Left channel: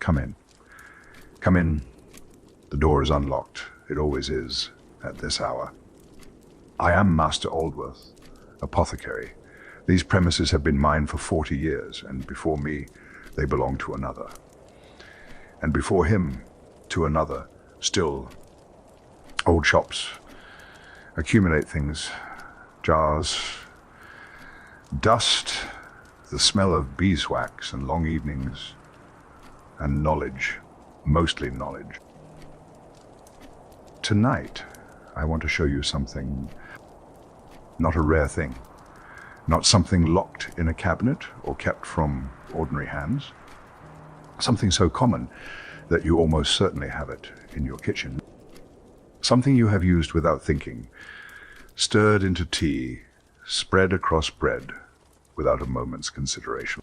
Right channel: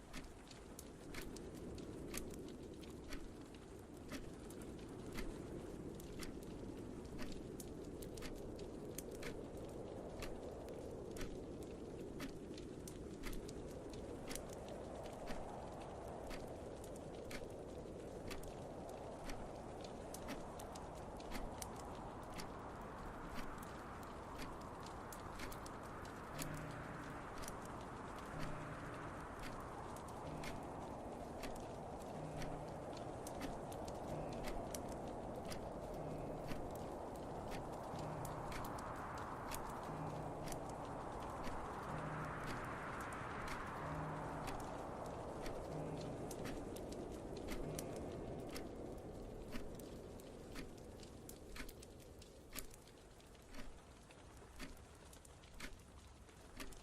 Come in. Come in. The door is unlocked. It always is at this hour. I am Master Aldworth, apothecary. These premises have been mine for 40 years, and before me, they belong to another. And before him, to another. Still, old shops accumulate things, jars, dust, the smell of beeswax and long evenings, and knowledge, mostly knowledge. Tonight, I want to show you something, not a rare thing, not something locked in a cabinet or kept from ordinary hands, something so common that you almost certainly have it in your kitchen, something you have used without thinking, stirred into tea, spread across bread without a moment's consideration.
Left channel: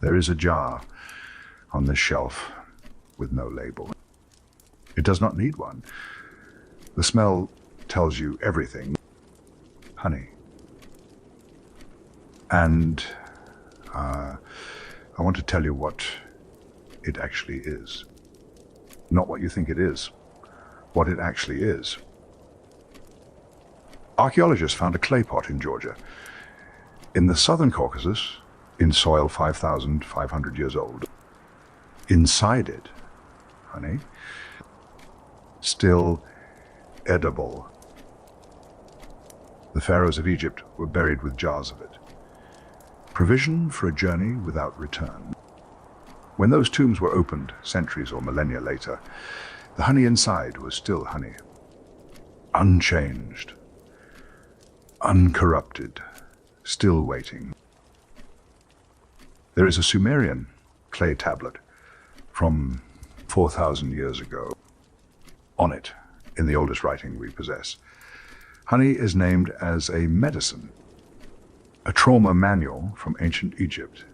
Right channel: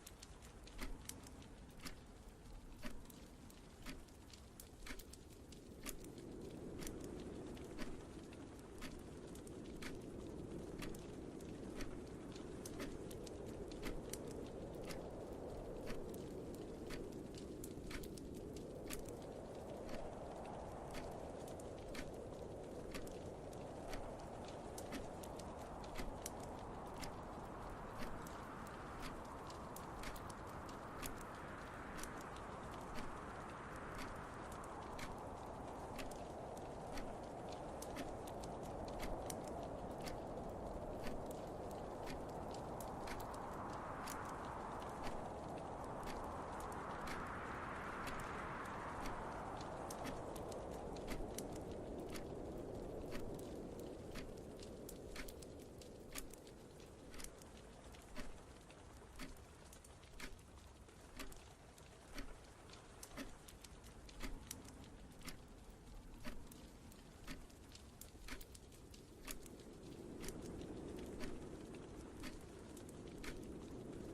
There is a jar on this shelf with no label. It does not need one. The smell tells you everything. Honey. And I want to tell you what it actually is. Not what you think it is, what it actually is. Archaeologists found a clay pot in Georgia, in the southern Caucasus, in soil 5,500 years old. Inside it, honey, still edible. The pharaohs of Egypt were buried with jars of it. Provision for a journey without return. When those tombs were opened centuries or millennia later, the honey inside was still honey, unchanged, uncorrupted, still waiting. There is a Sumerian clay tablet from 4,000 years ago. On it, in the oldest writing we possess, honey is named as a medicine, a trauma manual from ancient Egypt.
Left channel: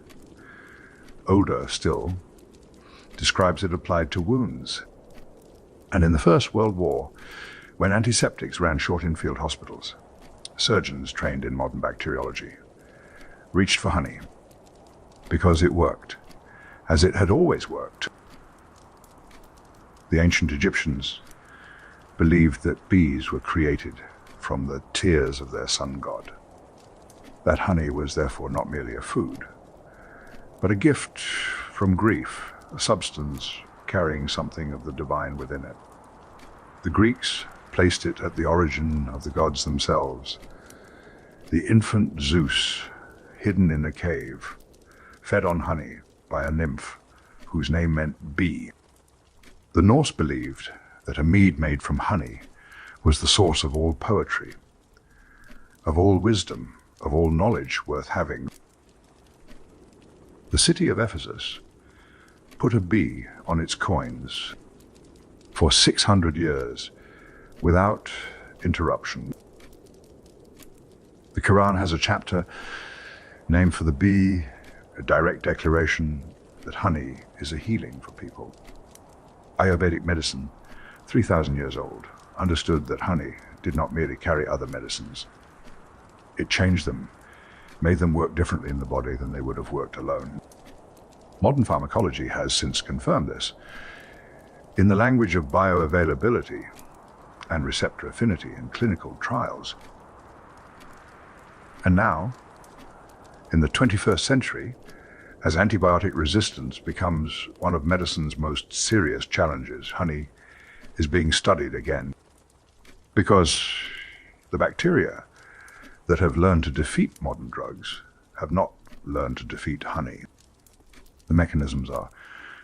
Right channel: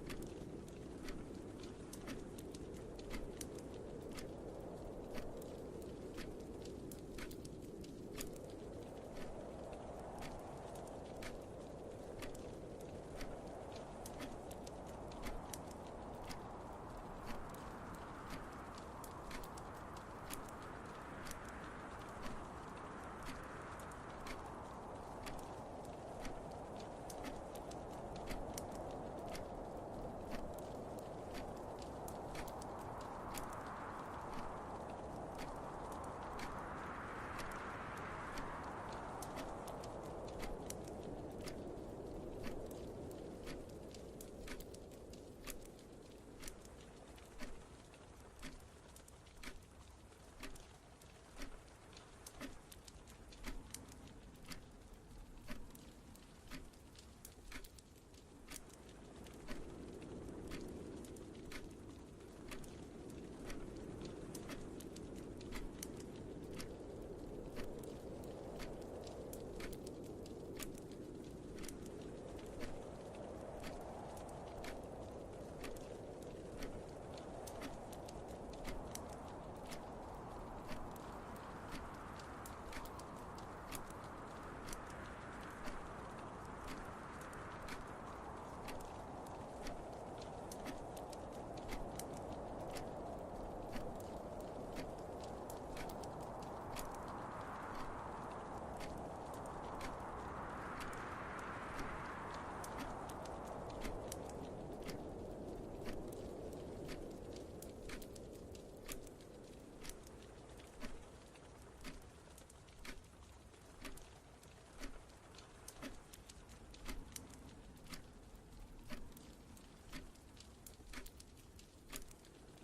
Older still, describes it applied to wounds. And in the First World War, when antiseptics ran short in field hospitals, surgeons trained in modern bacteriology reached for honey because it worked, as it had always worked. The ancient Egyptians believed that bees were created from the tears of their sun god. That honey was therefore not merely a food, but a gift from grief, a substance carrying something of the divine within it. The Greeks placed it at the origin of the gods themselves. The infant Zeus, hidden in a cave, fed on honey by a nymph whose name meant bee. The Norse believed that a mead made from honey was the source of all poetry, of all wisdom, of all knowledge worth having. The city of Ephesus put a bee on its coins for 600 years without interruption. The Quran has a chapter named for the bee, a direct declaration that honey is a healing for people. Ayurvedic medicine, 3,000 years old, understood that honey did not merely carry other medicines. It changed them, made them work differently in the body than they would have worked alone. Modern pharmacology has since confirmed this. In the language of bioavailability and receptor affinity in clinical trials. And now, in the 21st century, as antibiotic resistance becomes one of medicine's most serious challenges, honey is being studied again. Because the bacteria that have learned to defeat modern drugs have not learned to defeat honey. The mechanisms are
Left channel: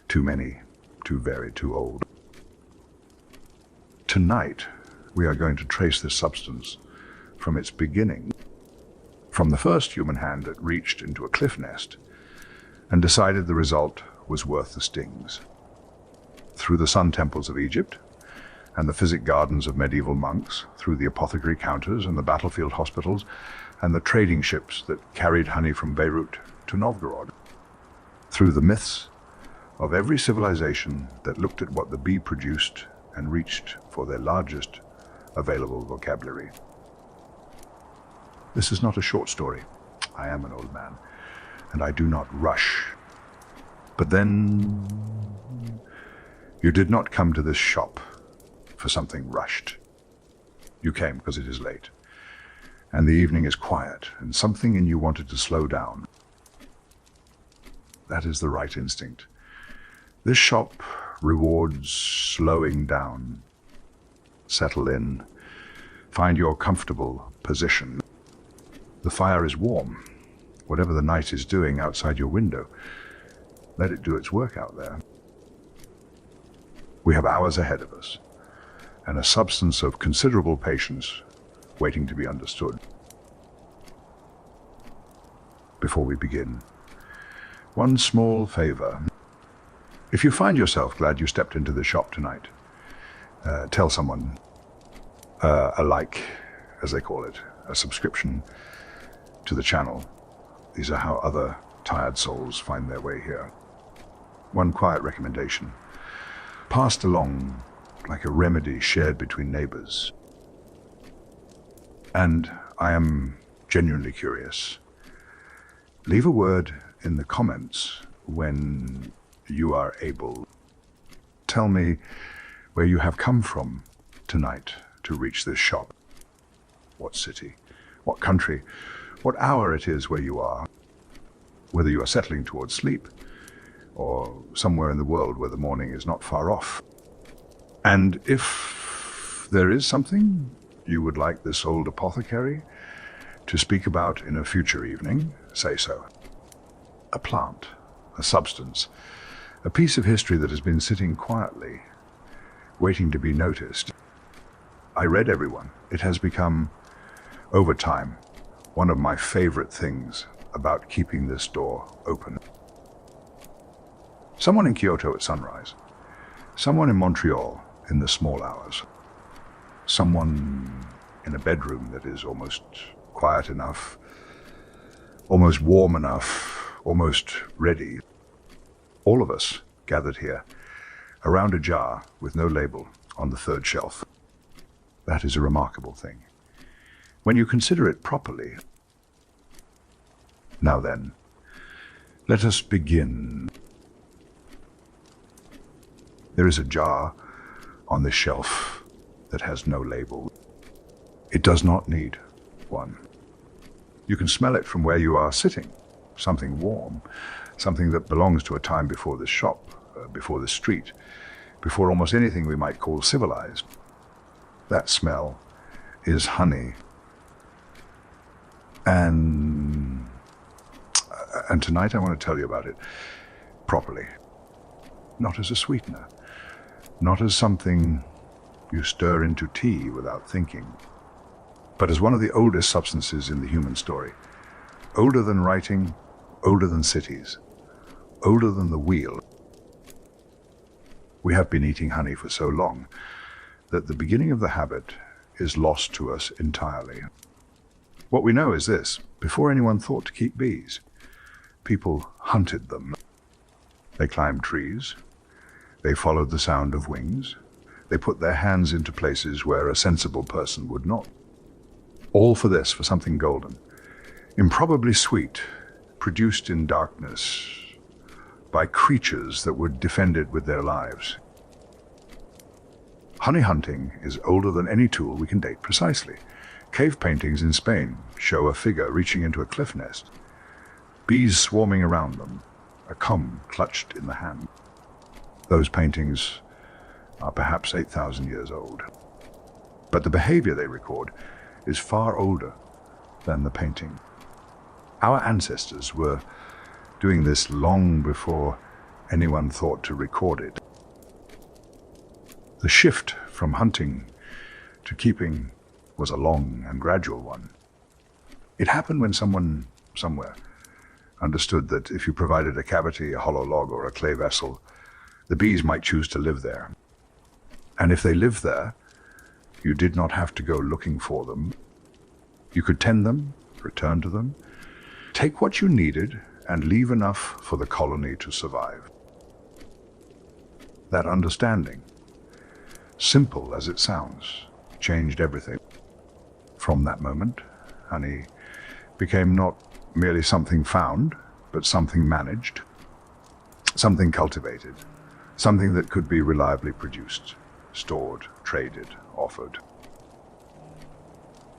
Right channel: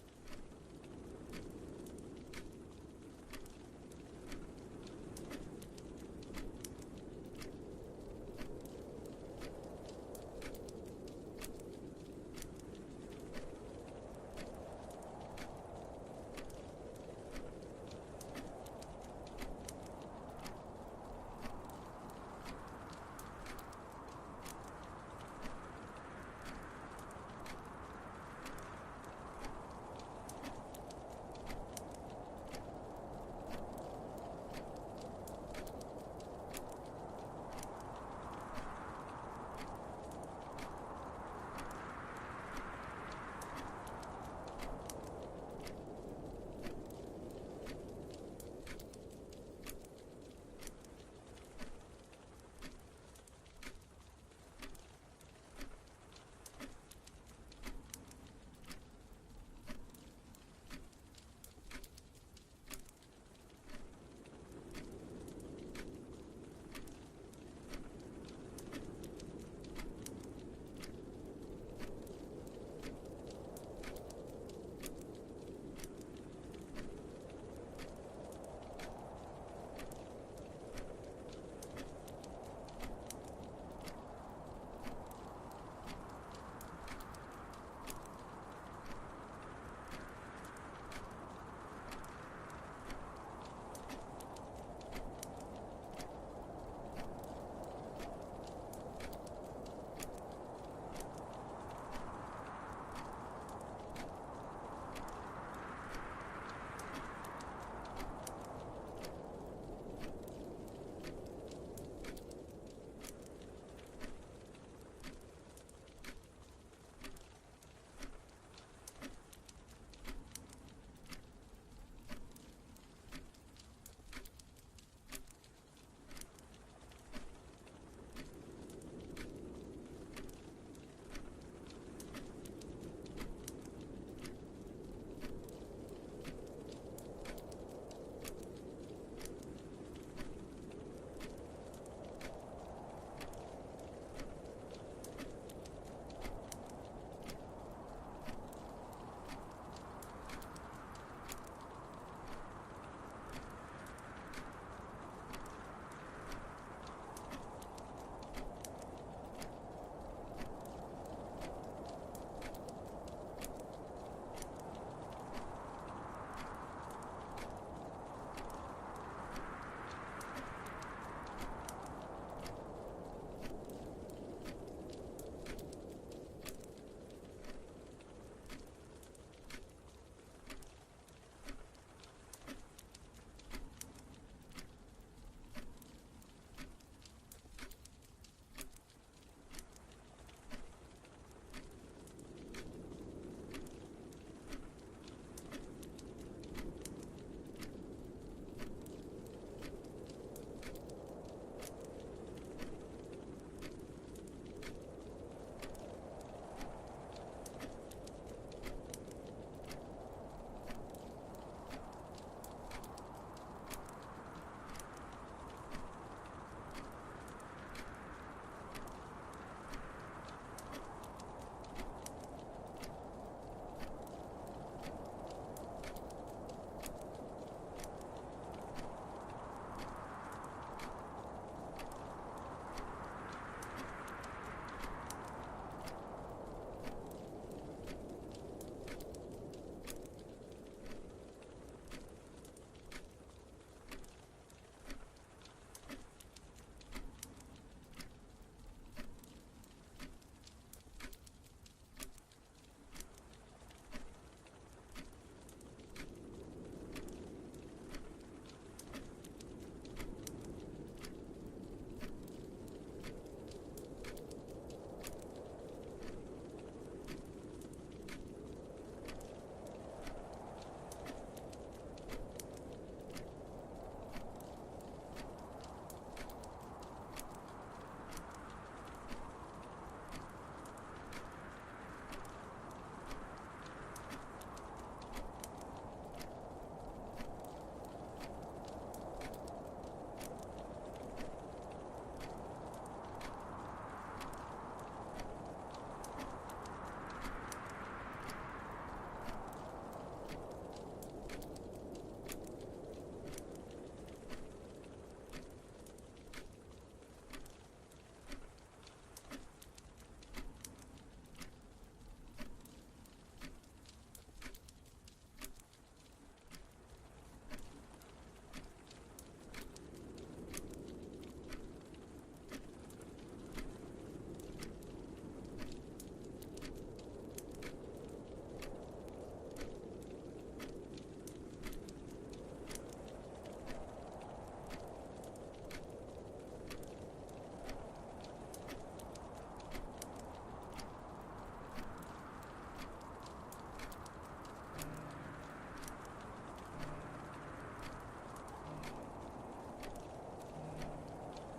too many, too varied, too old. Tonight, we are going to trace this substance from its beginning, from the first human hand that reached into a cliff nest and decided the result was worth the stings. Through the sun temples of Egypt and the physic gardens of medieval monks, through the apothecary counters and the battlefield hospitals and the trading ships that carried honey from Beirut to Novgorod, through the myths of every civilization that looked at what the bee produced and reached for their largest available vocabulary. This is not a short story. I am an old man, and I do not rush. But then you did not come to this shop for something rushed. You came because it is late, and the evening is quiet, and something in you wanted to slow down. That is the right instinct. This shop rewards slowing down. Settle in. Find your comfortable position. The fire is warm. Whatever the night is doing outside your window, let it do its work out there. We have hours ahead of us, and a substance of considerable patience waiting to be understood. Before we begin, one small favor. If you find yourself glad you stepped into the shop tonight, tell someone, a like, as they call it, a subscription to the channel. These are how other tired souls find their way here. One quiet recommendation, passed along like a remedy shared between neighbors. And I am genuinely curious. Leave a word in the comments when you are able. Tell me where you have come from tonight to reach this shop. What city, what country, what hour it is where you are. Whether you are settling towards sleep or somewhere in the world where the morning is not far off. And if there is something you would like this old apothecary to speak about in a future evening, say so. A plant, a substance, a piece of history that has been sitting quietly, waiting to be noticed. I read everyone. It has become, over time, one of my favorite things about keeping this door open. Someone in Kyoto at sunrise, someone in Montreal in the small hours, someone in a bedroom that is almost quiet enough, almost warm enough, almost ready. All of us gathered here around a jar with no label on the third shelf. That is a remarkable thing. When you consider it properly. Now then, let us begin. There is a jar on this shelf that has no label. It does not need one. You can smell it from where you are sitting. Something warm, something that belongs to a time before this shop, before this street, before almost anything we might call civilized. That smell is honey. And tonight I want to tell you about it properly. Not as a sweetener, not as something you stir into tea without thinking, but as one of the oldest substances in the human story. Older than writing, older than cities, older than the wheel. We have been eating honey for so long that the beginning of the habit is lost to us entirely. What we know is this: before anyone thought to keep bees, people hunted them. They climbed trees, they followed the sound of wings, they put their hands into places where a sensible person would not. All for this, for something golden, improbably sweet, produced in darkness by creatures that would defend it with their lives. Honey hunting is older than any tool we can date precisely. Cave paintings in Spain show a figure reaching into a cliff nest, bees swarming around them, a comb clutched in the hand. Those paintings are perhaps 8,000 years old. But the behavior they record is far older than the painting. Our ancestors were doing this long before anyone thought to record it. The shift from hunting to keeping was a long and gradual one. It happened when someone, somewhere, understood that if you provided a cavity, a hollow log, or a clay vessel, the bees might choose to live there. And if they lived there, you did not have to go looking for them. You could tend them, return to them, take what you needed, and leave enough for the colony to survive. That understanding, simple as it sounds, changed everything. From that moment, honey became not merely something found, but something managed, something cultivated, something that could be reliably produced, stored, traded, offered.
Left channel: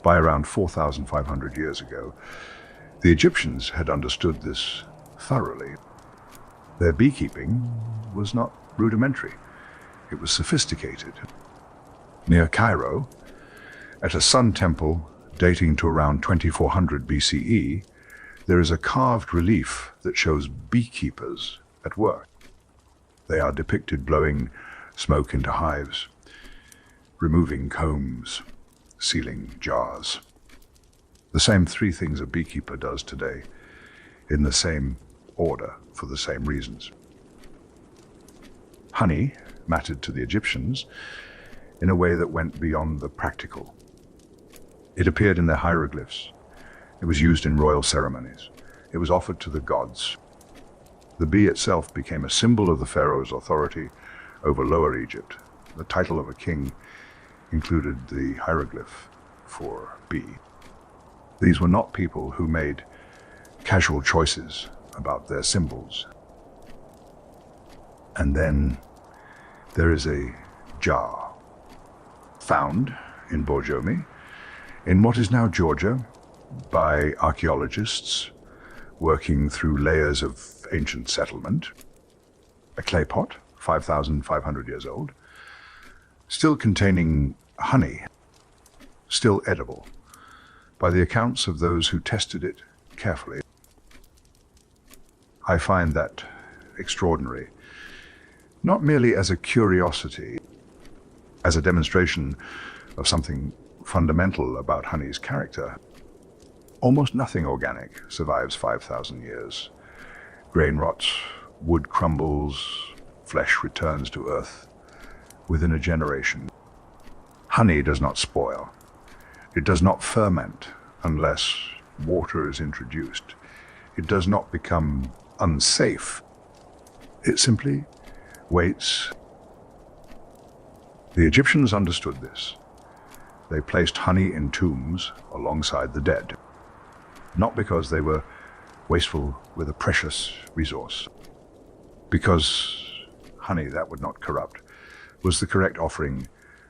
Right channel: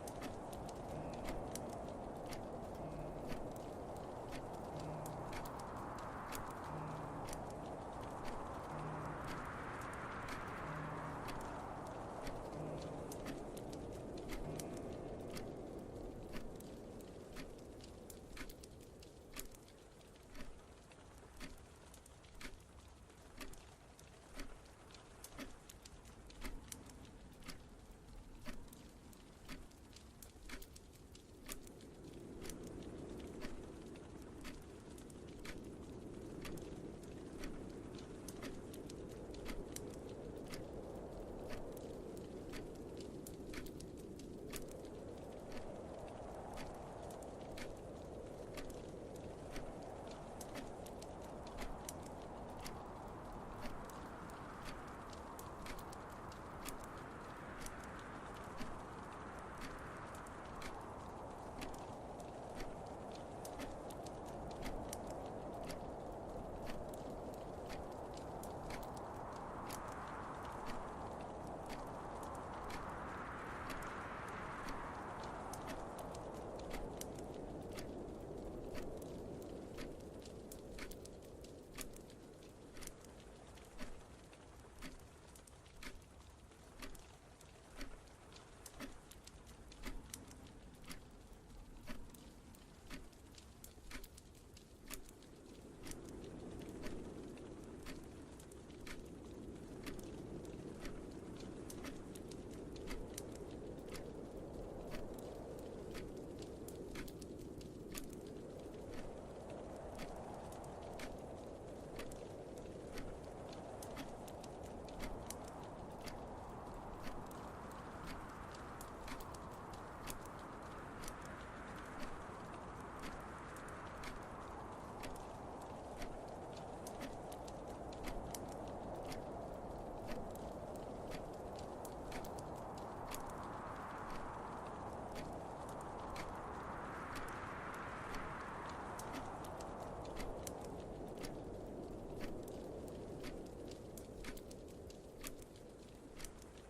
By around 4,500 years ago, the Egyptians had understood this thoroughly. Their beekeeping was not rudimentary, it was sophisticated. Near Cairo, at a sun temple dating to around 2400 BCE, there is a carved relief that shows beekeepers at work. They are depicted blowing smoke into hives, removing combs, sealing jars. The same three things a beekeeper does today, in the same order, for the same reasons. Honey mattered to the Egyptians in a way that went beyond the practical. It appeared in their hieroglyphs. It was used in royal ceremonies. It was offered to the gods. The bee itself became a symbol of the pharaoh's authority over Lower Egypt. The title of a king included the hieroglyph for bee. These were not people who made casual choices about their symbols. And then there is a jar found in Borjomi, in what is now Georgia, by archaeologists working through layers of ancient settlement. A clay pot, 5,500 years old, still containing honey, still edible, by the accounts of those who tested it carefully. I find that extraordinary, not merely as a curiosity, as a demonstration of something fundamental about honey's character. Almost nothing organic survives 5,000 years. Grain rots, wood crumbles, flesh returns to earth within a generation. Honey does not spoil. It does not ferment unless water is introduced. It does not become unsafe. It simply waits. The Egyptians understood this. They placed honey in tombs alongside the dead, not because they were wasteful with a precious resource, because honey that would not corrupt was the correct offering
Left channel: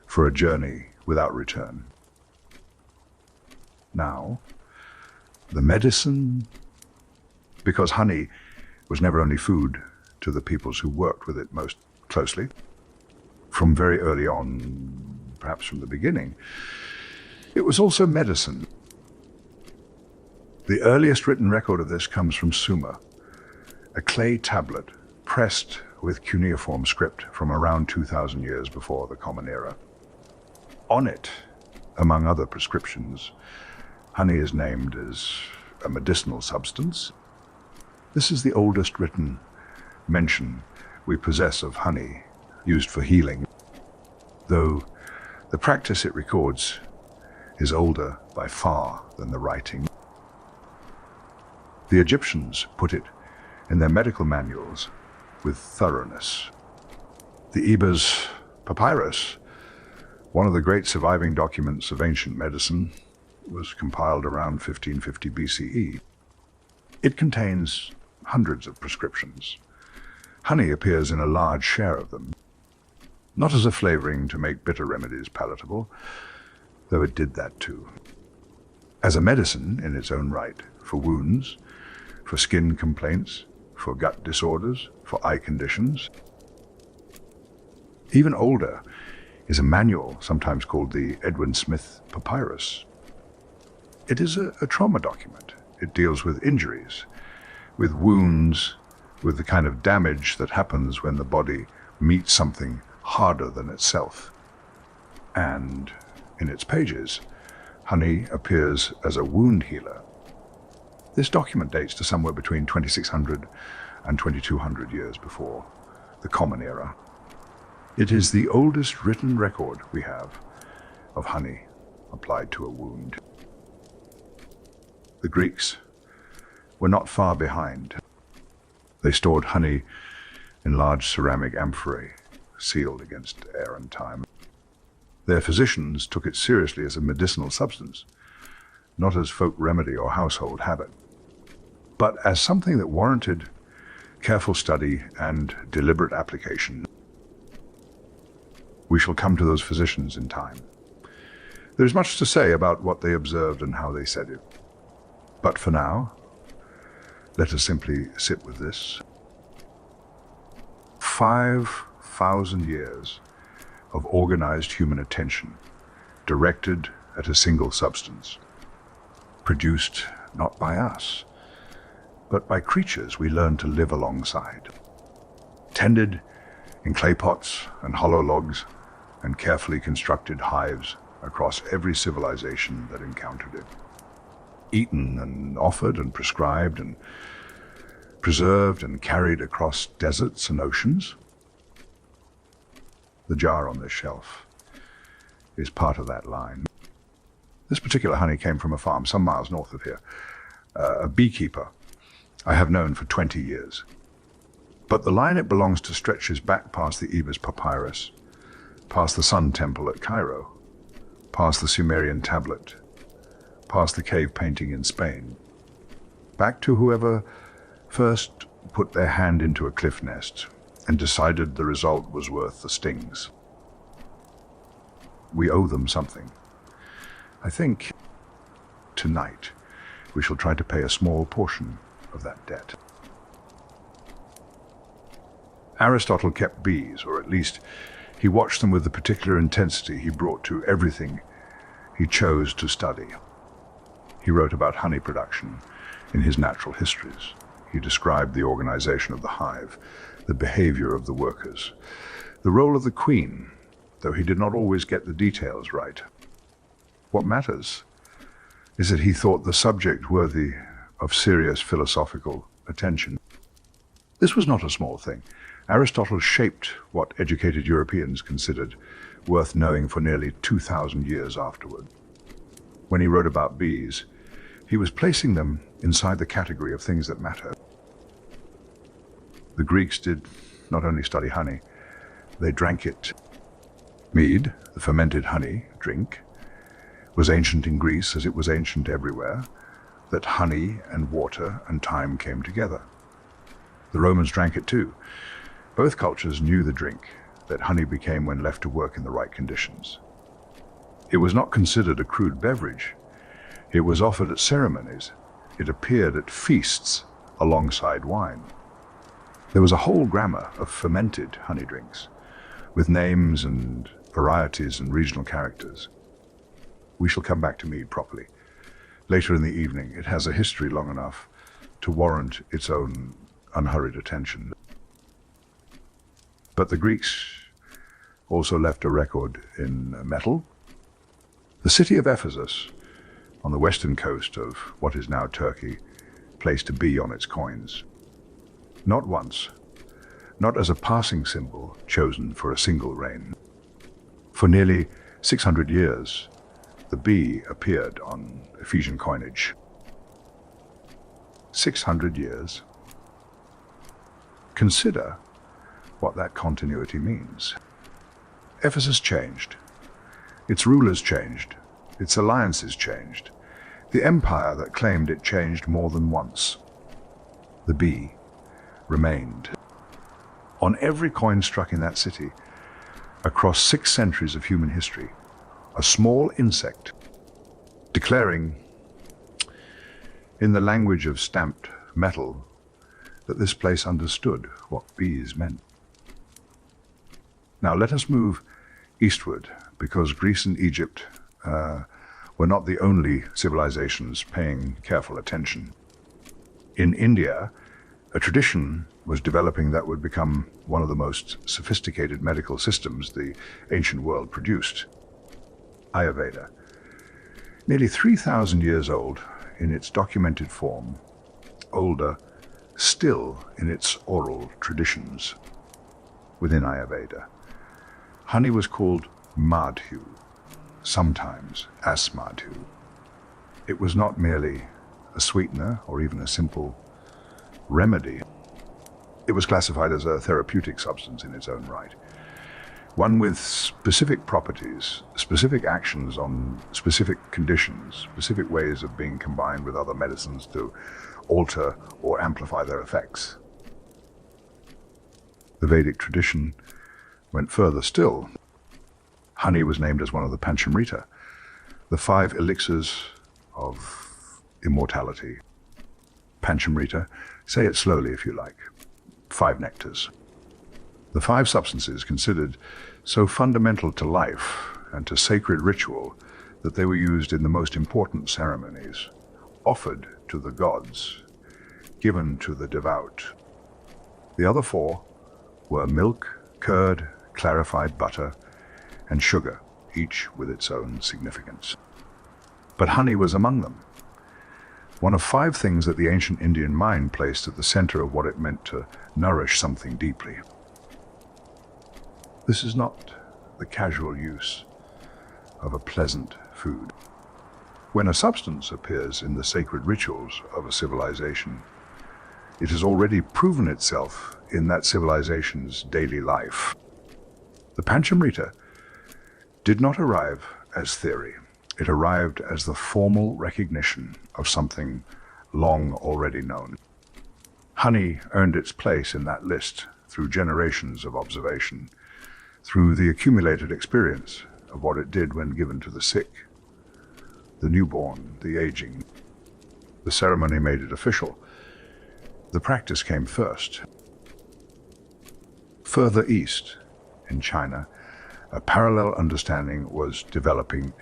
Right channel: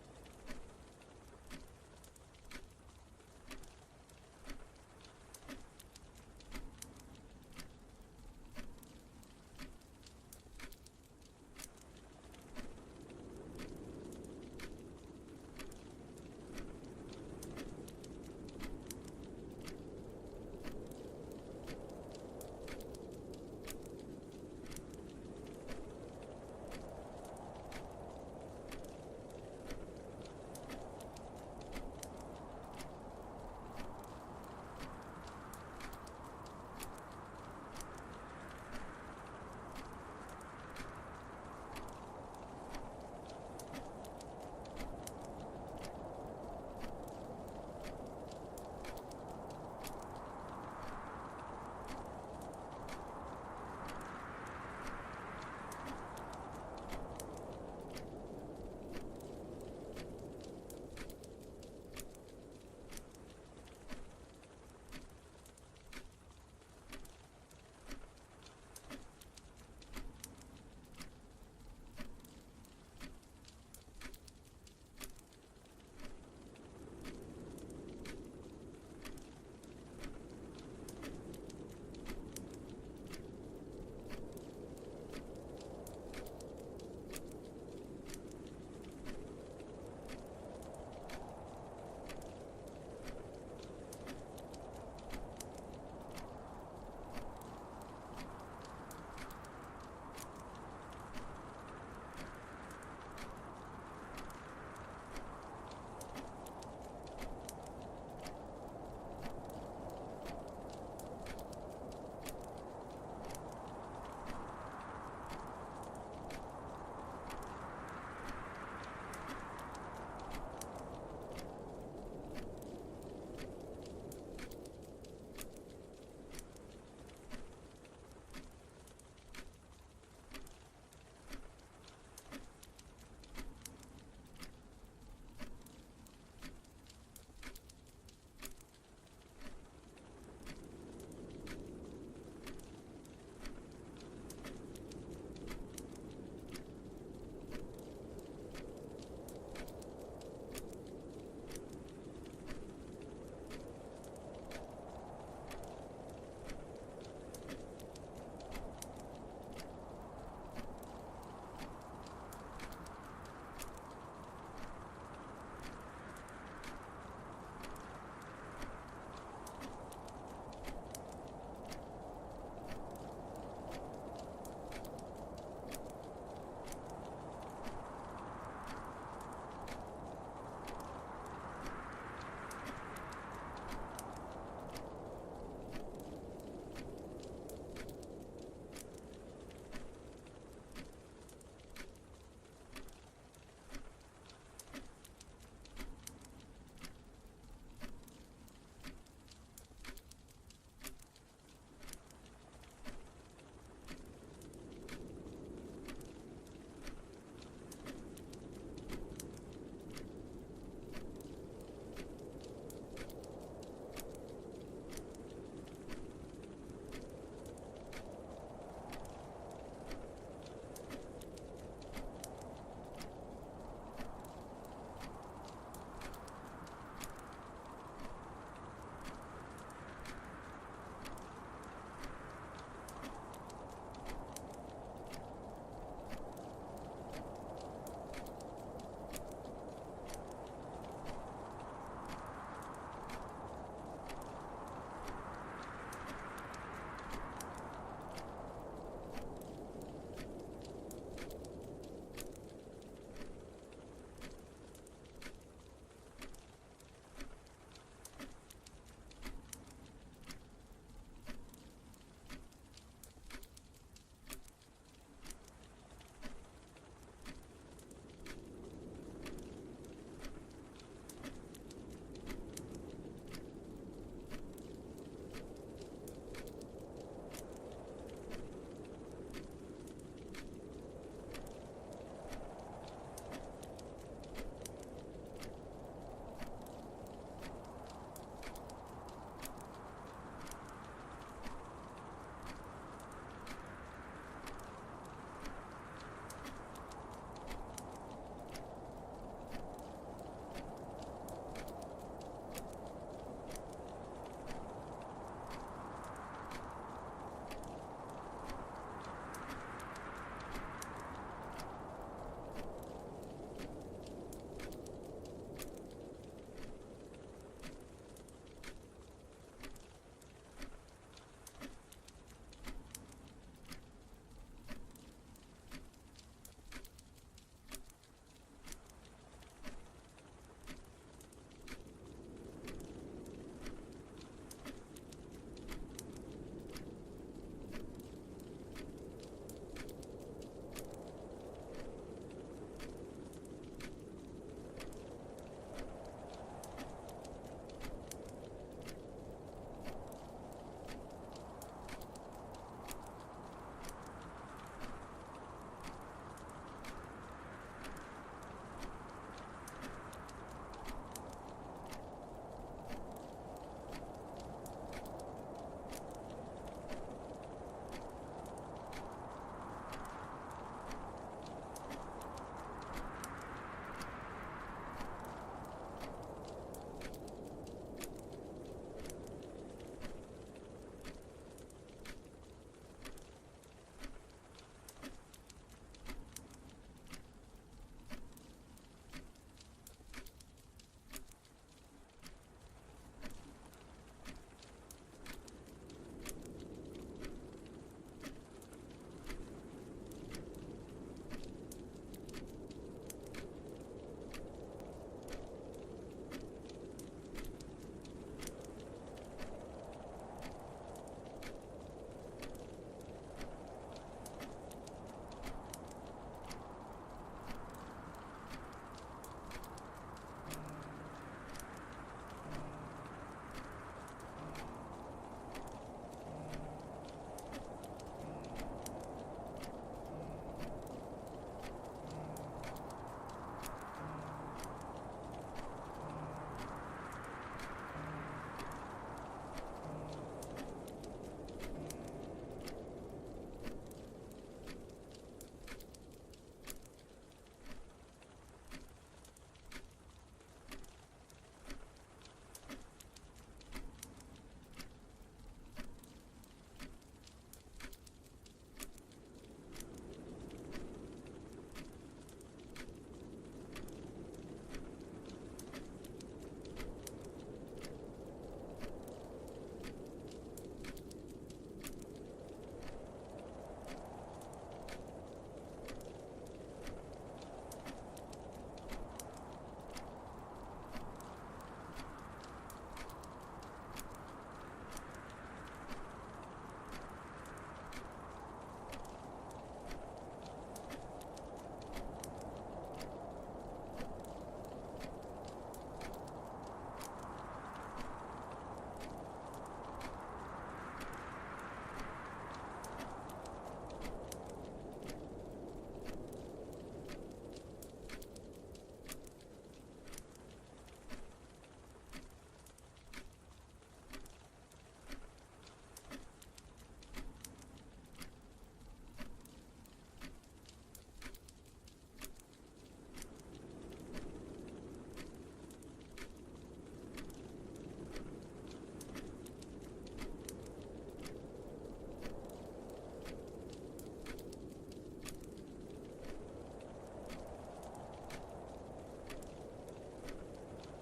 for a journey without return. Now, the medicine, because honey was never only food to the peoples who worked with it most closely, from very early on, perhaps from the beginning, it was also medicine. The earliest written record of this comes from Sumer, a clay tablet pressed with cuneiform script from around 2,000 years before the Common Era. On it, among other prescriptions, honey is named as a medicinal substance. This is the oldest written mention we possess of honey used for healing, though the practice it records is older by far than the writing. The Egyptians put it in their medical manuals with thoroughness. The Ebers Papyrus, one of the great surviving documents of ancient medicine, was compiled around 1550 BCE. It contains hundreds of prescriptions. Honey appears in a large share of them, not as a flavoring to make bitter remedies palatable, though it did that too. As a medicine in its own right, for wounds, for skin complaints, for gut disorders, for eye conditions. Even older is a manual, sometimes called the Edwin Smith Papyrus. It is a trauma document. It deals with injuries, with wounds, with the kind of damage that happens when the body meets something harder than itself. And in its pages, honey appears as a wound healer. This document dates to somewhere between 2600 and 2200 years before the Common Era. It is the oldest written record we have of honey applied to a wound. The Greeks were not far behind. They stored honey in large ceramic amphorae, sealed against air and time. Their physicians took it seriously as a medicinal substance, not as folk remedy or household habit, but as something that warranted careful study and deliberate application, we shall come to those physicians in time. There is much to say about what they observed and how they said it. But for now, let us simply sit with this. 5,000 years of organized human attention, directed at a single substance, produced not by us, but by creatures we learned to live alongside, tended in clay pots and hollow logs and carefully constructed hives across every civilization that encountered it, eaten and offered and prescribed and preserved and carried across deserts and oceans. The jar on this shelf is part of that line. This particular honey came from a farm some miles north of here. A beekeeper I have known for 20 years. But the line it belongs to stretches back past the Ebers Papyrus, past the Sun Temple at Cairo, past the Sumerian tablet, past the cave painting in Spain, back to whoever first put their hand into a cliff nest and decided the result was worth the stings. We owe them something. I think tonight we shall try to pay a small portion of that debt. Aristotle kept bees, or at least he watched them with the particular intensity he brought to everything he chose to study. He wrote about honey production in his natural histories. He described the organization of the hive, the behavior of the workers, the role of the queen, though he did not always get the details right. What matters is that he thought the subject worthy of serious philosophical attention. This was not a small thing. Aristotle shaped what educated Europeans considered worth knowing for nearly 2,000 years afterward. When he wrote about bees, he was placing them inside the category of things that matter. The Greeks did not only study honey, they drank it. Mead, the fermented honey drink, was ancient in Greece as it was ancient everywhere, that honey and water and time came together. The Romans drank it too. Both cultures knew the drink that honey became when left to work in the right conditions. It was not considered a crude beverage. It was offered at ceremonies. It appeared at feasts alongside wine. There was a whole grammar of fermented honey drinks, with names and varieties and regional characters. We shall come back to mead properly. Later in the evening, it has a history long enough to warrant its own unhurried attention. But the Greeks also left a record in metal. The city of Ephesus, on the western coast of what is now Turkey, placed a bee on its coins. Not once, not as a passing symbol chosen for a single reign. For nearly 600 years, the bee appeared on Ephesian coinage. 600 years. Consider what that continuity means. Ephesus changed. Its rulers changed. Its alliances changed. The empire that claimed it changed more than once. The bee remained. On every coin struck in that city, across 6 centuries of human history, a small insect declaring, in the language of stamped metal, that this place understood what bees meant. Now let us move eastward, because Greece and Egypt were not the only civilizations paying careful attention. In India, a tradition was developing that would become one of the most sophisticated medical systems the ancient world produced. Ayurveda. Nearly 3,000 years old in its documented form, older still in its oral traditions. Within Ayurveda, honey was called madhu, sometimes asmadhu. It was not merely a sweetener or even a simple remedy. It was classified as a therapeutic substance in its own right. One with specific properties, specific actions on specific conditions, specific ways of being combined with other medicines to alter or amplify their effects. The Vedic tradition went further still. Honey was named as one of the Panchamrita, the 5 elixirs of immortality. Panchamrita, say it slowly if you like, 5 nectars. The 5 substances considered so fundamental to life and to sacred ritual that they were used in the most important ceremonies, offered to the gods, given to the devout. The other 4 were milk, curd, clarified butter, and sugar, each with its own significance. But honey was among them, one of 5 things that the ancient Indian mind placed at the center of what it meant to nourish something deeply. This is not the casual use of a pleasant food. When a substance appears in the sacred rituals of a civilization, it has already proven itself in that civilization's daily life. The Panchamrita did not arrive as theory. It arrived as the formal recognition of something long already known. Honey earned its place in that list through generations of observation, through the accumulated experience of what it did when given to the sick, the newborn, the aging. The ceremony made it official. The practice came first. Further east, in China, a parallel understanding was developing.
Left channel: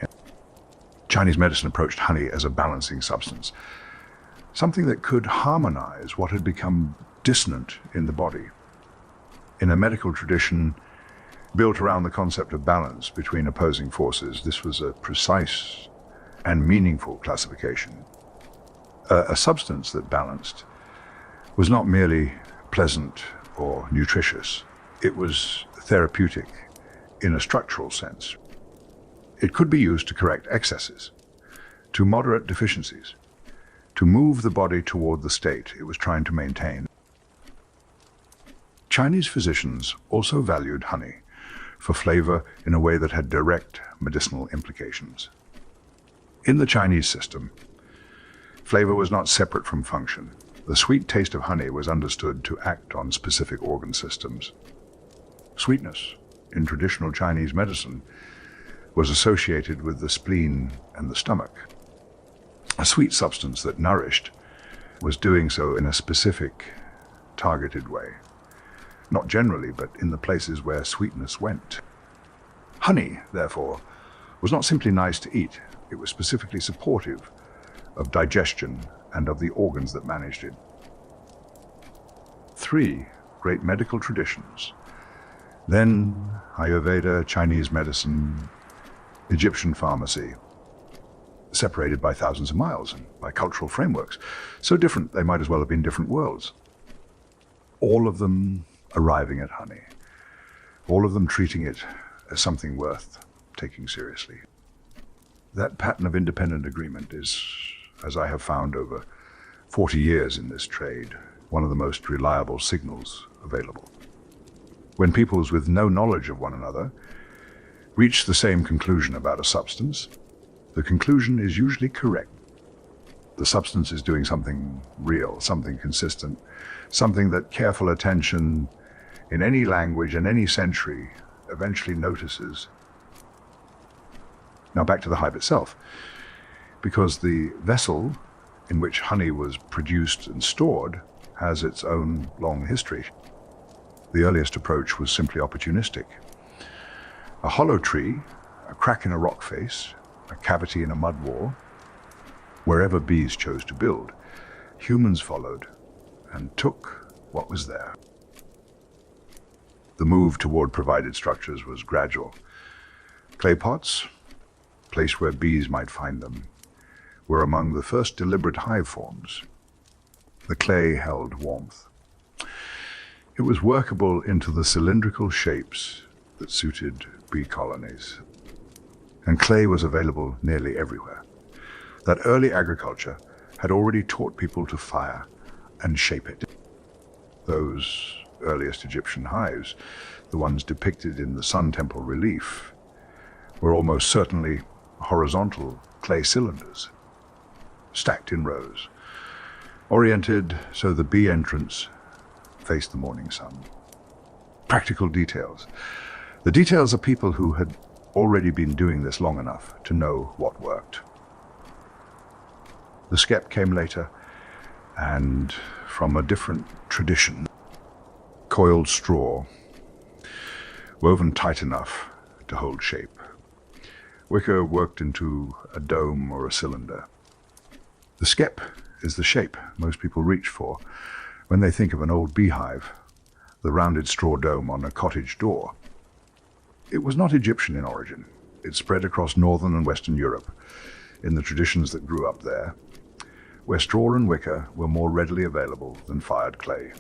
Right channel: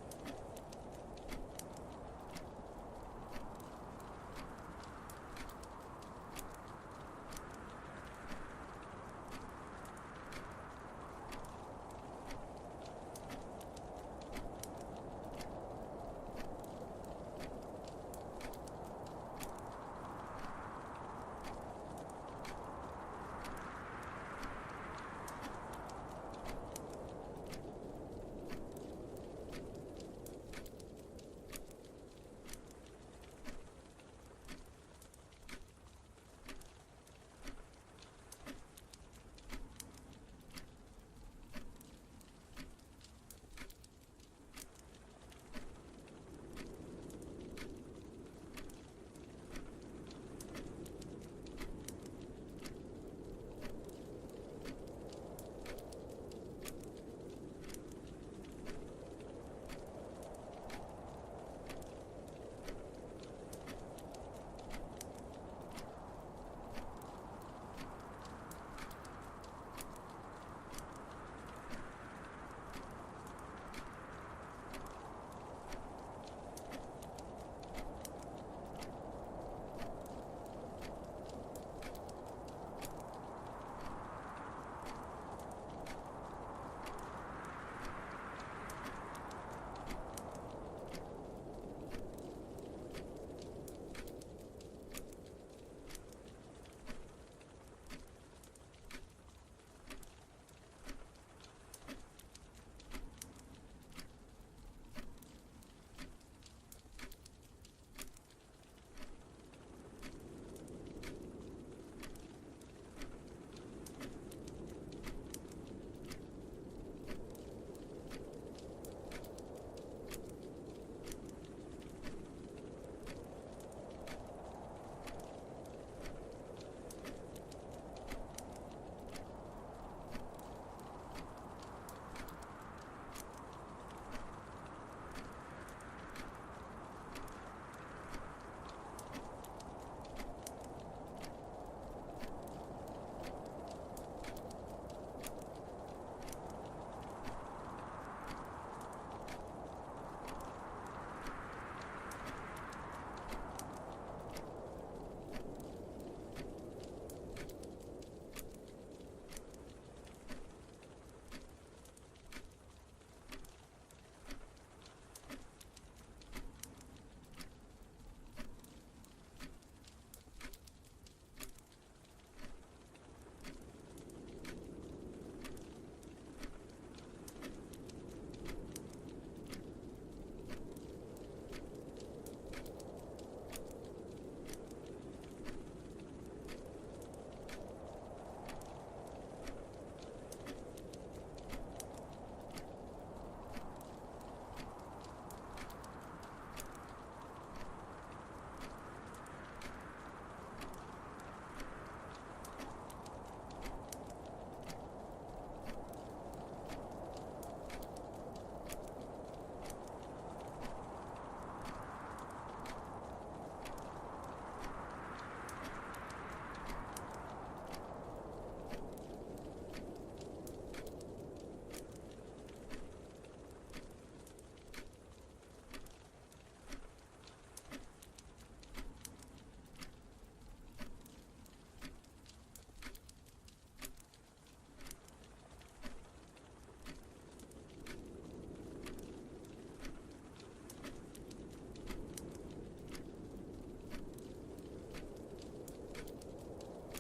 Chinese medicine approached honey as a balancing substance, something that could harmonize what had become dissonant in the body. In a medical tradition built around the concept of balance between opposing forces, this was a precise and meaningful classification. A substance that balanced was not merely pleasant or nutritious. It was therapeutic in a structural sense. It could be used to correct excesses, to moderate deficiencies, to move the body toward the state it was trying to maintain. Chinese physicians also valued honey for flavor in a way that had direct medicinal implications. In the Chinese system, flavor was not separate from function. The sweet taste of honey was understood to act on specific organ systems. Sweetness, in traditional Chinese medicine, was associated with the spleen and the stomach. A sweet substance that nourished was doing so in a specific, targeted way. Not generally, but in the places where sweetness went. Honey, therefore, was not simply nice to eat. It was specifically supportive of digestion and of the organs that managed it. 3 great medical traditions. Then Ayurveda, Chinese medicine, Egyptian pharmacy, separated by thousands of miles and by cultural frameworks. So different, they might as well have been different worlds. All of them arriving at honey. All of them treating it as something worth taking seriously. That pattern of independent agreement is, as I have found over 40 years in this trade, one of the most reliable signals available. When peoples with no knowledge of one another reach the same conclusion about a substance, the conclusion is usually correct. The substance is doing something real, something consistent, something that careful attention in any language and any century eventually notices. Now back to the hive itself, because the vessel in which honey was produced and stored has its own long history. The earliest approach was simply opportunistic. A hollow tree, a crack in a rock face, a cavity in a mud wall, wherever bees chose to build, humans followed and took what was there. The move toward provided structures was gradual. Clay pots, a place where bees might find them, were among the first deliberate hive forms. The clay held warmth. It was workable into the cylindrical shapes that suited bee colonies. And clay was available nearly everywhere. That early agriculture had already taught people to fire and shape it. Those earliest Egyptian hives, the ones depicted in the Sun Temple relief, were almost certainly horizontal clay cylinders, stacked in rows, oriented so the bee entrance faced the morning sun. practical details. The details are people who had already been doing this long enough to know what worked. The skep came later, and from a different tradition, coiled straw, woven tight enough to hold shape. Wicker worked into a dome or a cylinder. The skep is the shape most people reach for when they think of an old beehive, the rounded straw dome on a cottage door. It was not Egyptian in origin. It spread across northern and western Europe in the traditions that grew up there, where straw and wicker were more readily available than fired clay.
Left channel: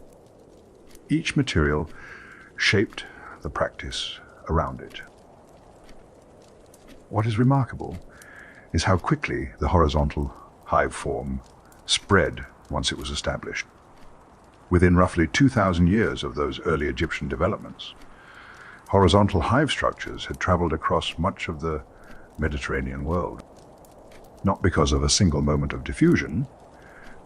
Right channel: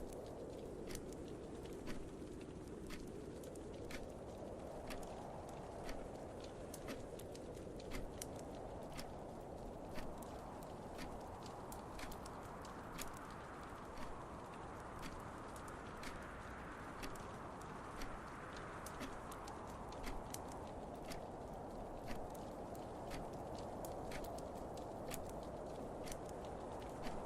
Each material shaped the practice around it. What is remarkable is how quickly the horizontal hive form spread once it was established. Within roughly 2,000 years of those early Egyptian developments, horizontal hive structures had traveled across much of the Mediterranean world. Not because of a single moment of diffusion,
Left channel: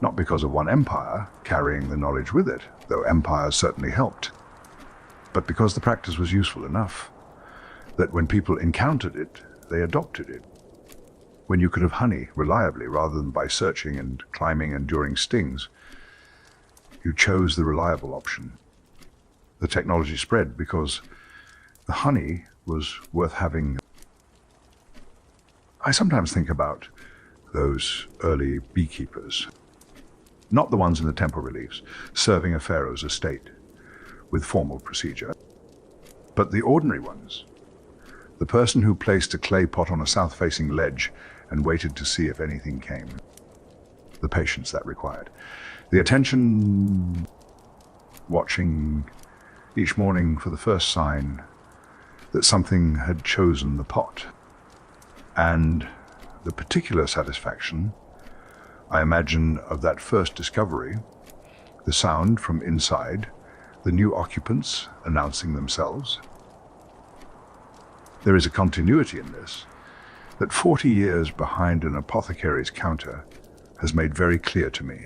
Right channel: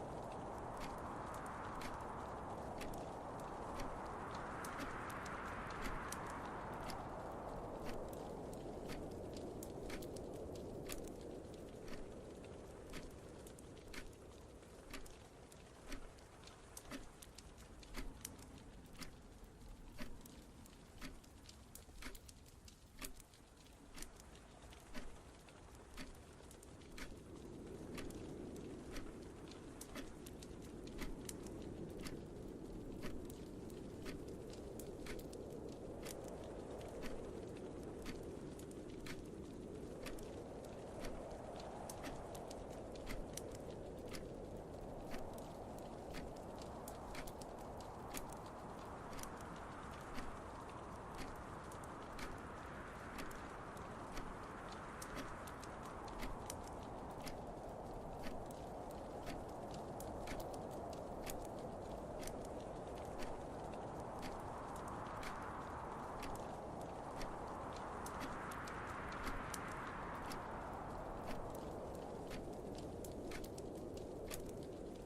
not because of one empire carrying the knowledge with it, though empires certainly helped, but because the practice was useful enough that when people encountered it, they adopted it. When you could have honey reliably rather than by searching and climbing and enduring stings, you chose the reliable option. The technology spread because the honey was worth having. I sometimes think about those early beekeepers, not the ones in the temple reliefs, serving a pharaoh's estate with formal procedure, but the ordinary ones. The person who placed a clay pot on a south-facing ledge and waited to see if anything came. The patience that required. The attention, watching each morning for the first sign that something had chosen the pot. And the particular satisfaction, I imagine, of that first discovery, the sound from inside, the new occupants announcing themselves. There is a continuity in this that 40 years behind an apothecary's counter has made very clear to me.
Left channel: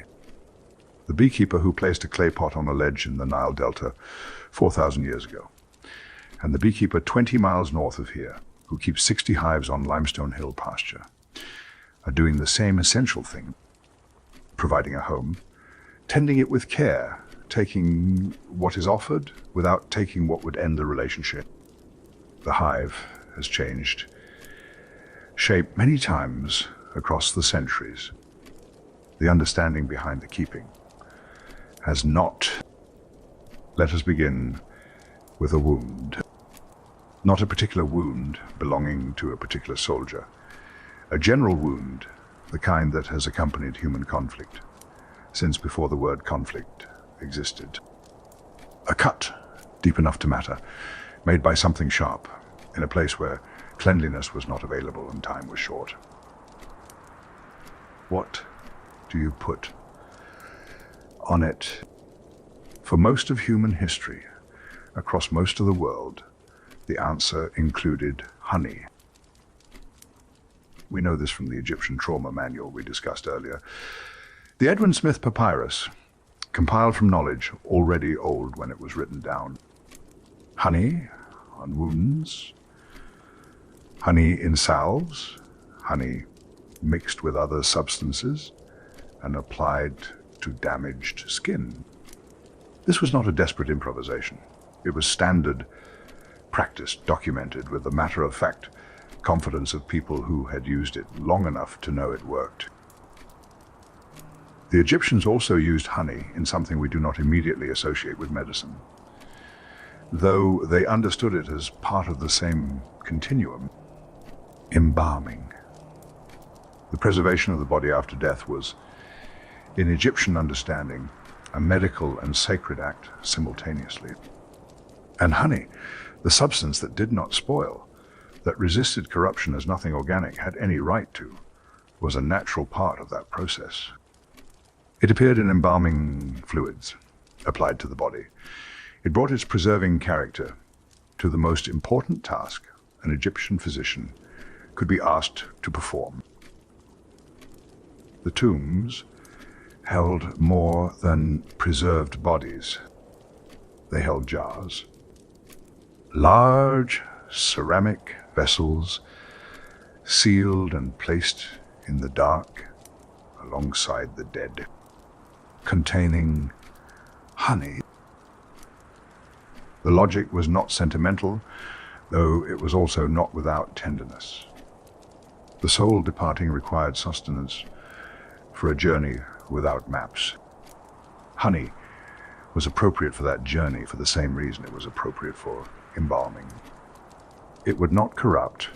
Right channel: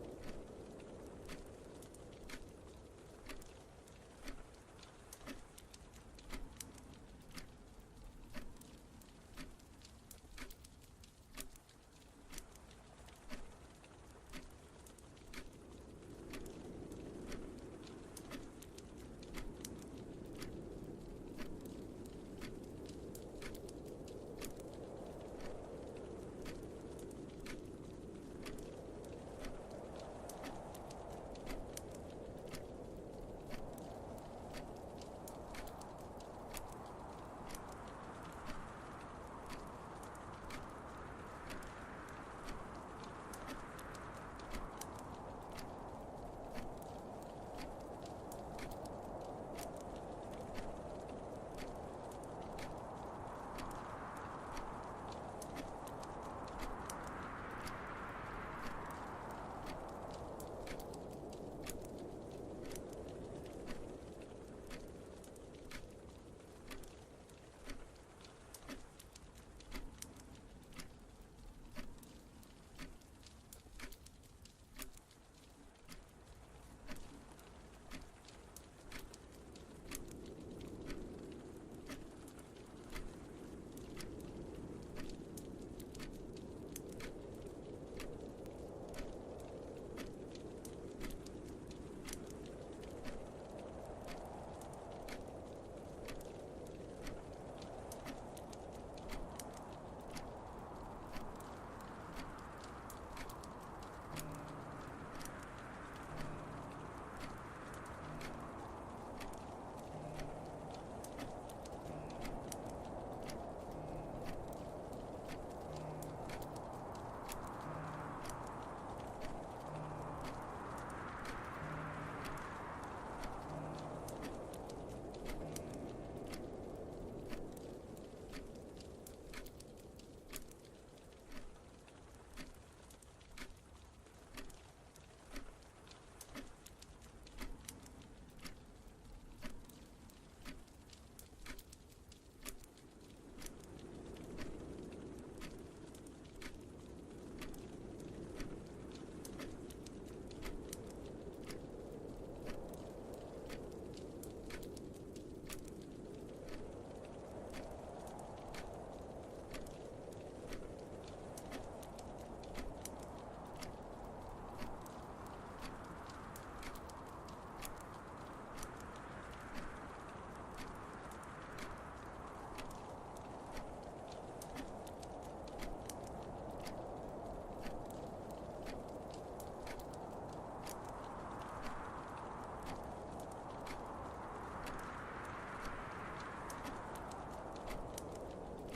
The beekeeper who placed a clay pot on a ledge in the Nile Delta 4,000 years ago, and the beekeeper 20 miles north of here who keeps 60 hives on Limestone Hill pasture are doing the same essential thing, providing a home, tending it with care, taking what is offered without taking what would end the relationship. The hive has changed shape many times across the centuries. The understanding behind the keeping has not. Let us begin with a wound. Not a particular wound belonging to a particular soldier. A general wound, the kind that has accompanied human conflict since before the word conflict existed. A cut, deep enough to matter, made by something sharp, in a place where cleanliness was not available and time was short. What do you put on it? For most of human history, across most of the world, the answer included honey. We know this from the Egyptian trauma manual we discussed earlier. The Edwin Smith Papyrus, compiled from knowledge already old when it was written down. Honey on wounds, honey in salves, honey mixed with other substances and applied to damaged skin. This was not a desperate improvisation. It was standard practice documented with the matter-of-fact confidence of people who had used it long enough to know it worked. The Egyptians also used honey in something we do not immediately associate with medicine, though they understood it as part of the same continuum: embalming. The preservation of the body after death was, in Egyptian understanding, a medical and sacred act simultaneously. And honey, the substance that did not spoil, that resisted corruption as nothing organic had any right to, was a natural part of that process. It appeared in embalming fluids applied to the body. It brought its preserving character to the most important task an Egyptian physician could be asked to perform. The tombs held more than preserved bodies. They held jars, Large ceramic vessels, sealed and placed in the dark alongside the dead, containing honey. The logic was not sentimental, though it was also not without tenderness. The soul departing required sustenance for a journey without maps. Honey was appropriate for that journey for the same reason it was appropriate for embalming. It would not corrupt.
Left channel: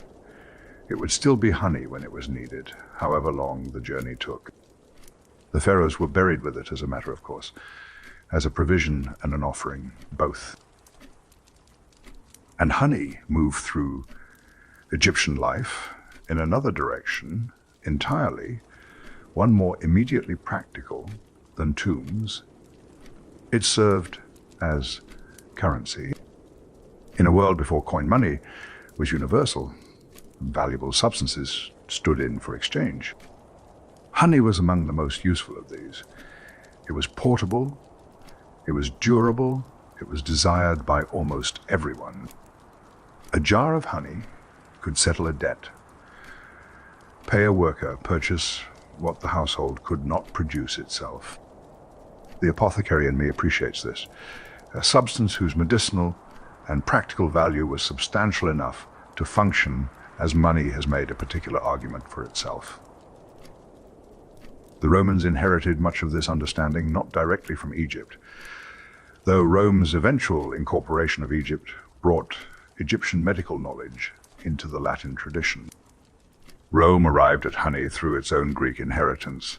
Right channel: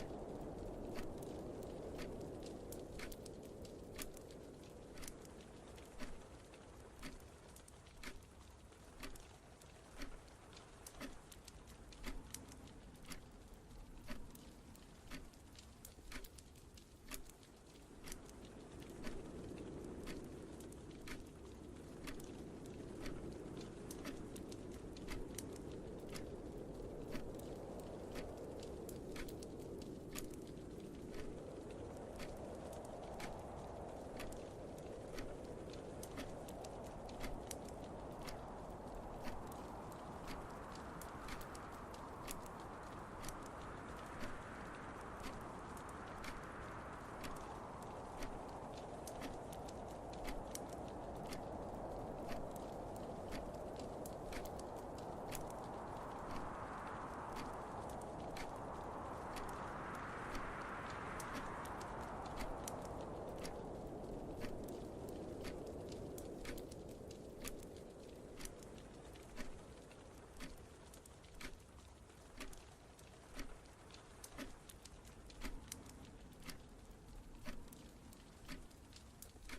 It would still be honey when it was needed, however long the journey took. The pharaohs were buried with it as a matter of course, as a provision and an offering, both. And honey moved through Egyptian life in another direction entirely, one more immediately practical than tombs. It served as currency. In a world before coin money was universal, valuable substances stood in for exchange. Honey was among the most useful of these. It was portable, it was durable, it was desired by almost everyone. A jar of honey could settle a debt, pay a worker, purchase what the household could not produce itself. The apothecary in me appreciates this, a substance whose medicinal and practical value was substantial enough to function as money has made a particular argument for itself. The Romans inherited much of this understanding not directly from Egypt, though Rome's eventual incorporation of Egypt brought Egyptian medical knowledge into the Latin tradition. Rome arrived at honey through its own Greek inheritance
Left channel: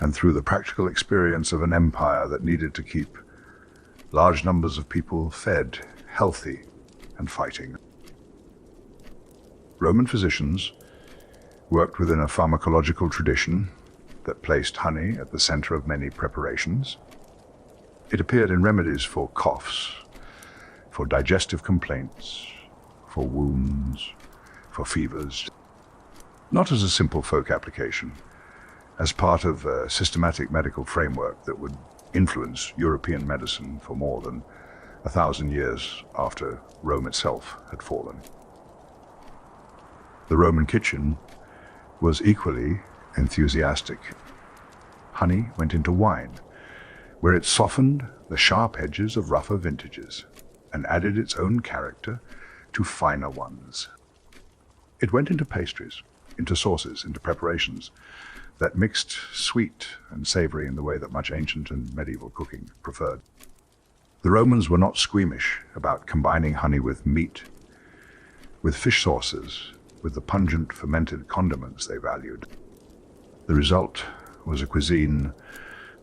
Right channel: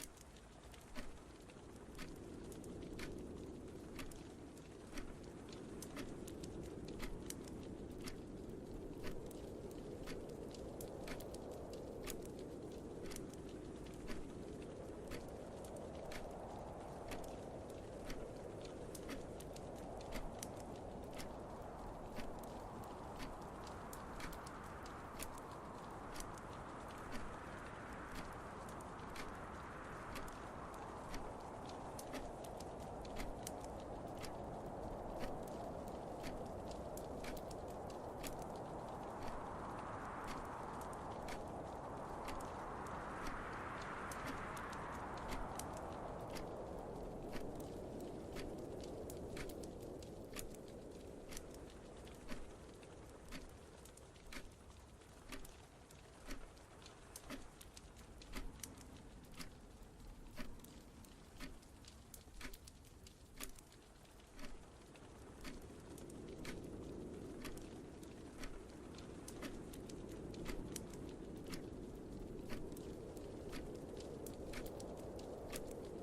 and through the practical experience of an empire that needed to keep large numbers of people fed, healthy, and fighting. Roman physicians worked within a pharmacological tradition that placed honey at the center of many preparations. It appeared in remedies for coughs, for digestive complaints, for wounds, for fevers, not as a simple folk application, as part of a systematic medical framework that would influence European medicine for more than 1,000 years after Rome itself had fallen. The Roman kitchen was equally enthusiastic. Honey went into wine, where it softened the sharp edges of rougher vintages and added its own character to finer ones. It went into pastries, into sauces, into preparations that mixed sweet and savory in the way that much ancient and medieval cooking preferred. The Romans were not squeamish about combining honey with meat, with fish sauces, with the pungent fermented condiments they valued. The result was a cuisine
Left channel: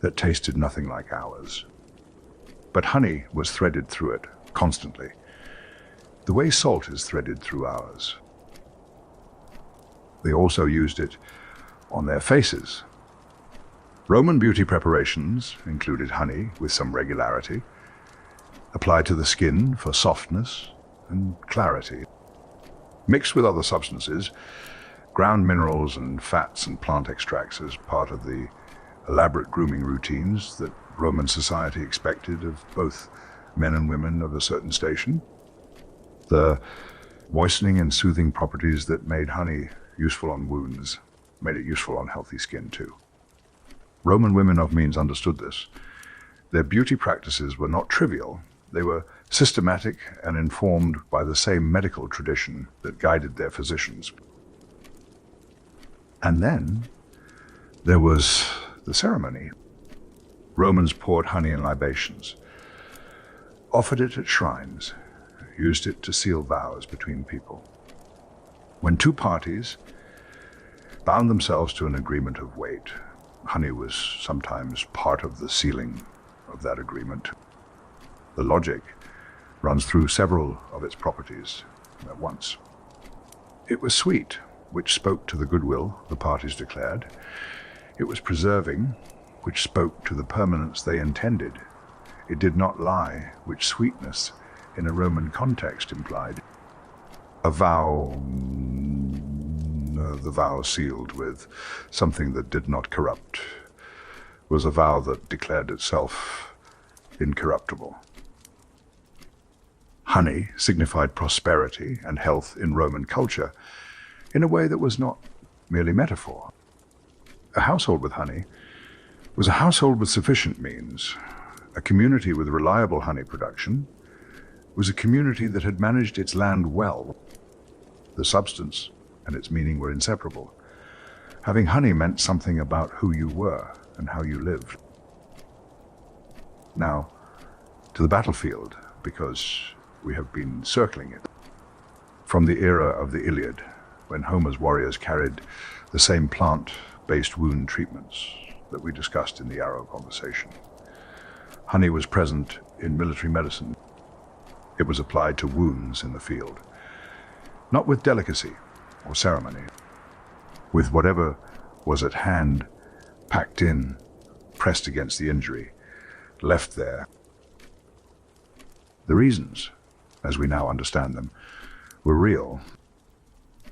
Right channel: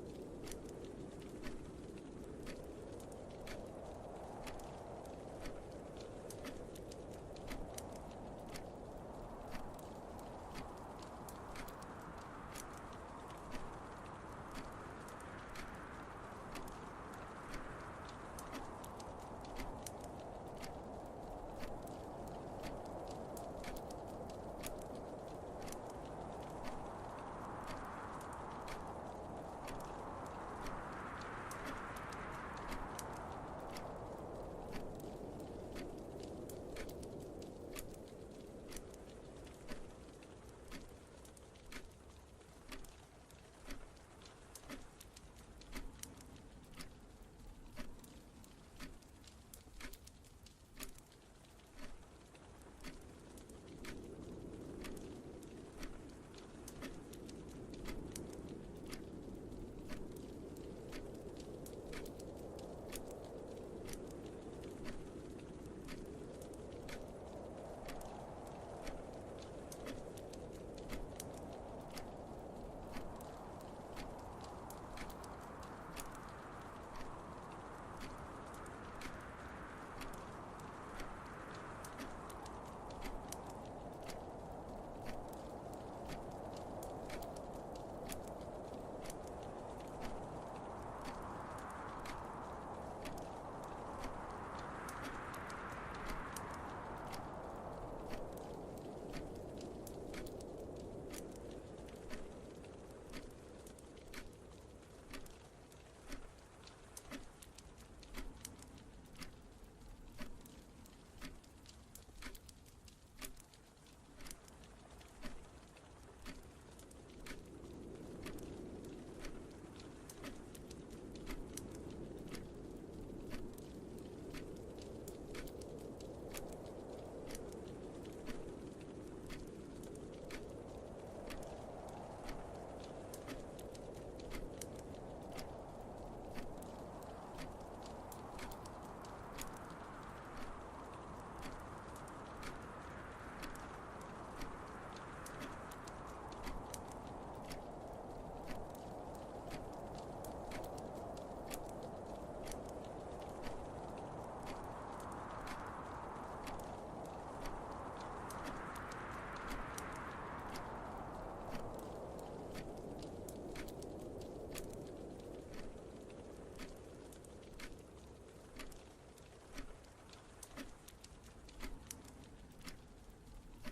that tasted nothing like ours. But honey was threaded through it constantly, the way salt is threaded through ours. They also used it on their faces. Roman beauty preparations included honey with some regularity, applied to the skin for softness and clarity. Mixed with other substances, ground minerals and fats and plant extracts as part of the elaborate grooming routines that Roman society expected of both men and women of a certain station. The moistening and soothing properties that made honey useful on wounds made it useful on healthy skin too. Roman women of means understood this. Their beauty practices were not trivial. They were systematic and informed by the same medical tradition that guided their physicians. And then there was the ceremony. Romans poured honey in libations, offered it at shrines, used it to seal vows between people. When two parties bound themselves to an agreement of weight, honey was sometimes part of the sealing of that agreement. The logic runs through several of its properties at once. It was sweet, which spoke to the goodwill the parties declared. It was preserving, which spoke to the permanence they intended. It did not lie, which sweetness in a Roman context implied. A vow, the vow sealed with something that did not corrupt, was a vow that declared itself incorruptible. Honey signified prosperity and health in Roman culture in a way that was not merely metaphor. A household with honey was a household with sufficient means. A community with reliable honey production was a community that had managed its land well. The substance and its meaning were inseparable. Having honey meant something about who you were and how you lived. Now, to the battlefield, because we have been circling it. From the era of the Iliad, when Homer's warriors carried the same plant-based wound treatments that we discussed in the Arrow conversation. Honey was present in military medicine. It was applied to wounds in the field, not with delicacy or ceremony, with whatever was at hand, packed in, pressed against the injury, left there. The reasons, as we now understand them, were real.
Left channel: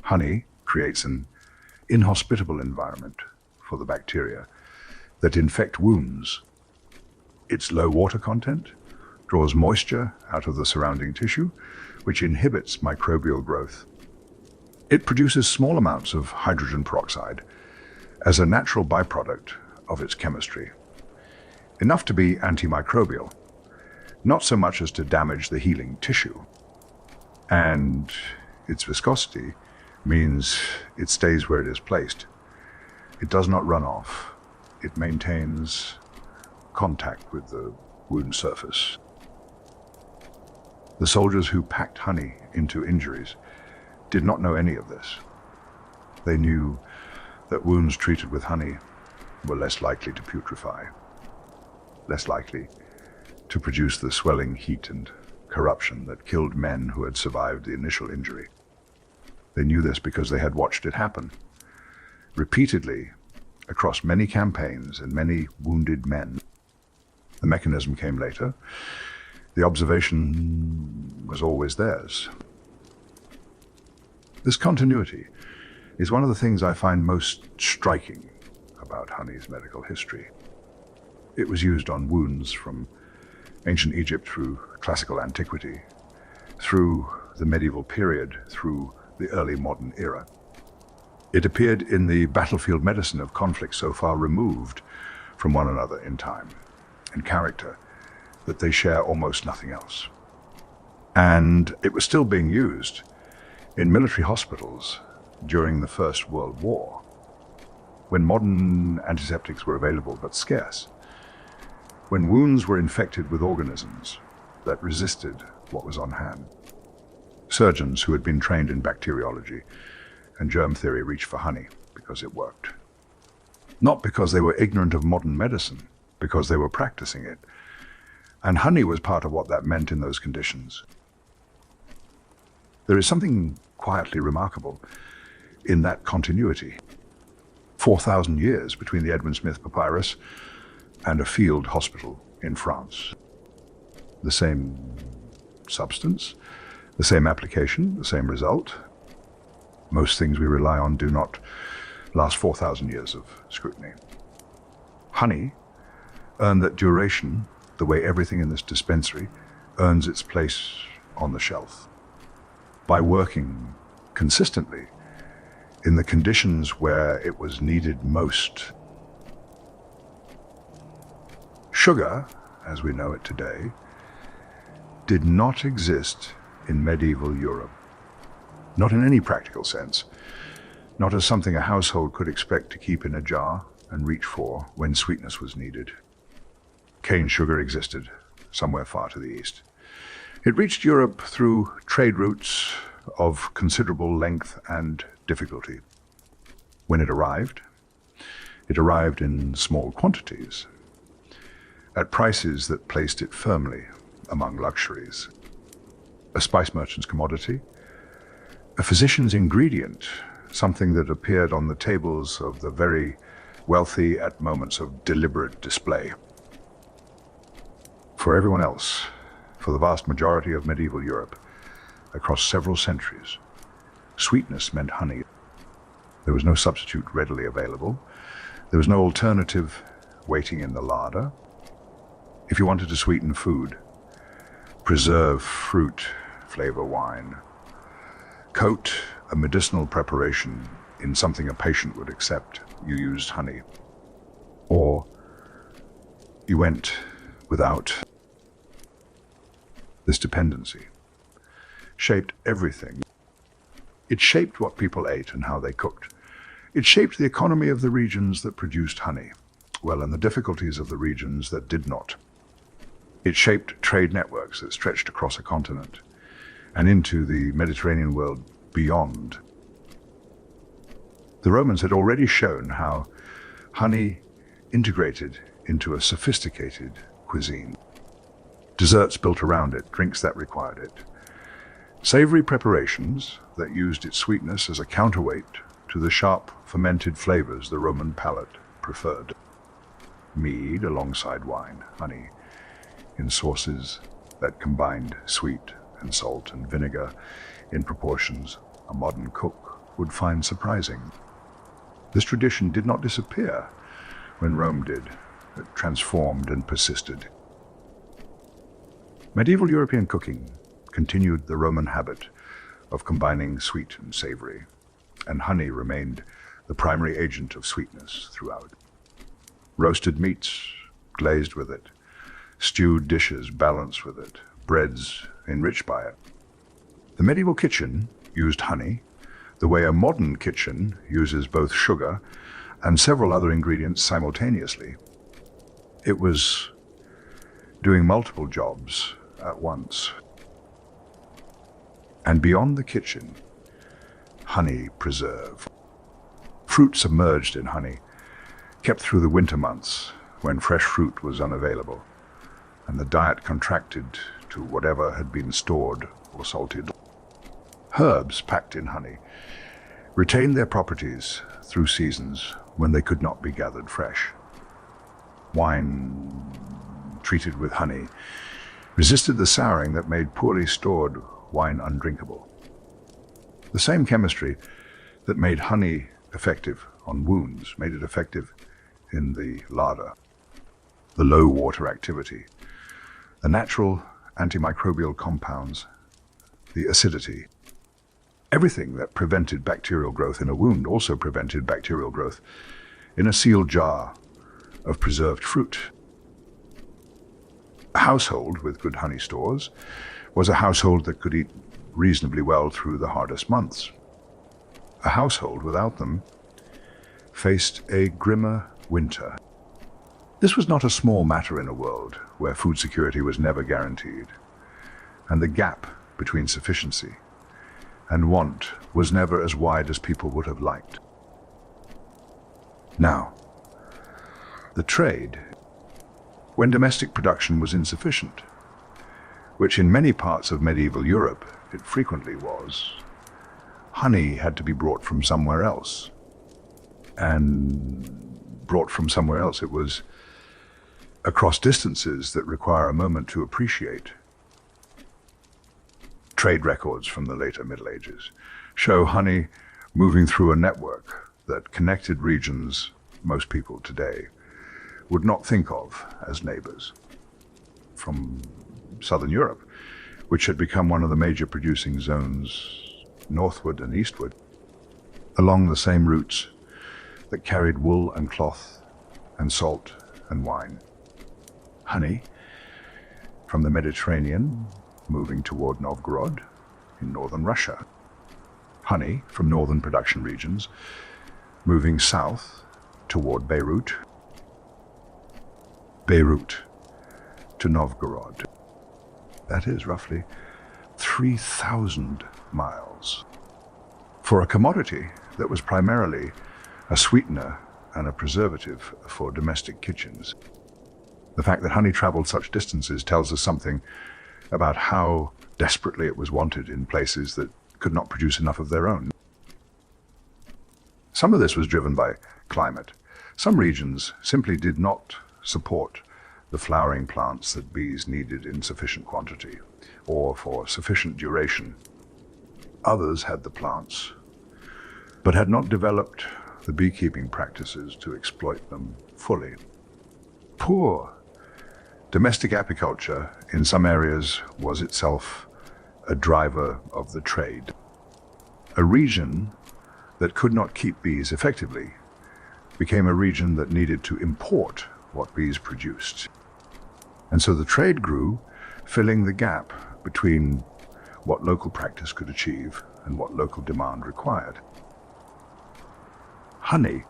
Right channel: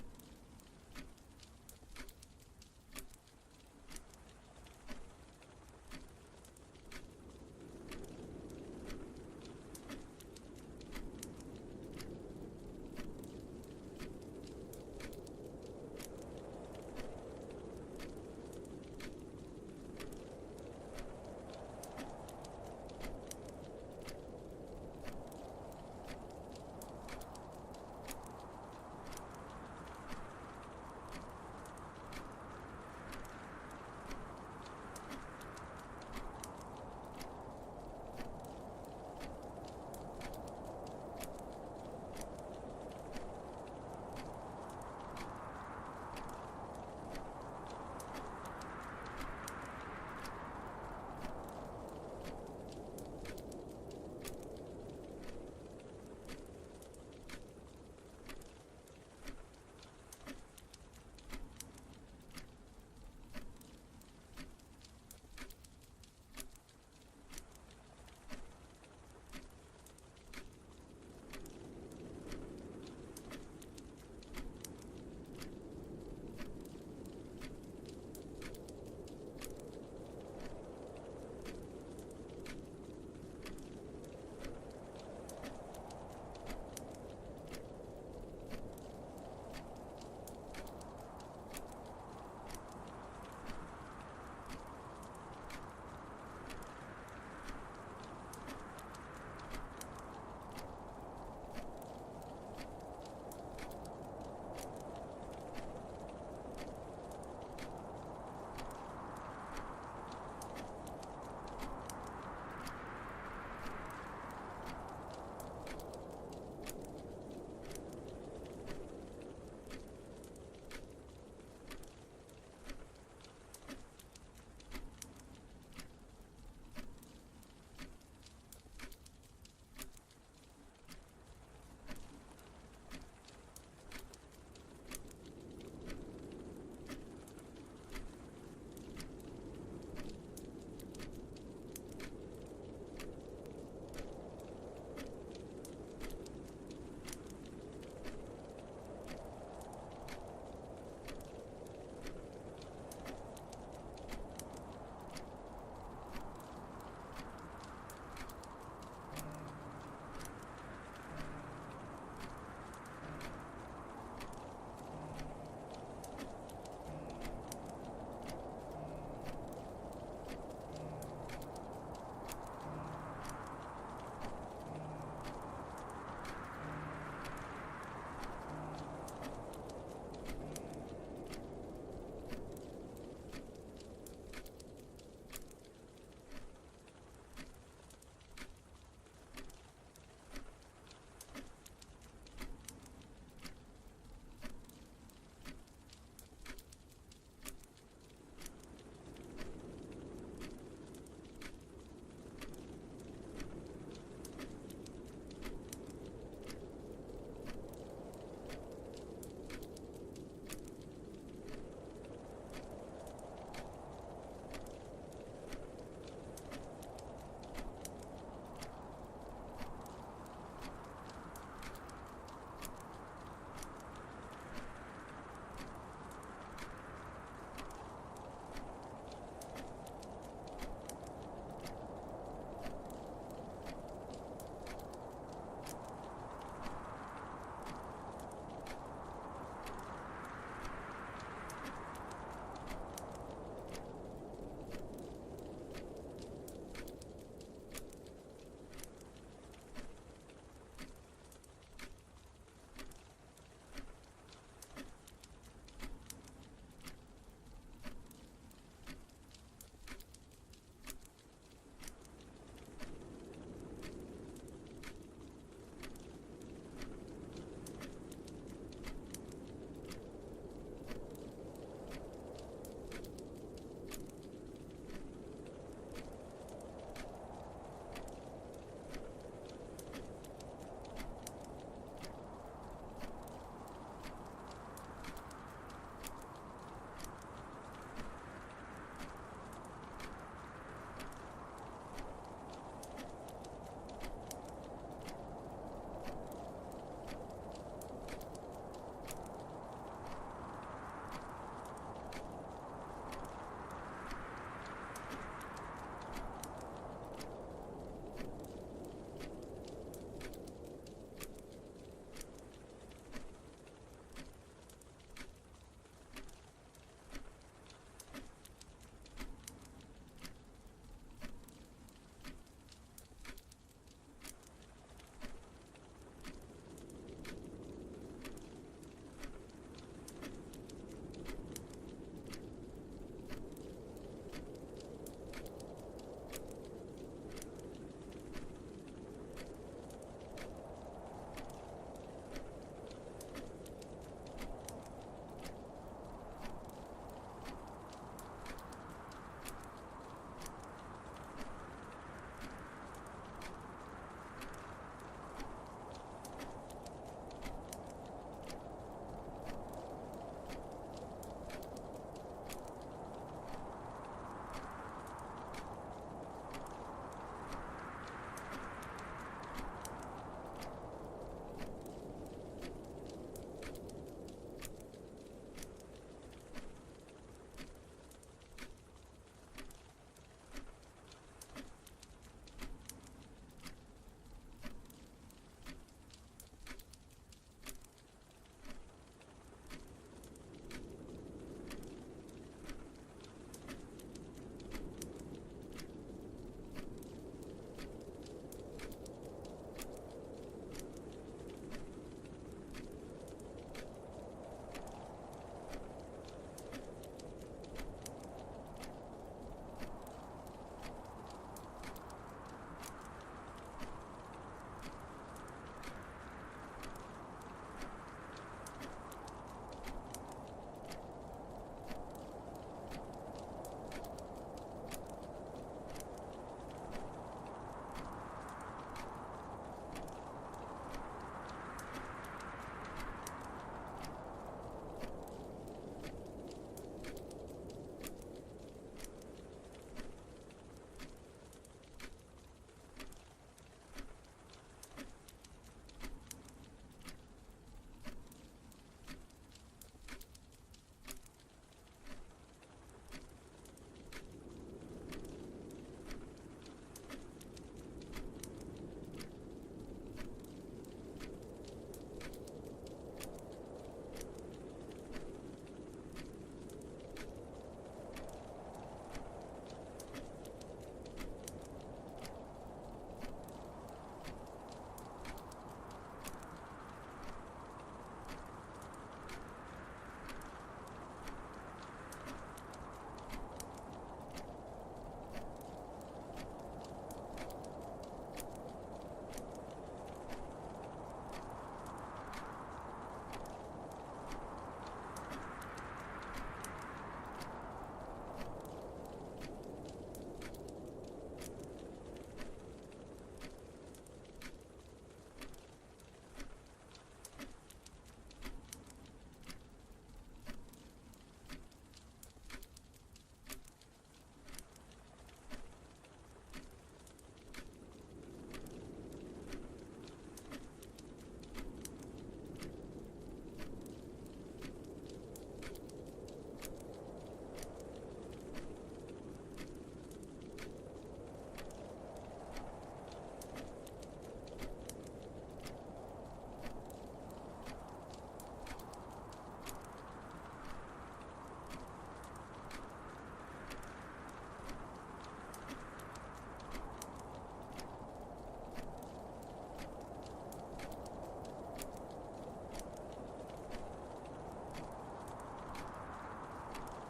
Honey creates an inhospitable environment for the bacteria that infect wounds. Its low water content draws moisture out of the surrounding tissue, which inhibits microbial growth. It produces small amounts of hydrogen peroxide as a natural byproduct of its chemistry, enough to be antimicrobial, not so much as to damage the healing tissue. And its viscosity means it stays where it is placed. It does not run off. It maintains contact with the wound surface. The soldiers who packed honey into injuries did not know any of this. They knew that wounds treated with honey were less likely to putrefy, less likely to produce the swelling heat and corruption that killed men who had survived the initial injury. They knew this because they had watched it happen repeatedly across many campaigns and many wounded men. The mechanism came later. The observation was always theirs. This continuity is one of the things I find most striking about honey's medical history. It was used on wounds from ancient Egypt through classical antiquity, through the medieval period, through the early modern era. It appeared in the battlefield medicine of conflicts so far removed from one another in time and character that they share almost nothing else. And it was still being used in military hospitals during the First World War, when modern antiseptics were available but scarce, when wounds were infected with organisms that resisted what was on hand. Surgeons who had been trained in bacteriology and germ theory reached for honey because it worked. Not because they were ignorant of modern medicine, because they were practicing it. And honey was part of what that meant in those conditions. There is something quietly remarkable in that continuity. 4,000 years between the Edwin Smith papyrus and a field hospital in France. The same substance, the same application, the same result. Most things we rely on do not last 4,000 years of scrutiny. Honey earned that duration the way everything in this dispensary earns its place on the shelf. By working consistently in the conditions where it was needed most. Sugar, as we know it today, did not exist in medieval Europe. Not in any practical sense. Not as something a household could expect to keep in a jar and reach for when sweetness was needed. Cane sugar existed somewhere far to the east. It reached Europe through trade routes of considerable length and difficulty. When it arrived in small quantities, at prices that placed it firmly among luxuries. A spice merchant's commodity, a physician's ingredient, something that appeared on the tables of the very wealthy at moments of deliberate display. For everyone else, for the vast majority of medieval Europe, across several centuries, sweetness meant honey. There was no substitute readily available. There was no alternative waiting in the larder. If you wanted to sweeten food, preserve fruit, flavor wine. Coat a medicinal preparation in something a patient would accept. You used honey. Or you went without. This dependency shaped everything. It shaped what people ate and how they cooked. It shaped the economy of the regions that produced honey, well, and the difficulties of the regions that did not. It shaped trade networks that stretched across a continent and into the Mediterranean world beyond. The Romans had already shown how honey integrated into a sophisticated cuisine. Desserts built around it, drinks that required it. Savory preparations that used its sweetness as a counterweight to the sharp, fermented flavors the Roman palate preferred. Mead alongside wine, honey, in sauces that combined sweet and salt and vinegar in proportions a modern cook would find surprising. This tradition did not disappear when Rome did. It transformed and persisted. Medieval European cooking continued the Roman habit of combining sweet and savory, and honey remained the primary agent of sweetness throughout. Roasted meats glazed with it, stewed dishes balanced with it, breads enriched by it. The medieval kitchen used honey the way a modern kitchen uses both sugar and several other ingredients simultaneously. It was doing multiple jobs at once. And beyond the kitchen, honey preserve. Fruit submerged in honey, kept through the winter months when fresh fruit was unavailable, and the diet contracted to whatever had been stored or salted. Herbs packed in honey retained their properties through seasons when they could not be gathered fresh. Wine treated with honey resisted the souring that made poorly stored wine undrinkable. The same chemistry that made honey effective on wounds made it effective in the larder. The low water activity, the natural antimicrobial compounds, the acidity. Everything that prevented bacterial growth in a wound also prevented bacterial growth in a sealed jar of preserved fruit. A household with good honey stores was a household that could eat reasonably well through the hardest months. A household without them faced a grimmer winter. This was not a small matter in a world where food security was never guaranteed, and the gap between sufficiency and want was never as wide as people would have liked. Now, the trade, when domestic production was insufficient, which in many parts of medieval Europe it frequently was, honey had to be brought from somewhere else. And brought from somewhere else, it was across distances that require a moment to appreciate. Trade records from the later Middle Ages show honey moving through a network that connected regions most people today would not think of as neighbors. From southern Europe, which had become one of the major producing zones northward and eastward, along the same routes that carried wool and cloth and salt and wine. Honey from the Mediterranean moving toward Novgorod in northern Russia. Honey from northern production regions moving south toward Beirut. Beirut to Novgorod. That is roughly 3,000 miles. For a commodity that was primarily a sweetener and a preservative for domestic kitchens. The fact that honey traveled such distances tells us something about how desperately it was wanted in places that could not produce enough of their own. Some of this was driven by climate. Some regions simply did not support the flowering plants that bees needed in sufficient quantity or for sufficient duration. Others had the plants, but had not developed the beekeeping practices to exploit them fully. Poor domestic apiculture in some areas was itself a driver of the trade. A region that could not keep bees effectively became a region that needed to import what bees produced. And so the trade grew, filling the gap between what local practice could achieve and what local demand required. Honey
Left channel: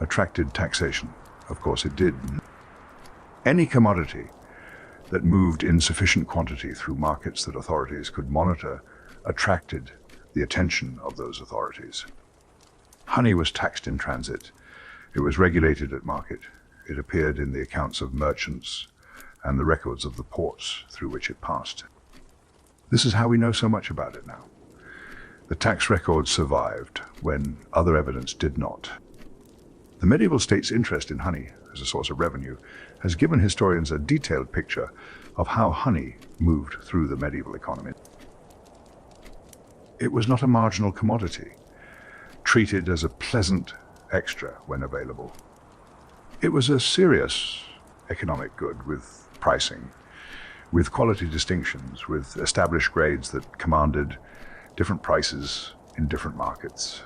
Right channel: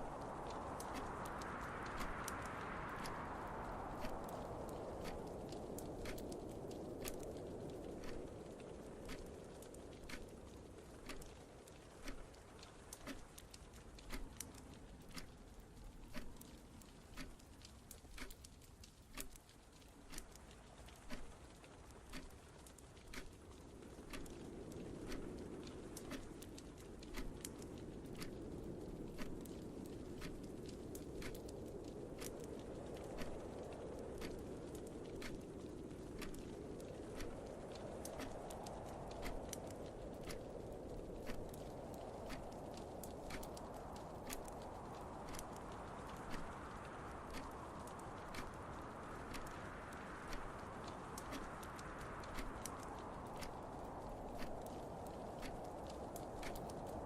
attracted taxation. Of course it did. Any commodity that moved in sufficient quantity through markets that authorities could monitor attracted the attention of those authorities. Honey was taxed in transit. It was regulated at market. It appeared in the accounts of merchants and the records of the ports through which it passed. This is how we know so much about it now. The tax records survived when other evidence did not. The medieval state's interest in honey as a source of revenue has given historians a detailed picture of how honey moved through the medieval economy. It was not a marginal commodity, treated as a pleasant extra when available. It was a serious economic good with pricing, with quality distinctions, with established grades that commanded different prices in different markets.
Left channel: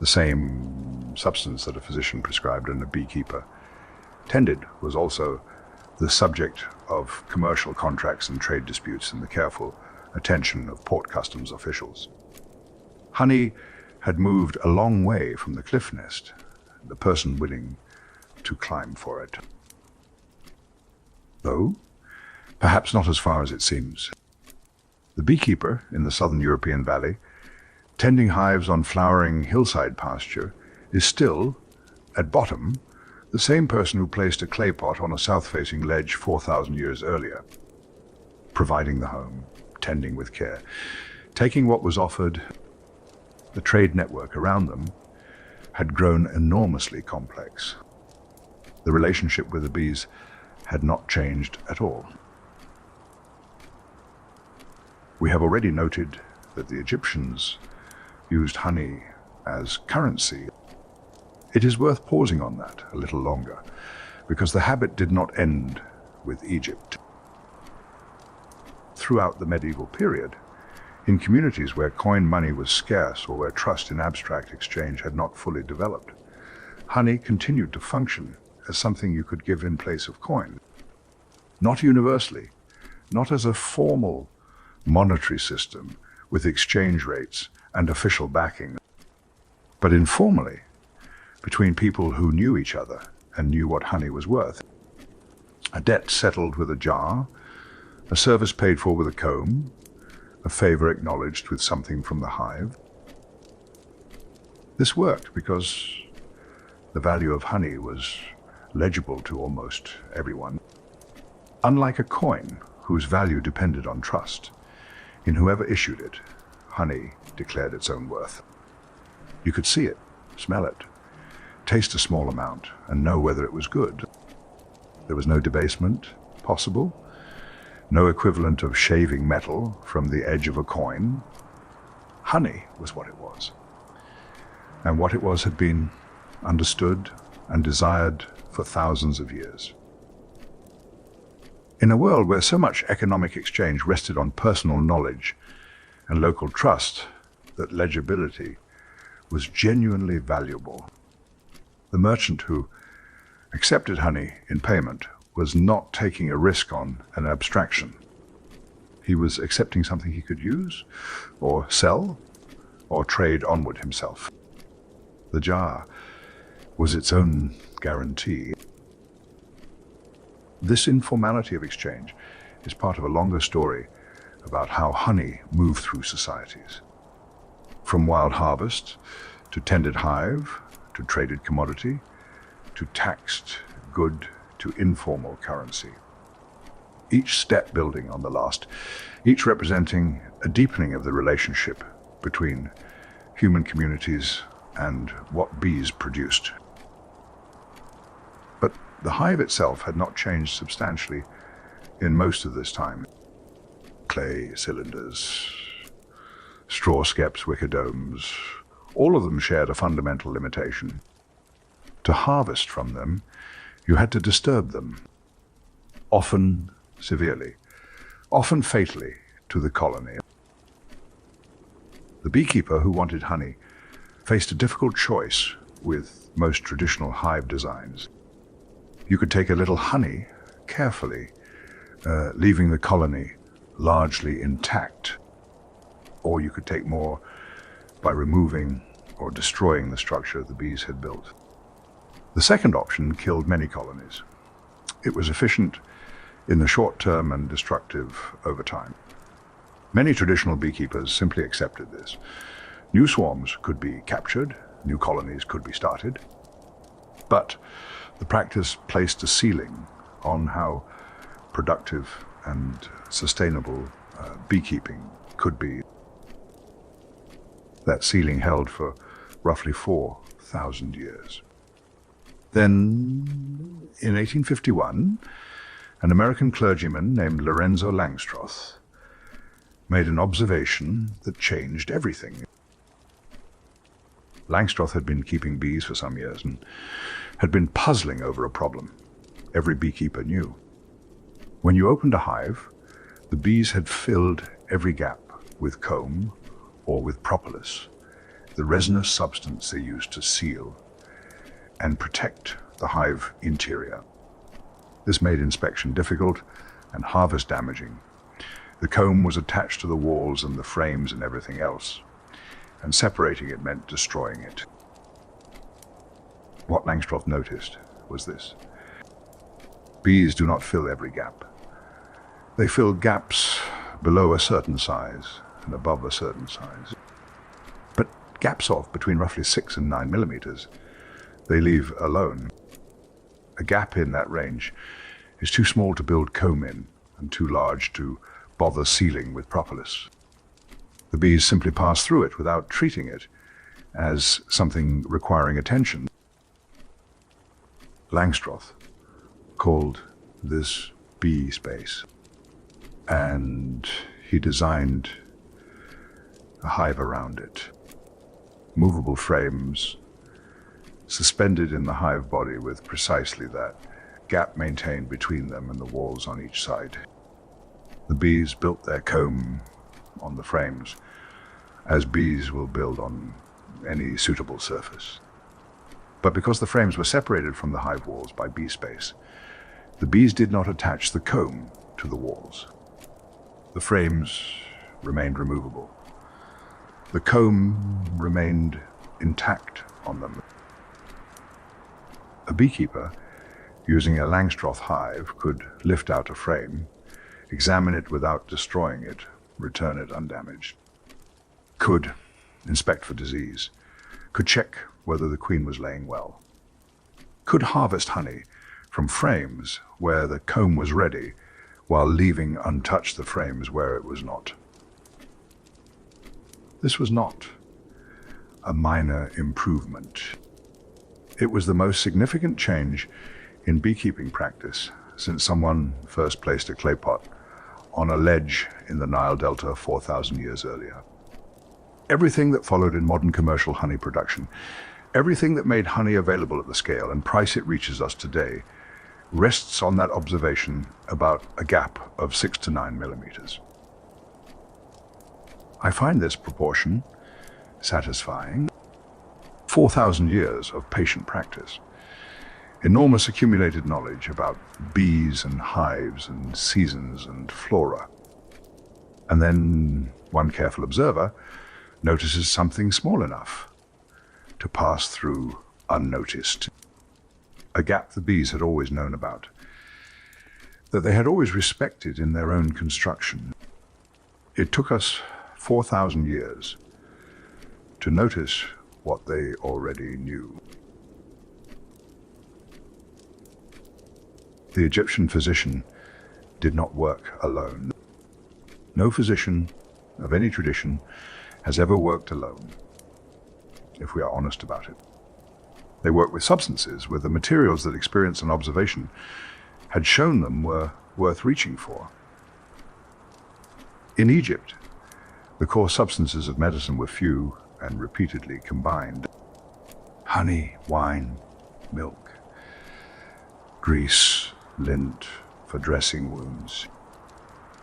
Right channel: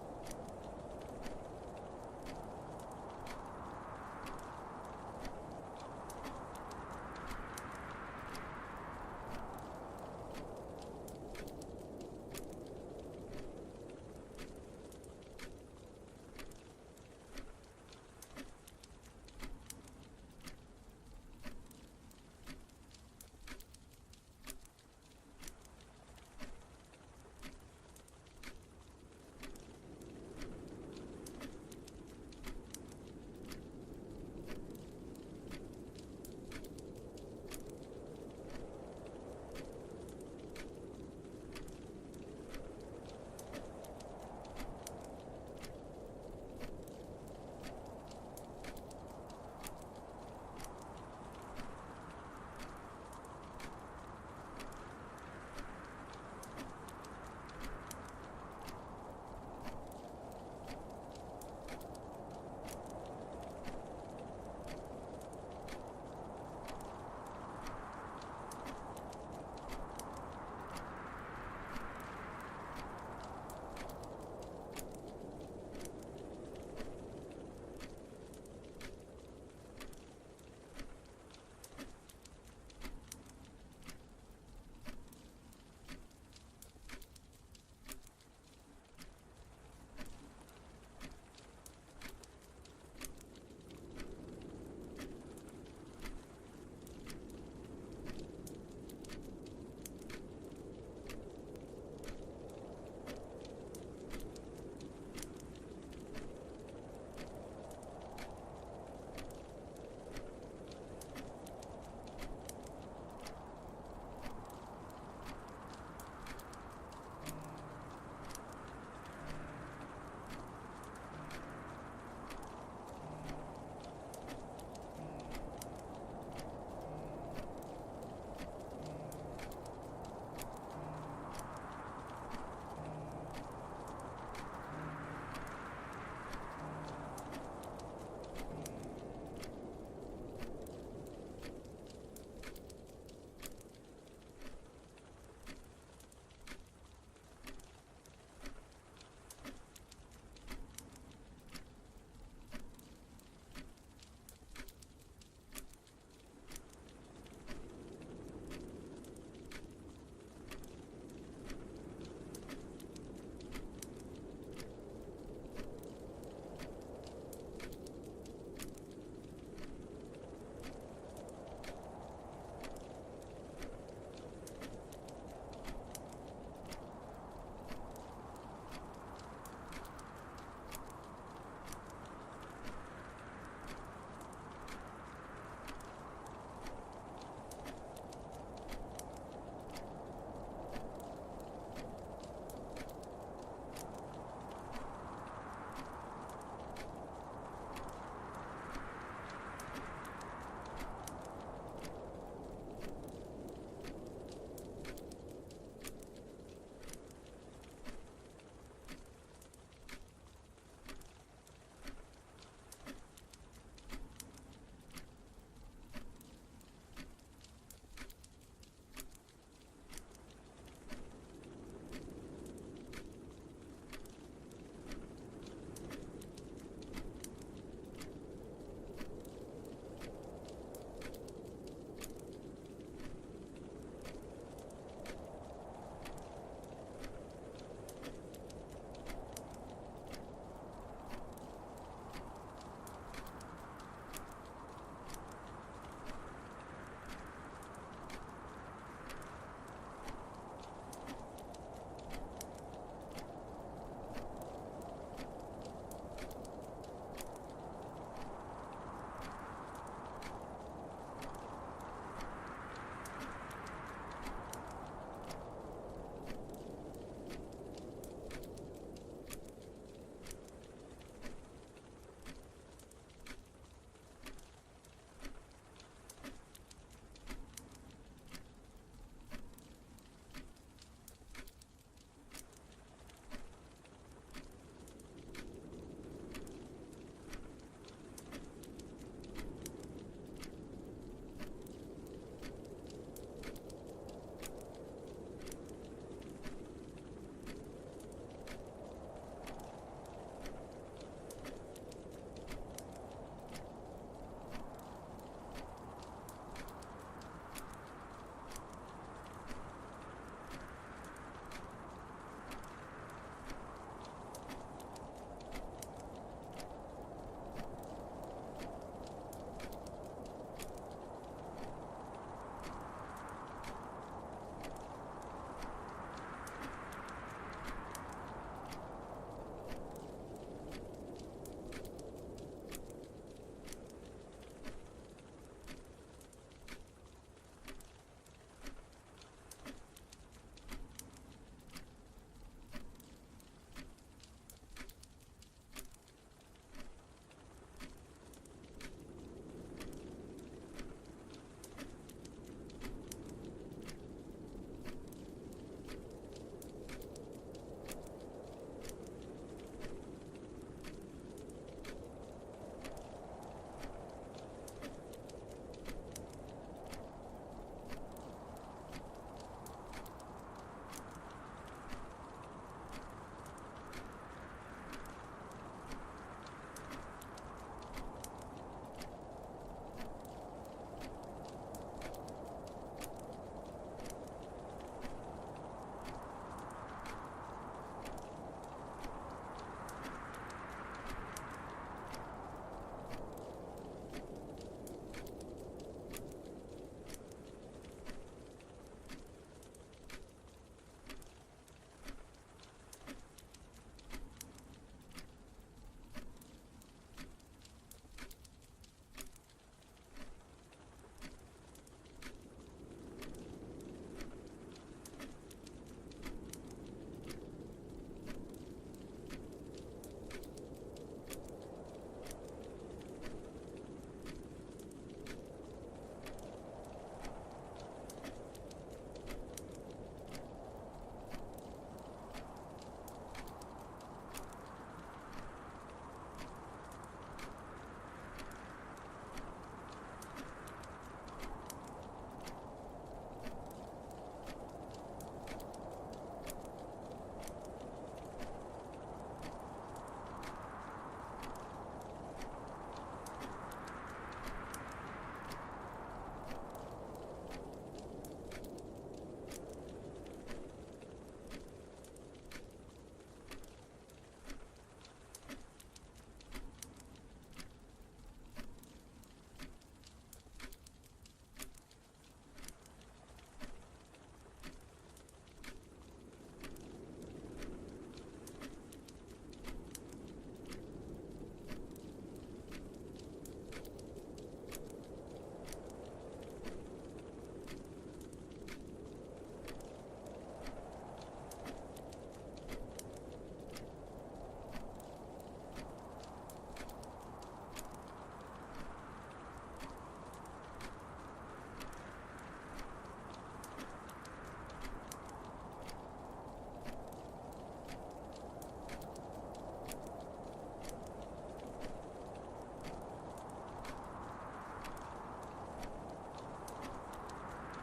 The same substance that a physician prescribed and a beekeeper tended was also the subject of commercial contracts and trade disputes and the careful attention of port customs officials. Honey had moved a long way from the cliff nest, the person willing to climb for it. Though, perhaps not as far as it seems. The beekeeper in the southern European valley, tending hives on flowering hillside pasture, is still, at bottom, the same person who placed a clay pot on a south-facing ledge 4,000 years earlier, providing the home, tending with care, taking what was offered. The trade network around them had grown enormously complex. The relationship with the bees had not changed at all. We have already noted that the Egyptians used honey as currency. It is worth pausing on that a little longer, because the habit did not end with Egypt. Throughout the medieval period, in communities where coin money was scarce or where trust in abstract exchange had not fully developed, honey continued to function as something you could give in place of coin. Not universally, not as a formal monetary system with exchange rates and official backing, but informally, between people who knew each other and knew what honey was worth. A debt settled with a jar, a service paid for with a comb, a favor acknowledged with something from the hive. This worked because the value of honey was legible to almost everyone. Unlike a coin, whose value depended on trust, in whoever issued it, honey declared its own worth. You could see it, smell it, taste a small amount, and know whether it was good. There was no debasement possible, no equivalent of shaving metal from the edge of a coin. Honey was what it was. And what it was had been understood and desired for thousands of years. In a world where so much economic exchange rested on personal knowledge and local trust, that legibility was genuinely valuable. The merchant who accepted honey in payment was not taking a risk on an abstraction. He was accepting something he could use, or sell, or trade onward himself. The jar was its own guarantee. This informality of exchange is part of a longer story about how honey moved through societies. From wild harvest, to tended hive, to traded commodity, to taxed good, to informal currency. Each step building on the last, each representing a deepening of the relationship between human communities and what bees produced. But the hive itself had not changed substantially in most of this time. Clay cylinders, straw skeps, wicker domes, all of them shared a fundamental limitation. To harvest from them, you had to disturb them, often severely, often fatally, to the colony. The beekeeper who wanted honey faced a difficult choice with most traditional hive designs. You could take a little honey carefully, leaving the colony largely intact, or you could take more by removing or destroying the structure the bees had built. The second option killed many colonies. It was efficient in the short term and destructive over time. Many traditional beekeepers simply accepted this. New swarms could be captured, new colonies could be started, but the practice placed a ceiling on how productive and sustainable beekeeping could be. That ceiling held for roughly 4,000 years. Then, in 1851, an American clergyman named Lorenzo Langstroth made an observation that changed everything. Langstroth had been keeping bees for some years and had been puzzling over a problem every beekeeper knew. When you opened a hive, the bees had filled every gap with comb or with propolis, the resinous substance they used to seal and protect the hive interior. This made inspection difficult and harvest damaging. The comb was attached to the walls and the frames and everything else, and separating it meant destroying it. What Langstroth noticed was this: bees do not fill every gap. They fill gaps below a certain size and above a certain size. But gaps off between roughly 6 and 9 millimeters, they leave alone. A gap in that range is too small to build comb in and too large to bother sealing with propolis. The bees simply pass through it without treating it as something requiring attention. Langstroth called this bee space, and he designed a hive around it. Movable frames suspended in the hive body with precisely that gap maintained between them and the walls on each side. The bees built their comb on the frames, as bees will build on any suitable surface. But because the frames were separated from the hive walls by bee space, the bees did not attach the comb to the walls. The frames remained removable. The comb remained intact on them. A beekeeper, using a Langstroth hive, could lift out a frame, examine it without destroying it, return it undamaged, could inspect for disease, could check whether the queen was laying well, could harvest honey from frames where the comb was ready while leaving untouched the frames where it was not. This was not a minor improvement. It was the most significant change in beekeeping practice since someone first placed a clay pot on a ledge in the Nile Delta 4,000 years earlier. Everything that followed in modern commercial honey production, everything that made honey available at the scale and price it reaches us today, rests on that observation about a gap of 6 to 9 millimeters. I find this proportion satisfying. 4,000 years of patient practice, enormous accumulated knowledge about bees and hives and seasons and flora. And then one careful observer notices something small enough to pass through unnoticed. A gap the bees had always known about, that they had always respected in their own construction. It took us 4,000 years to notice what they already knew. The Egyptian physician did not work alone. No physician of any tradition has ever worked alone, if we are honest about it. They worked with substances, with the materials that experience and observation had shown them were worth reaching for. In Egypt, the core substances of medicine were few and repeatedly combined. Honey, wine, milk, grease, lint for dressing wounds.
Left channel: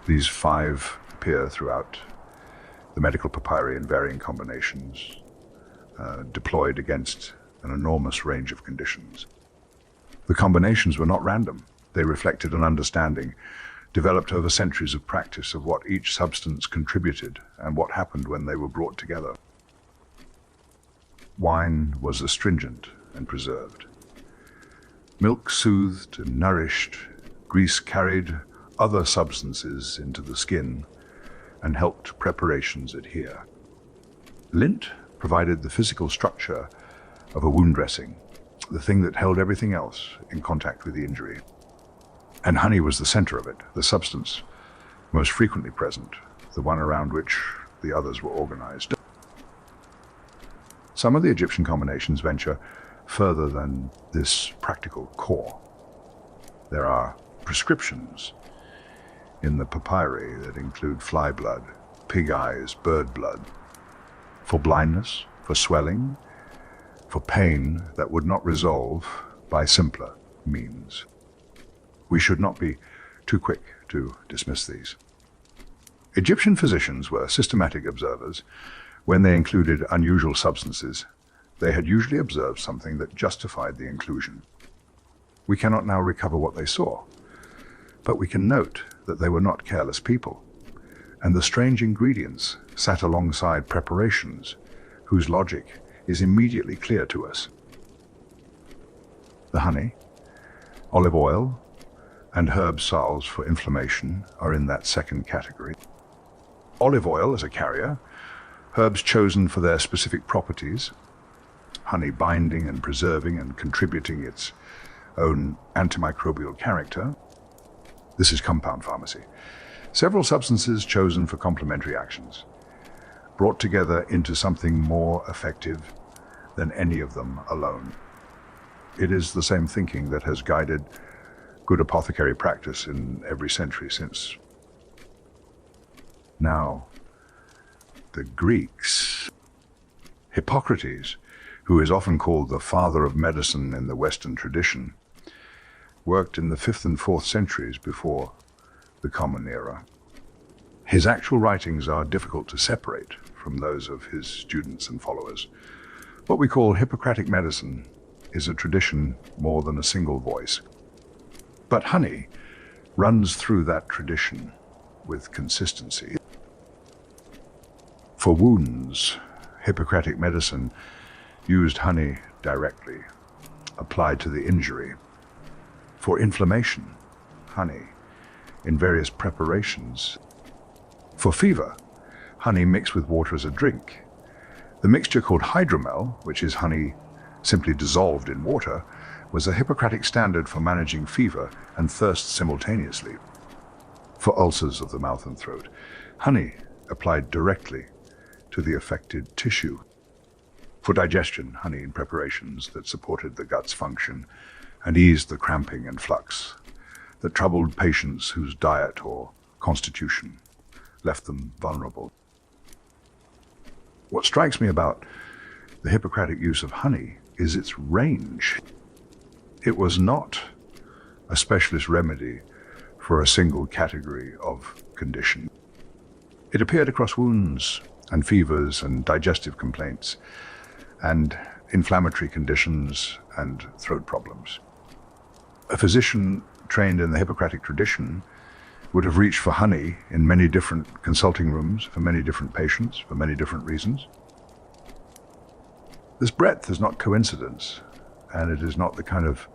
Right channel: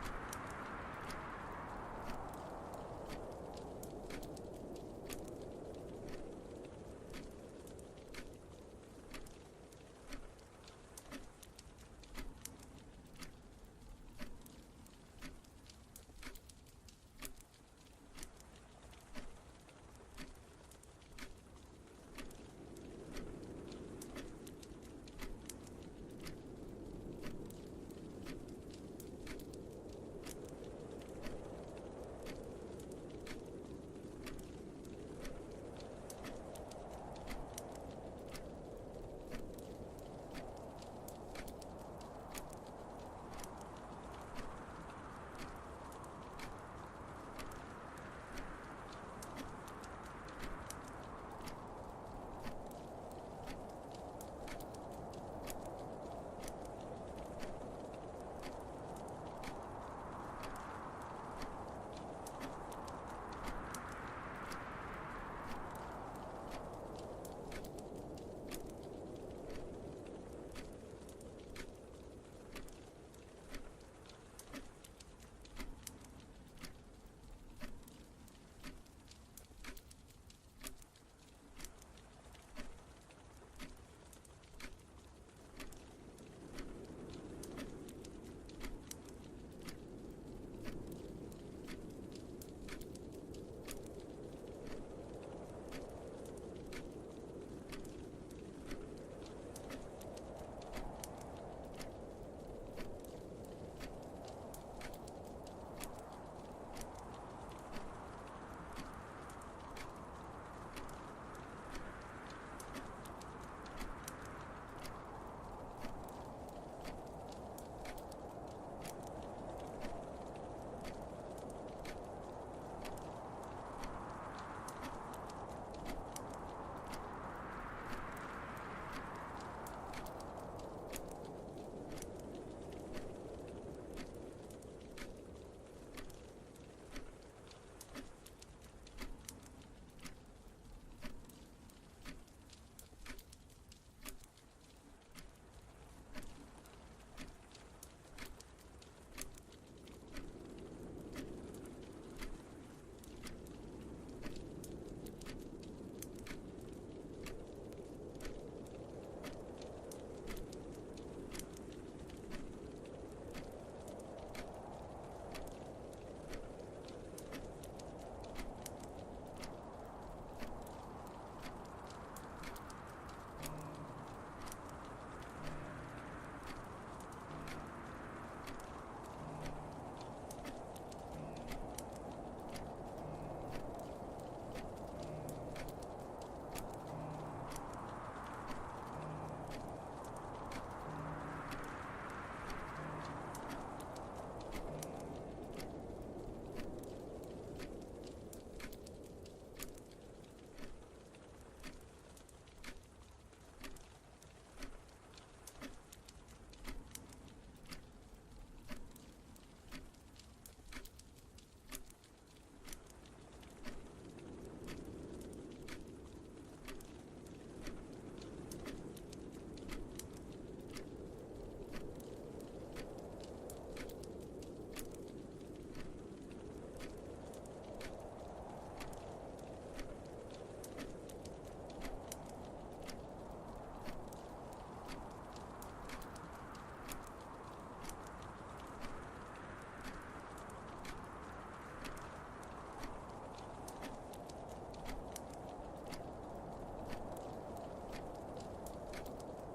These 5 appear throughout the medical papyri in varying combinations, deployed against an enormous range of conditions. The combinations were not random. They reflected an understanding developed over centuries of practice of what each substance contributed and what happened when they were brought together. Wine was astringent and preserved. Milk soothed and nourished. Grease carried other substances into the skin and helped preparations adhere. Lint provided the physical structure of a wound dressing, the thing that held everything else in contact with the injury. And honey was the center of it, the substance most frequently present, the one around which the others were organized. Some of the Egyptian combinations venture further than this practical core. There are prescriptions in the papyri that include fly blood, pig eyes, bird blood, for blindness, for swelling, for pain that would not resolve by simpler means. We should not be too quick to dismiss these. Egyptian physicians were systematic observers. When they included unusual substances, they had usually observed something that justified the inclusion. We cannot now recover what they saw, but we can note that they were not careless people, and the strange ingredients sat alongside preparations whose logic is immediately clear to us. The honey, olive oil, and herb salves for inflammation are in that second category. Olive oil as a carrier, herbs chosen for their specific properties, honey binding and preserving and contributing its own antimicrobial character. This is compound pharmacy. Several substances chosen for complementary actions, brought together into something more effective than any of them alone. It is the same thinking that has guided good apothecary practice in every century since. Now, the Greeks. Hippocrates, who is often called the father of medicine in the Western tradition, worked in the 5th and 4th centuries before the Common Era. His actual writings are difficult to separate from those of his students and followers. What we call Hippocratic medicine is a tradition more than a single voice. But honey runs through that tradition with consistency. For wounds, Hippocratic medicine used honey directly, applied to the injury. For inflammation, honey in various preparations. For fever, honey mixed with water as a drink. The mixture called hydromel, which is honey simply dissolved in water, was a Hippocratic standard for managing fever and thirst simultaneously. For ulcers of the mouth and throat, honey applied directly to the affected tissue. For digestion, honey in preparations that supported the gut's function and eased the cramping and flux that troubled patients whose diet or constitution left them vulnerable. What strikes me about the Hippocratic use of honey is its range. It was not a specialist remedy for a single category of condition. It appeared across wounds and fevers and digestive complaints and inflammatory conditions and throat problems. A physician trained in the Hippocratic tradition would have reached for honey in many different consulting rooms for many different patients for many different reasons. This breadth is not coincidence, and it is not the kind of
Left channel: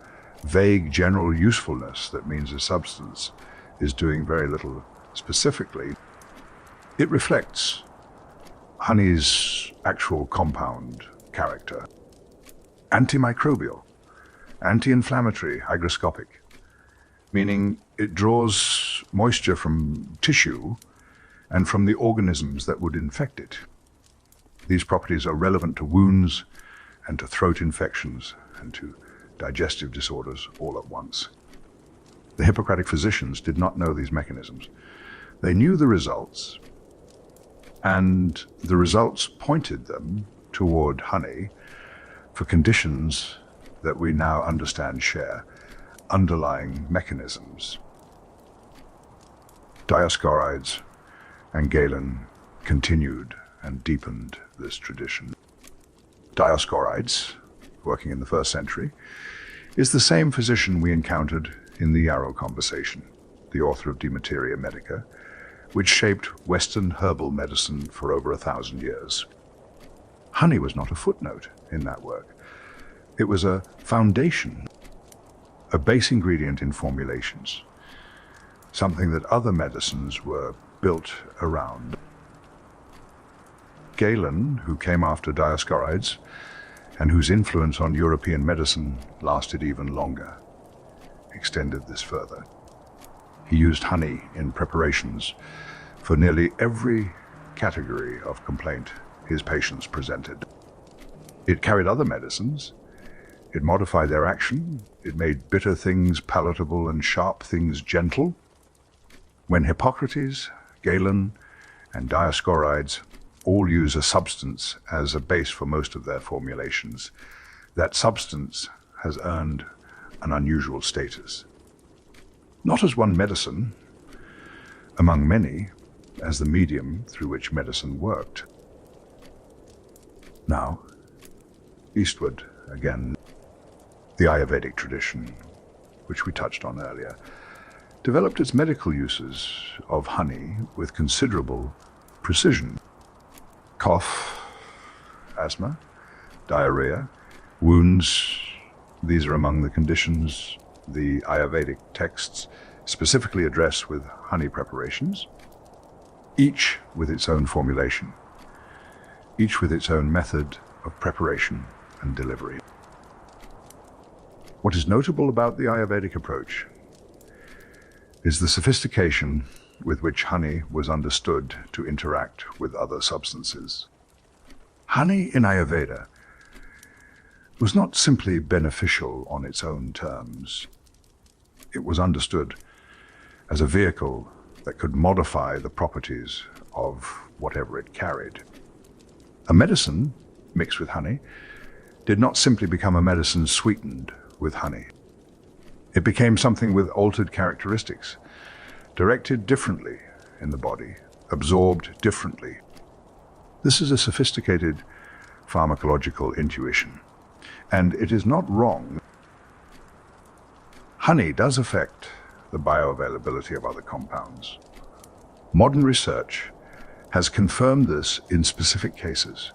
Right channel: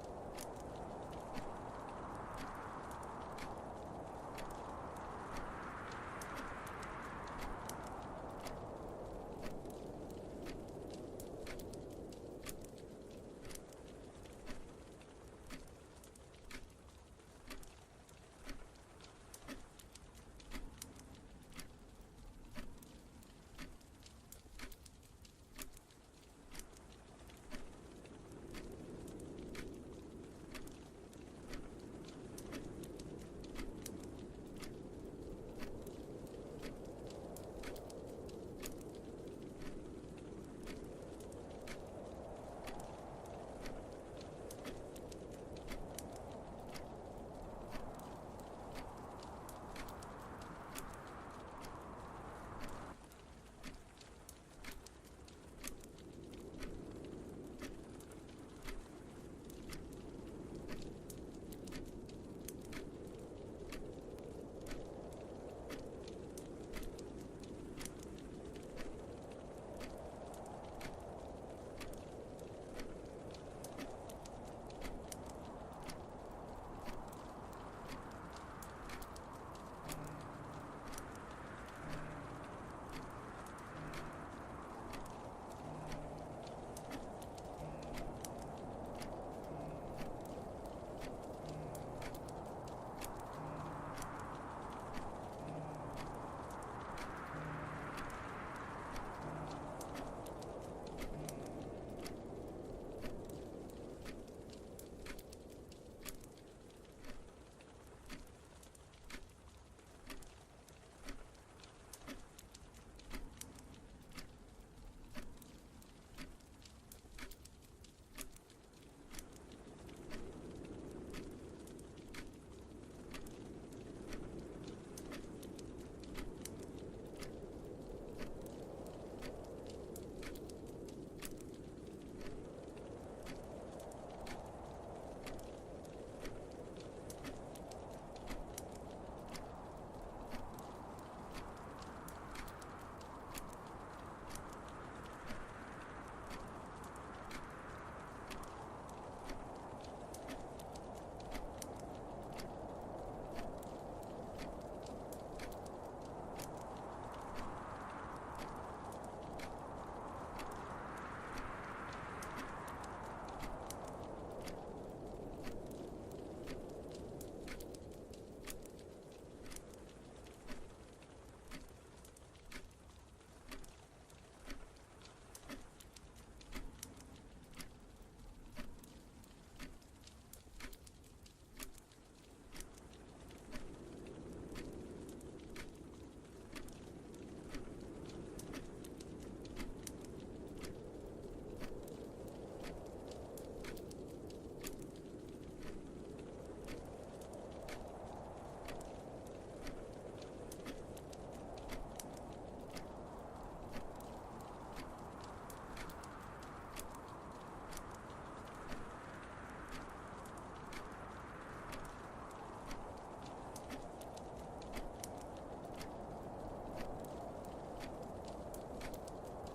vague general usefulness that means a substance is doing very little specifically. It reflects honey's actual compound character. Antimicrobial, anti-inflammatory, hygroscopic, meaning it draws moisture from tissue and from the organisms that would infect it. These properties are relevant to wounds and to throat infections and to digestive disorders all at once. The Hippocratic physicians did not know these mechanisms. They knew the results, and the results pointed them toward honey for conditions that we now understand share underlying mechanisms. Dioscorides and Galen continued and deepened this tradition. Dioscorides, working in the 1st century, is the same physician we encountered in the Yarrow conversation, the author of De Materia Medica, which shaped Western herbal medicine for over 1,000 years. Honey was not a footnote in that work. It was a foundation, a base ingredient in formulations, something that other medicines were built around. Galen, who came after Dioscorides, and whose influence on European medicine lasted even longer, extended this further. He used honey in preparations for nearly every category of complaint his patients presented. It carried other medicines, it modified their action, it made bitter things palatable and sharp things gentle. When Hippocrates, Galen, and Dioscorides all use a substance as a base for most of their formulations, that substance has earned an unusual status. Not as one medicine, among many, as the medium through which medicine worked. Now, eastward again, the Ayurvedic tradition, which we touched on earlier, developed its medical uses of honey with considerable precision. Cough, asthma, diarrhea, wounds, these are among the conditions the Ayurvedic texts specifically address with honey preparations, each with its own formulation, each with its own method of preparation and delivery. What is notable about the Ayurvedic approach is the sophistication with which honey was understood to interact with other substances. Honey in Ayurveda was not simply beneficial on its own terms. It was understood as a vehicle that could modify the properties of whatever it carried. A medicine mixed with honey did not simply become a medicine sweetened with honey. It became something with altered characteristics, directed differently in the body, absorbed differently. This is a sophisticated pharmacological intuition, and it is not wrong. Honey does affect the bioavailability of other compounds. Modern research has confirmed this in specific cases.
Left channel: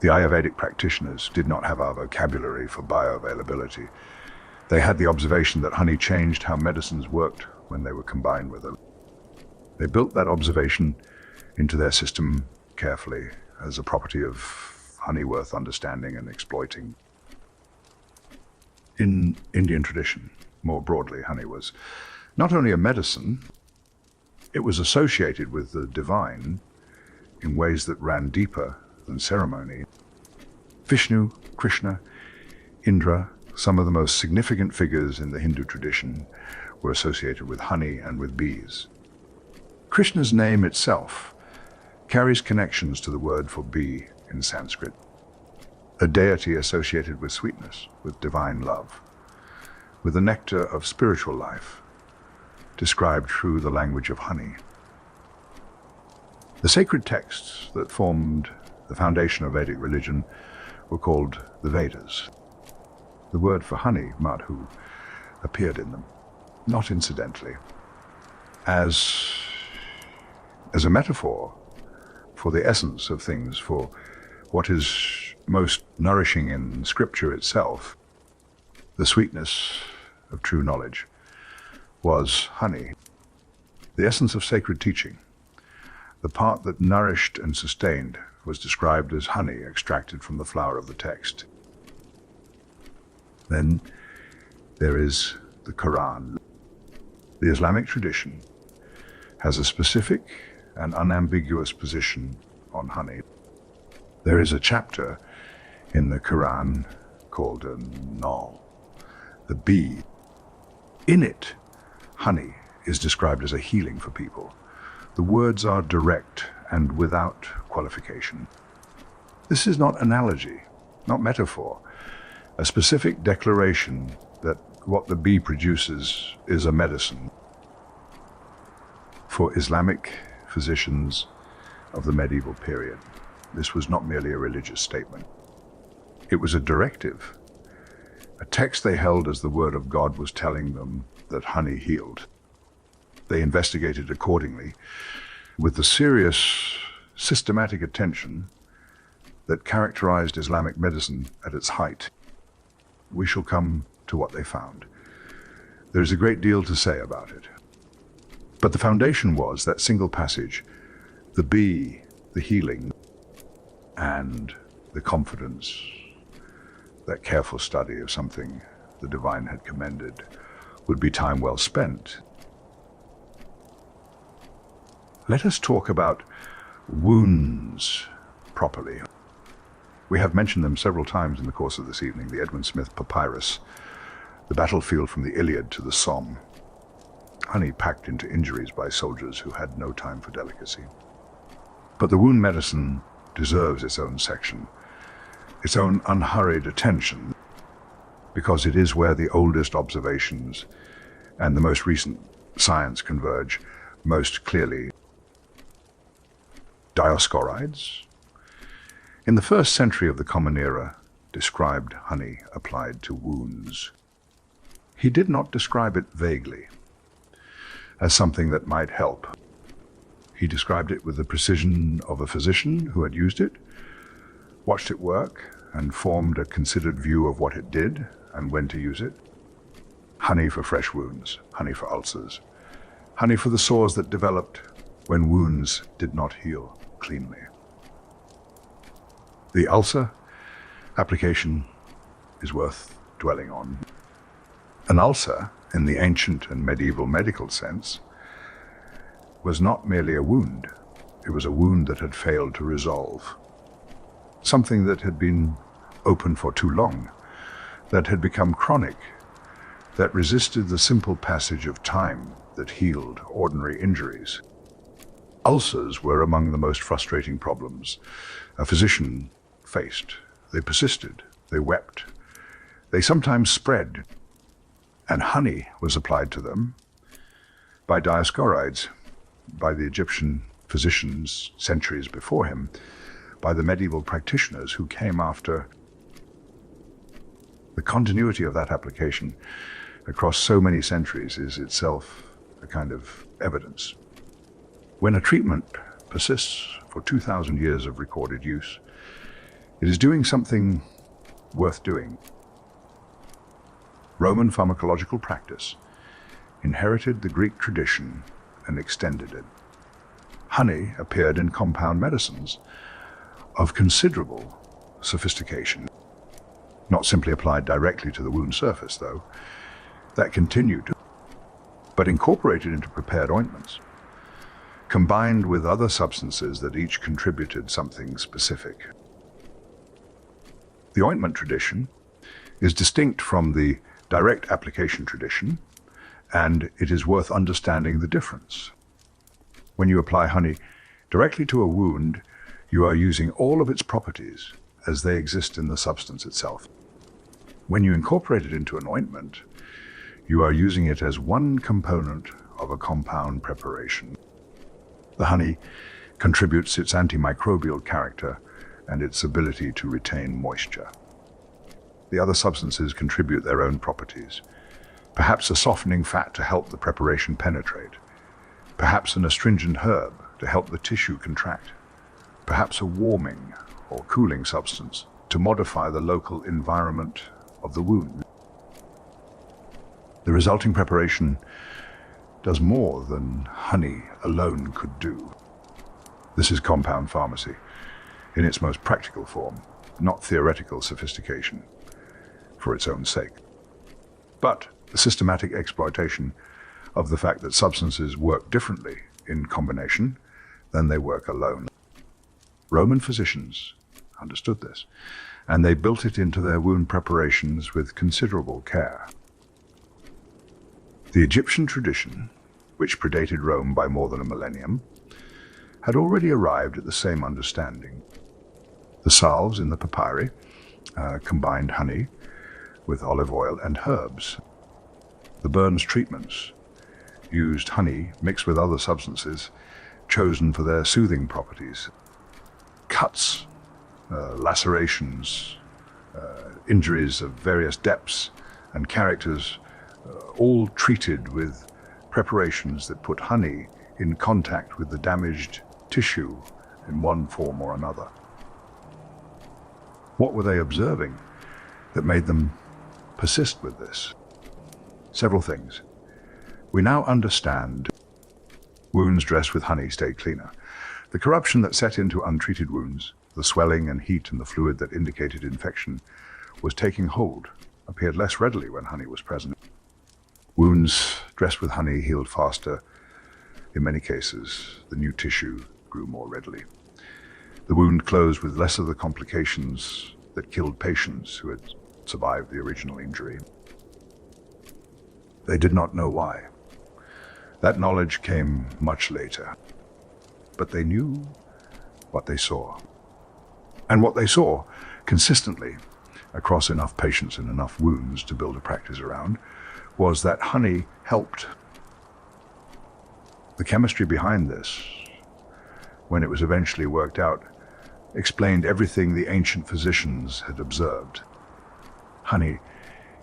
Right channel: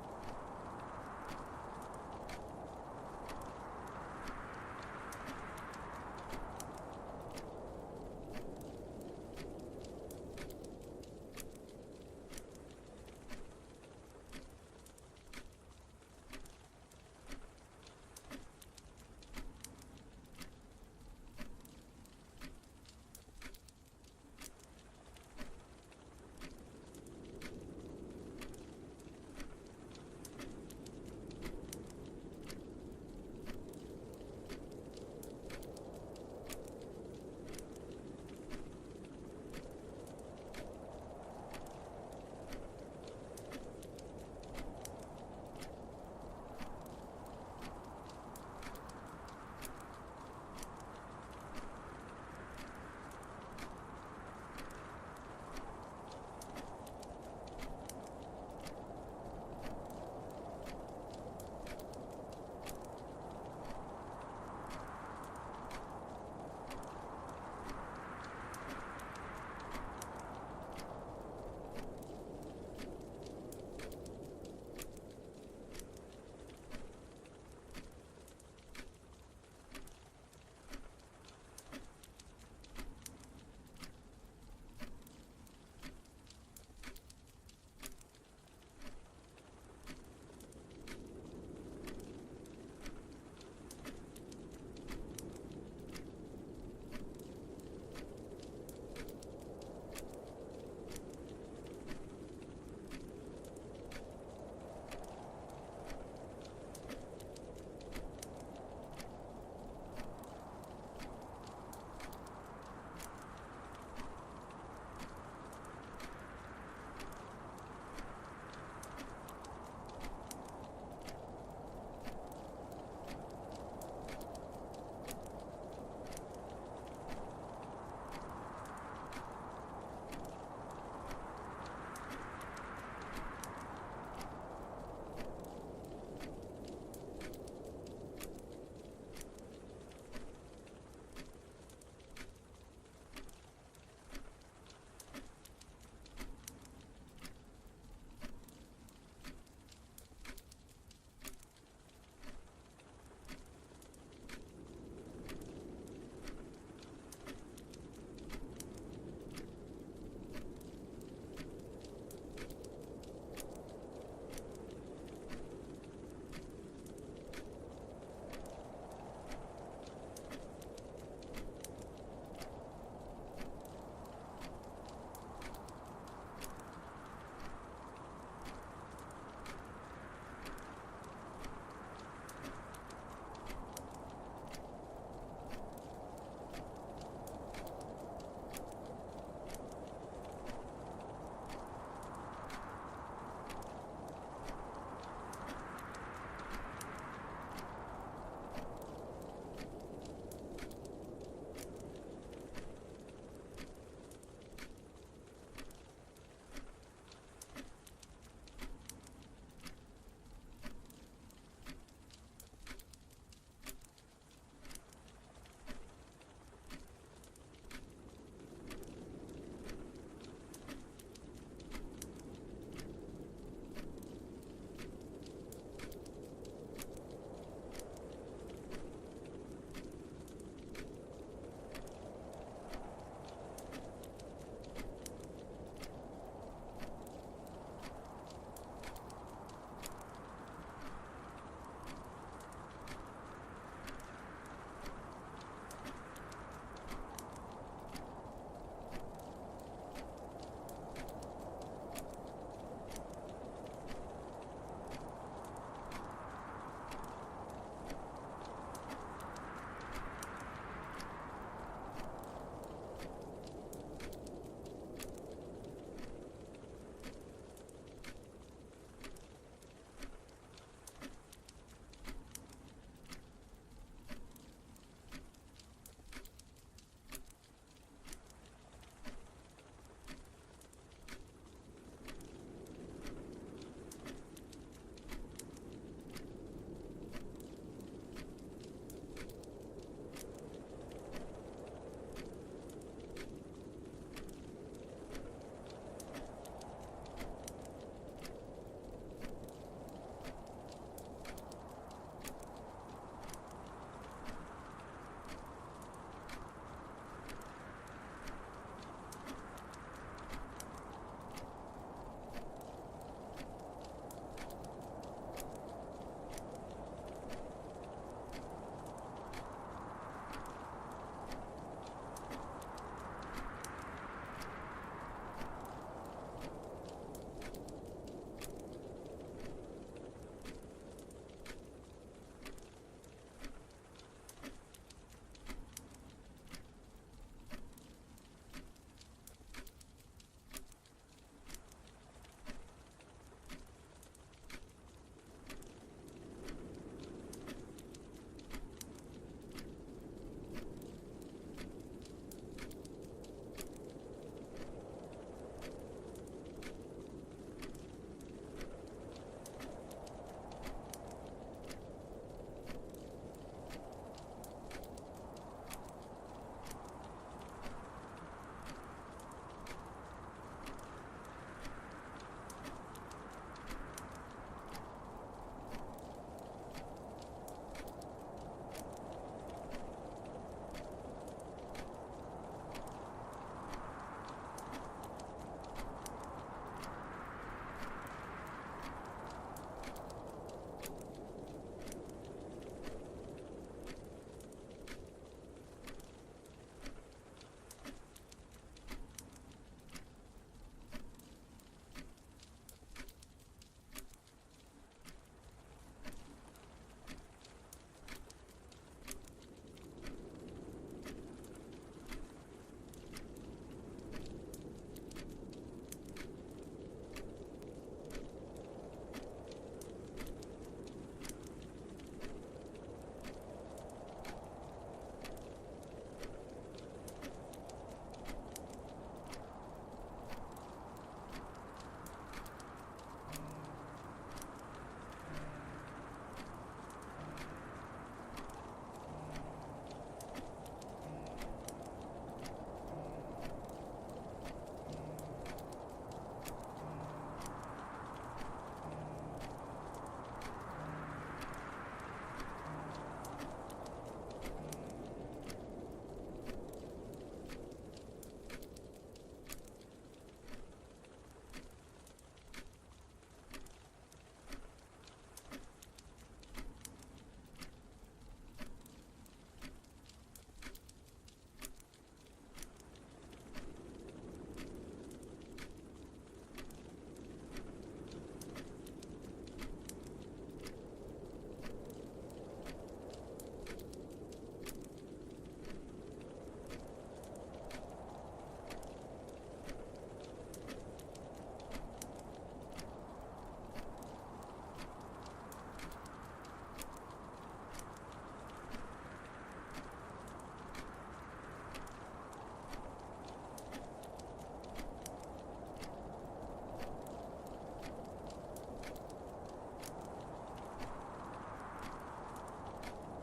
The Ayurvedic practitioners did not have our vocabulary for bioavailability. They had the observation that honey changed how medicines worked when they were combined with them. They built that observation into their system carefully as a property of honey worth understanding and exploiting. In Indian tradition, more broadly, honey was not only a medicine, it was associated with the divine in ways that ran deeper than ceremony. Vishnu, Krishna, Indra, some of the most significant figures in the Hindu tradition were associated with honey and with bees. Krishna's name itself carries connections to the word for bee in Sanskrit, a deity associated with sweetness, with divine love, with the nectar of spiritual life, described through the language of honey. The sacred texts that formed the foundation of Vedic religion were called the Vedas. The word for honey, madhu, appeared in them, not incidentally, as a metaphor for the essence of things, for what is most nourishing in Scripture itself. The sweetness of true knowledge was honey, the essence of sacred teaching. The part that nourished and sustained was described as honey extracted from the flower of the text. Then there is the Quran. The Islamic tradition has a specific and unambiguous position on honey. There is a chapter in the Quran called Nahl, the bee. In it, honey is described as a healing for people. The words are direct and without qualification. This is not analogy, not metaphor, a specific declaration that what the bee produces is a medicine. For Islamic physicians of the medieval period. This was not merely a religious statement. It was a directive, a text they held as the word of God was telling them that honey healed. They investigated accordingly with the serious, systematic attention that characterized Islamic medicine at its height. We shall come to what they found. There is a great deal to say about it. But the foundation was that single passage, the bee, the healing, and the confidence, that careful study of something the divine had commended, would be time well spent. Let us talk about wounds properly. We have mentioned them several times in the course of this evening, the Edwin Smith Papyrus, the battlefield from the Iliad to the Somme, honey packed into injuries by soldiers who had no time for delicacy. But the wound medicine deserves its own section, its own unhurried attention, because it is where the oldest observations and the most recent science converge most clearly. Dioscorides, in the 1st century of the Common Era, described honey applied to wounds. He did not describe it vaguely, as something that might help. He described it with the precision of a physician who had used it, watched it work, and formed a considered view of what it did and when to use it. Honey for fresh wounds, honey for ulcers, honey for the sores that developed when wounds did not heal cleanly. The ulcer application is worth dwelling on. An ulcer, in the ancient and medieval medical sense, was not merely a wound. It was a wound that had failed to resolve. Something that had been open for too long, that had become chronic, that resisted the simple passage of time that healed ordinary injuries. Ulcers were among the most frustrating problems a physician faced. They persisted, they wept, they sometimes spread, and honey was applied to them by Dioscorides, by the Egyptian physicians centuries before him, by the medieval practitioners who came after. The continuity of that application across so many centuries is itself a kind of evidence. When a treatment persists for 2,000 years of recorded use, it is doing something worth doing. Roman pharmacological practice inherited the Greek tradition and extended it. Honey appeared in compound medicines of considerable sophistication, not simply applied directly to the wound surface, though. That continued, but incorporated into prepared ointments, combined with other substances that each contributed something specific. The ointment tradition is distinct from the direct application tradition, and it is worth understanding the difference. When you apply honey directly to a wound, you are using all of its properties as they exist in the substance itself. When you incorporate it into an ointment, you are using it as one component of a compound preparation. The honey contributes its antimicrobial character and its ability to retain moisture. The other substances contribute their own properties. Perhaps a softening fat to help the preparation penetrate. Perhaps an astringent herb to help the tissue contract. Perhaps a warming or cooling substance to modify the local environment of the wound. The resulting preparation does more than honey alone could do. This is compound pharmacy in its most practical form, not theoretical sophistication for its own sake, but the systematic exploitation of the fact that substances work differently in combination than they work alone. Roman physicians understood this, and they built it into their wound preparations with considerable care. The Egyptian tradition, which predated Rome by more than a millennium, had already arrived at the same understanding. The salves in the papyri combined honey with olive oil and herbs. The Burns treatments used honey mixed with other substances chosen for their soothing properties. Cuts, lacerations, injuries of various depths and characters, all treated with preparations that put honey in contact with the damaged tissue in one form or another. What were they observing that made them persist with this? Several things. We now understand wounds dressed with honey stay cleaner. The corruption that set into untreated wounds, the swelling and heat and the fluid that indicated infection, was taking hold, appeared less readily when honey was present. Wounds dressed with honey healed faster. In many cases, the new tissue grew more readily. The wound closed with less of the complications that killed patients who had survived the original injury. They did not know why. That knowledge came much later. But they knew what they saw. And what they saw, consistently, across enough patients and enough wounds to build a practice around, was that honey helped. The chemistry behind this, when it was eventually worked out, explained everything the ancient physicians had observed. Honey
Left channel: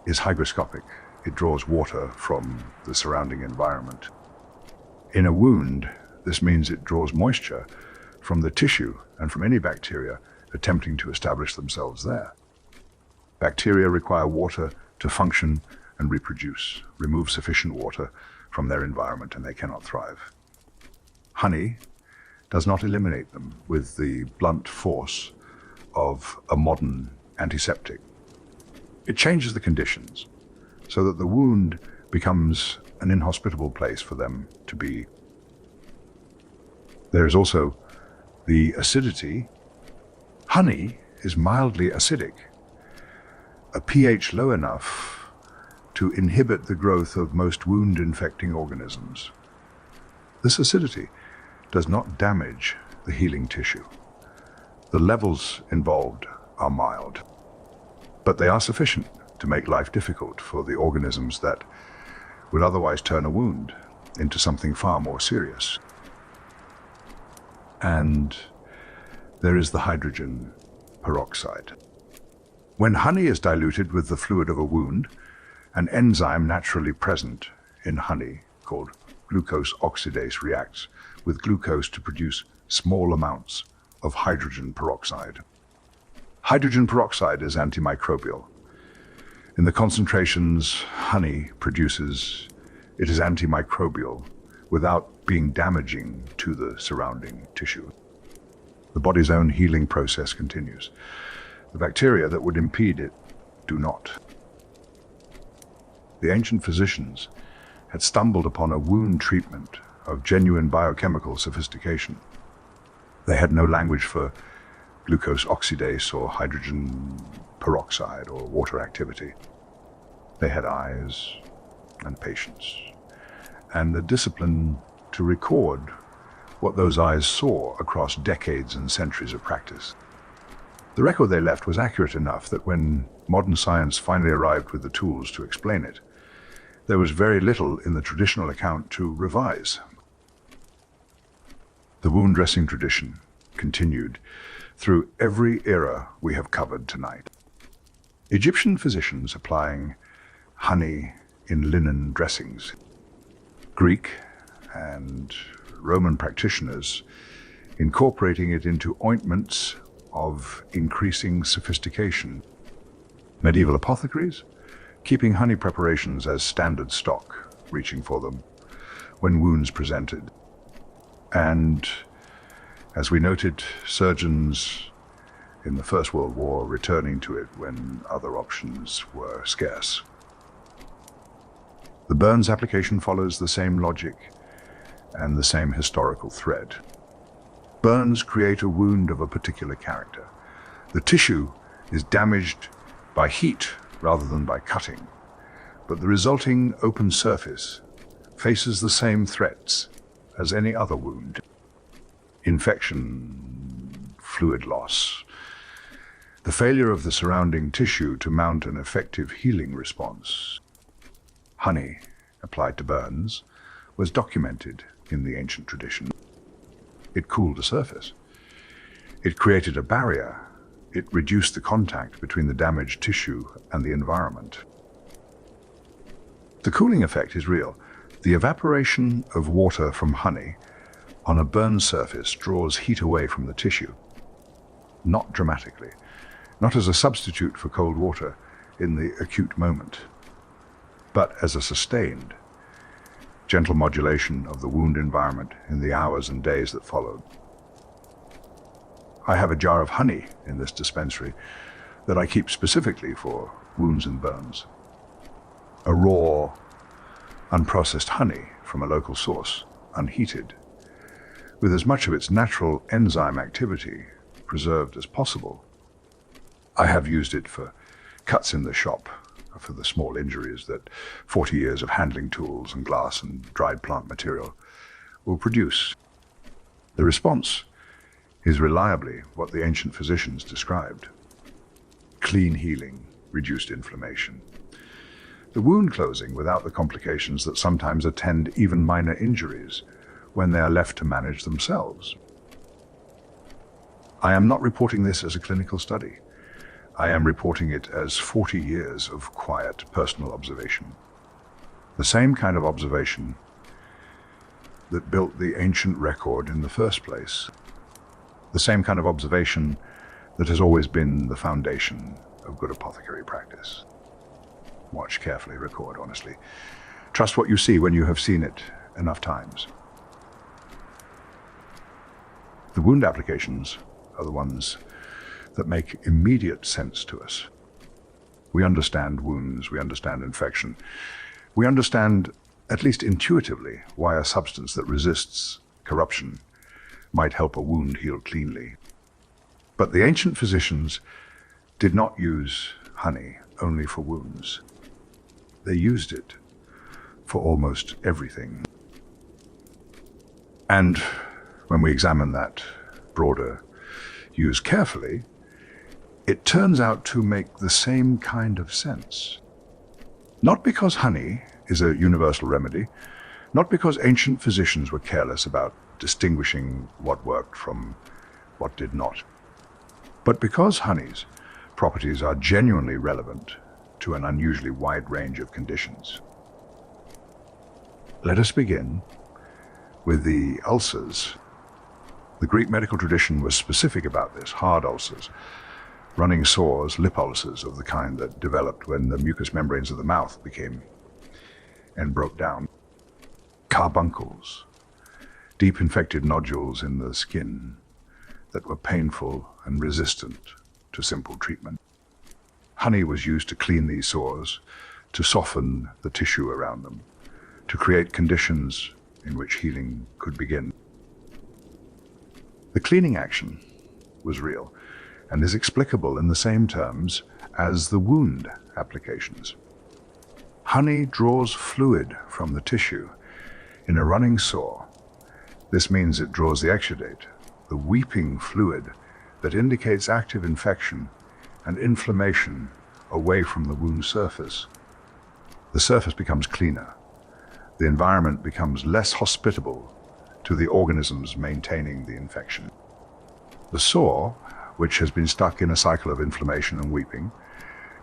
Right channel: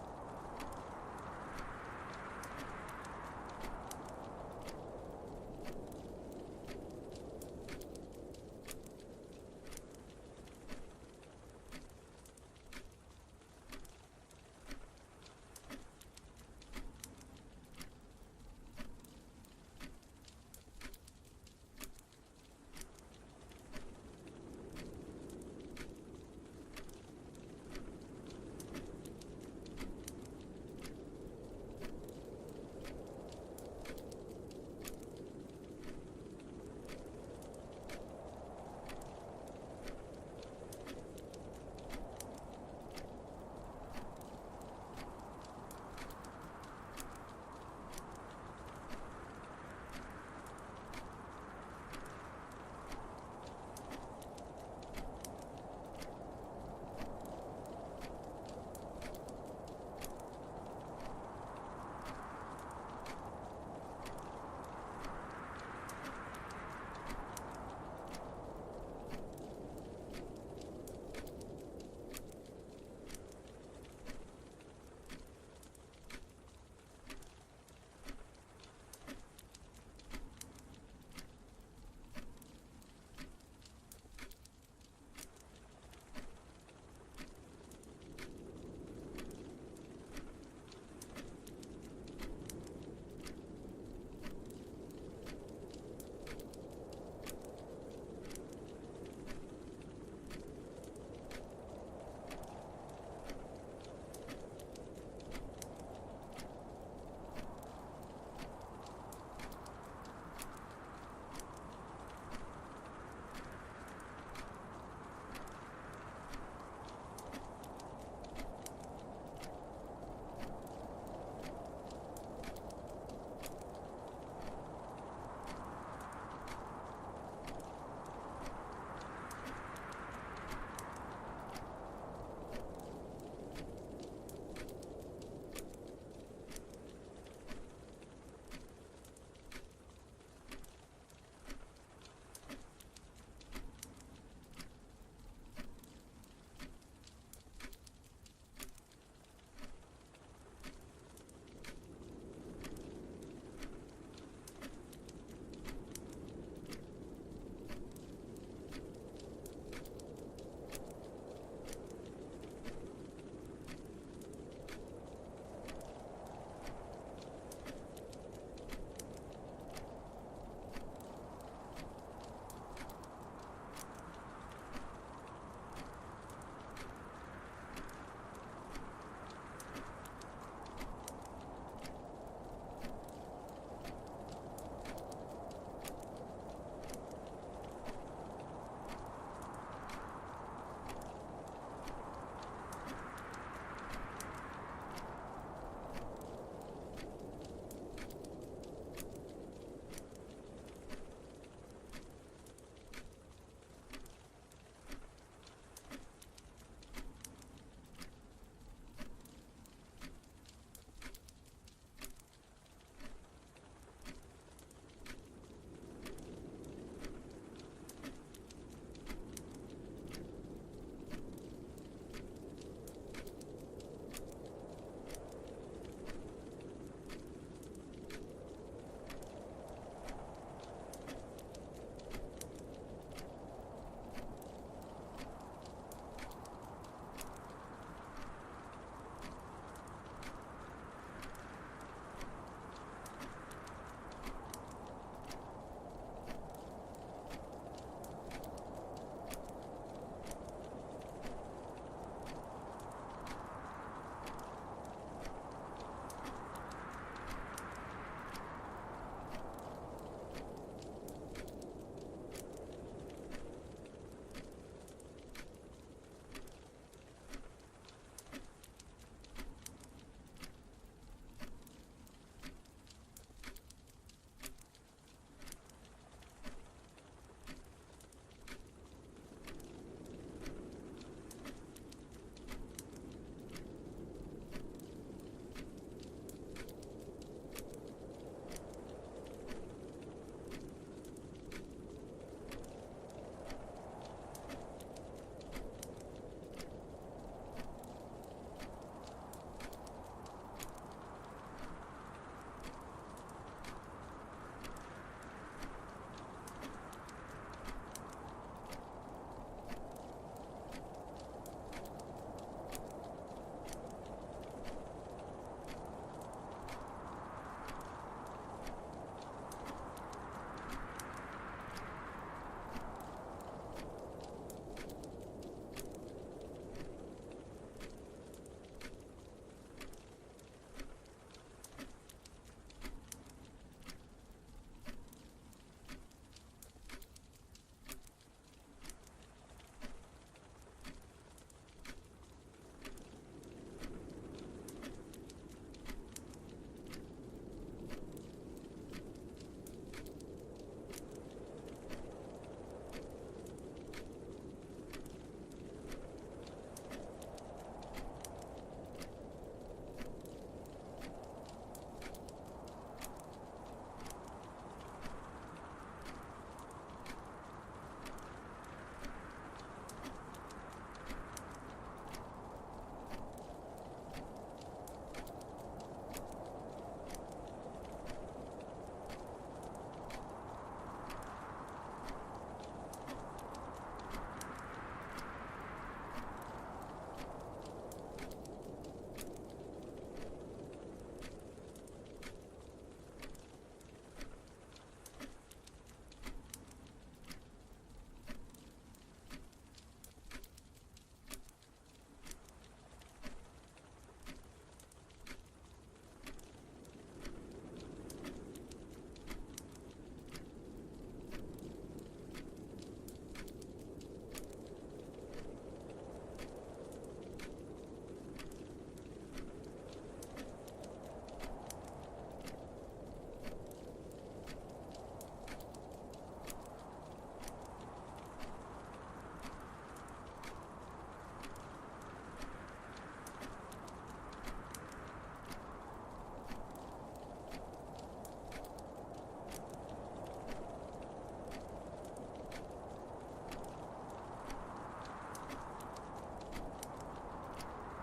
is hygroscopic. It draws water from the surrounding environment. In a wound, this means it draws moisture from the tissue and from any bacteria attempting to establish themselves there. Bacteria require water to function and reproduce. Remove sufficient water from their environment and they cannot thrive. Honey does not eliminate them with the blunt force of a modern antiseptic. It changes the conditions so that the wound becomes an inhospitable place for them to be. There is also the acidity. Honey is mildly acidic, a pH low enough to inhibit the growth of most wound-infecting organisms. This acidity does not damage the healing tissue. The levels involved are mild, but they are sufficient to make life difficult for the organisms that would otherwise turn a wound into something far more serious. And there is the hydrogen peroxide. When honey is diluted with the fluid of a wound, an enzyme naturally present in honey called glucose oxidase reacts with glucose to produce small amounts of hydrogen peroxide. Hydrogen peroxide is antimicrobial. In the concentrations honey produces, it is antimicrobial without being damaging to the surrounding tissue. The body's own healing process continues. The bacteria that would impede it do not. The ancient physicians had stumbled upon a wound treatment of genuine biochemical sophistication. They had no language for glucose oxidase or hydrogen peroxide or water activity. They had eyes and patience, and the discipline to record what those eyes saw across decades and centuries of practice. The record they left was accurate enough that when modern science finally arrived with the tools to explain it, there was very little in the traditional account to revise. The wound dressing tradition continued through every era we have covered tonight. Egyptian physicians applying honey in linen dressings. Greek and Roman practitioners incorporating it into ointments of increasing sophistication. Medieval apothecaries keeping honey preparations as standard stock, reaching for them when wounds presented. And as we noted, surgeons in the First World War returning to it when other options were scarce. The burns application follows the same logic and the same historical thread. Burns create a wound of a particular character. The tissue is damaged by heat rather than by cutting, but the resulting open surface faces the same threats as any other wound. Infection, fluid loss, the failure of the surrounding tissue to mount an effective healing response. Honey, applied to burns, was documented in the ancient tradition. It cooled the surface. It created a barrier. It reduced the contact between the damaged tissue and the environment. The cooling effect is real. The evaporation of water from honey on a burned surface draws heat away from the tissue. Not dramatically, not as a substitute for cold water in the acute moment, but as a sustained, gentle modulation of the wound environment in the hours and days that followed. I have a jar of honey in this dispensary that I keep specifically for wounds and burns. A raw, unprocessed honey from a local source, unheated, with as much of its natural enzyme activity preserved as possible. I have used it for cuts in the shop, for the small injuries that 40 years of handling tools and glass and dried plant material will produce. The response is reliably what the ancient physicians described: clean healing, reduced inflammation. The wound closing without the complications that sometimes attend even minor injuries when they are left to manage themselves. I am not reporting this as a clinical study. I am reporting it as 40 years of quiet personal observation. The same kind of observation that built the ancient record in the first place. The same kind of observation that has always been the foundation of good apothecary practice. Watch carefully, record honestly. Trust what you see when you have seen it enough times. The wound applications are the ones that make immediate sense to us. We understand wounds, we understand infection. We understand, at least intuitively, why a substance that resists corruption might help a wound heal cleanly. But the ancient physicians did not use honey only for wounds. They used it for almost everything. And when we examine that broader use carefully, it turns out to make the same kind of sense. Not because honey is a universal remedy, not because ancient physicians were careless about distinguishing what worked from what did not, but because honey's properties are genuinely relevant to an unusually wide range of conditions. Let us begin with the ulcers. The Greek medical tradition was specific about this: hard ulcers, running sores, lip ulcers of the kind that developed when the mucous membranes of the mouth became and broke down, carbuncles, deep infected nodules in the skin that were painful and resistant to simple treatment. Honey was used to clean these sores, to soften the tissue around them, to create conditions in which healing could begin. The cleaning action was real and is explicable in the same terms as the wound applications. Honey draws fluid from the tissue in a running sore. This means it draws the exudate, the weeping fluid that indicates active infection and inflammation away from the wound surface. The surface becomes cleaner. The environment becomes less hospitable to the organisms maintaining the infection. The sore, which has been stuck in a cycle of inflammation and weeping,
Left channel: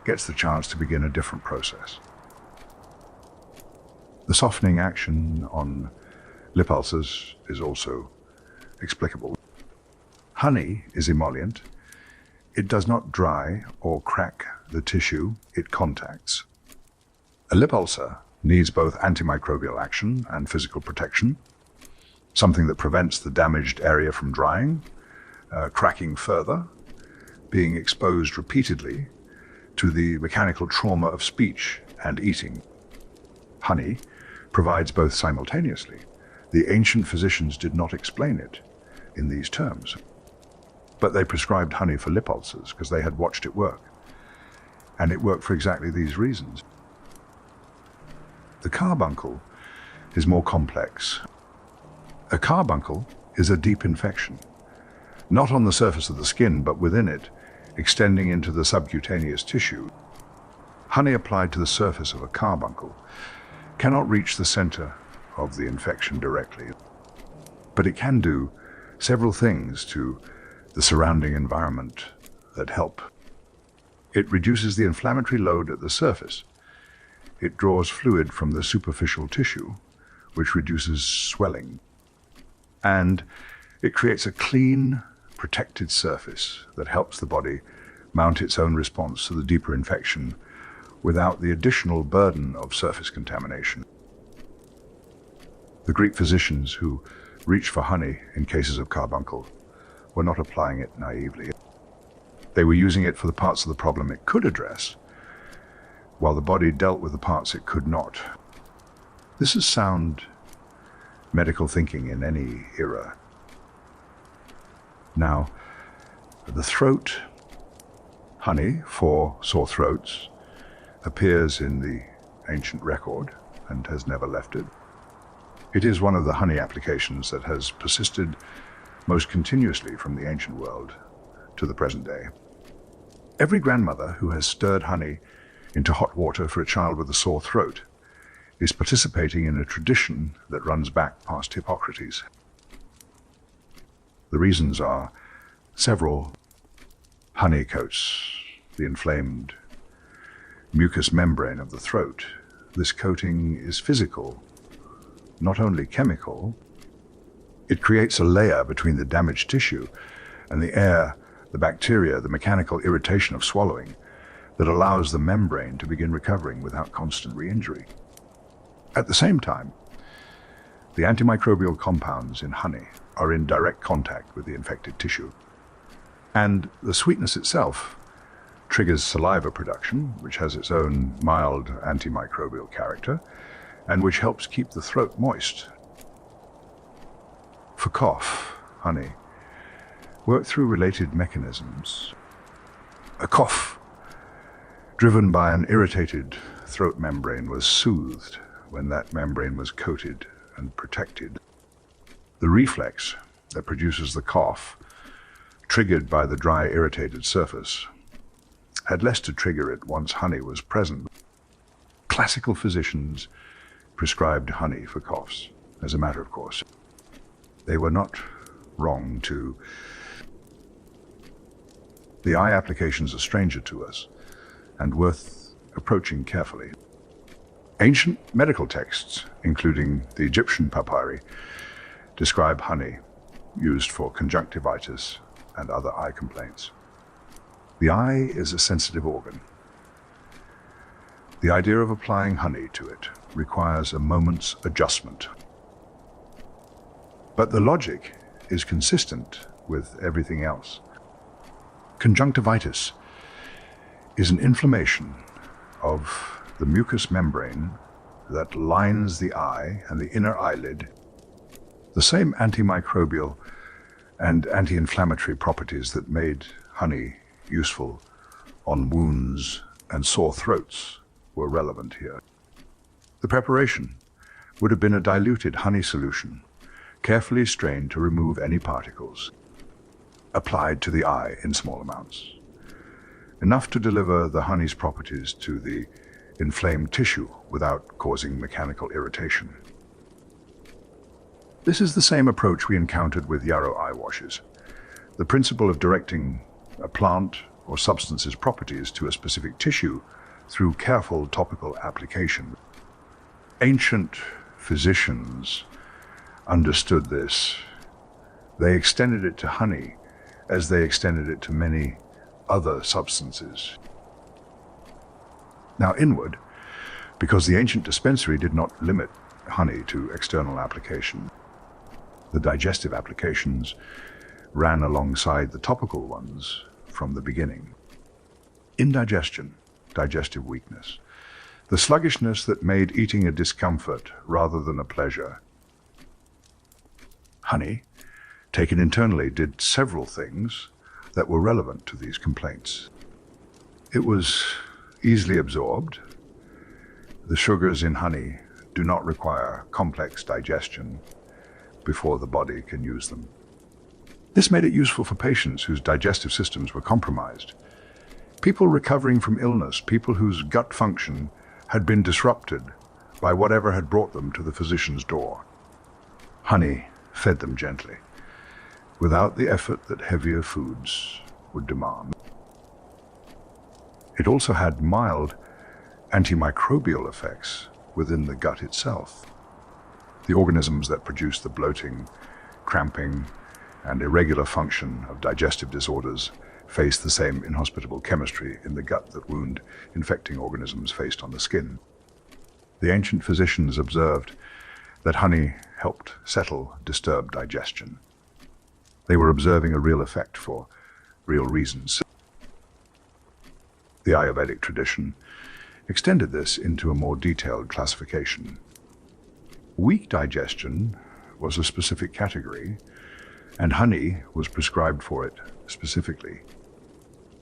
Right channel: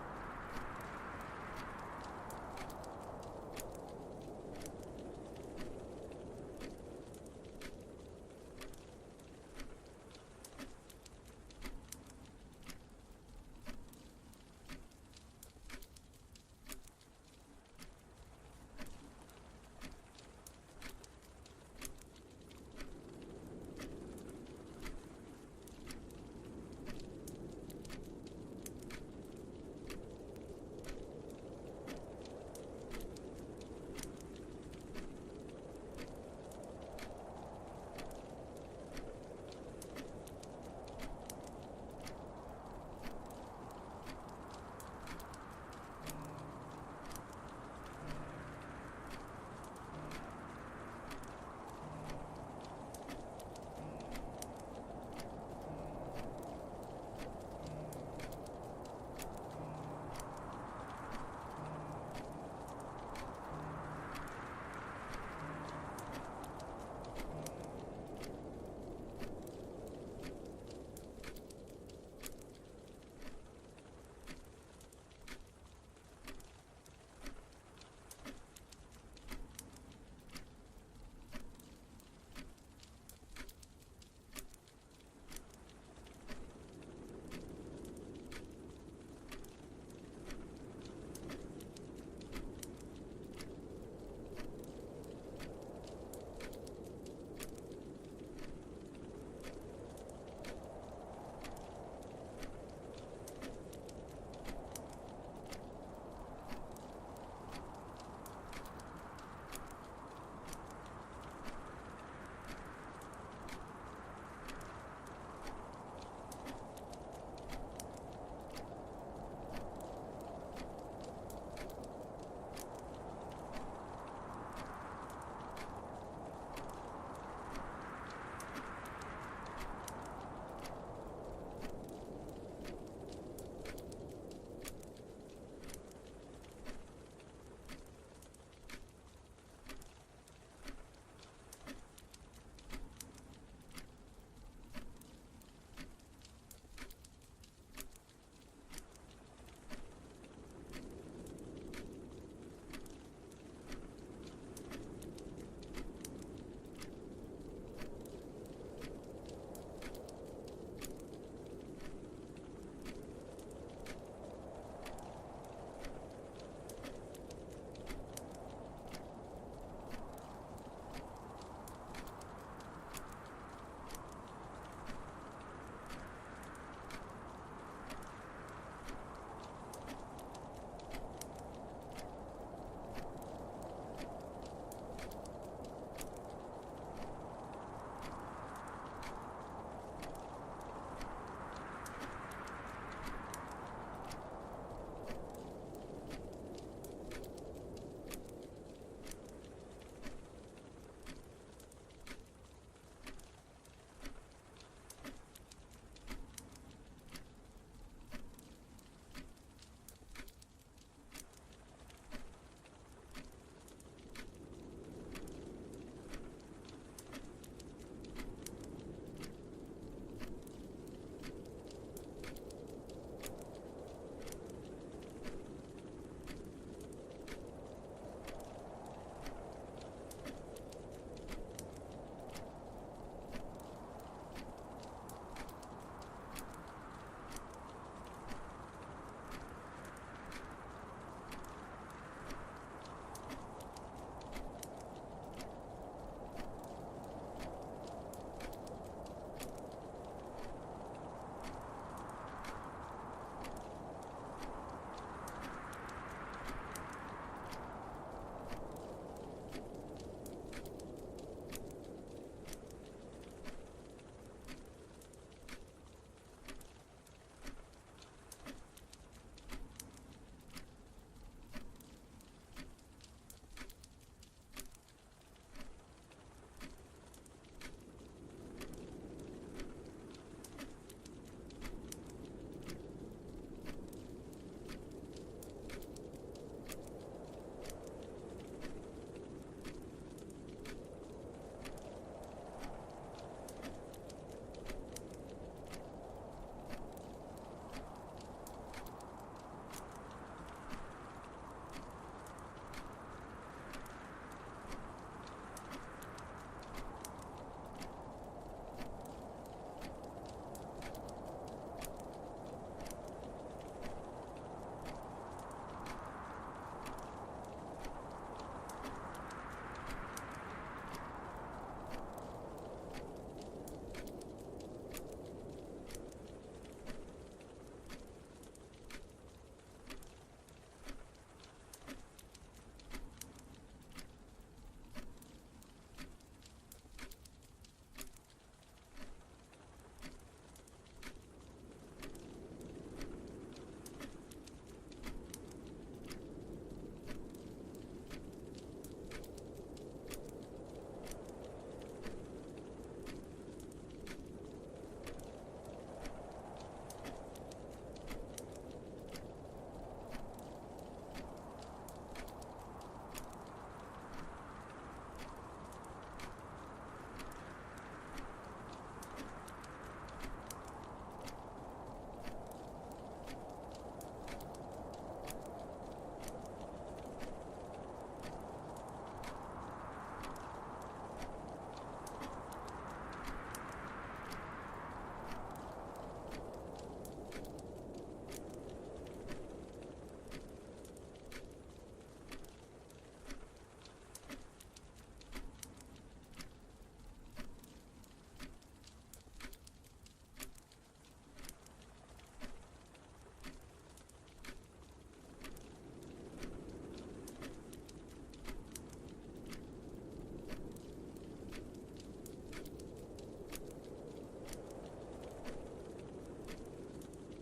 gets the chance to begin a different process. The softening action on lip ulcers is also explicable. Honey is emollient. It does not dry or crack the tissue it contacts. A lip ulcer needs both antimicrobial action and physical protection, something that prevents the damaged area from drying, cracking further, being exposed repeatedly to the mechanical trauma of speech and eating. Honey provides both simultaneously. The ancient physicians did not explain it in these terms, but they prescribed honey for lip ulcers because they had watched it work, and it worked for exactly these reasons. The carbuncle is more complex. A carbuncle is a deep infection, not on the surface of the skin, but within it, extending into the subcutaneous tissue. Honey applied to the surface of a carbuncle cannot reach the center of the infection directly, but it can do several things to the surrounding environment that help. It reduces the inflammatory load at the surface. It draws fluid from the superficial tissue, which reduces swelling. And it creates a clean, protected surface that helps the body mount its own response to the deeper infection without the additional burden of surface contamination. The Greek physicians who reached for honey in cases of carbuncle were not applying it naively. They were using it for the parts of the problem it could address, while the body dealt with the parts it could not. This is sound medical thinking in any era. Now, the throat, honey for sore throats, appears in the ancient record and has never left it. It is one of the honey applications that has persisted most continuously from the ancient world to the present day. Every grandmother who has stirred honey into hot water for a child with a sore throat is participating in a tradition that runs back past Hippocrates. The reasons are several. Honey coats the inflamed mucous membrane of the throat. This coating is physical, not only chemical. It creates a layer between the damaged tissue and the air, the bacteria, the mechanical irritation of swallowing that allows the membrane to begin recovering without constant re-injury. At the same time, the antimicrobial compounds in honey are in direct contact with the infected tissue. And the sweetness itself triggers saliva production, which has its own mild antimicrobial character, and which helps keep the throat moist. For cough, honey worked through related mechanisms. A cough driven by an irritated throat membrane was soothed when that membrane was coated and protected. The reflex that produces the cough, triggered by the dry, irritated surface, had less to trigger it once honey was present. Classical physicians prescribed honey for coughs, as a matter of course. They were not wrong to. The eye applications are stranger to us and worth approaching carefully. Ancient medical texts, including the Egyptian papyri, describe honey used for conjunctivitis and other eye complaints. The eye is a sensitive organ. The idea of applying honey to it requires a moment's adjustment. But the logic is consistent with everything else. Conjunctivitis is an inflammation of the mucous membrane that lines the eye and the inner eyelid. The same antimicrobial and anti-inflammatory properties that made honey useful on wounds and sore throats were relevant here. The preparation would have been a diluted honey solution, carefully strained to remove any particles, applied to the eye in small amounts, enough to deliver the honey's properties to the inflamed tissue without causing mechanical irritation. This is the same approach we encountered with yarrow eye washes. The principle of directing a plant or substance's properties to a specific tissue through careful topical application. Ancient physicians understood this. They extended it to honey as they extended it to many other substances. Now inward, because the ancient dispensary did not limit honey to external application, the digestive applications ran alongside the topical ones from the beginning. Indigestion, digestive weakness, the sluggishness that made eating a discomfort rather than a pleasure. Honey, taken internally, did several things that were relevant to these complaints. It was easily absorbed. The sugars in honey do not require complex digestion before the body can use them. This made it useful for patients whose digestive systems were compromised. People recovering from illness, people whose gut function had been disrupted by whatever had brought them to the physician's door. Honey fed them gently. without the effort that heavier foods would demand. It also had mild antimicrobial effects within the gut itself. The organisms that produce the bloating, cramping, and irregular function of digestive disorders face the same inhospitable chemistry in the gut that wound-infecting organisms faced on the skin. The ancient physicians observed that honey helped settle disturbed digestion. They were observing a real effect for real reasons. The Ayurvedic tradition extended this into a more detailed classification. Weak digestion was a specific category, and honey was prescribed for it specifically,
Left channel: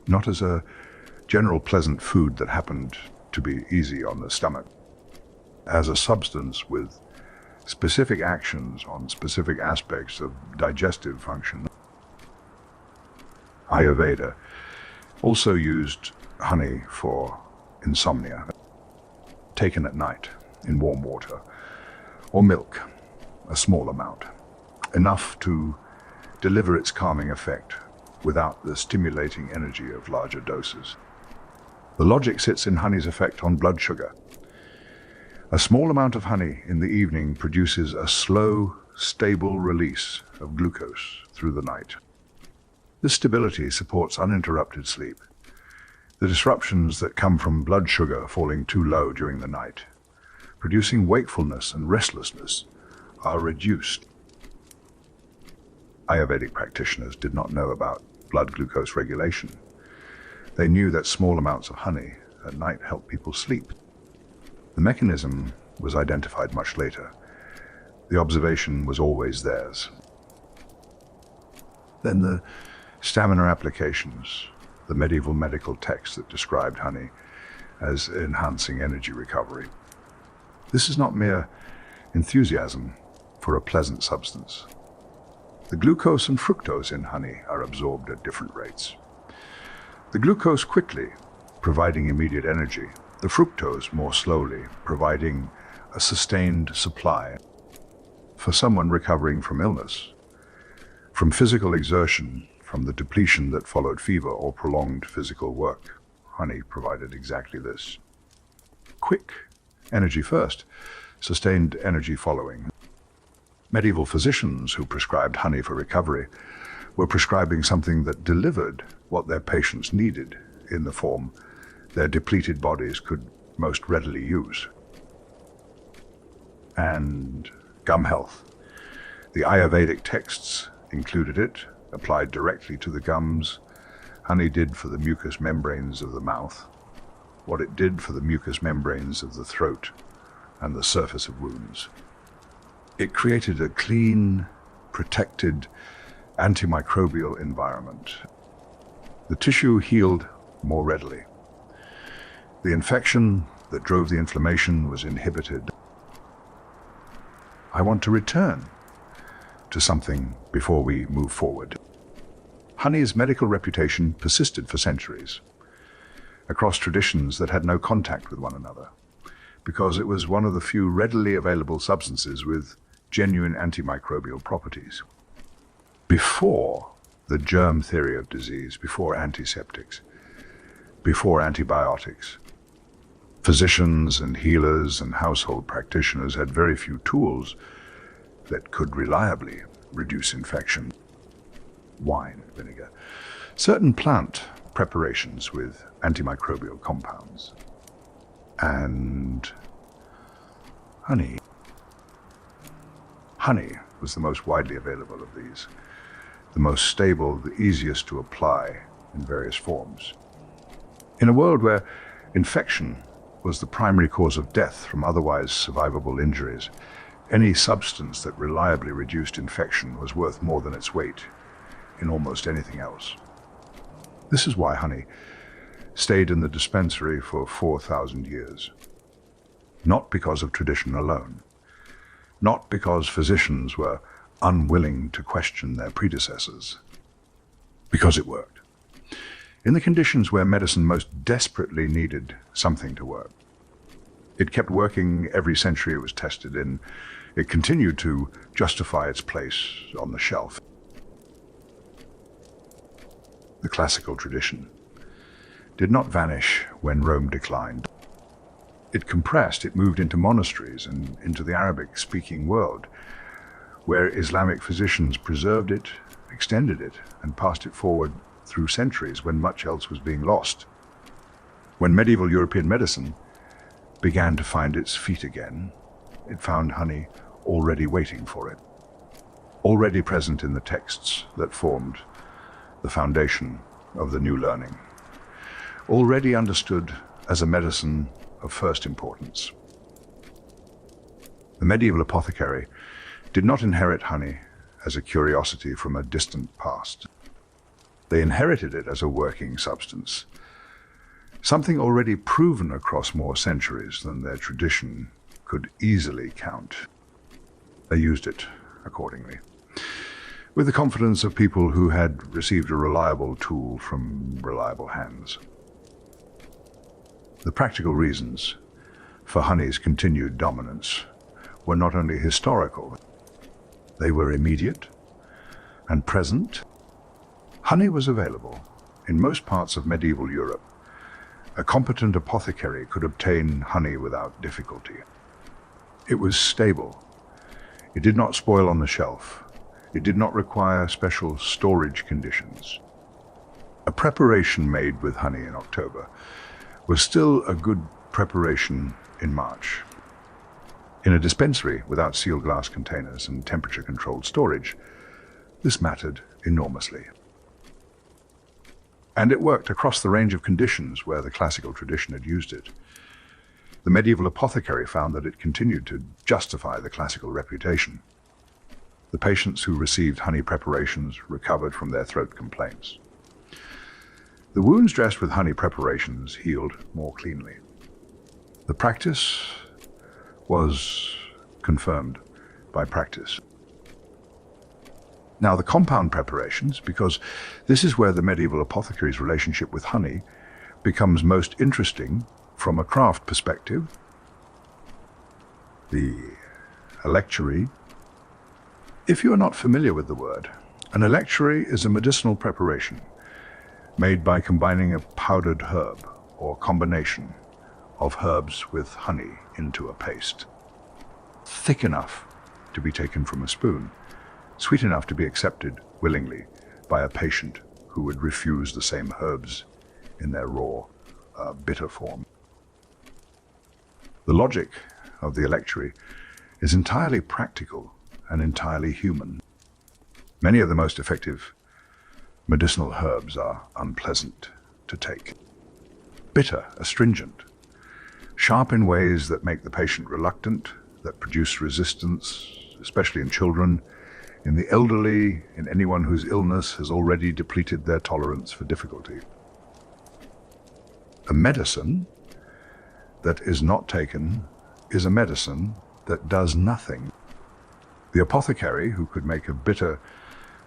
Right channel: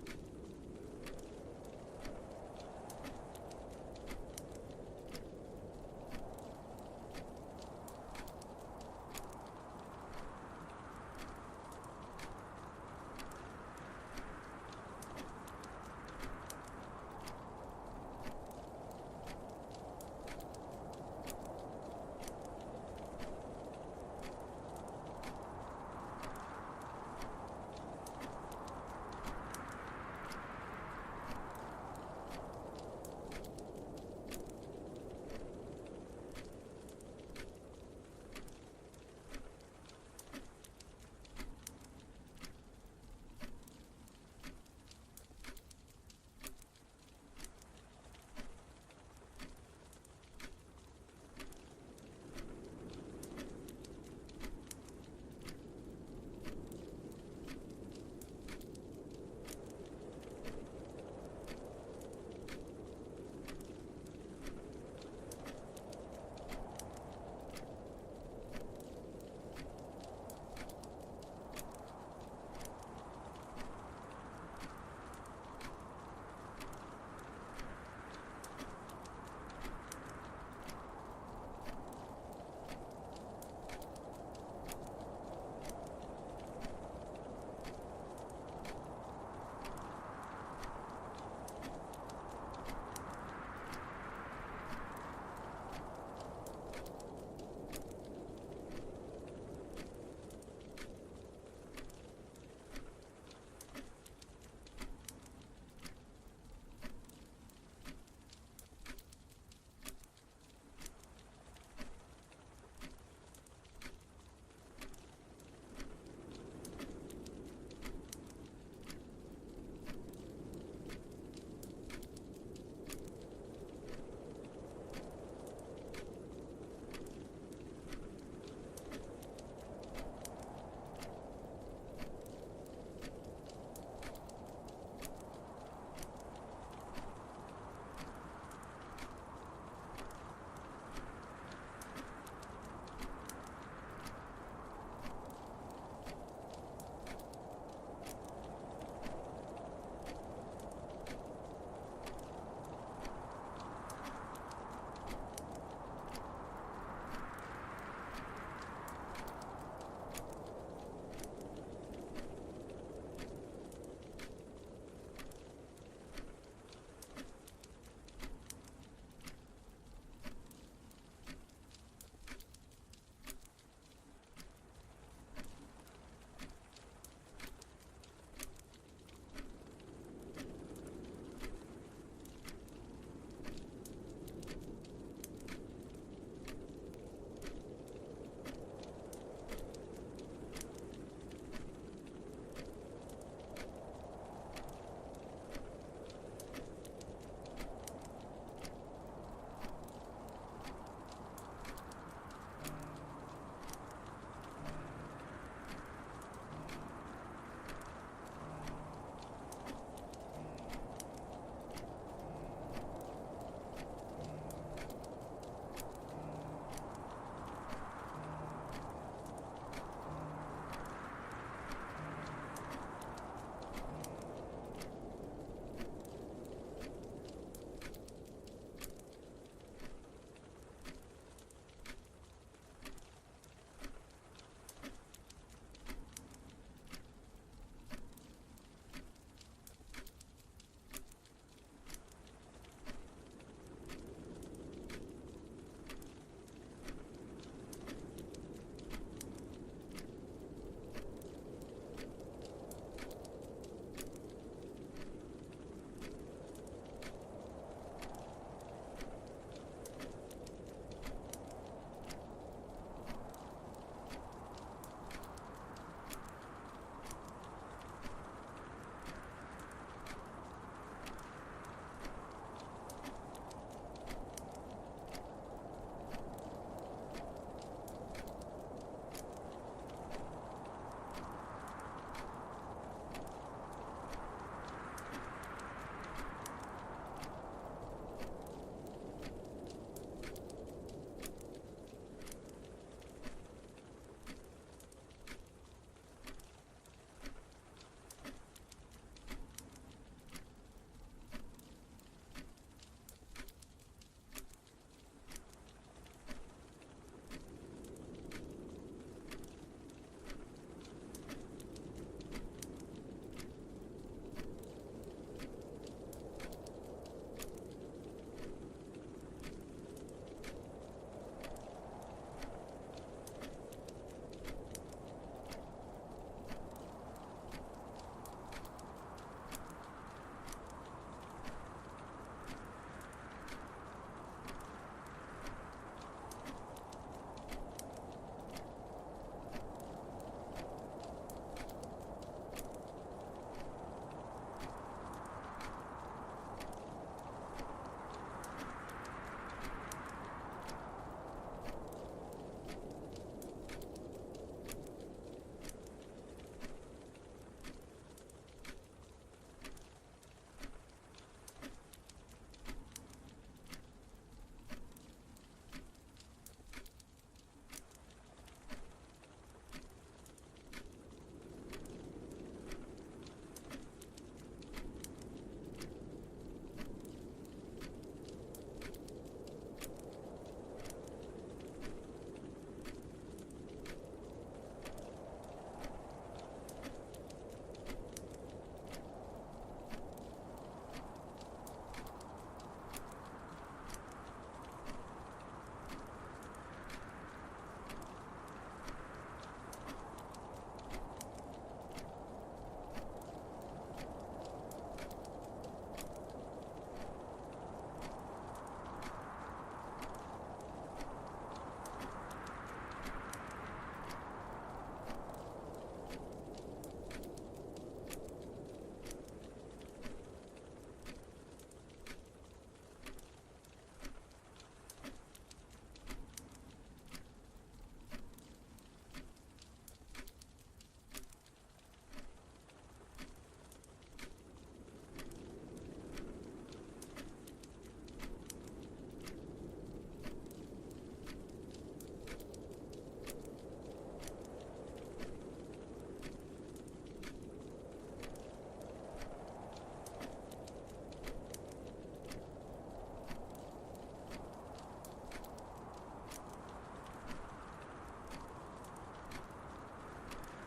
not as a general pleasant food that happened to be easy on the stomach, as a substance with specific actions on specific aspects of digestive function. Ayurveda also used honey for insomnia, taken at night in warm water, or milk, a small amount, enough to deliver its calming effect without the stimulating energy of larger doses. The logic sits in honey's effect on blood sugar. A small amount of honey in the evening produces a slow, stable release of glucose through the night. This stability supports uninterrupted sleep. The disruptions that come from blood sugar falling too low during the night, producing wakefulness and restlessness, are reduced. Ayurvedic practitioners did not know about blood glucose regulation. They knew that small amounts of honey at night helped people sleep. The mechanism was identified much later. The observation was always theirs. Then the stamina applications, the medieval medical texts that described honey as enhancing energy recovery. This is not mere enthusiasm for a pleasant substance. The glucose and fructose in honey are absorbed at different rates. The glucose quickly, providing immediate energy. The fructose more slowly, providing a sustained supply. For someone recovering from illness, from physical exertion, from the depletion that followed fever or prolonged physical work, honey provided exactly this. Quick energy first, sustained energy following. Medieval physicians who prescribed honey for recovery were prescribing something that delivered what their patients needed in the form their depleted bodies could most readily use. And gum health. The Ayurvedic texts included it, applied directly to the gums. Honey did for the mucous membranes of the mouth what it did for the mucous membranes of the throat and the surface of wounds. It created a clean, protected, antimicrobial environment. The tissue healed more readily. The infection that drove the inflammation was inhibited. I want to return to something before we move forward. Honey's medical reputation persisted for centuries, across traditions that had no contact with one another, because it was one of the few readily available substances with genuine antimicrobial properties. Before the germ theory of disease, before antiseptics, before antibiotics, physicians and healers and household practitioners had very few tools that could reliably reduce infection. Wine, vinegar, certain plant preparations with antimicrobial compounds, and honey. Honey was the most widely available of these, the most stable, the easiest to apply in various forms. In a world where infection was the primary cause of death from otherwise survivable injuries, any substance that reliably reduced infection was worth more than its weight in almost anything else. This is why honey stayed in the dispensary for 4,000 years. Not because of tradition alone, not because physicians were unwilling to question their predecessors, because it worked. In the conditions where medicine most desperately needed something to work. It kept working every century it was tested in. It continued to justify its place on the shelf. The classical tradition did not vanish when Rome declined. It compressed, it moved into monasteries and into the Arabic-speaking world, where Islamic physicians preserved it, extended it, and passed it forward through centuries when much else was being lost. When medieval European medicine began to find its feet again, it found honey already waiting for it, already present in the texts that formed the foundation of the new learning, already understood as a medicine of first importance. The medieval apothecary did not inherit honey as a curiosity from a distant past. They inherited it as a working substance, something already proven across more centuries than their tradition could easily count. They used it accordingly, with the confidence of people who had received a reliable tool from reliable hands. The practical reasons for honey's continued dominance were not only historical, they were immediate and present. Honey was available in most parts of medieval Europe. A competent apothecary could obtain honey without difficulty. It was stable. It did not spoil on the shelf. It did not require special storage conditions. A preparation made with honey in October was still a good preparation in March. In a dispensary without sealed glass containers and temperature-controlled storage, this mattered enormously. And it worked across the range of conditions where the classical tradition had used it. The medieval apothecary found that it continued to justify the classical reputation. The patients who received honey preparations recovered from their throat complaints. The wounds dressed with honey preparations healed more cleanly. The practice was confirmed by practice. Now, the compound preparations, because this is where the medieval apothecary's relationship with honey becomes most interesting from a craft perspective. The electuary. If you are not familiar with the word, an electuary is a medicinal preparation made by combining a powdered herb or combination of herbs with honey into a paste, thick enough to be taken from a spoon, sweet enough to be accepted willingly by a patient who would refuse the same herbs in their raw, bitter form. The logic of the electuary is entirely practical and entirely human. Many of the most effective medicinal herbs are unpleasant to take, bitter, astringent, sharp in ways that make the patient reluctant, that produce resistance, especially in children, in the elderly, in anyone whose illness has already depleted their tolerance for difficulty. A medicine that is not taken is a medicine that does nothing. The apothecary, who could make a bitter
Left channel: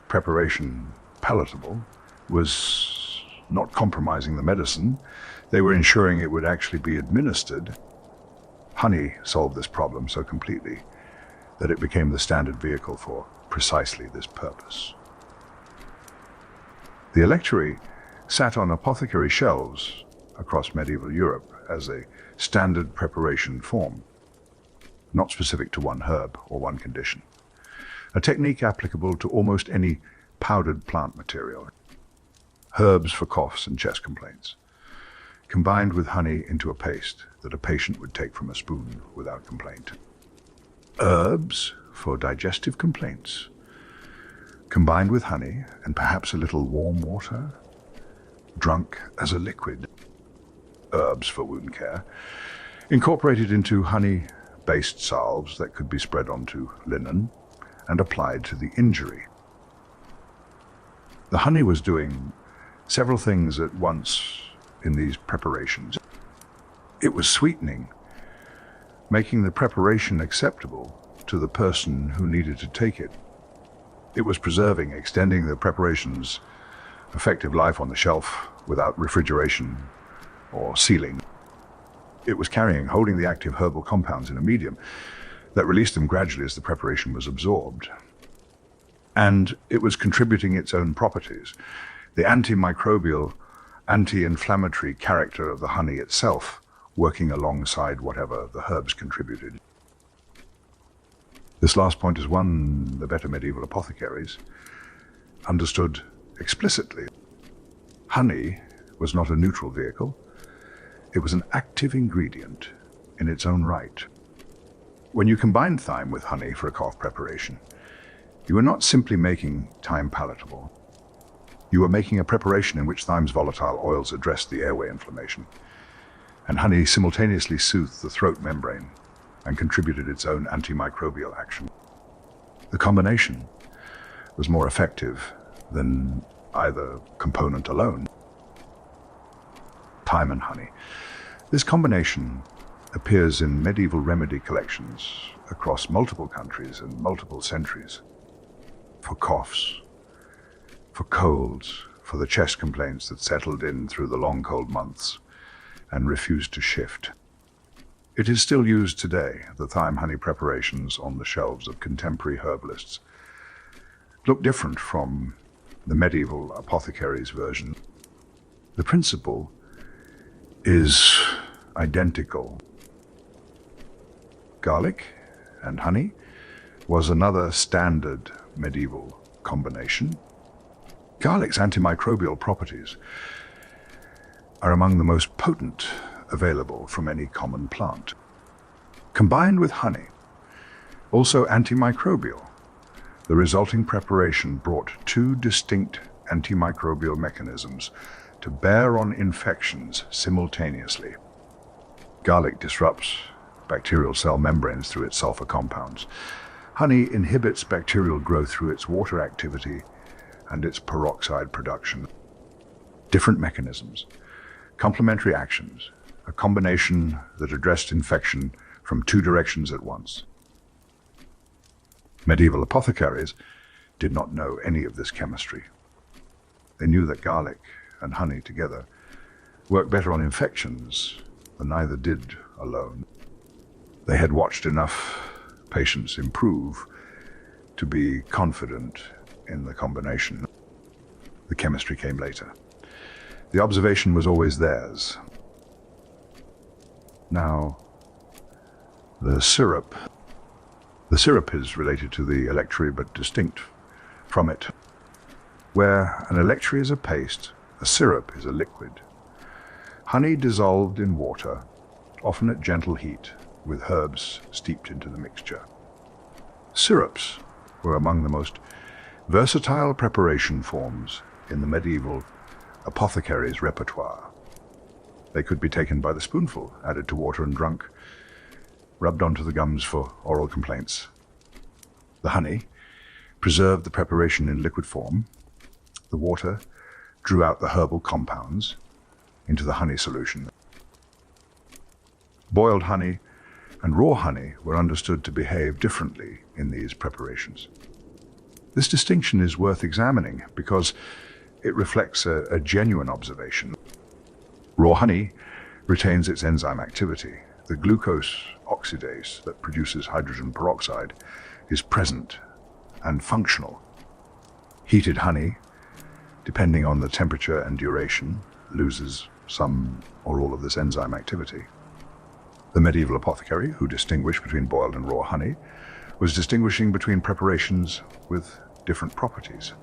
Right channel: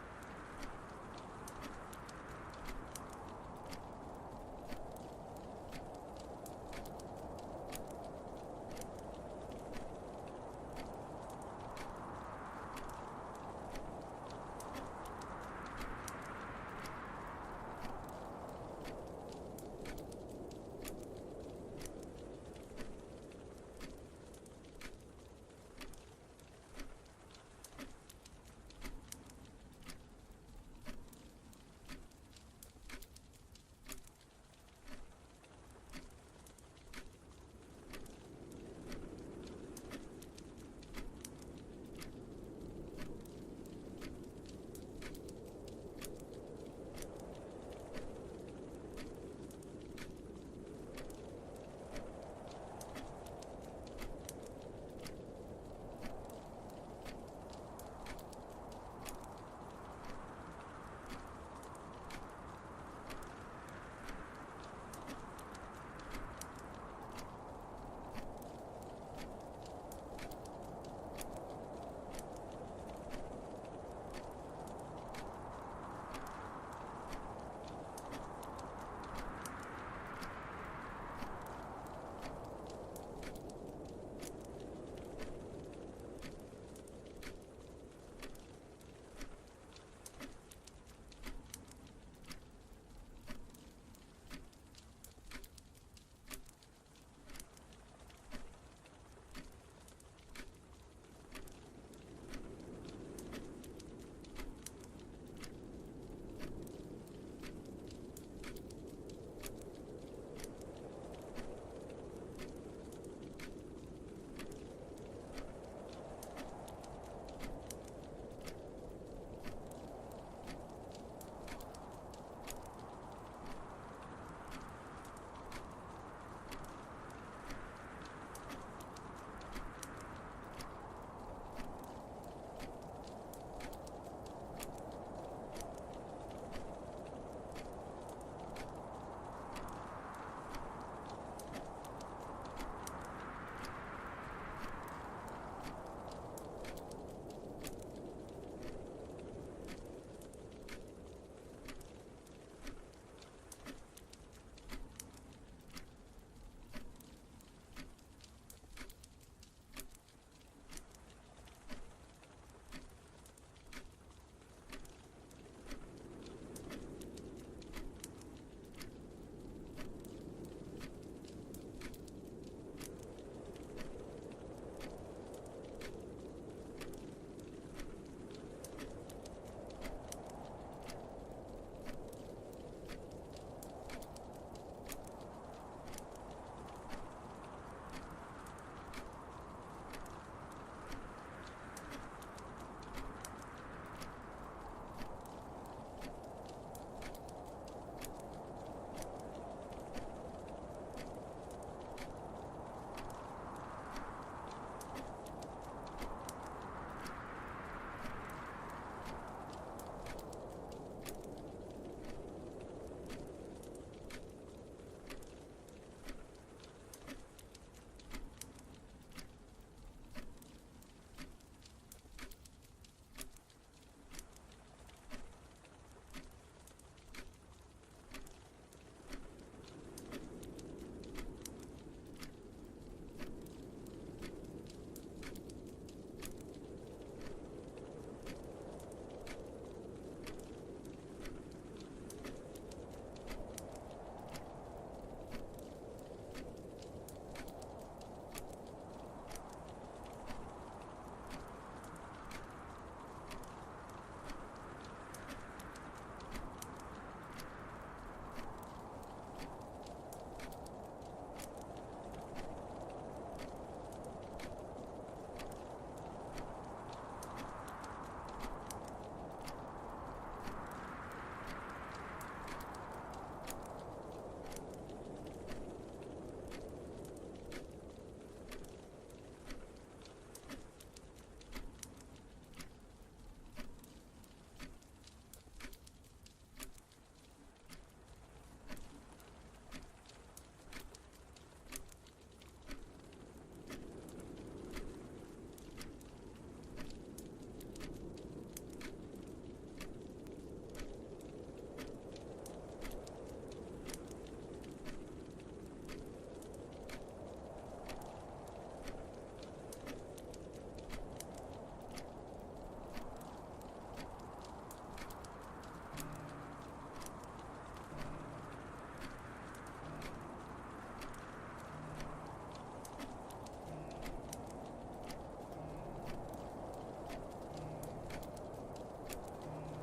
preparation palatable, was not compromising the medicine. They were ensuring it would actually be administered. Honey solved this problem so completely that it became the standard vehicle for precisely this purpose. The electuary sat on apothecary shelves across medieval Europe as a standard preparation form, not specific to one herb or one condition. A technique applicable to almost any powdered plant material. Herbs for coughs and chest complaints, combined with honey into a paste that a patient would take from a spoon without complaint. Herbs for digestive complaints, combined with honey and perhaps a little warm water, drunk as a liquid. Herbs for wound care, incorporated into honey-based salves that could be spread onto linen and applied to the injury. The honey was doing several things at once in these preparations. It was sweetening, making the preparation acceptable to the person who needed to take it. It was preserving, extending the preparation's effective life on the shelf without refrigeration or sealing. It was holding the active herbal compounds in a medium that released them gradually as the preparation was absorbed. And it was contributing its own properties, the antimicrobial, anti-inflammatory character of the honey itself, working alongside whatever the herbs contributed. This last point is one the better medieval apothecaries understood explicitly. Honey was not a neutral vehicle. It was an active ingredient in its own right. When you combined thyme with honey for a cough preparation, you were not simply making thyme palatable. You were making a preparation in which thyme's volatile oils addressed the airway inflammation, and honey simultaneously soothed the throat membrane and contributed its own antimicrobial action. The combination was more effective than either component alone. Thyme and honey. This combination appears in medieval remedy collections across multiple countries and multiple centuries. For coughs, for colds, for the chest complaints that settled in through the long cold months and refused to shift. It is still used today. The thyme honey preparations on the shelves of contemporary herbalists look different from the medieval apothecaries' version. The principle is identical. Garlic and honey was another standard medieval combination. Garlic's antimicrobial properties are among the most potent available from any common plant. Combined with honey, also antimicrobial, the resulting preparation brought two distinct antimicrobial mechanisms to bear on infections simultaneously. Garlic disrupts bacterial cell membranes through its sulfur compounds. Honey inhibits bacterial growth through its water activity and its peroxide production. Different mechanisms, complementary actions, a combination that addressed infection from two directions at once. Medieval apothecaries did not know any of this chemistry. They knew that garlic and honey together worked better on infections than either did alone. They had watched enough patients improve to be confident in the combination. The chemistry came later. The observation was always theirs. Now, the syrup. The syrup is related to the electuary but distinct from it. Where an electuary is a paste, a syrup is a liquid. Honey dissolved in water, often at gentle heat, with herbs steeped into the mixture. Syrups were among the most versatile preparation forms in the medieval apothecaries' repertoire. They could be taken by the spoonful, added to water and drunk, rubbed onto the gums for oral complaints. The honey preserved the preparation in liquid form. The water drew out the herbal compounds into the honey solution. Boiled honey and raw honey were understood to behave differently in these preparations. This distinction is worth examining because it reflects a genuine observation. Raw honey retains its enzyme activity. The glucose oxidase that produces hydrogen peroxide is present and functional. Heated honey, depending on the temperature and duration, loses some or all of this enzyme activity. The medieval apothecary, who distinguished between boiled and raw honey, was distinguishing between preparations with different properties,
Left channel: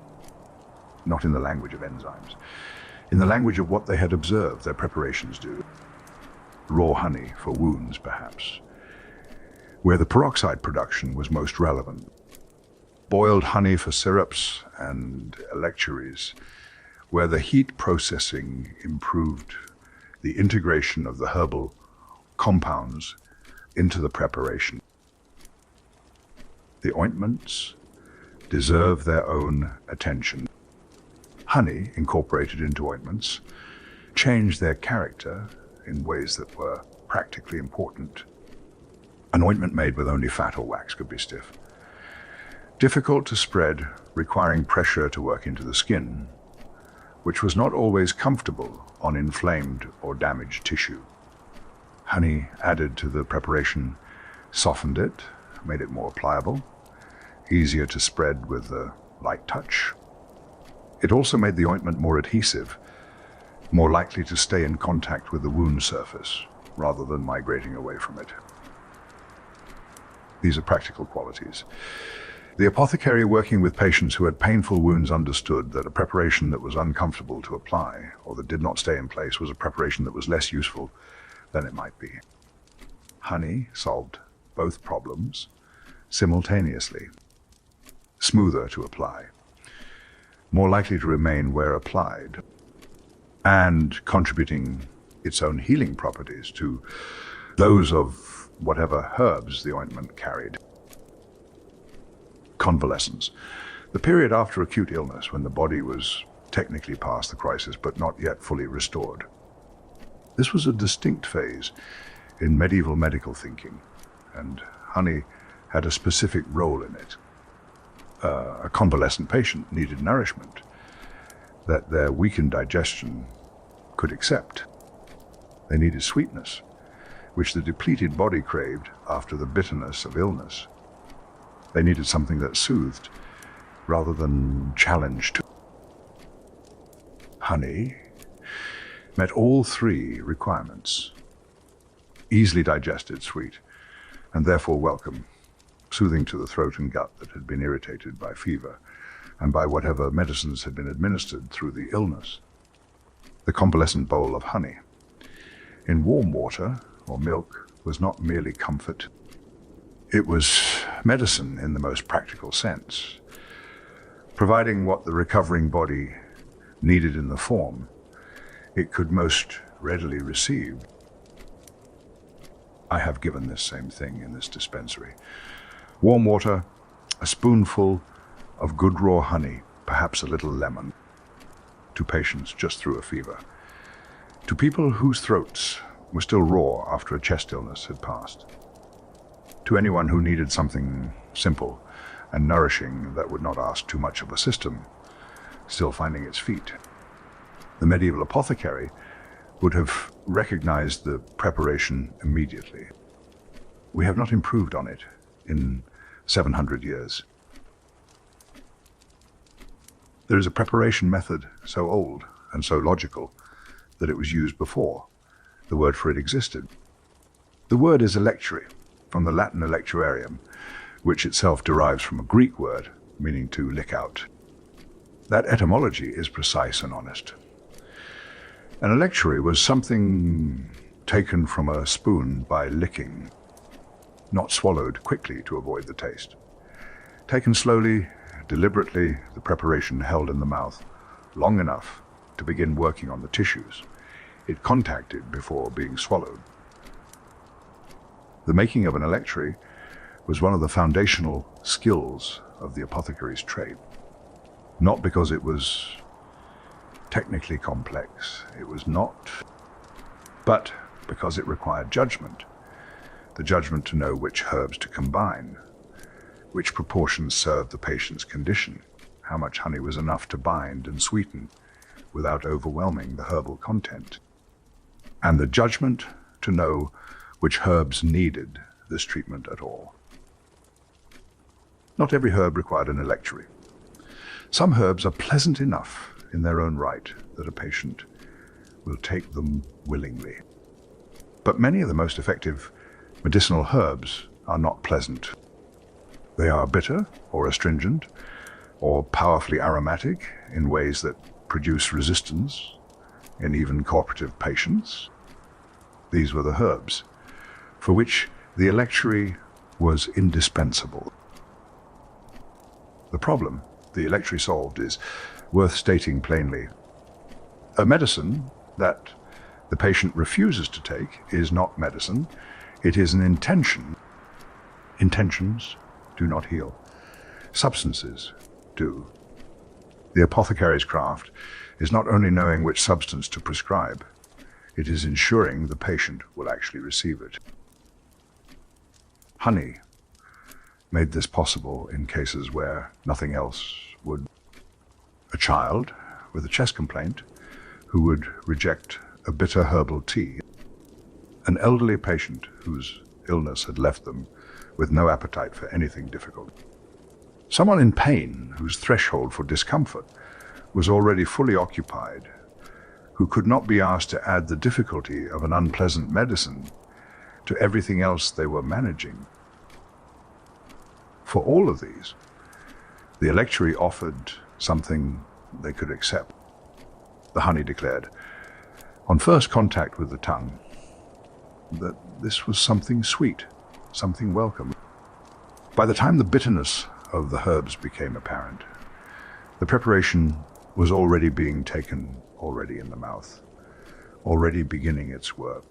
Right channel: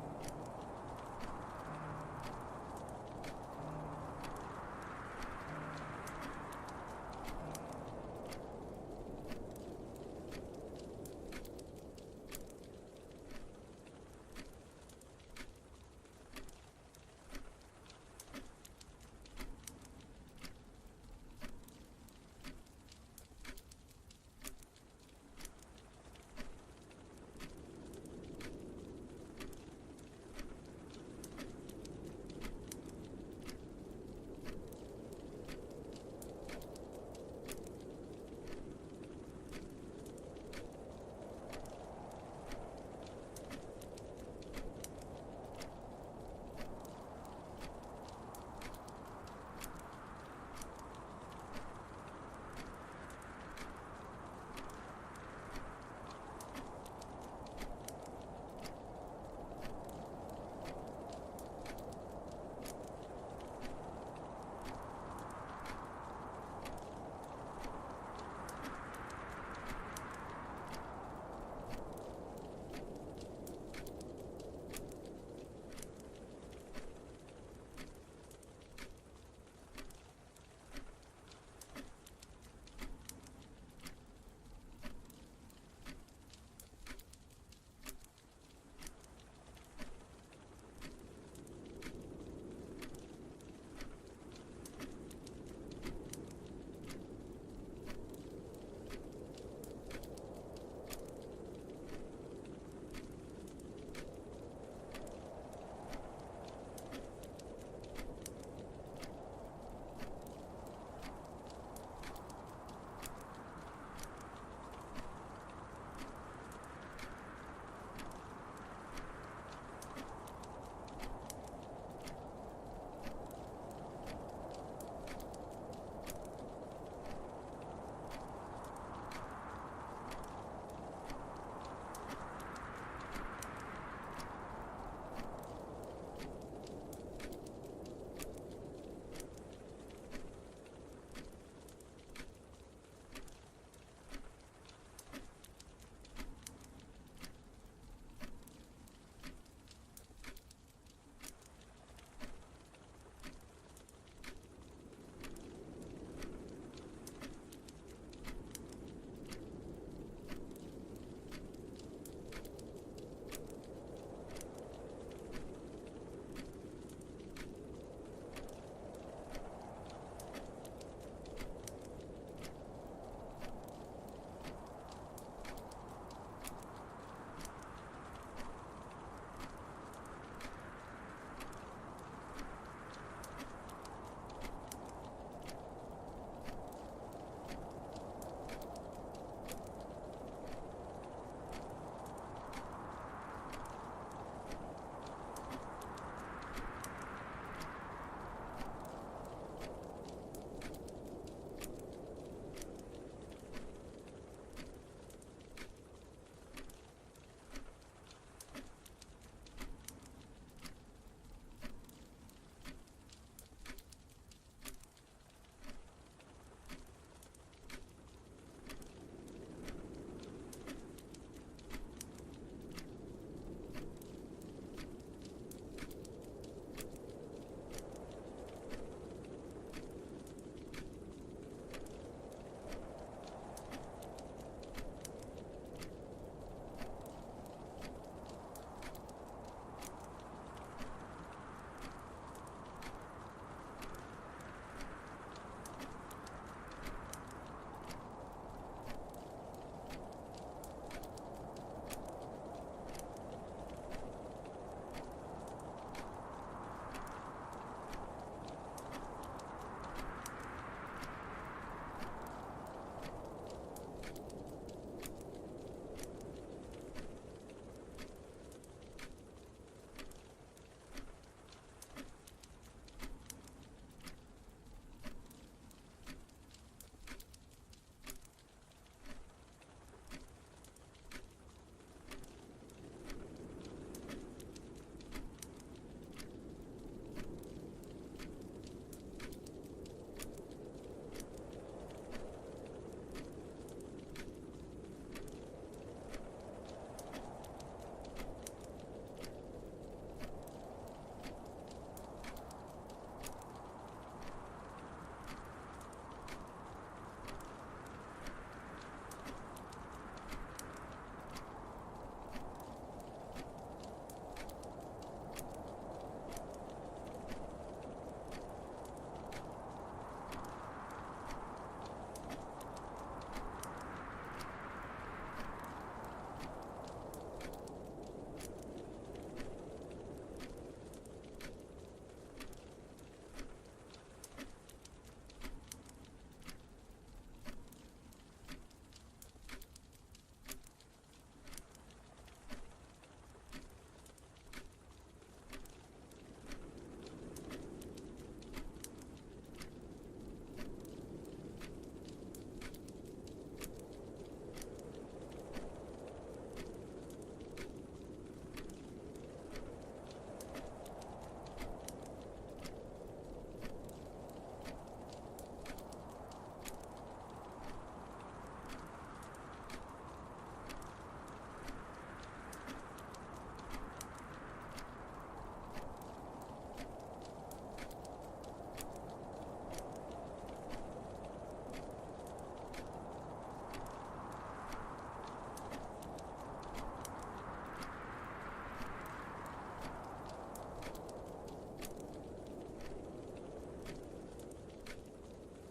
not in the language of enzymes, in the language of what they had observed their preparations do. Raw honey for wounds, perhaps, where the peroxide production was most relevant. Boiled honey for syrups and electuaries, where the heat processing improved the integration of the herbal compounds into the preparation. The ointments deserve their own attention. Honey, incorporated into ointments, changed their character in ways that were practically important. An ointment made with only fat or wax could be stiff, difficult to spread, requiring pressure to work into the skin, which was not always comfortable on inflamed or damaged tissue. Honey added to the preparation softened it, made it more pliable, easier to spread with a light touch. It also made the ointment more adhesive, more likely to stay in contact with the wound surface rather than migrating away from it. These are practical qualities. The apothecary working with patients who had painful wounds understood that a preparation that was uncomfortable to apply or that did not stay in place was a preparation that was less useful than it might be. Honey solved both problems simultaneously. Smoother to apply, more likely to remain where applied, and contributing its own healing properties to those of whatever herbs the ointment carried. Convalescence, the period after acute illness when the body was technically past the crisis but not yet fully restored. This was a distinct phase in medieval medical thinking, and honey had a specific role in it. A convalescent patient needed nourishment that their weakened digestion could accept. They needed sweetness, which the depleted body craved after the bitterness of illness. They needed something that soothed rather than challenged. Honey met all three requirements: easily digested, sweet, and therefore welcome, soothing to the throat and gut that had been irritated by fever and by whatever medicines had been administered through the illness. The convalescent bowl of honey in warm water or milk was not merely comfort. It was medicine in the most practical sense, providing what the recovering body needed in the form it could most readily receive. I have given this same thing in this dispensary. Warm water, a spoonful of good raw honey, perhaps a little lemon, to patients just through a fever, to people whose throats were still raw after a chest illness had passed, to anyone who needed something simple and nourishing that would not ask too much of a system, still finding its feet. The medieval apothecary would have recognized the preparation immediately. We have not improved on it in 700 years. There is a preparation method so old and so logical that it was used before the word for it existed. The word is electuary, from the Latin electuarium, which itself derives from a Greek word meaning to lick out. That etymology is precise and honest. An electuary was something taken from a spoon by licking, not swallowed quickly to avoid the taste. Taken slowly, deliberately, the preparation held in the mouth long enough to begin working on the tissues it contacted before being swallowed. The making of an electuary was one of the foundational skills of the apothecary's trade, not because it was technically complex, it was not, but because it required judgment. The judgment to know which herbs to combine, which proportions served the patient's condition, how much honey was enough to bind and sweeten without overwhelming the herbal content, and the judgment to know which herbs needed this treatment at all. Not every herb required an electuary. Some herbs are pleasant enough in their own right that a patient will take them willingly. But many of the most effective medicinal herbs are not pleasant. They are bitter or astringent or powerfully aromatic in ways that produce resistance in even cooperative patients. These were the herbs for which the electuary was indispensable. The problem the electuary solved is worth stating plainly. A medicine that the patient refuses to take is not medicine, it is an intention. Intentions do not heal. Substances do. The apothecary's craft is not only knowing which substance to prescribe, it is ensuring the patient will actually receive it. Honey made this possible in cases where nothing else would. A child with a chest complaint who would reject a bitter herbal tea. An elderly patient whose illness had left them with no appetite for anything difficult. Someone in pain whose threshold for discomfort was already fully occupied, who could not be asked to add the difficulty of an unpleasant medicine to everything else they were managing. For all of these, the electuary offered something they could accept. The honey declared, on first contact with the tongue, that this was something sweet, something welcome. By the time the bitterness of the herbs became apparent, the preparation was already being taken already in the mouth, already beginning its work.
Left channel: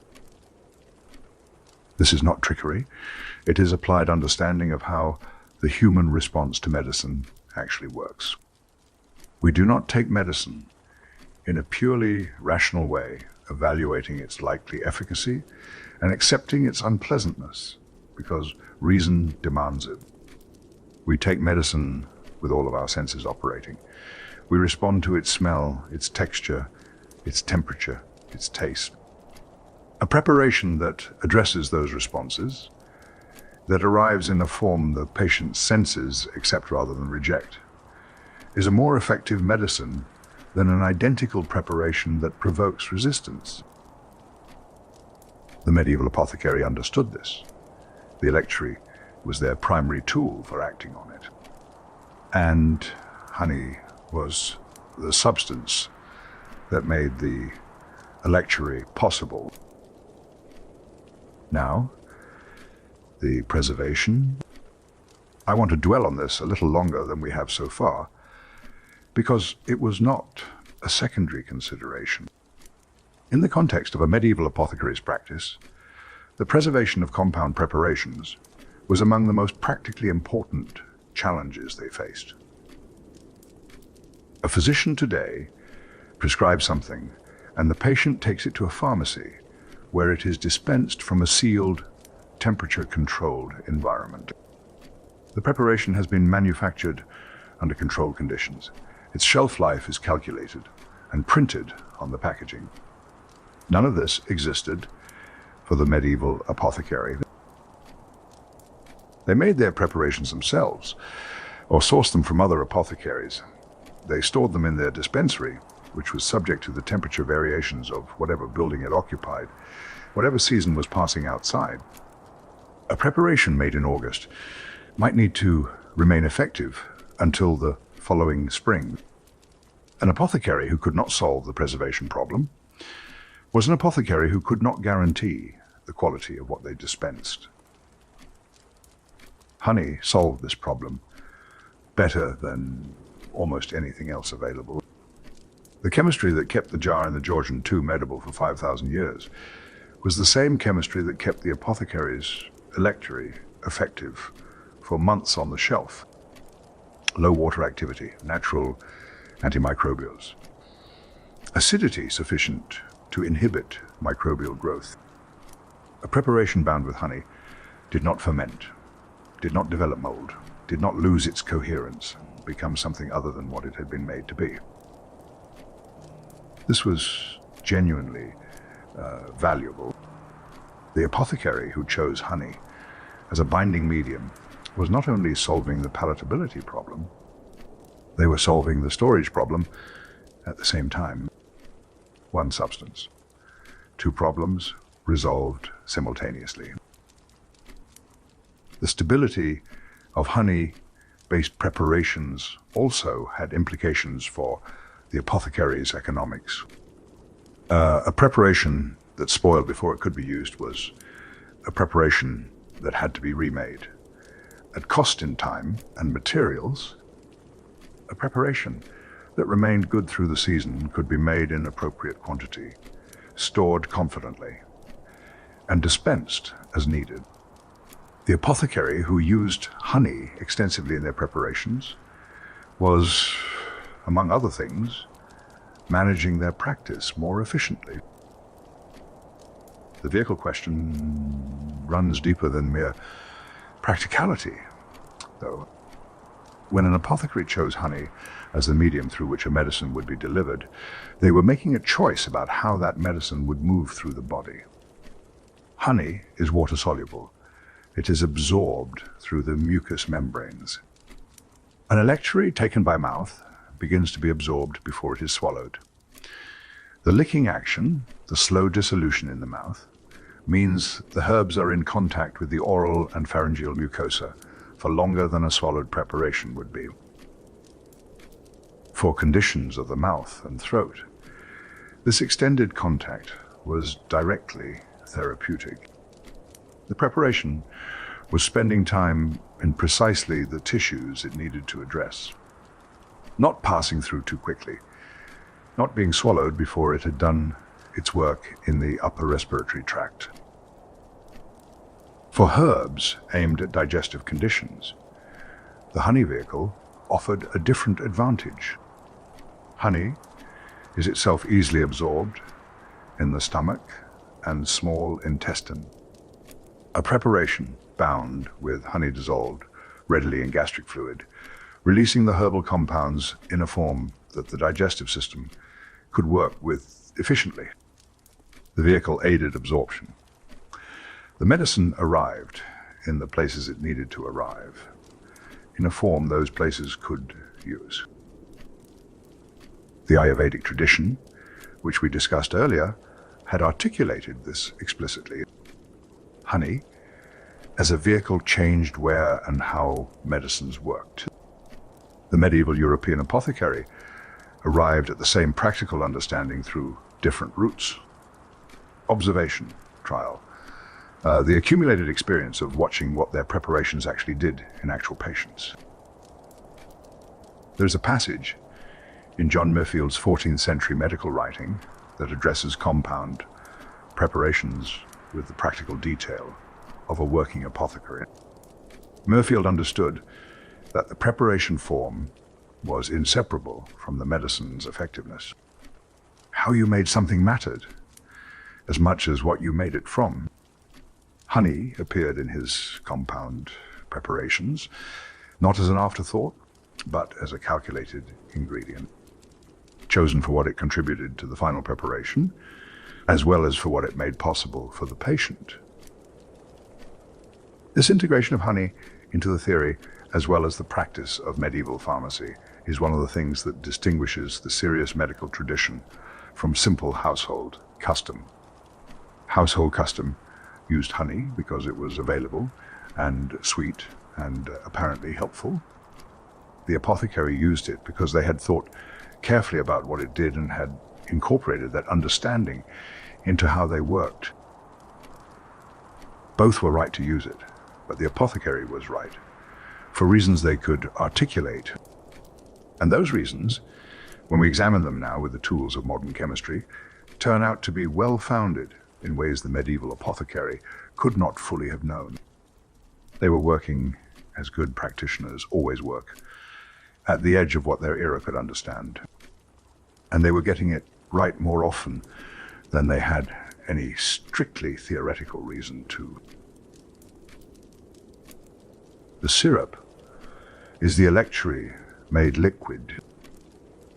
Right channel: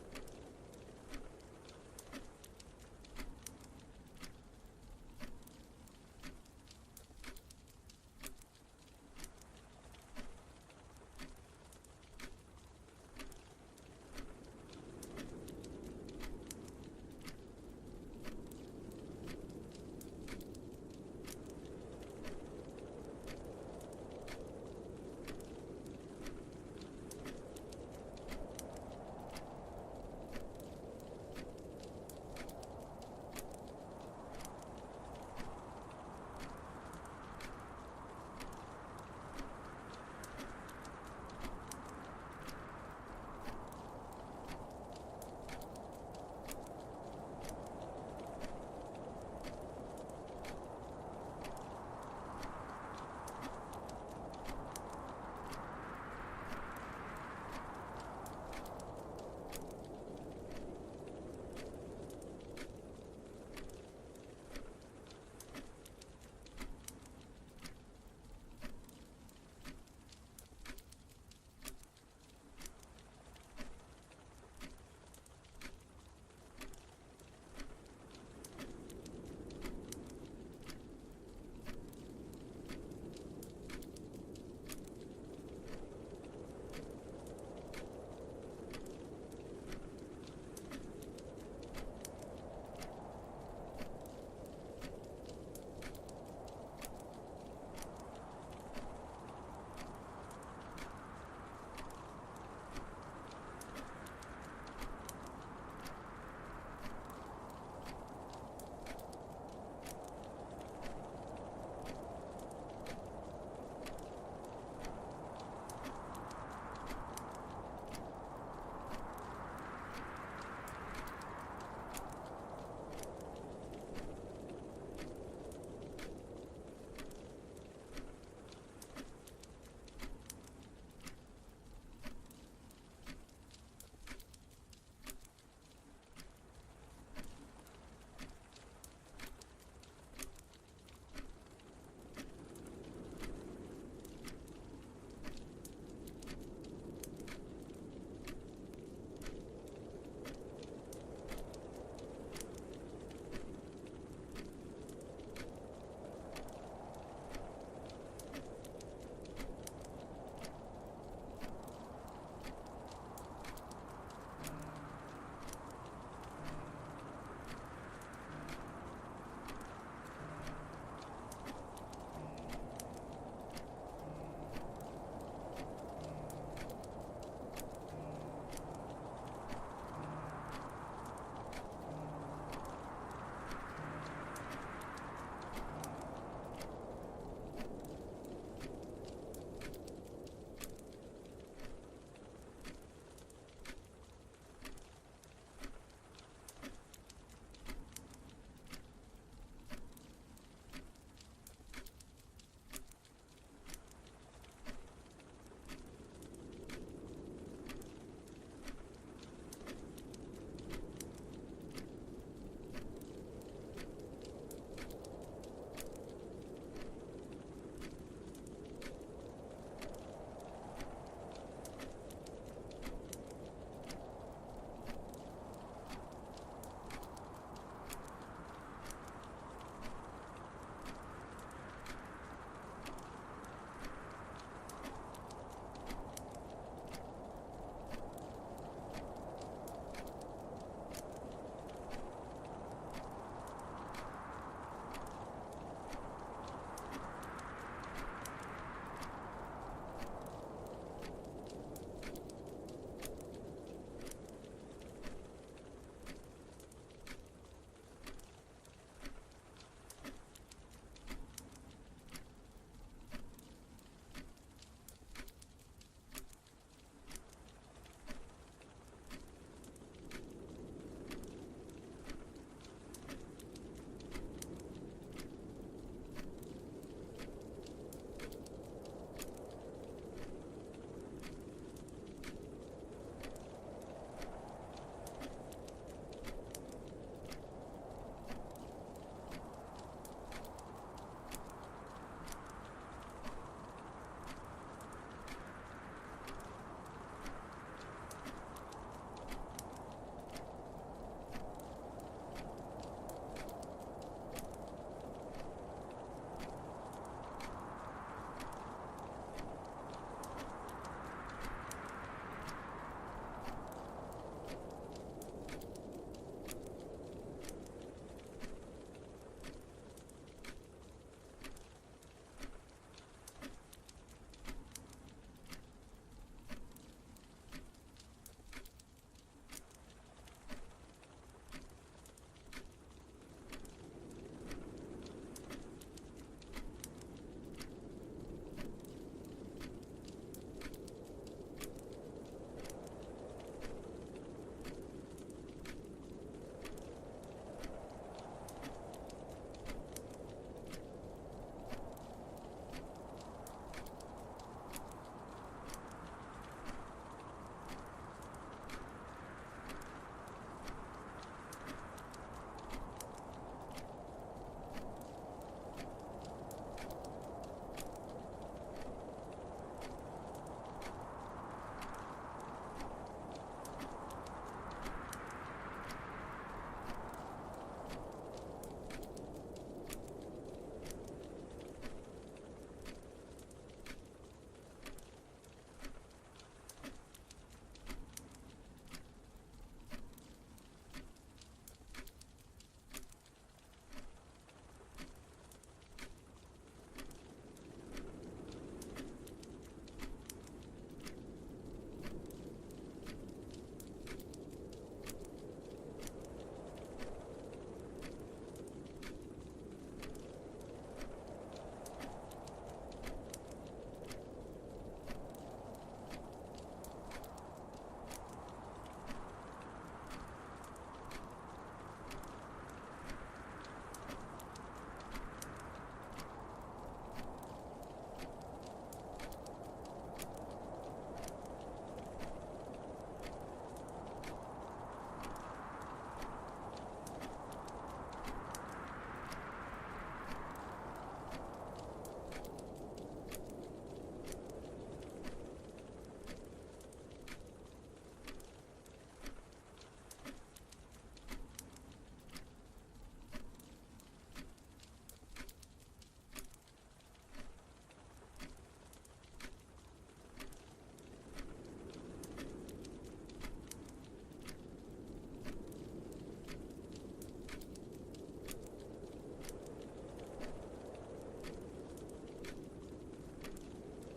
This is not trickery. It is applied understanding of how the human response to medicine actually works. We do not take medicine in a purely rational way, evaluating its likely efficacy and accepting its unpleasantness because reason demands it. We take medicine with all of our senses operating. We respond to its smell, its texture, its temperature, its taste. A preparation that addresses those responses, that arrives in a form the patient's senses accept rather than reject, is a more effective medicine than an identical preparation that provokes resistance. The medieval apothecary understood this. The electuary was their primary tool for acting on it. And honey was the substance that made the electuary possible. Now, the preservation. I want to dwell on this a little longer than we have so far, because it was not a secondary consideration. In the context of a medieval apothecary's practice, the preservation of compound preparations was among the most practically important challenges they faced. A physician today prescribes something, and the patient takes it to a pharmacy where it is dispensed from a sealed, temperature-controlled environment. The preparation has been manufactured under controlled conditions. Its shelf life is calculated and printed on the packaging. None of this existed for the medieval apothecary. They made their preparations themselves or sourced them from other apothecaries. They stored them in their dispensary, which was subject to the temperature variations of whatever building it occupied, whatever season was passing outside. A preparation made in August might need to remain effective until the following spring. An apothecary who could not solve the preservation problem was an apothecary who could not guarantee the quality of what they dispensed. Honey solved this problem better than almost anything else available. The chemistry that kept the jar in the Georgian tomb edible for 5,000 years was the same chemistry that kept the apothecary's electuary effective for months on the shelf. Low water activity, natural antimicrobials. Acidity sufficient to inhibit microbial growth. A preparation bound with honey did not ferment, did not develop mold, did not lose its coherence, become something other than what it had been made to be. This was genuinely valuable. The apothecary who chose honey as a binding medium was not only solving the palatability problem, they were solving the storage problem at the same time. One substance, two problems resolved simultaneously. The stability of honey-based preparations also had implications for the apothecary's economics. A preparation that spoiled before it could be used was a preparation that had to be remade. At cost in time and materials, a preparation that remained good through the season could be made in appropriate quantity, stored confidently, and dispensed as needed. The apothecary who used honey extensively in their preparations was, among other things, managing their practice more efficiently. The vehicle question runs deeper than mere practicality, though. When an apothecary chose honey as the medium through which a medicine would be delivered, they were making a choice about how that medicine would move through the body. Honey is water-soluble. It is absorbed through the mucous membranes. An electuary taken by mouth begins to be absorbed before it is swallowed. The licking action, the slow dissolution in the mouth, means the herbs are in contact with the oral and pharyngeal mucosa for longer than a swallowed preparation would be. For conditions of the mouth and throat, this extended contact was directly therapeutic. The preparation was spending time in precisely the tissues it needed to address, not passing through too quickly, not being swallowed before it had done its work in the upper respiratory tract. For herbs aimed at digestive conditions, the honey vehicle offered a different advantage. Honey is itself easily absorbed in the stomach and small intestine. A preparation bound with honey dissolved readily in gastric fluid, releasing the herbal compounds in a form that the digestive system could work with efficiently. The vehicle aided absorption. The medicine arrived in the places it needed to arrive, in a form those places could use. The Ayurvedic tradition, which we discussed earlier, had articulated this explicitly. Honey, as a vehicle, changed where and how medicines worked. The medieval European apothecary arrived at the same practical understanding through different routes. Observation, trial, the accumulated experience of watching what their preparations actually did in actual patients. There's a passage in John Murfield's 14th century medical writing that addresses compound preparations with the practical detail of a working apothecary. Murfield understood that the preparation form was inseparable from the medicine's effectiveness. How you made something mattered as much as what you made it from. Honey appeared in his compound preparations, not as an afterthought, but as a calculated ingredient, chosen for what it contributed to the final preparation, as well as for what it made possible for the patient. This integration of honey into the theory, as well as the practice of medieval pharmacy, is one of the things that distinguishes the serious medical tradition from simple household custom. Household custom used honey because it was available and sweet and apparently helpful. The apothecary used it because they had thought carefully about what it did and had incorporated that understanding into how they worked. Both were right to use it, but the apothecary was right for reasons they could articulate. And those reasons, when we examine them now with the tools of modern chemistry, turn out to be well-founded in ways the medieval apothecary could not fully have known. They were working, as good practitioners always work, at the edge of what their era could understand. And they were getting it right more often than they had any strictly theoretical reason to. The syrup is the electuary made liquid.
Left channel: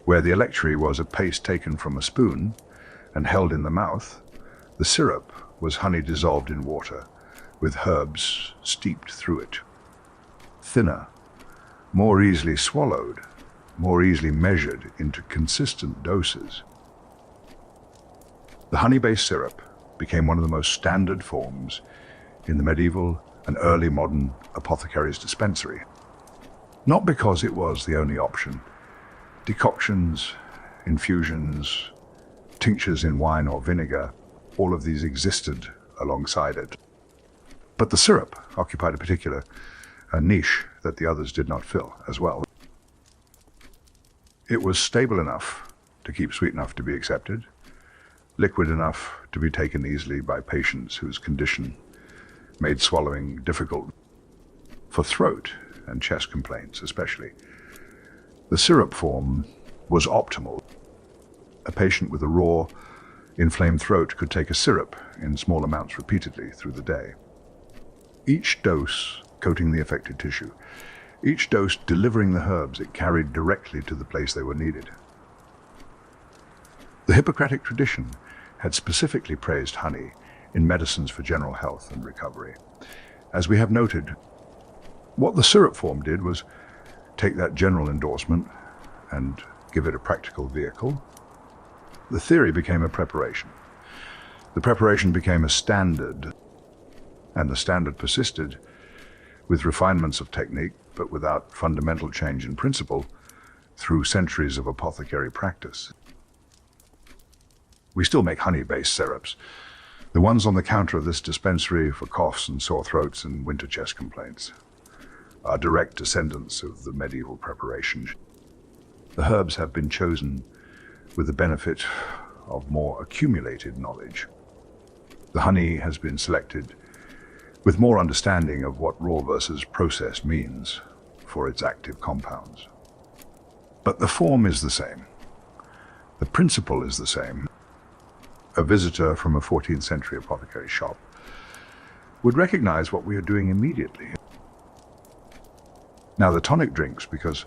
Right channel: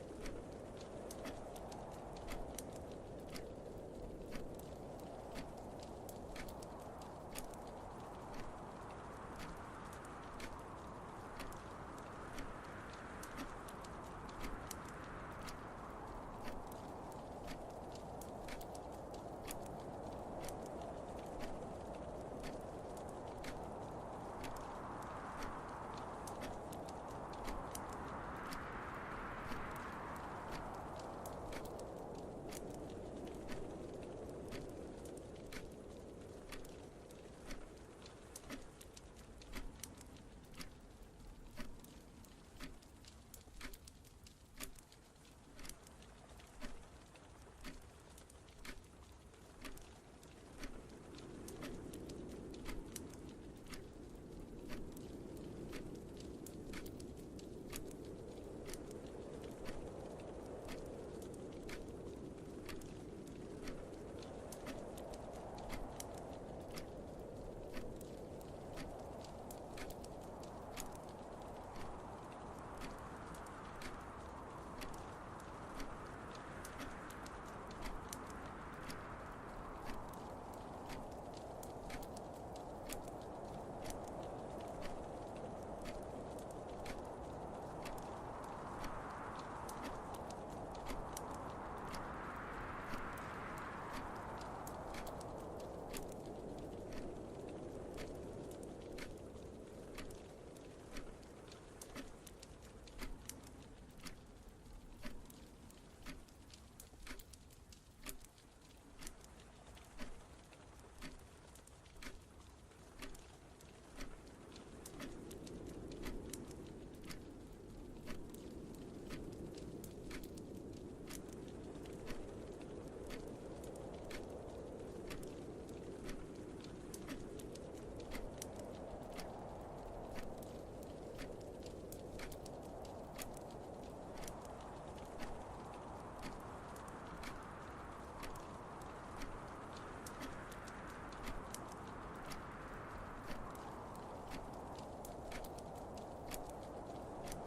Where the electuary was a paste taken from a spoon and held in the mouth, the syrup was honey dissolved in water, with herbs steeped through it. Thinner, more easily swallowed, more easily measured into consistent doses. The honey-based syrup became one of the most standard forms in the medieval and early modern apothecary's dispensary. Not because it was the only option. Decoctions, infusions, tinctures in wine or vinegar, all of these existed alongside it. But the syrup occupied a particular niche that the others did not fill as well. It was stable enough to keep sweet enough to be accepted, liquid enough to be taken easily by patients whose condition made swallowing difficult, for throat and chest complaints especially. The syrup form was optimal. A patient with a raw, inflamed throat could take a syrup in small amounts repeatedly through the day. Each dose coating the affected tissue, each dose delivering the herbs it carried directly to the place they were needed. The Hippocratic tradition had specifically praised honey in medicines for general health and recovery. As we have noted, what the syrup form did was take that general endorsement and give it a practical vehicle, the theory became a preparation. The preparation became a standard, and the standard persisted with refinements of technique, but without fundamental change in principle, through centuries of apothecary practice. We still make honey-based syrups. The ones on the counter of this dispensary for coughs and sore throats and winter chest complaints are direct descendants of the medieval preparation. The herbs have been chosen with the benefit of more accumulated knowledge. The honey has been selected with more understanding of what raw versus process means for its active compounds. But the form is the same. The principle is the same. A visitor from a 14th century apothecary shop would recognize what we are doing immediately. Now, the tonic drinks, because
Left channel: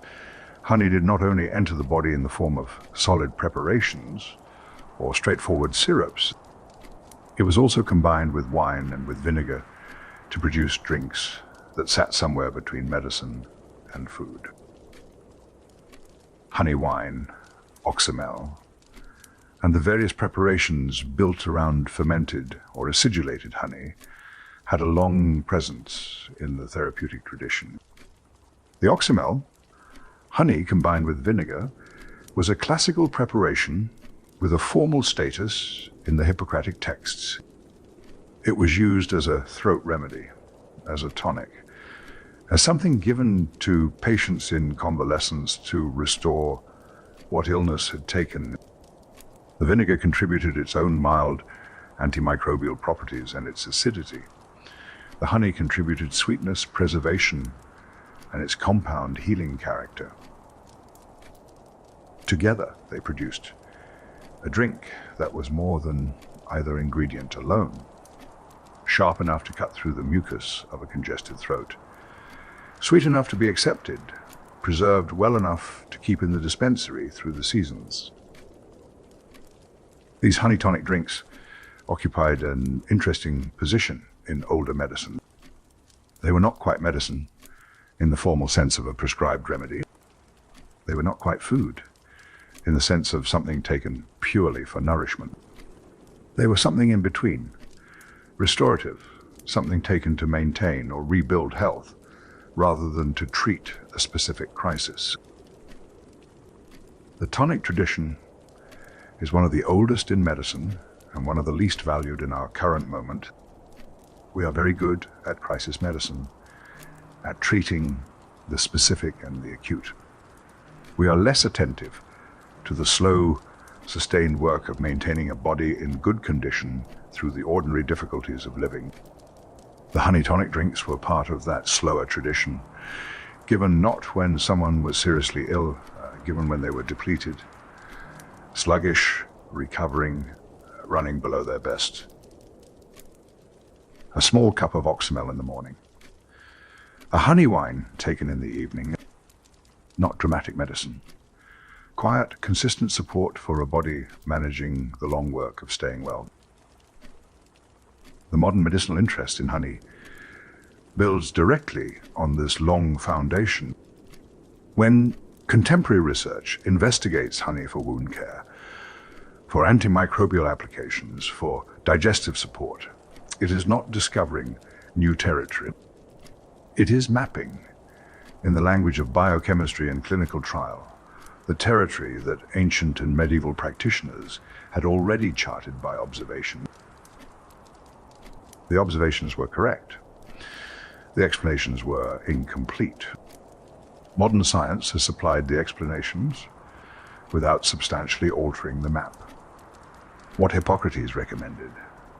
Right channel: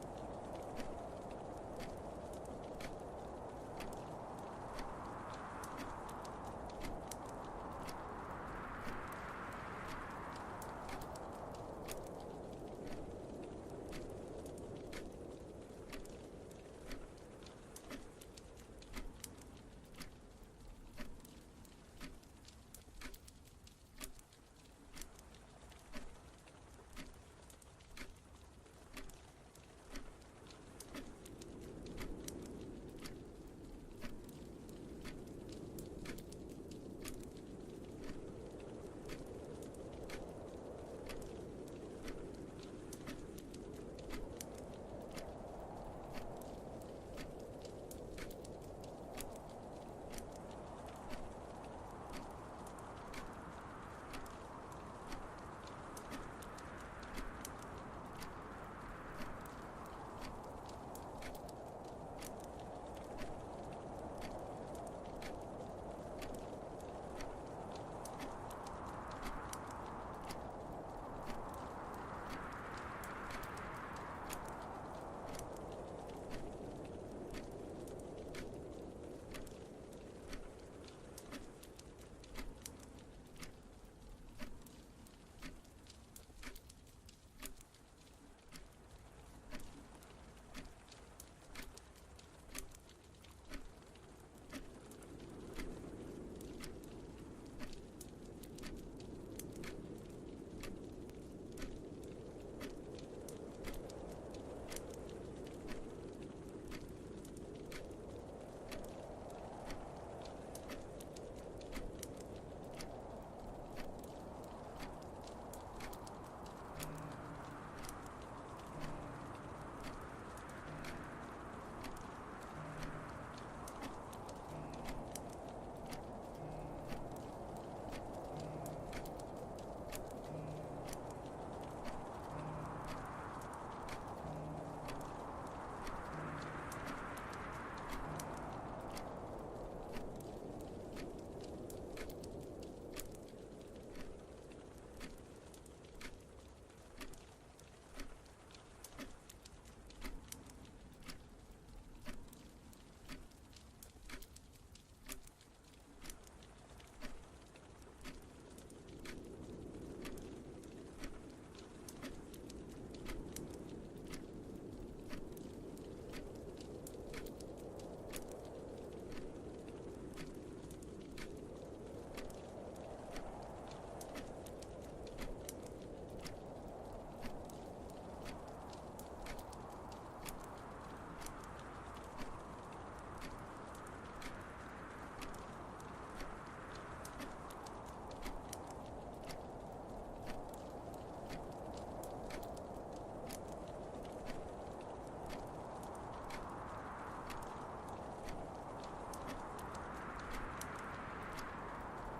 honey did not only enter the body in the form of solid preparations or straightforward syrups, it was also combined with wine and with vinegar to produce drinks that sat somewhere between medicine and food. Honey wine, oxymel, and the various preparations built around fermented or acidulated honey had a long presence in the therapeutic tradition. The oxymel, honey combined with vinegar, was a classical preparation with a formal status in the Hippocratic texts. It was used as a throat remedy, as a tonic, as something given to patients in convalescence to restore what illness had taken. The vinegar contributed its own mild antimicrobial properties and its acidity. The honey contributed sweetness, preservation, and its compound healing character. Together, they produced a drink that was more than either ingredient alone, sharp enough to cut through the mucus of a congested throat, sweet enough to be accepted, preserved well enough to keep in the dispensary through the seasons. These honey tonic drinks occupied an interesting position in older medicine. They were not quite medicine in the formal sense of a prescribed remedy. They were not quite food in the sense of something taken purely for nourishment. They were something in between, restorative, something taken to maintain or rebuild health rather than to treat a specific crisis. The tonic tradition is one of the oldest in medicine and one of the least valued in our current moment. We are very good at crisis medicine, at treating the specific and the acute. We are less attentive to the slow, sustained work of maintaining a body in good condition through the ordinary difficulties of living. The honey tonic drinks were part of that slower tradition, given not when someone was seriously ill, given when they were depleted, sluggish, recovering, running below their best. A small cup of oxymel in the morning. A honey wine taken in the evening. Not dramatic medicine. Quiet, consistent support for a body managing the long work of staying well. The modern medicinal interest in honey builds directly on this long foundation. When contemporary research investigates honey for wound care, for antimicrobial applications, for digestive support, it is not discovering new territory. It is mapping, in the language of biochemistry and clinical trial, the territory that ancient and medieval practitioners had already charted by observation. The observations were correct. The explanations were incomplete. Modern science has supplied the explanations without substantially altering the map. What Hippocrates recommended,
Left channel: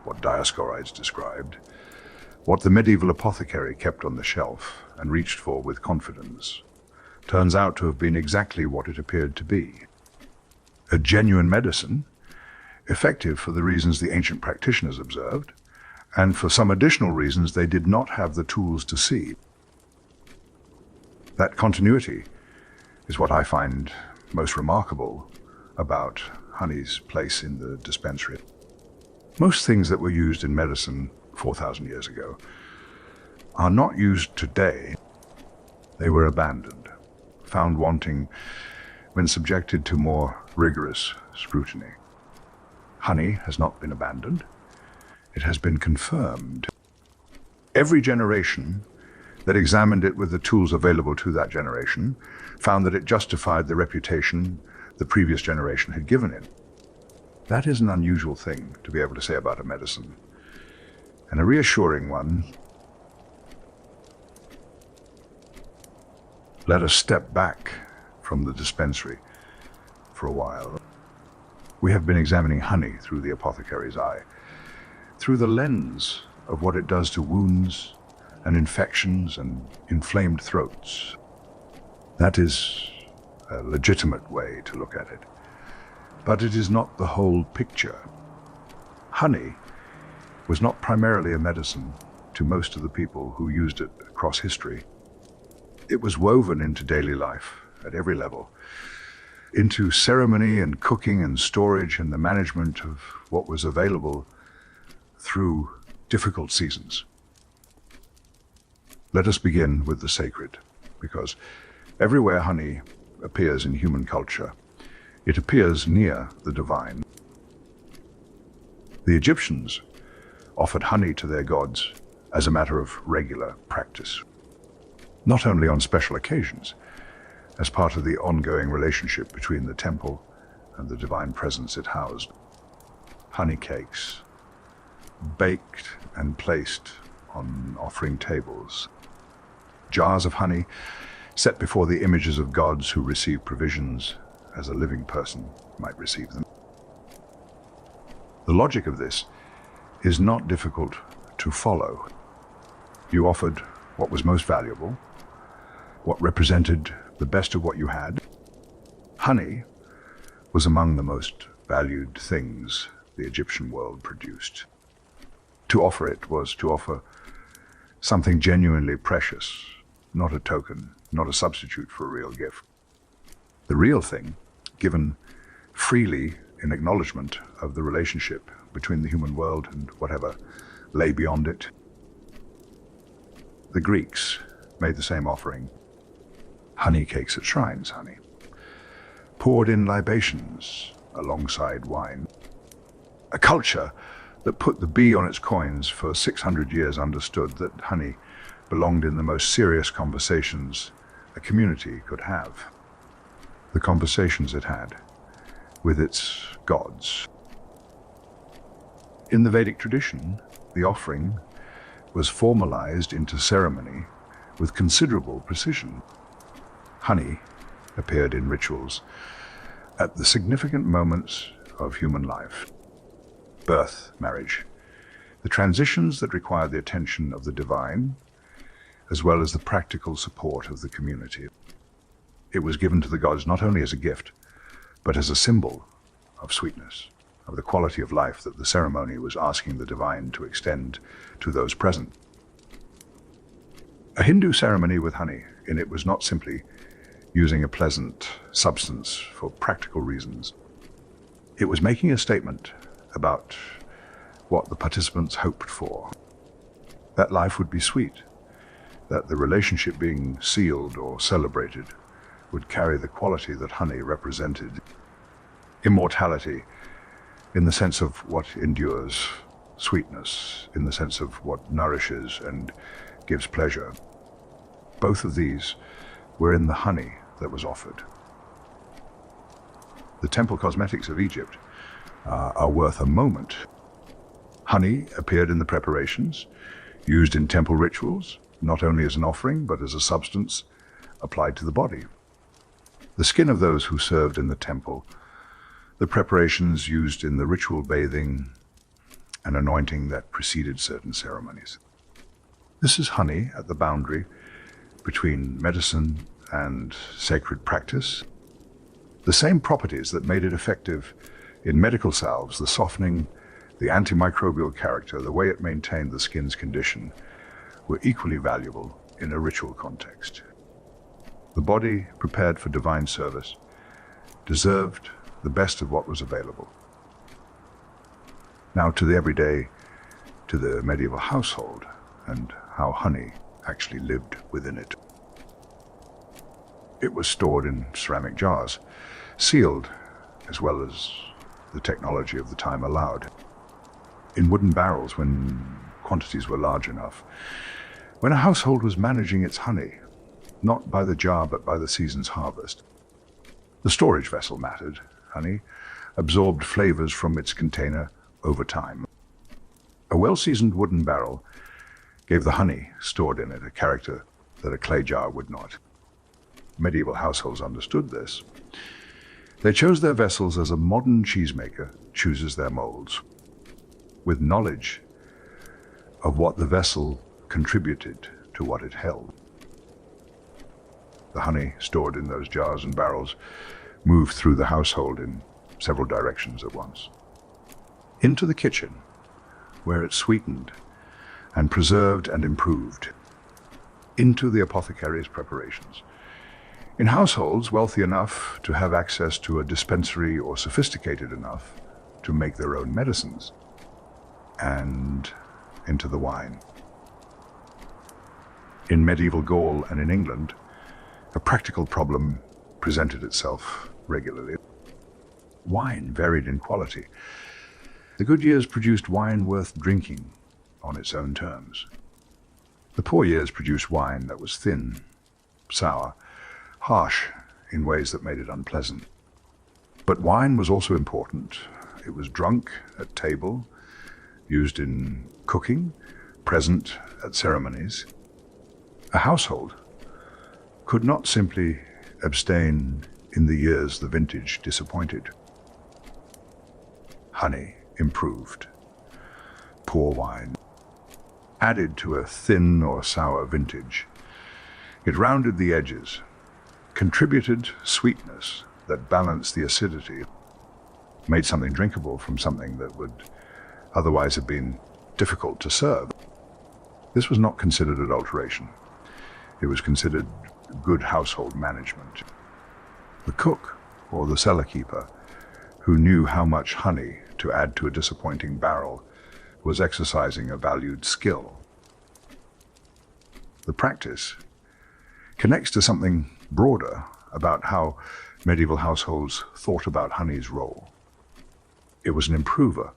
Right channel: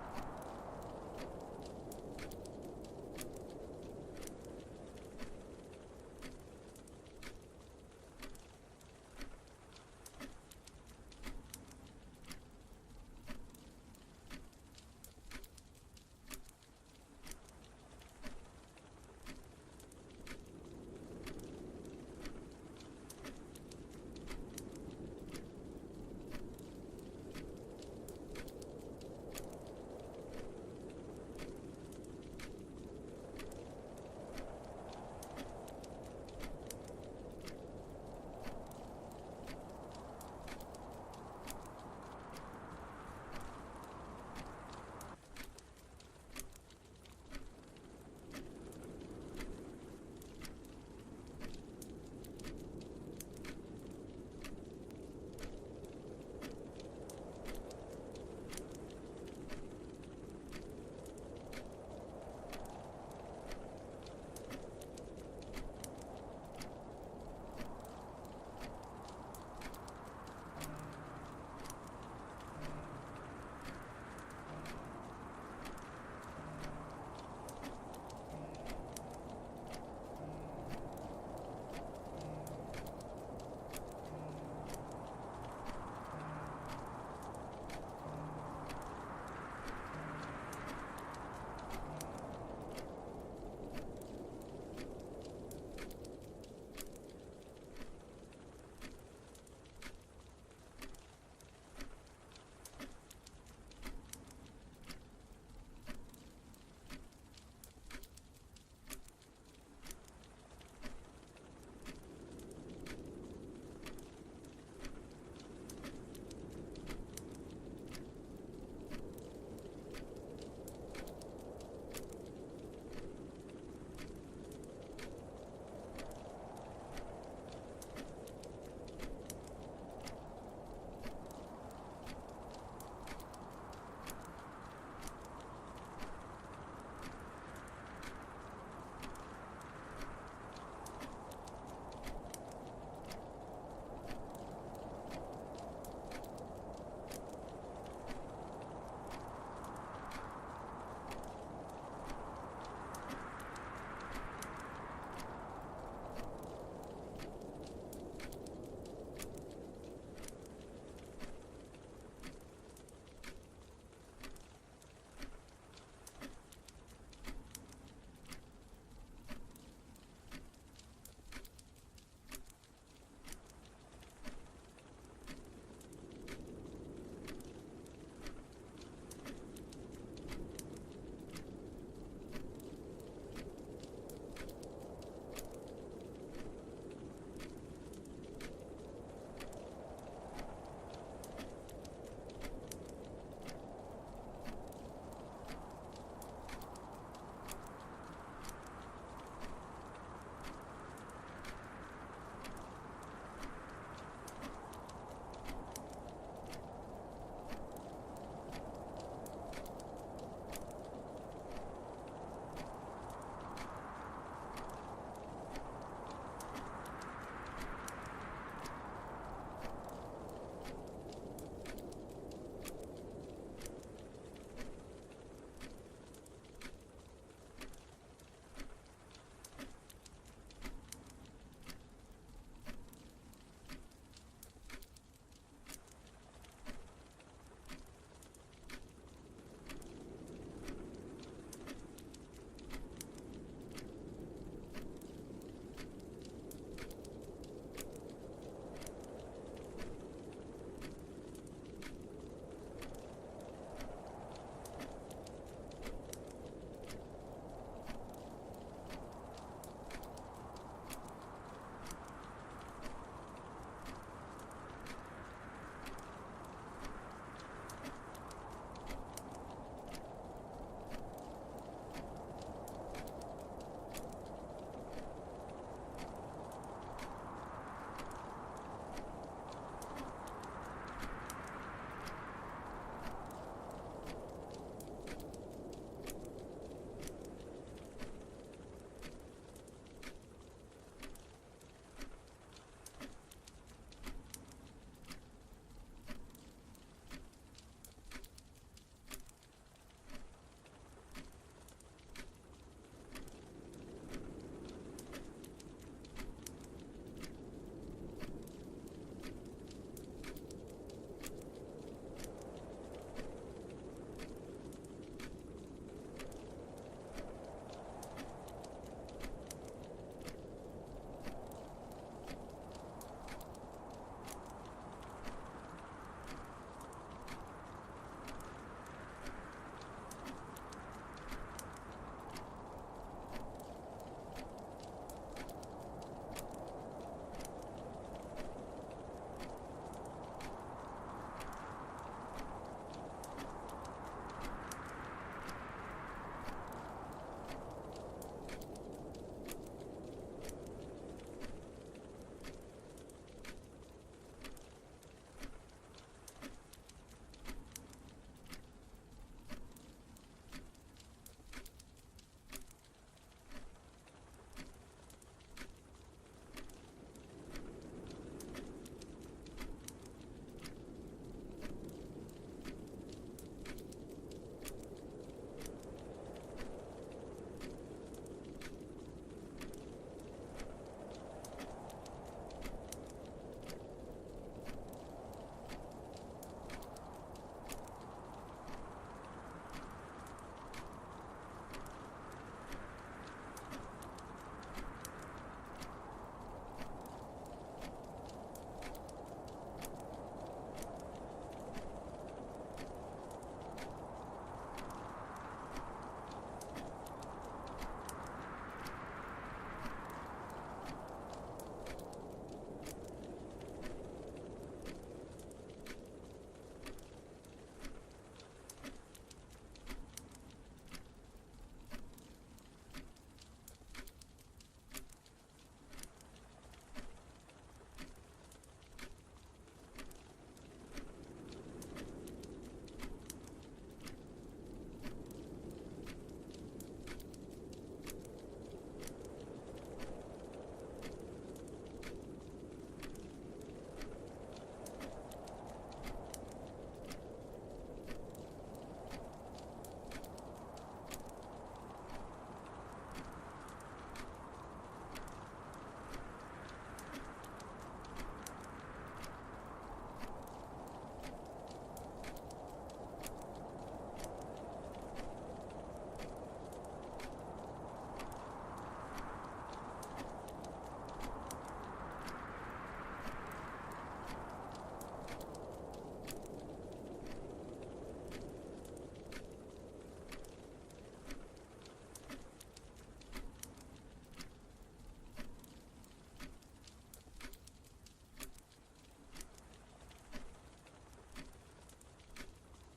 what Dioscorides described, what the medieval apothecary kept on the shelf and reached for with confidence, turns out to have been exactly what it appeared to be. A genuine medicine, effective for the reasons the ancient practitioners observed, and for some additional reasons they did not have the tools to see. That continuity is what I find most remarkable about honey's place in the dispensary. Most things that were used in medicine 4,000 years ago are not used today. They were abandoned, found wanting when subjected to more rigorous scrutiny. Honey has not been abandoned. It has been confirmed. Every generation that examined it with the tools available to that generation found that it justified the reputation the previous generation had given it. That is an unusual thing to be able to say about a medicine, and a reassuring one. Let us step back from the dispensary for a while. We have been examining honey through the apothecary's eye, through the lens of what it does to wounds and infections and inflamed throats. That is a legitimate way to look at it. But it is not the whole picture. Honey was not primarily a medicine to most of the people who used it across history. It was woven into daily life at every level, into ceremony and cooking and storage and the management of what was available through difficult seasons. Let us begin with the sacred, because everywhere honey appears in human culture, it appears near the divine. The Egyptians offered honey to their gods as a matter of regular practice, not only on special occasions, as part of the ongoing relationship between the temple and the divine presence it housed. Honey cakes, baked and placed on offering tables. Jars of honey set before the images of gods who receive provisions as a living person might receive them. The logic of this is not difficult to follow. You offered what was most valuable, what represented the best of what you had. Honey was among the most valued things the Egyptian world produced. To offer it was to offer something genuinely precious, not a token, not a substitute for a real gift. The real thing, given freely in acknowledgement of the relationship between the human world and whatever lay beyond it. The Greeks made the same offering. Honey cakes at shrines, honey, poured in libations alongside wine. A culture that put the bee on its coins for 600 years understood that honey belonged in the most serious conversations a community could have. The conversations it had with its gods. In the Vedic tradition, the offering was formalized into ceremony with considerable precision. Honey appeared in rituals at the significant moments of human life. Birth, marriage, the transitions that require the attention of the divine, as well as the practical support of the community. It was given to the gods not only as a gift, but as a symbol of sweetness, of the quality of life that the ceremony was asking the divine to extend to those present. A Hindu ceremony with honey in it was not simply using a pleasant substance for practical reasons. It was making a statement about what the participants hoped for. That life would be sweet, that the relationship being sealed or celebrated would carry the quality that honey represented. Immortality, in the sense of what endures, sweetness, in the sense of what nourishes and gives pleasure. Both of these were in the honey that was offered. The temple cosmetics of Egypt are worth a moment. Honey appeared in the preparations, used in temple rituals, not only as an offering, but as a substance applied to the body. The skin of those who served in the temple, the preparations used in the ritual bathing and anointing that preceded certain ceremonies. This is honey at the boundary between medicine and sacred practice. The same properties that made it effective in medical salves, the softening, the antimicrobial character, the way it maintained the skin's condition, were equally valuable in a ritual context. The body prepared for divine service deserved the best of what was available. Now to the everyday, to the medieval household, and how honey actually lived within it. It was stored in ceramic jars, sealed, as well as the technology of the time allowed, in wooden barrels when quantities were large enough. When a household was managing its honey, not by the jar but by the season's harvest, the storage vessel mattered. Honey absorbed flavors from its container over time. A well-seasoned wooden barrel gave the honey stored in it a character that a clay jar would not. Medieval households understood this. They chose their vessels as a modern cheesemaker chooses their molds, with knowledge of what the vessel contributed to what it held. The honey stored in those jars and barrels moved through the household in several directions at once. Into the kitchen, where it sweetened and preserved and improved. Into the apothecary's preparations. In households wealthy enough to have access to a dispensary or sophisticated enough to make their own medicines. And into the wine. In medieval Gaul and in England, a practical problem presented itself regularly. Wine varied in quality. The good years produced wine worth drinking on its own terms. The poor years produced wine that was thin, sour, harsh in ways that made it unpleasant. But wine was also important. It was drunk at table, used in cooking, present at ceremonies. A household could not simply abstain in the years the vintage disappointed. Honey improved. Poor wine added to a thin or sour vintage. It rounded the edges, contributed sweetness that balanced the acidity, made something drinkable from something that would otherwise have been difficult to serve. This was not considered adulteration. It was considered good household management. The cook, or the cellar keeper, who knew how much honey to add to a disappointing barrel, was exercising a valued skill. The practice connects to something broader about how medieval households thought about honey's role. It was an improver,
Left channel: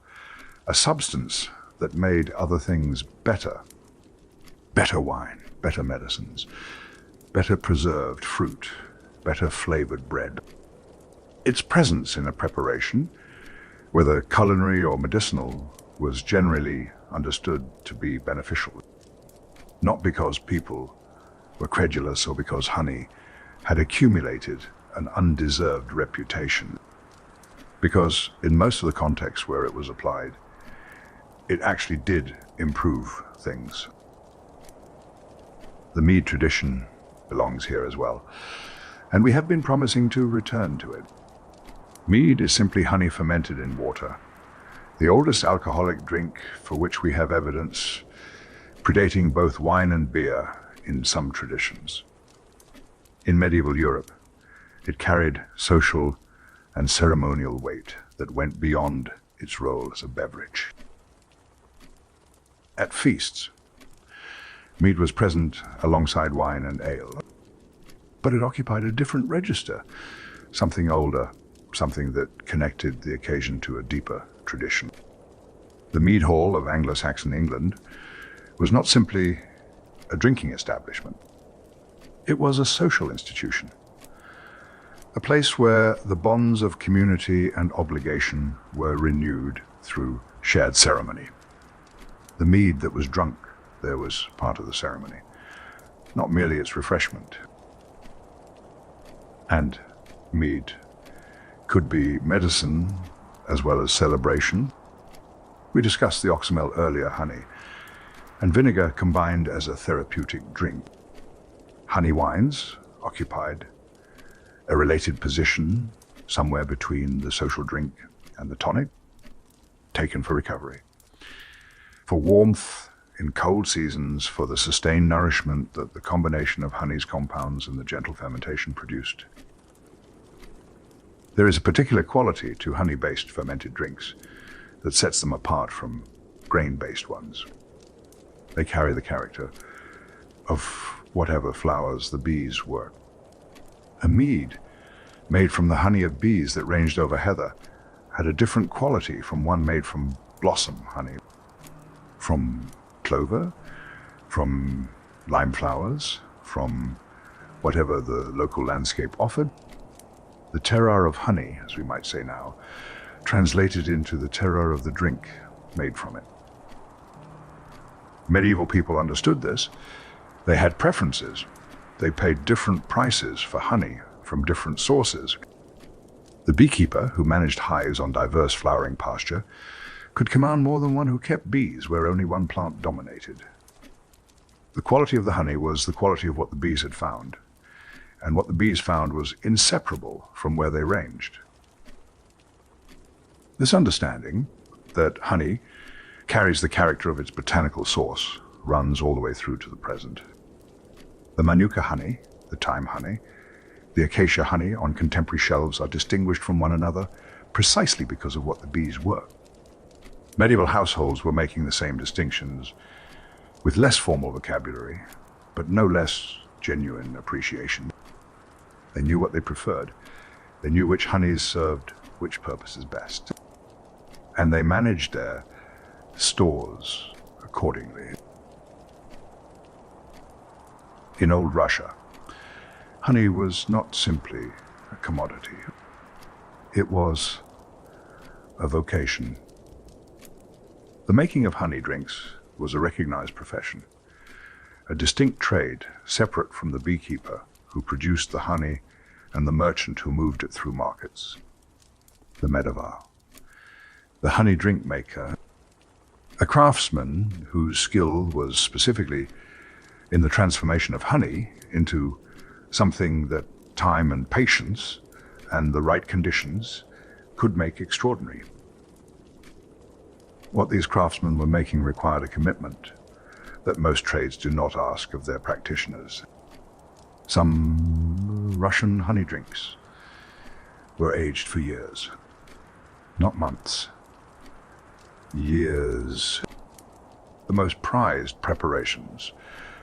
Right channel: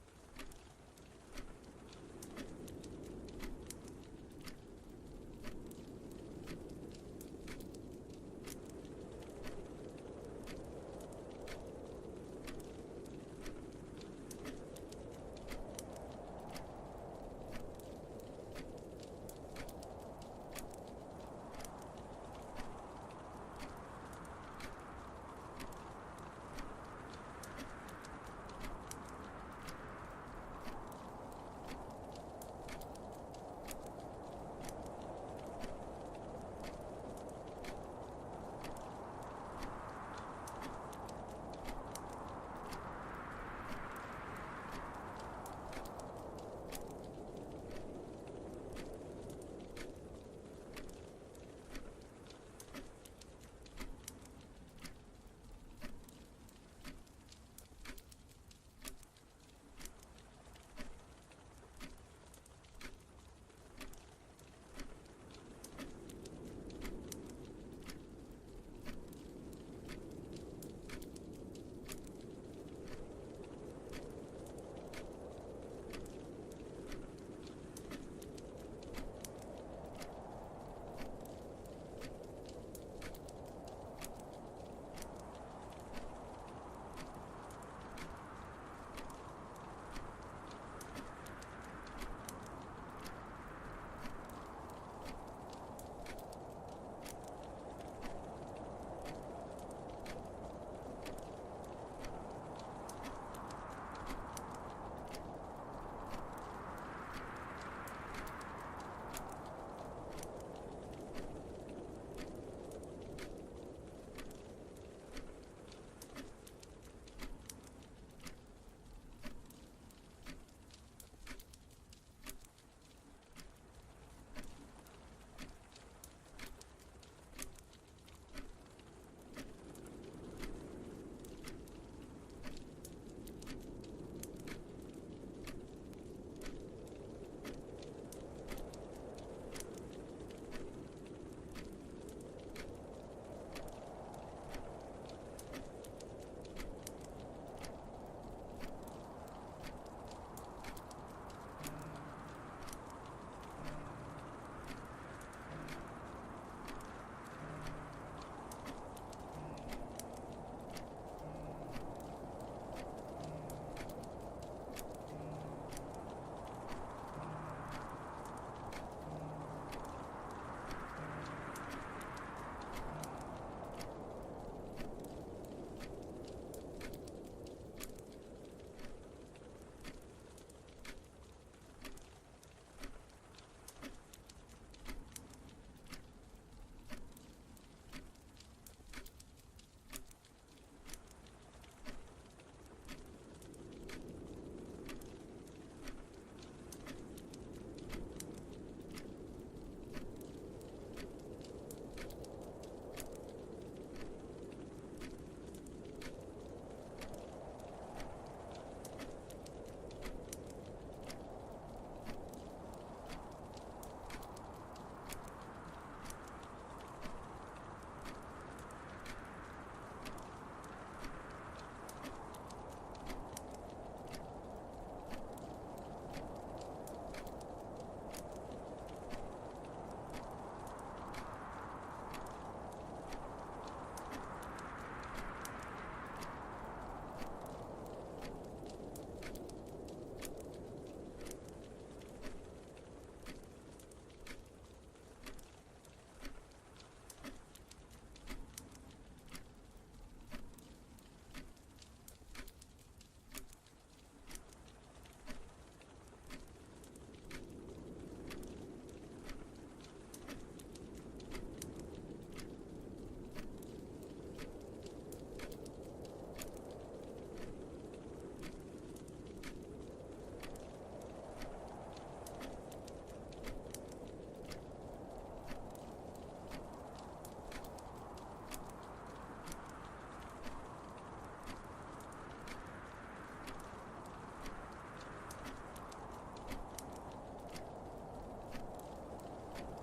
a substance that made other things better. Better wine, better medicines, better preserved fruit, better flavored bread. Its presence in a preparation, whether culinary or medicinal, was generally understood to be beneficial. Not because people were credulous or because honey had accumulated an undeserved reputation. Because in most of the contexts where it was applied, it actually did improve things. The mead tradition belongs here as well, and we have been promising to return to it. Mead is simply honey fermented in water, the oldest alcoholic drink for which we have evidence, predating both wine and beer in some traditions. In medieval Europe, it carried social and ceremonial weight that went beyond its role as a beverage. At feasts, mead was present alongside wine and ale, but it occupied a different register, something older, something that connected the occasion to a deeper tradition. The mead hall of Anglo-Saxon England was not simply a drinking establishment. It was a social institution, a place where the bonds of community and obligation were renewed through shared ceremony. The mead that was drunk there was part of the ceremony, not merely its refreshment. And mead could be medicine as well as celebration. We discussed the oxymel earlier, honey, and vinegar combined as a therapeutic drink. Honey wines occupied a related position somewhere between the social drink and the tonic, taken for recovery, for warmth in cold seasons, for the sustained nourishment that the combination of honey's compounds and the gentle fermentation produced. There is a particular quality to honey-based fermented drinks that sets them apart from grain-based ones. They carry the character of whatever flowers the bees work. A mead made from the honey of bees that ranged over heather had a different quality from one made from blossom honey, from clover, from lime flowers, from whatever the local landscape offered. The terroir of honey, as we might say now, translated into the terroir of the drink made from it. Medieval people understood this. They had preferences. They paid different prices for honey from different sources. The beekeeper, who managed hives on diverse flowering pasture, could command more than one who kept bees where only one plant dominated. The quality of the honey was the quality of what the bees had found, and what the bees found was inseparable from where they ranged. This understanding that honey carries the character of its botanical source runs all the way through to the present. The manuka honey, the thyme honey, the acacia honey on contemporary shelves are distinguished from one another precisely because of what the bees were. Medieval households were making the same distinctions with less formal vocabulary, but no less genuine appreciation. They knew what they preferred. They knew which honeys served which purposes best. And they managed their stores accordingly. In old Russia, honey was not simply a commodity. It was a vocation. The making of honey drinks was a recognized profession, a distinct trade separate from the beekeeper who produced the honey and the merchant who moved it through markets. The medavar, the honey drink maker, a craftsman whose skill was specifically in the transformation of honey into something that time and patience and the right conditions could make extraordinary. What these craftsmen were making required a commitment that most trades do not ask of their practitioners. Some Russian honey drinks were aged for years, not months, years. The most prized preparations,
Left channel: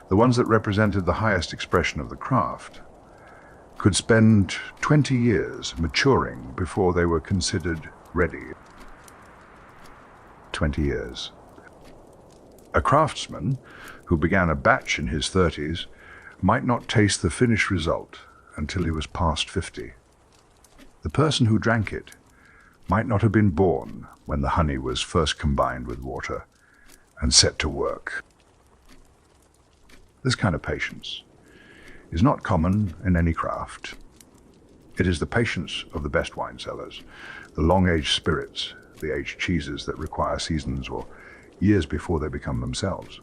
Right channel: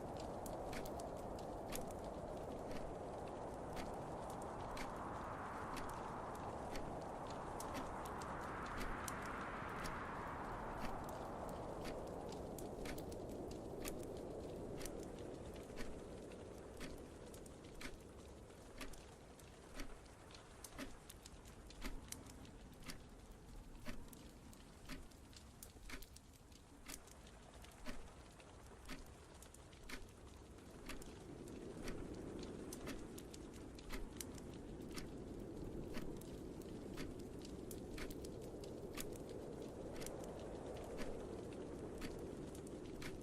the ones that represented the highest expression of the craft, could spend 20 years maturing before they were considered ready. 20 years. A craftsman who began a batch in his 30s might not taste the finished result until he was past 50. The person who drank it might not have been born when the honey was first combined with water and set to work. This kind of patience is not common in any craft. It is the patience of the best wine cellars, the long-aged spirits, the aged cheeses that require seasons or years before they become themselves.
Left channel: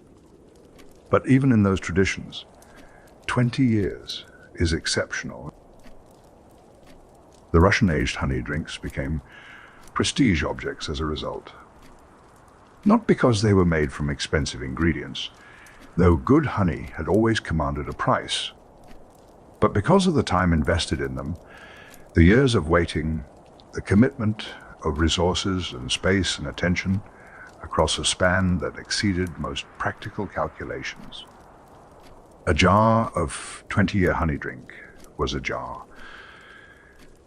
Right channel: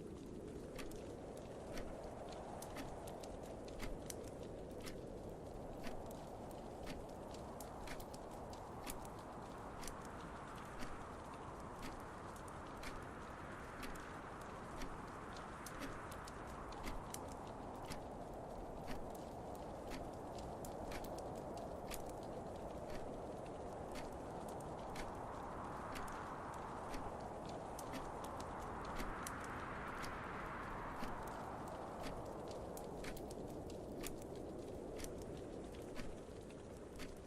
But even in those traditions, 20 years is exceptional. The Russian-aged honey drinks became prestige objects as a result. Not because they were made from expensive ingredients, though good honey had always commanded a price, but because of the time invested in them, the years of waiting, the commitment of resources and space and attention across a span that exceeded most practical calculations. A jar of 20-year honey drink was a jar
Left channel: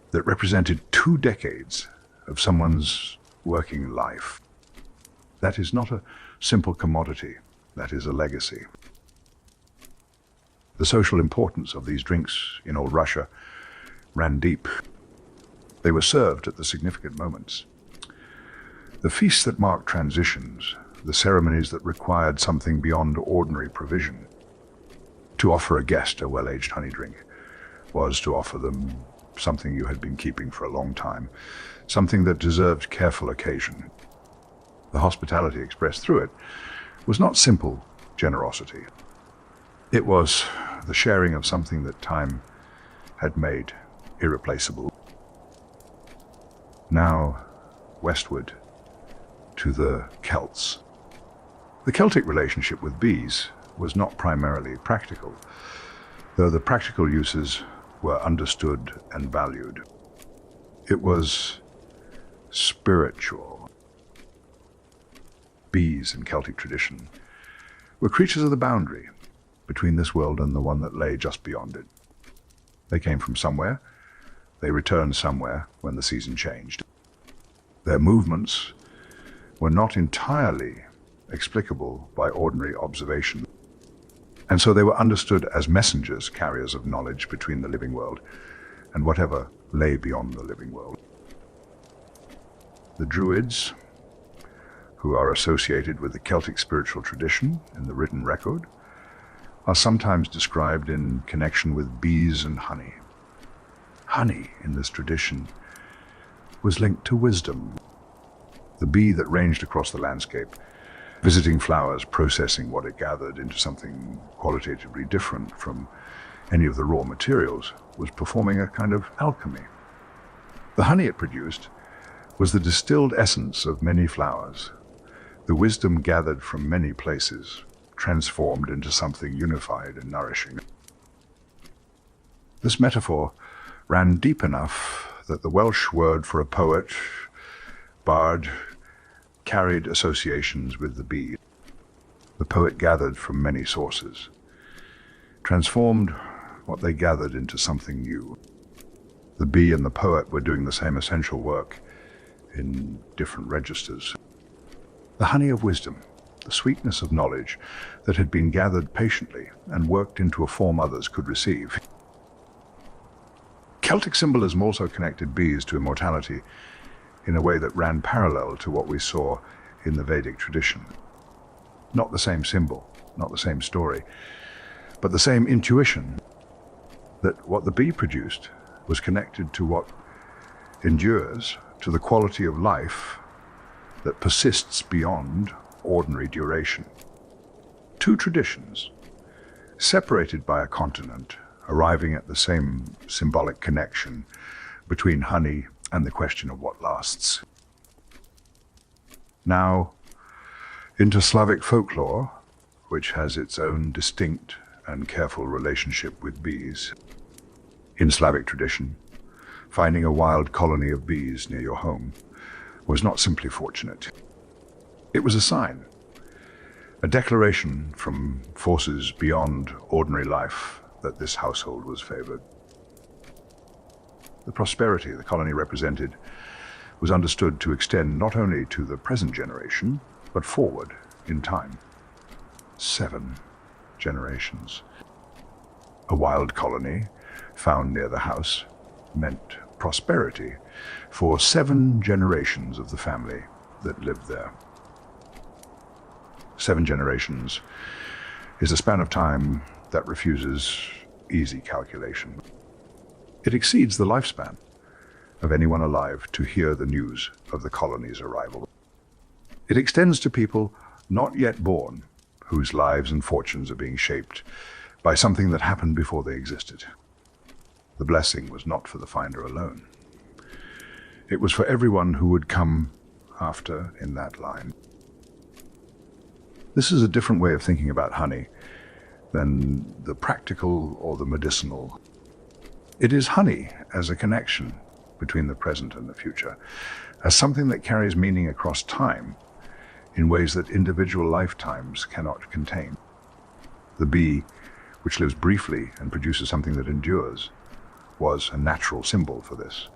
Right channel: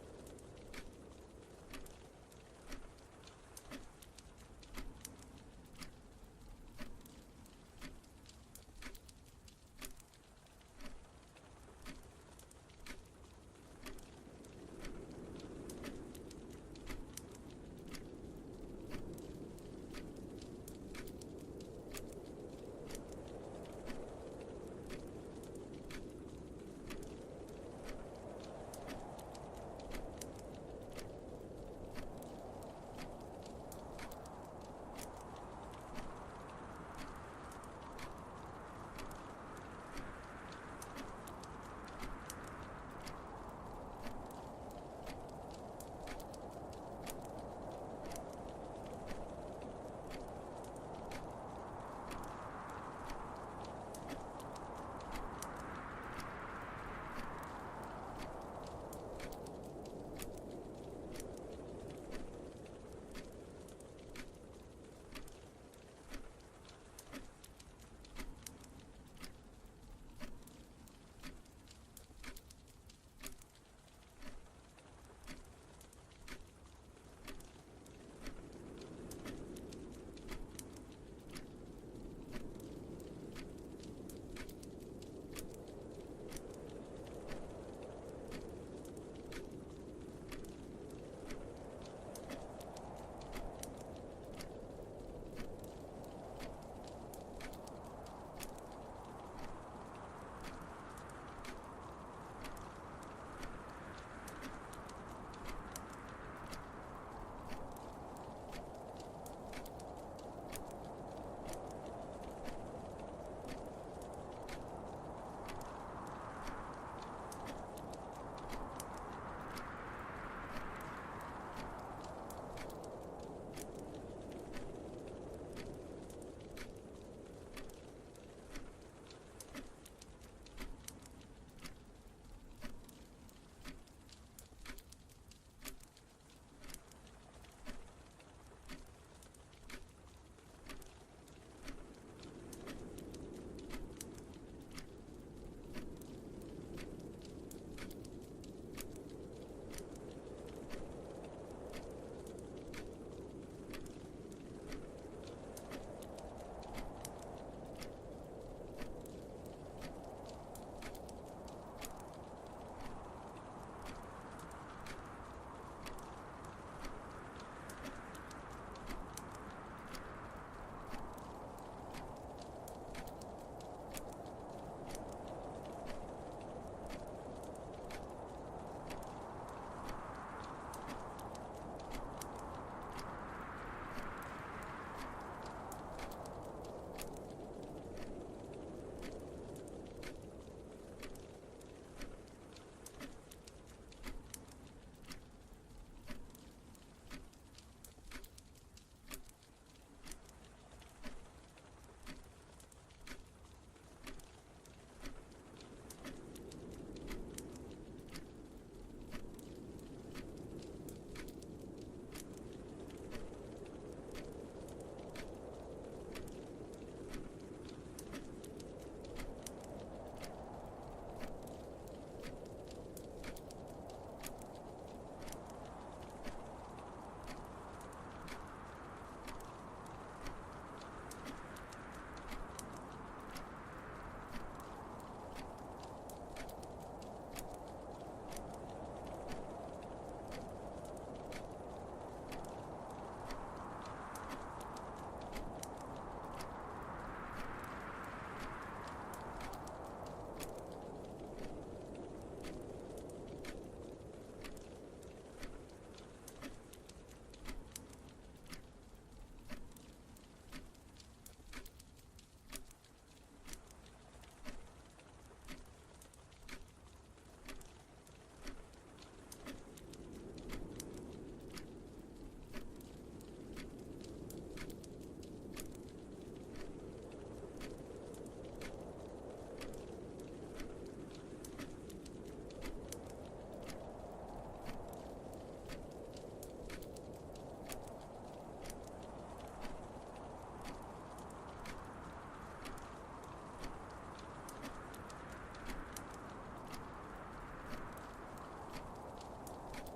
that represented 2 decades of someone's working life. That is not a simple commodity, that is a legacy. The social importance of these drinks in old Russia ran deep. They were served at the significant moments. The feasts that marked transitions, the ceremonies that required something beyond ordinary provision. To offer a guest a well-aged honey drink was to offer them something you had been keeping for a long time, something that deserved careful occasion. The hospitality expressed through it was not simple generosity. It was the sharing of something that time had made irreplaceable. Now, westward to the Celts. The Celtic relationship with bees was not primarily practical, though the practical uses were understood and valued. It was spiritual. Bees in Celtic tradition were creatures of the boundary between this world and the one that lay just beyond it. They came from somewhere. They returned somewhere when the season changed. Their movements were not entirely explicable by ordinary observation, and so they were understood as messengers, carriers of knowledge between the living world and whatever lay beyond the living world. The Druids, who are associated with the Celtic spiritual tradition in the written record, are sometimes described in connection with bees and honey. Honey, in this tradition, was linked to wisdom. The bee that ranged across the landscape, visiting flowers, processing what it gathered into something qualitatively different from any of the raw materials, was performing a kind of alchemy. The honey it produced was the distilled essence of many flowers, the wisdom gathered from many places, transformed into something unified and nourishing. This metaphor ran deep enough that the Welsh word for a poet, bard, carried associations with the bee. The poet gathered from many sources, transformed what they gathered into something new. The bee and the poet were doing the same essential work in different registers. The honey of wisdom, the sweetness of knowledge that had been gathered patiently and worked into a form others could receive. Celtic symbolism also connected bees to immortality in a way that ran parallel to what we saw in the Vedic tradition. Not the same symbol, not the same story, but the same intuition that what the bee produced was connected to what endures, to the quality of life that persists beyond ordinary duration. Two traditions, separated by a continent, arriving at the same symbolic connection between honey and the question of what lasts. Now, into Slavic folklore, which has its own distinct and careful relationship with bees. In Slavic tradition, finding a wild colony of bees near your home was not simply fortunate. It was a sign, a declaration from forces beyond ordinary life that this household was favored. The prosperity the colony represented was understood to extend not only to the present generation, but forward in time. 7 generations. A wild colony found near the house meant prosperity for 7 generations of the family that lived there. 7 generations is a span of time that refuses easy calculation. It exceeds the lifespan of anyone alive to hear the news of the colony's arrival. It extends to people not yet born, whose lives and fortunes are being shaped by something that happened before they existed. The blessing was not for the finder alone. It was for everyone who would come after in that line. This is a different way of thinking about honey than the practical or the medicinal. It is honey as a connection between the present and the future, as something that carries meaning across time in ways that individual lifetimes cannot contain. The bee, which lives briefly and produces something that endures, was a natural symbol for this.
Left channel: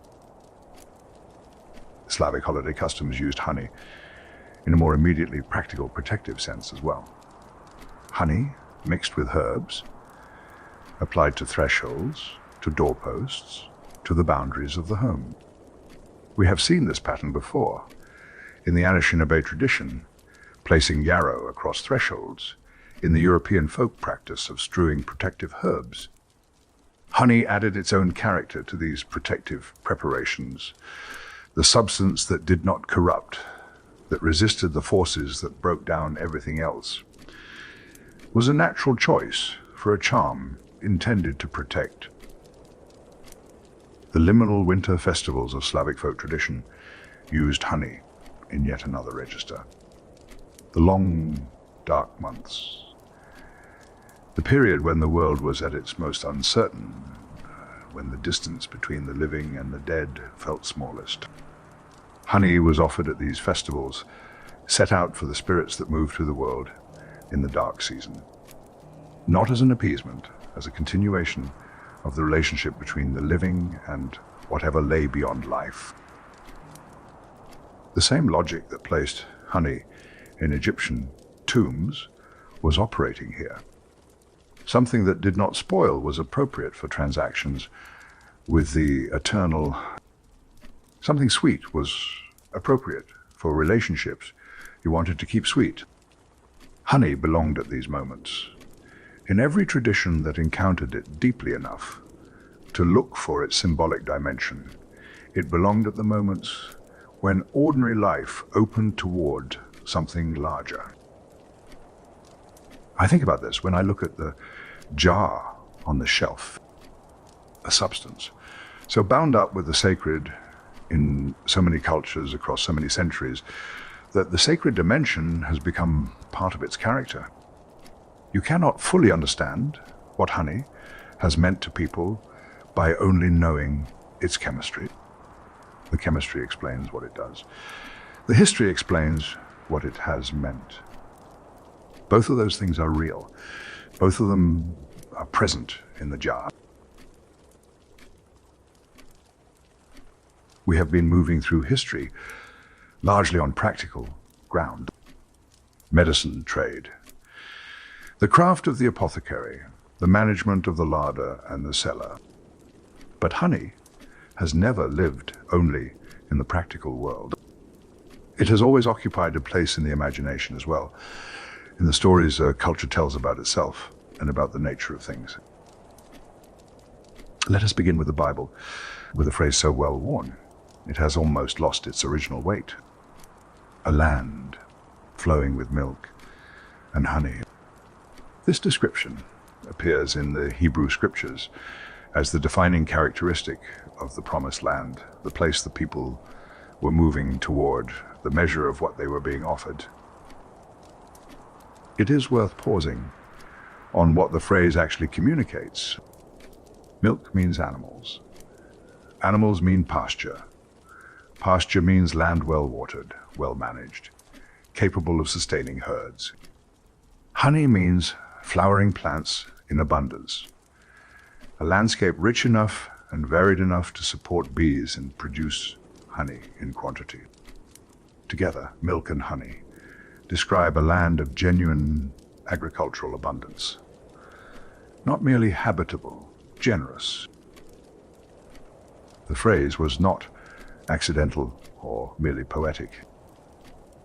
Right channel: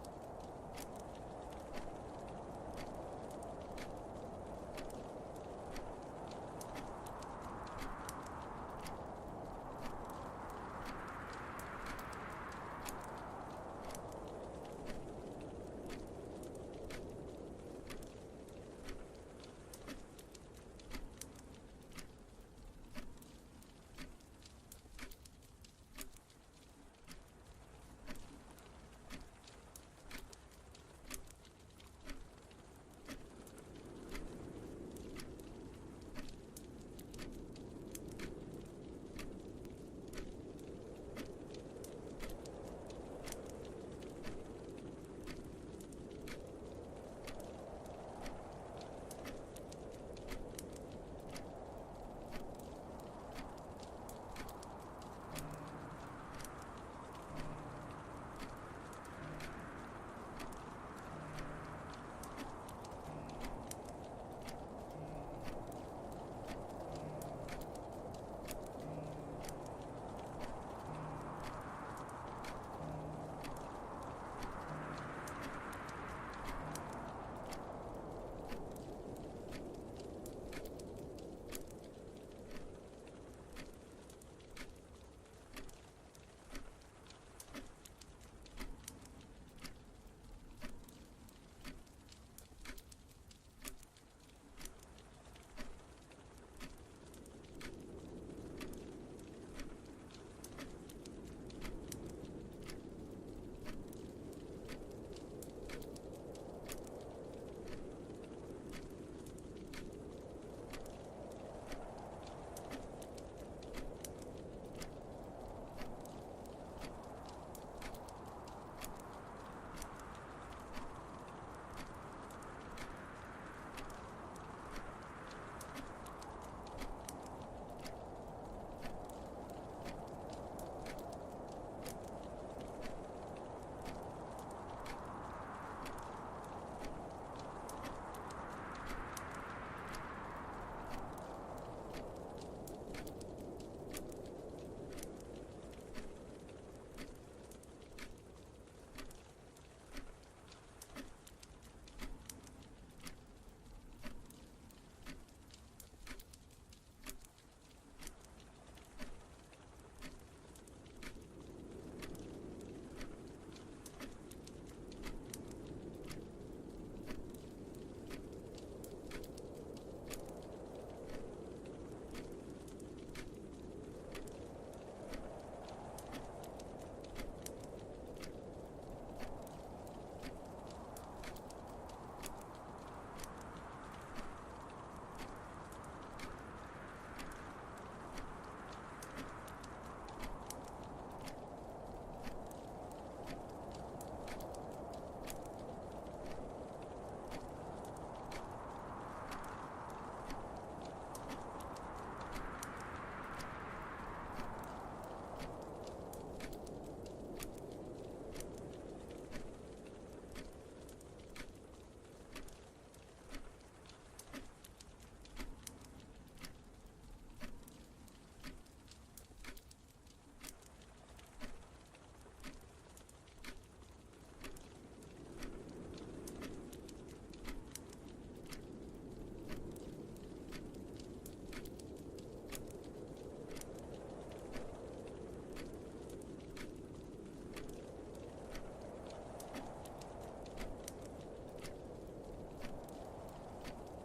Slavic holiday customs used honey in a more immediately practical protective sense as well. Honey mixed with herbs, applied to thresholds, to doorposts, to the boundaries of the home. We have seen this pattern before in the Anishinaabe tradition, placing yarrow across thresholds, in the European folk practice of strewing protective herbs. Honey added its own character to these protective preparations, the substance that did not corrupt, that resisted the forces that broke down everything else, was a natural choice for a charm intended to protect. The liminal winter festivals of Slavic folk tradition used honey in yet another register. The long, dark months, the period when the world was at its most uncertain, when the distance between the living and the dead felt smallest. Honey was offered at these festivals, set out for the spirits that moved through the world in the dark season. Not as an appeasement, as a continuation of the relationship between the living and whatever lay beyond life. The same logic that placed honey in Egyptian tombs was operating here. Something that did not spoil was appropriate for transactions with the eternal. Something sweet was appropriate for relationships you wanted to keep sweet. Honey belonged at these moments. In every tradition that encountered it deeply enough to look for its symbolic dimension, it belonged at the moments when ordinary life opened toward something larger. I think about this when I look at the jar on the shelf, a substance so bound up with the sacred in so many cultures across so many centuries that the sacred dimension has become part of its character. You cannot fully understand what honey has meant to people by only knowing its chemistry. The chemistry explains what it does. The history explains what it has meant. Both of those things are real. Both of them are present in the jar. We have been moving through history largely on practical ground. Medicine trade, the craft of the apothecary, the management of the larder and the cellar. But honey has never lived only in the practical world. It has always occupied a place in the imagination as well, in the stories a culture tells about itself and about the nature of things. Let us begin with the Bible, with a phrase so well worn, it has almost lost its original weight. A land flowing with milk and honey. This description appears in the Hebrew scriptures as the defining characteristic of the promised land, the place the people were moving toward, the measure of what they were being offered. It is worth pausing on what the phrase actually communicates. Milk means animals. Animals mean pasture. Pasture means land well watered, well managed, capable of sustaining herds. Honey means flowering plants in abundance. A landscape rich enough and varied enough to support bees and produce honey in quantity. Together, milk and honey describe a land of genuine agricultural abundance. Not merely habitable, generous. The phrase was not accidental or merely poetic.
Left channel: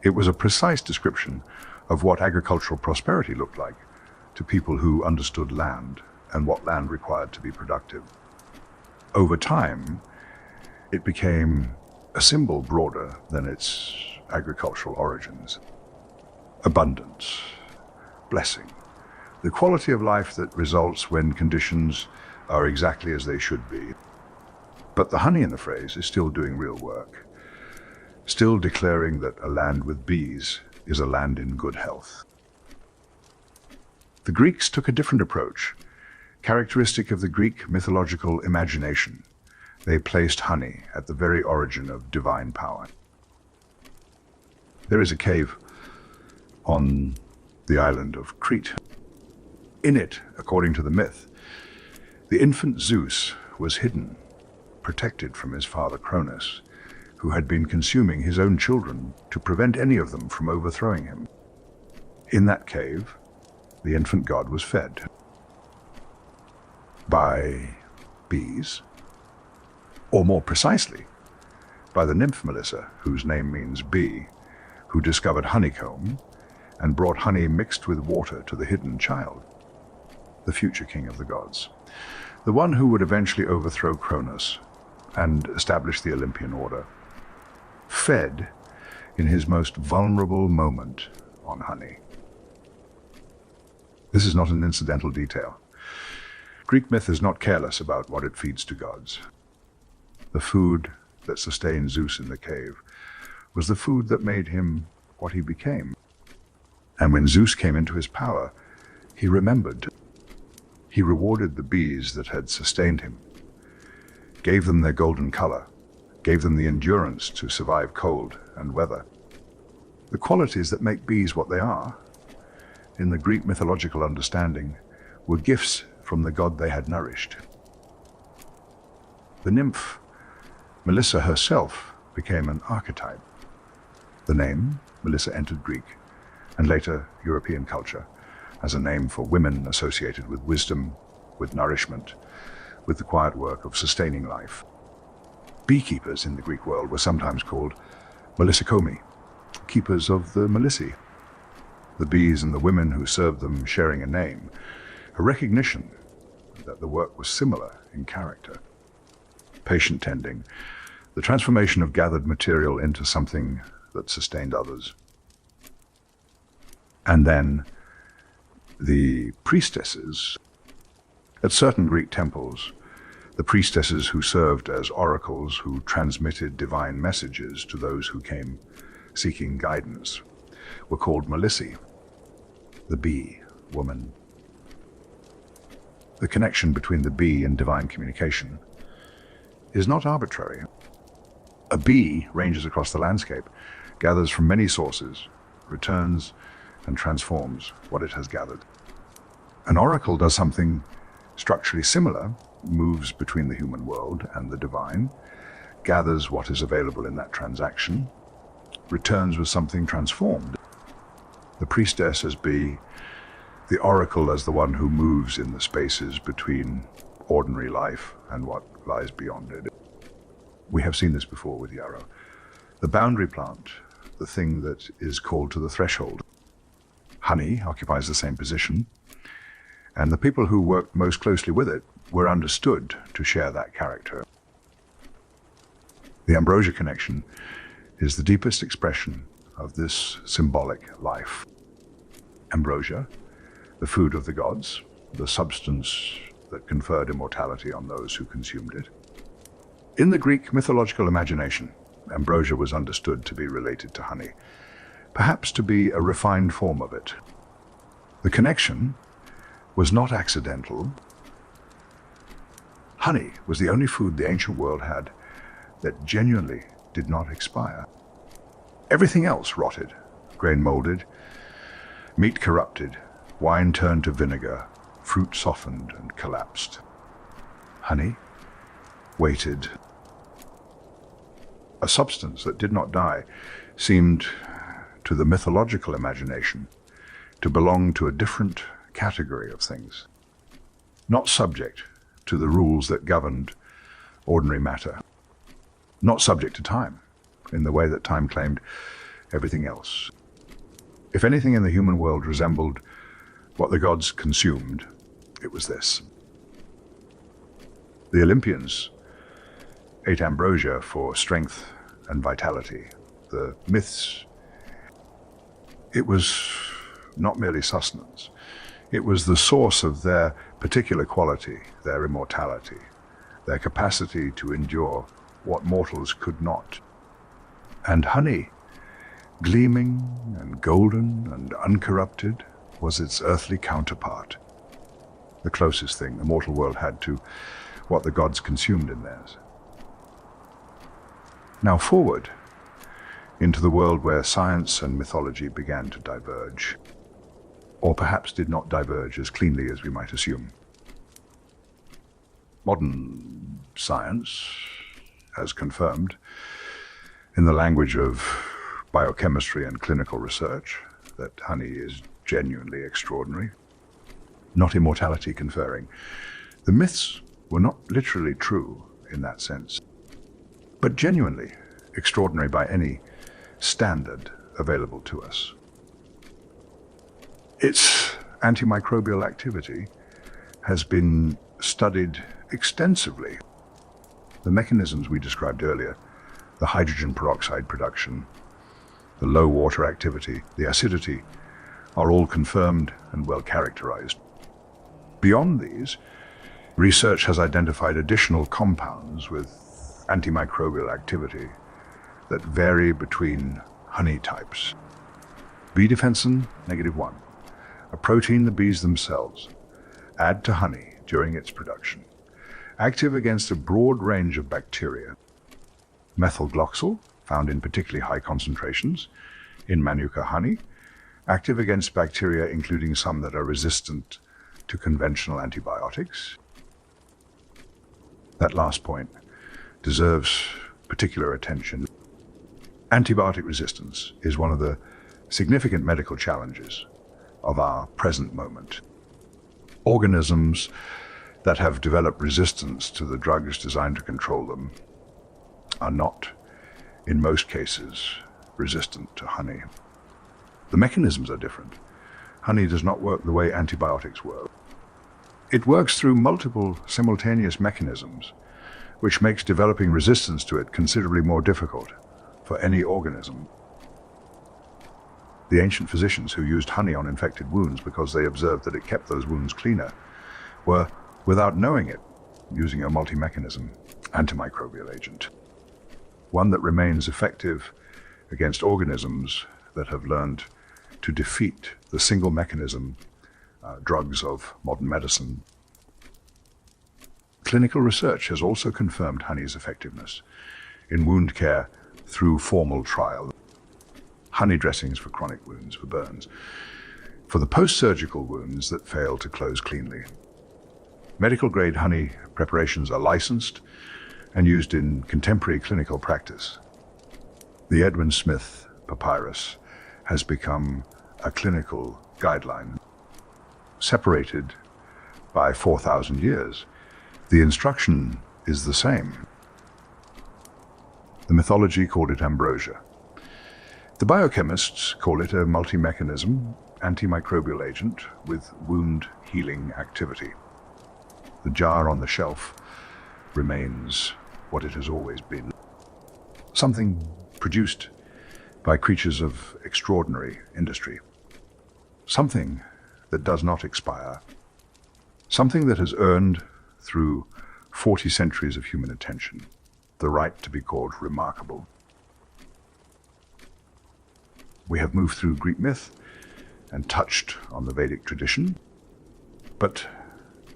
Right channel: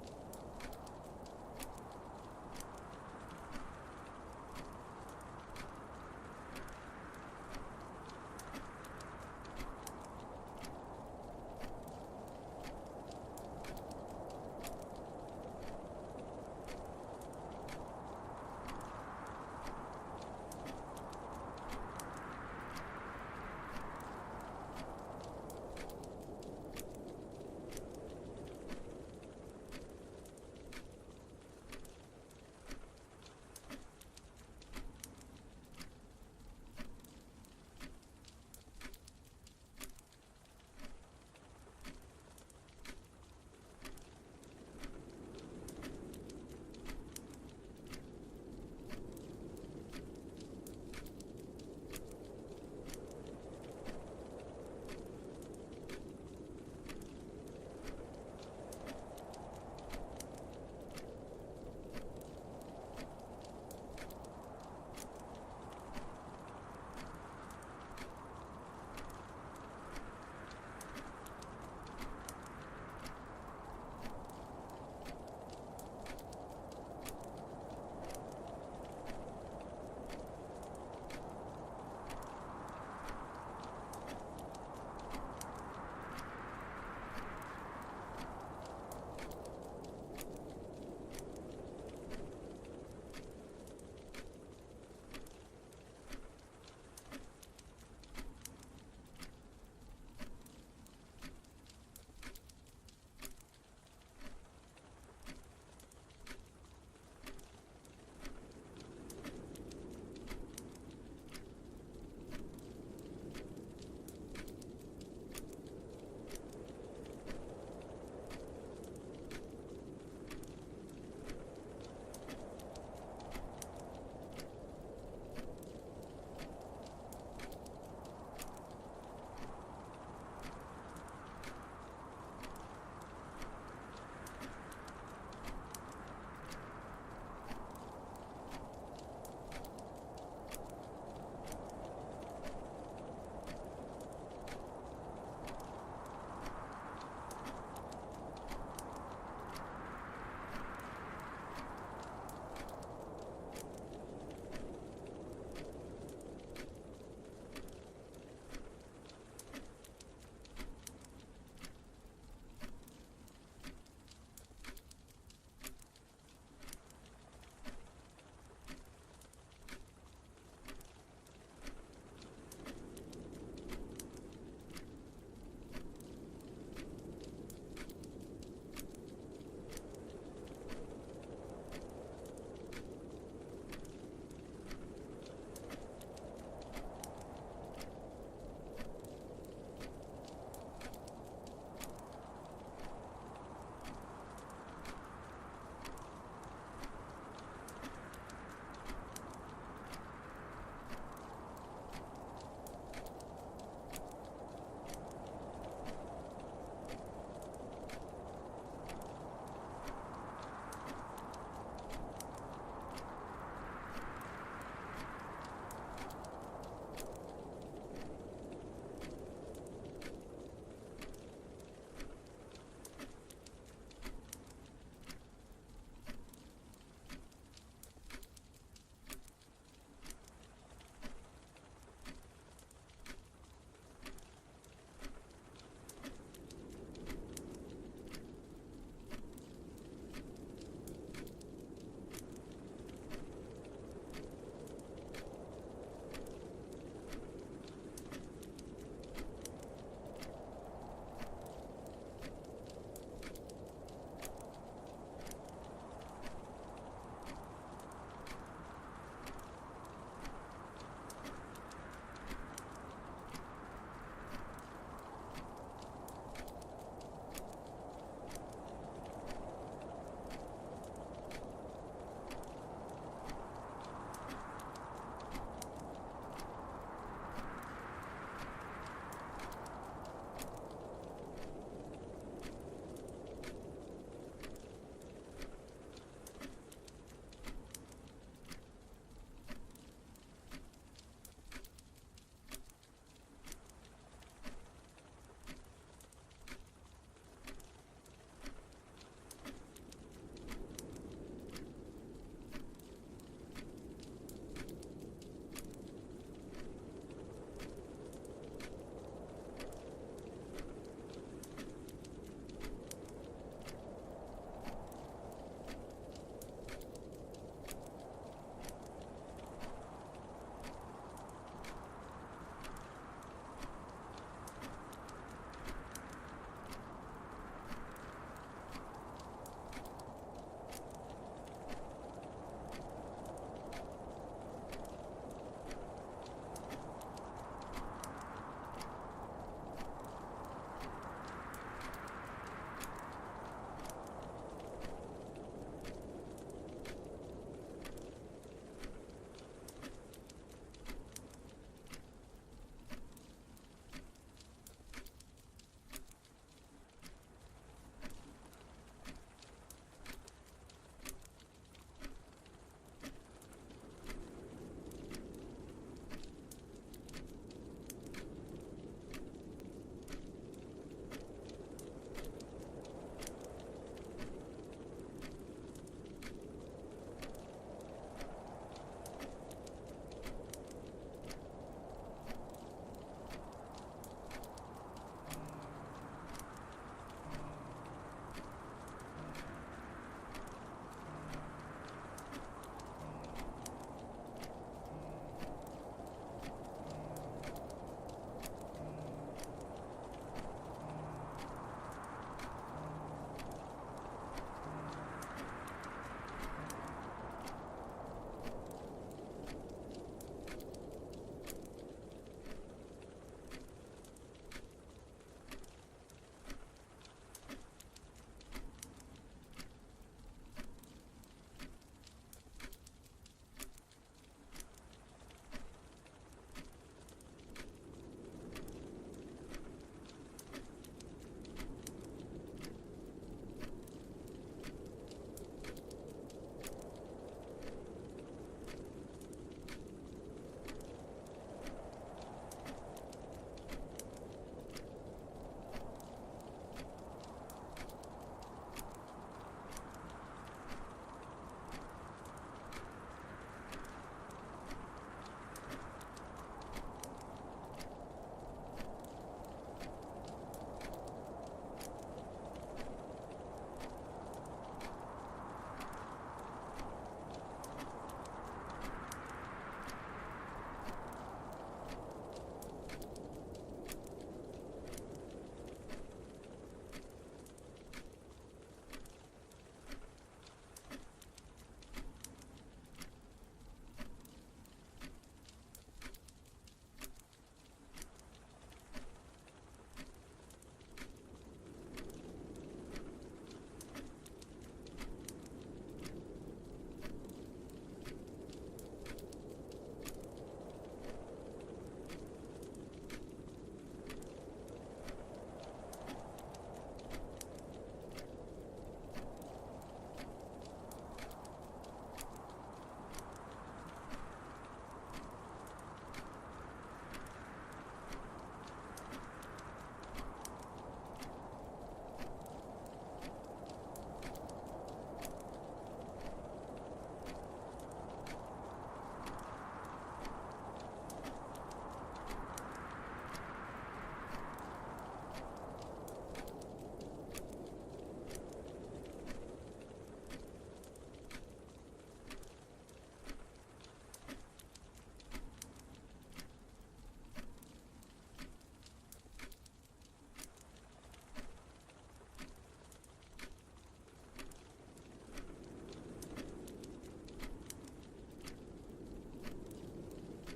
It was a precise description of what agricultural prosperity looked like to people who understood land and what land required to be productive. Over time, it became a symbol broader than its agricultural origins. Abundance, blessing, the quality of life that results when conditions are exactly as they should be. But the honey in the phrase is still doing real work, still declaring that a land with bees is a land in good health. The Greeks took a different approach, characteristic of the Greek mythological imagination. They placed honey at the very origin of divine power. There is a cave on the island of Crete. In it, according to the myth, the infant Zeus was hidden, protected from his father Cronus, who had been consuming his own children to prevent any of them from overthrowing him. In that cave, the infant god was fed by bees, or more precisely, by the nymph Melissa, whose name means bee, who discovered honeycomb and brought honey mixed with water to the hidden child, the future king of the gods, the one who would eventually overthrow Cronus and establish the Olympian order, fed in his most vulnerable moment on honey. This is not an incidental detail. Greek myth is not careless about what it feeds to gods. The food that sustained Zeus in the cave was the food that made him what he became. And when Zeus came into his power, he remembered. He rewarded the bees that had sustained him, gave them their golden color, gave them the endurance to survive cold and weather. The qualities that make bees what they are, in the Greek mythological understanding, were gifts from the god they had nourished. The nymph, Melissa herself, became an archetype. The name, Melissa, entered Greek and later European culture as a name for women associated with wisdom, with nourishment, with the quiet work of sustaining life. Beekeepers in the Greek world were sometimes called Melissocomi, keepers of the Melissae, the bees and the women who served them sharing a name, a recognition that the work was similar in character. Patient tending, the transformation of gathered material into something that sustained others. And then the priestesses. At certain Greek temples, the priestesses who served as oracles who transmitted divine messages to those who came seeking guidance were called Melissae, the bee woman. The connection between the bee and divine communication is not arbitrary. A bee ranges across the landscape, gathers from many sources, returns and transforms what it has gathered. An oracle does something structurally similar, moves between the human world and the divine, gathers what is available in that transaction, returns with something transformed. The priestess as bee, the oracle as the one who moves in the spaces between ordinary life and what lies beyond it. We have seen this before with yarrow. The boundary plant, the thing that is called to the threshold. Honey occupies the same position, and the people who worked most closely with it were understood to share that character. The ambrosia connection is the deepest expression of this symbolic life. Ambrosia, the food of the gods, the substance that conferred immortality on those who consumed it. In the Greek mythological imagination, ambrosia was understood to be related to honey, perhaps to be a refined form of it. The connection was not accidental. Honey was the only food the ancient world had that genuinely did not expire. Everything else rotted, grain molded, meat corrupted, wine turned to vinegar, fruit softened and collapsed. Honey waited. A substance that did not die seemed, to the mythological imagination, to belong to a different category of things, not subject to the rules that governed ordinary matter, not subject to time in the way that time claimed everything else. If anything in the human world resembled what the gods consumed, it was this. The Olympians ate ambrosia for strength and vitality. The myths, it was not merely sustenance. It was the source of their particular quality, their immortality, their capacity to endure what mortals could not. And honey, gleaming and golden and uncorrupted, was its earthly counterpart, the closest thing the mortal world had to what the gods consumed in theirs. Now forward into the world where science and mythology began to diverge, or perhaps did not diverge as cleanly as we might assume. Modern science has confirmed, in the language of biochemistry and clinical research, that honey is genuinely extraordinary, not immortality conferring. The myths were not literally true in that sense, but genuinely extraordinary by any standard available to us. Its antimicrobial activity has been studied extensively. The mechanisms we described earlier, the hydrogen peroxide production, the low water activity, the acidity, are all confirmed and well characterized. Beyond these, research has identified additional compounds with antimicrobial activity that vary between honey types. B defensin -1, a protein the bees themselves add to honey during its production, active against a broad range of bacteria. Methylgloxal, found in particularly high concentrations in Manuka honey, active against bacteria including some that are resistant to conventional antibiotics. That last point deserves particular attention. Antibiotic resistance is one of the significant medical challenges of our present moment. Organisms that have developed resistance to the drugs designed to control them are not, in most cases, resistant to honey. The mechanisms are different. Honey does not work the way antibiotics work. It works through multiple simultaneous mechanisms, which makes developing resistance to it considerably more difficult for any organism. The ancient physicians who used honey on infected wounds because they observed that it kept those wounds cleaner were, without knowing it, using a multi-mechanism antimicrobial agent, one that remains effective against organisms that have learned to defeat the single mechanism drugs of modern medicine. Clinical research has also confirmed honey's effectiveness in wound care through formal trial. Honey dressings for chronic wounds, for burns, for the post-surgical wounds that fail to close cleanly. Medical-grade honey preparations are licensed and used in contemporary clinical practice. The Edwin Smith papyrus has become a clinical guideline. Separated by 4,000 years, the instruction is the same. The mythology called it ambrosia. The biochemists call it a multi-mechanism antimicrobial agent with wound healing activity. The jar on the shelf remains what it has always been. Something produced by creatures of extraordinary industry. Something that does not expire. Something that has earned, through 40 centuries of human attention, the right to be called remarkable. We have moved through Greek myth and touched on the Vedic tradition, but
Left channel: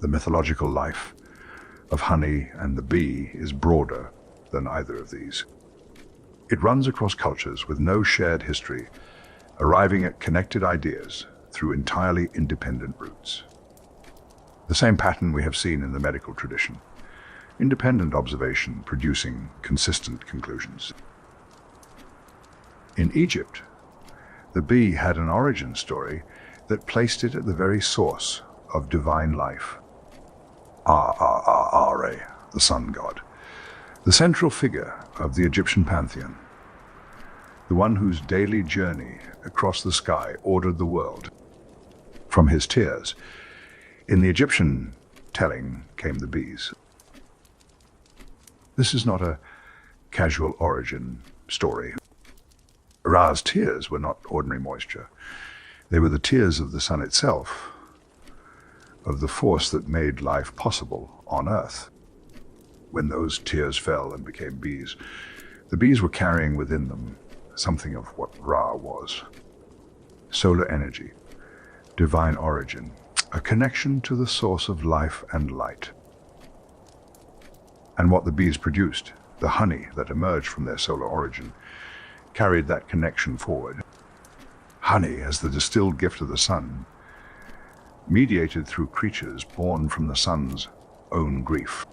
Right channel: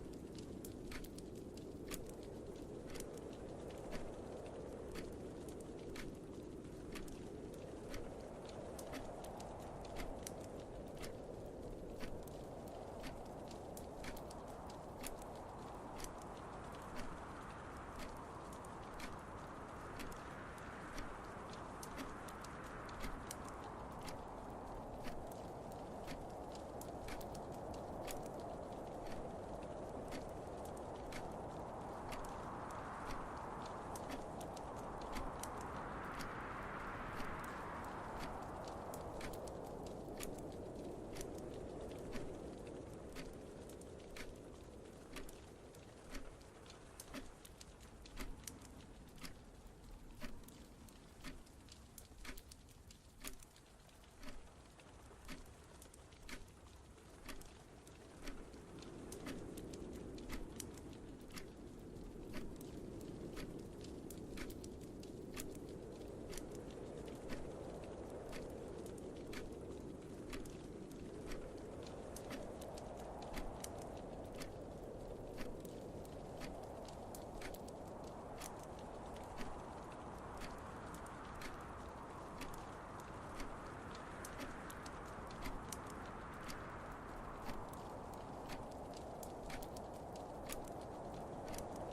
the mythological life of honey and the bee is broader than either of these. It runs across cultures with no shared history, arriving at connected ideas through entirely independent routes. The same pattern we have seen in the medical tradition, independent observation producing consistent conclusions. In Egypt, the bee had an origin story that placed it at the very source of divine life. Ra, the sun god, the central figure of the Egyptian pantheon, the one whose daily journey across the sky ordered the world. From his tears, in the Egyptian telling came the bees. This is not a casual origin story. Ra's tears were not ordinary moisture. They were the tears of the sun itself, of the force that made life possible on Earth. When those tears fell and became bees, the bees were carrying within them something of what Ra was. Solar energy, divine origin, a connection to the source of life and light. And what the bees produced, the honey that emerged from their solar origin, carried that connection forward. Honey, as the distilled gift of the sun, mediated through creatures born from the sun's own grief.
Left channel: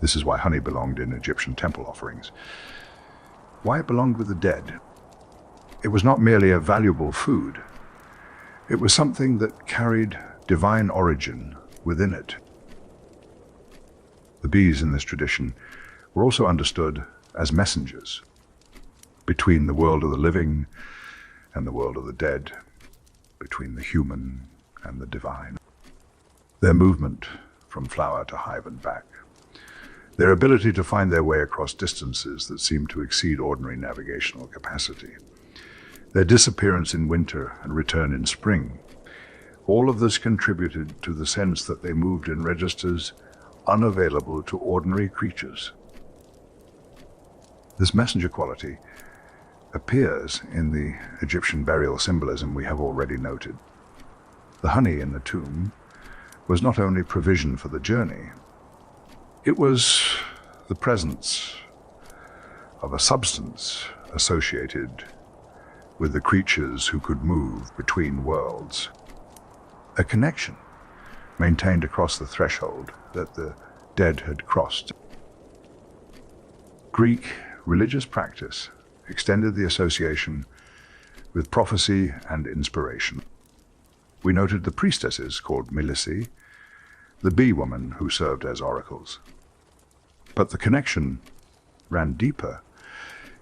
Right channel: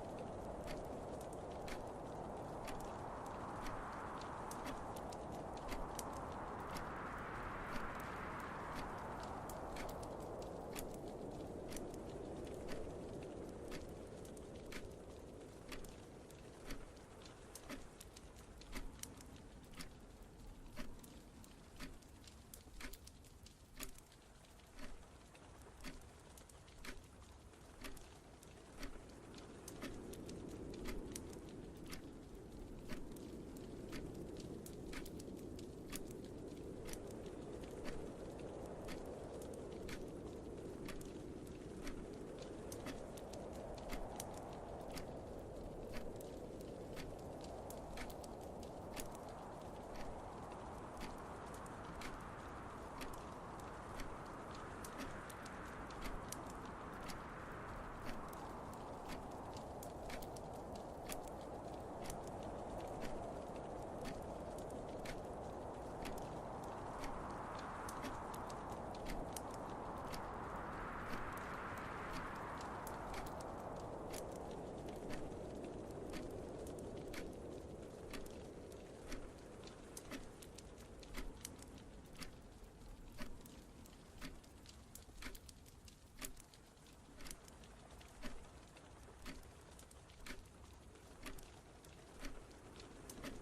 This is why honey belonged in Egyptian temple offerings. Why it belonged with the dead. It was not merely a valuable food. It was something that carried divine origin within it. The bees in this tradition were also understood as messengers between the world of the living and the world of the dead, between the human and the divine. Their movement from flower to hive and back, their ability to find their way across distances that seem to exceed ordinary navigational capacity, their disappearance in winter and return in spring, all of this contributed to the sense that they moved in registers unavailable to ordinary creatures. This messenger quality appears in the Egyptian burial symbolism we have already noted. The honey in the tomb was not only provision for the journey, it was the presence of a substance associated with the creatures who could move between worlds, a connection maintained across the threshold that the dead had crossed. Greek religious practice extended the association with prophecy and inspiration. We noted the priestesses called Milici, the bee woman who served as oracles. But the connection ran deeper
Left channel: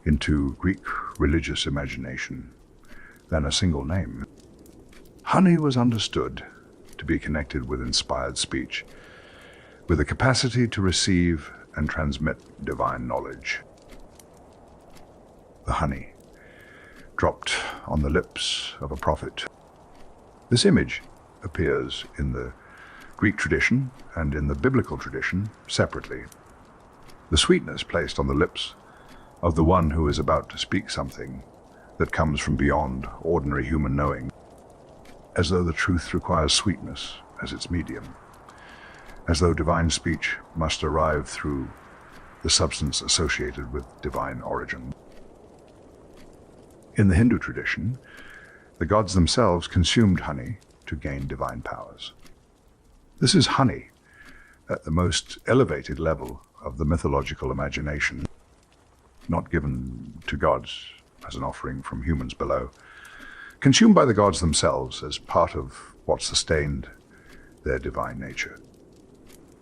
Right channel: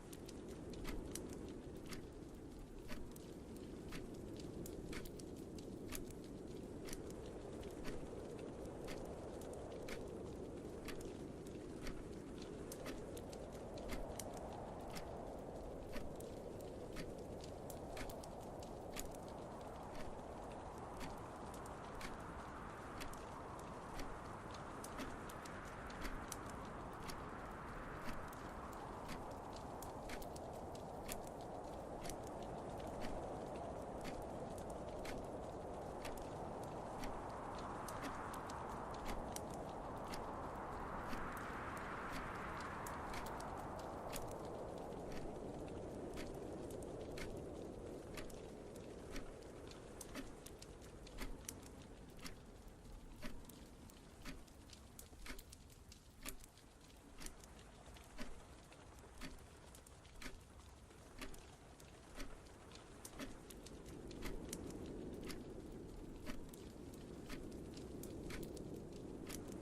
into Greek religious imagination than a single name. Honey was understood to be connected with inspired speech, with a capacity to receive and transmit divine knowledge. The honey dropped on the lips of a prophet. This image appears in the Greek tradition and in the biblical tradition separately. The sweetness placed on the lips of the one who is about to speak something that comes from beyond ordinary human knowing, as though the truth requires sweetness as its medium, as though divine speech must arrive through the substance associated with divine origin. In the Hindu tradition, the gods themselves consumed honey to gain divine powers. This is honey at the most elevated level of the mythological imagination, not given to gods as an offering from humans below, consumed by the gods themselves as part of what sustained their divine nature,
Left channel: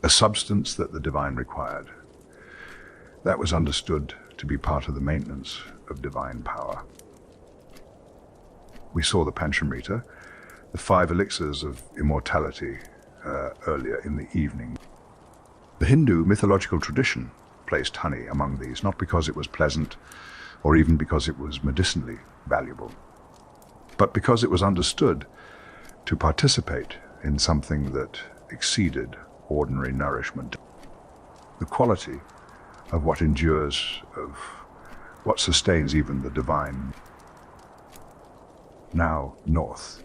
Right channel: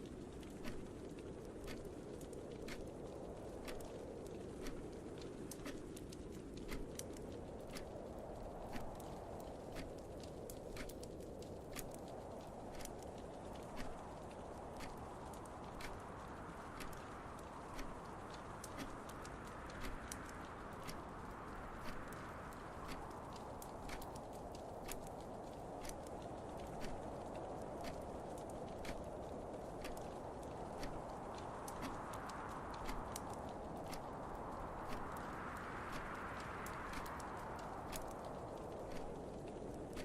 a substance that the divine required. That was understood to be part of the maintenance of divine power. We saw the Panchamrita, the 5 elixirs of immortality, earlier in the evening. The Hindu mythological tradition placed honey among these, not because it was pleasant or even because it was medicinally valuable, but because it was understood to participate in something that exceeded ordinary nourishment. The quality of what endures, of what sustains even the divine. Now north,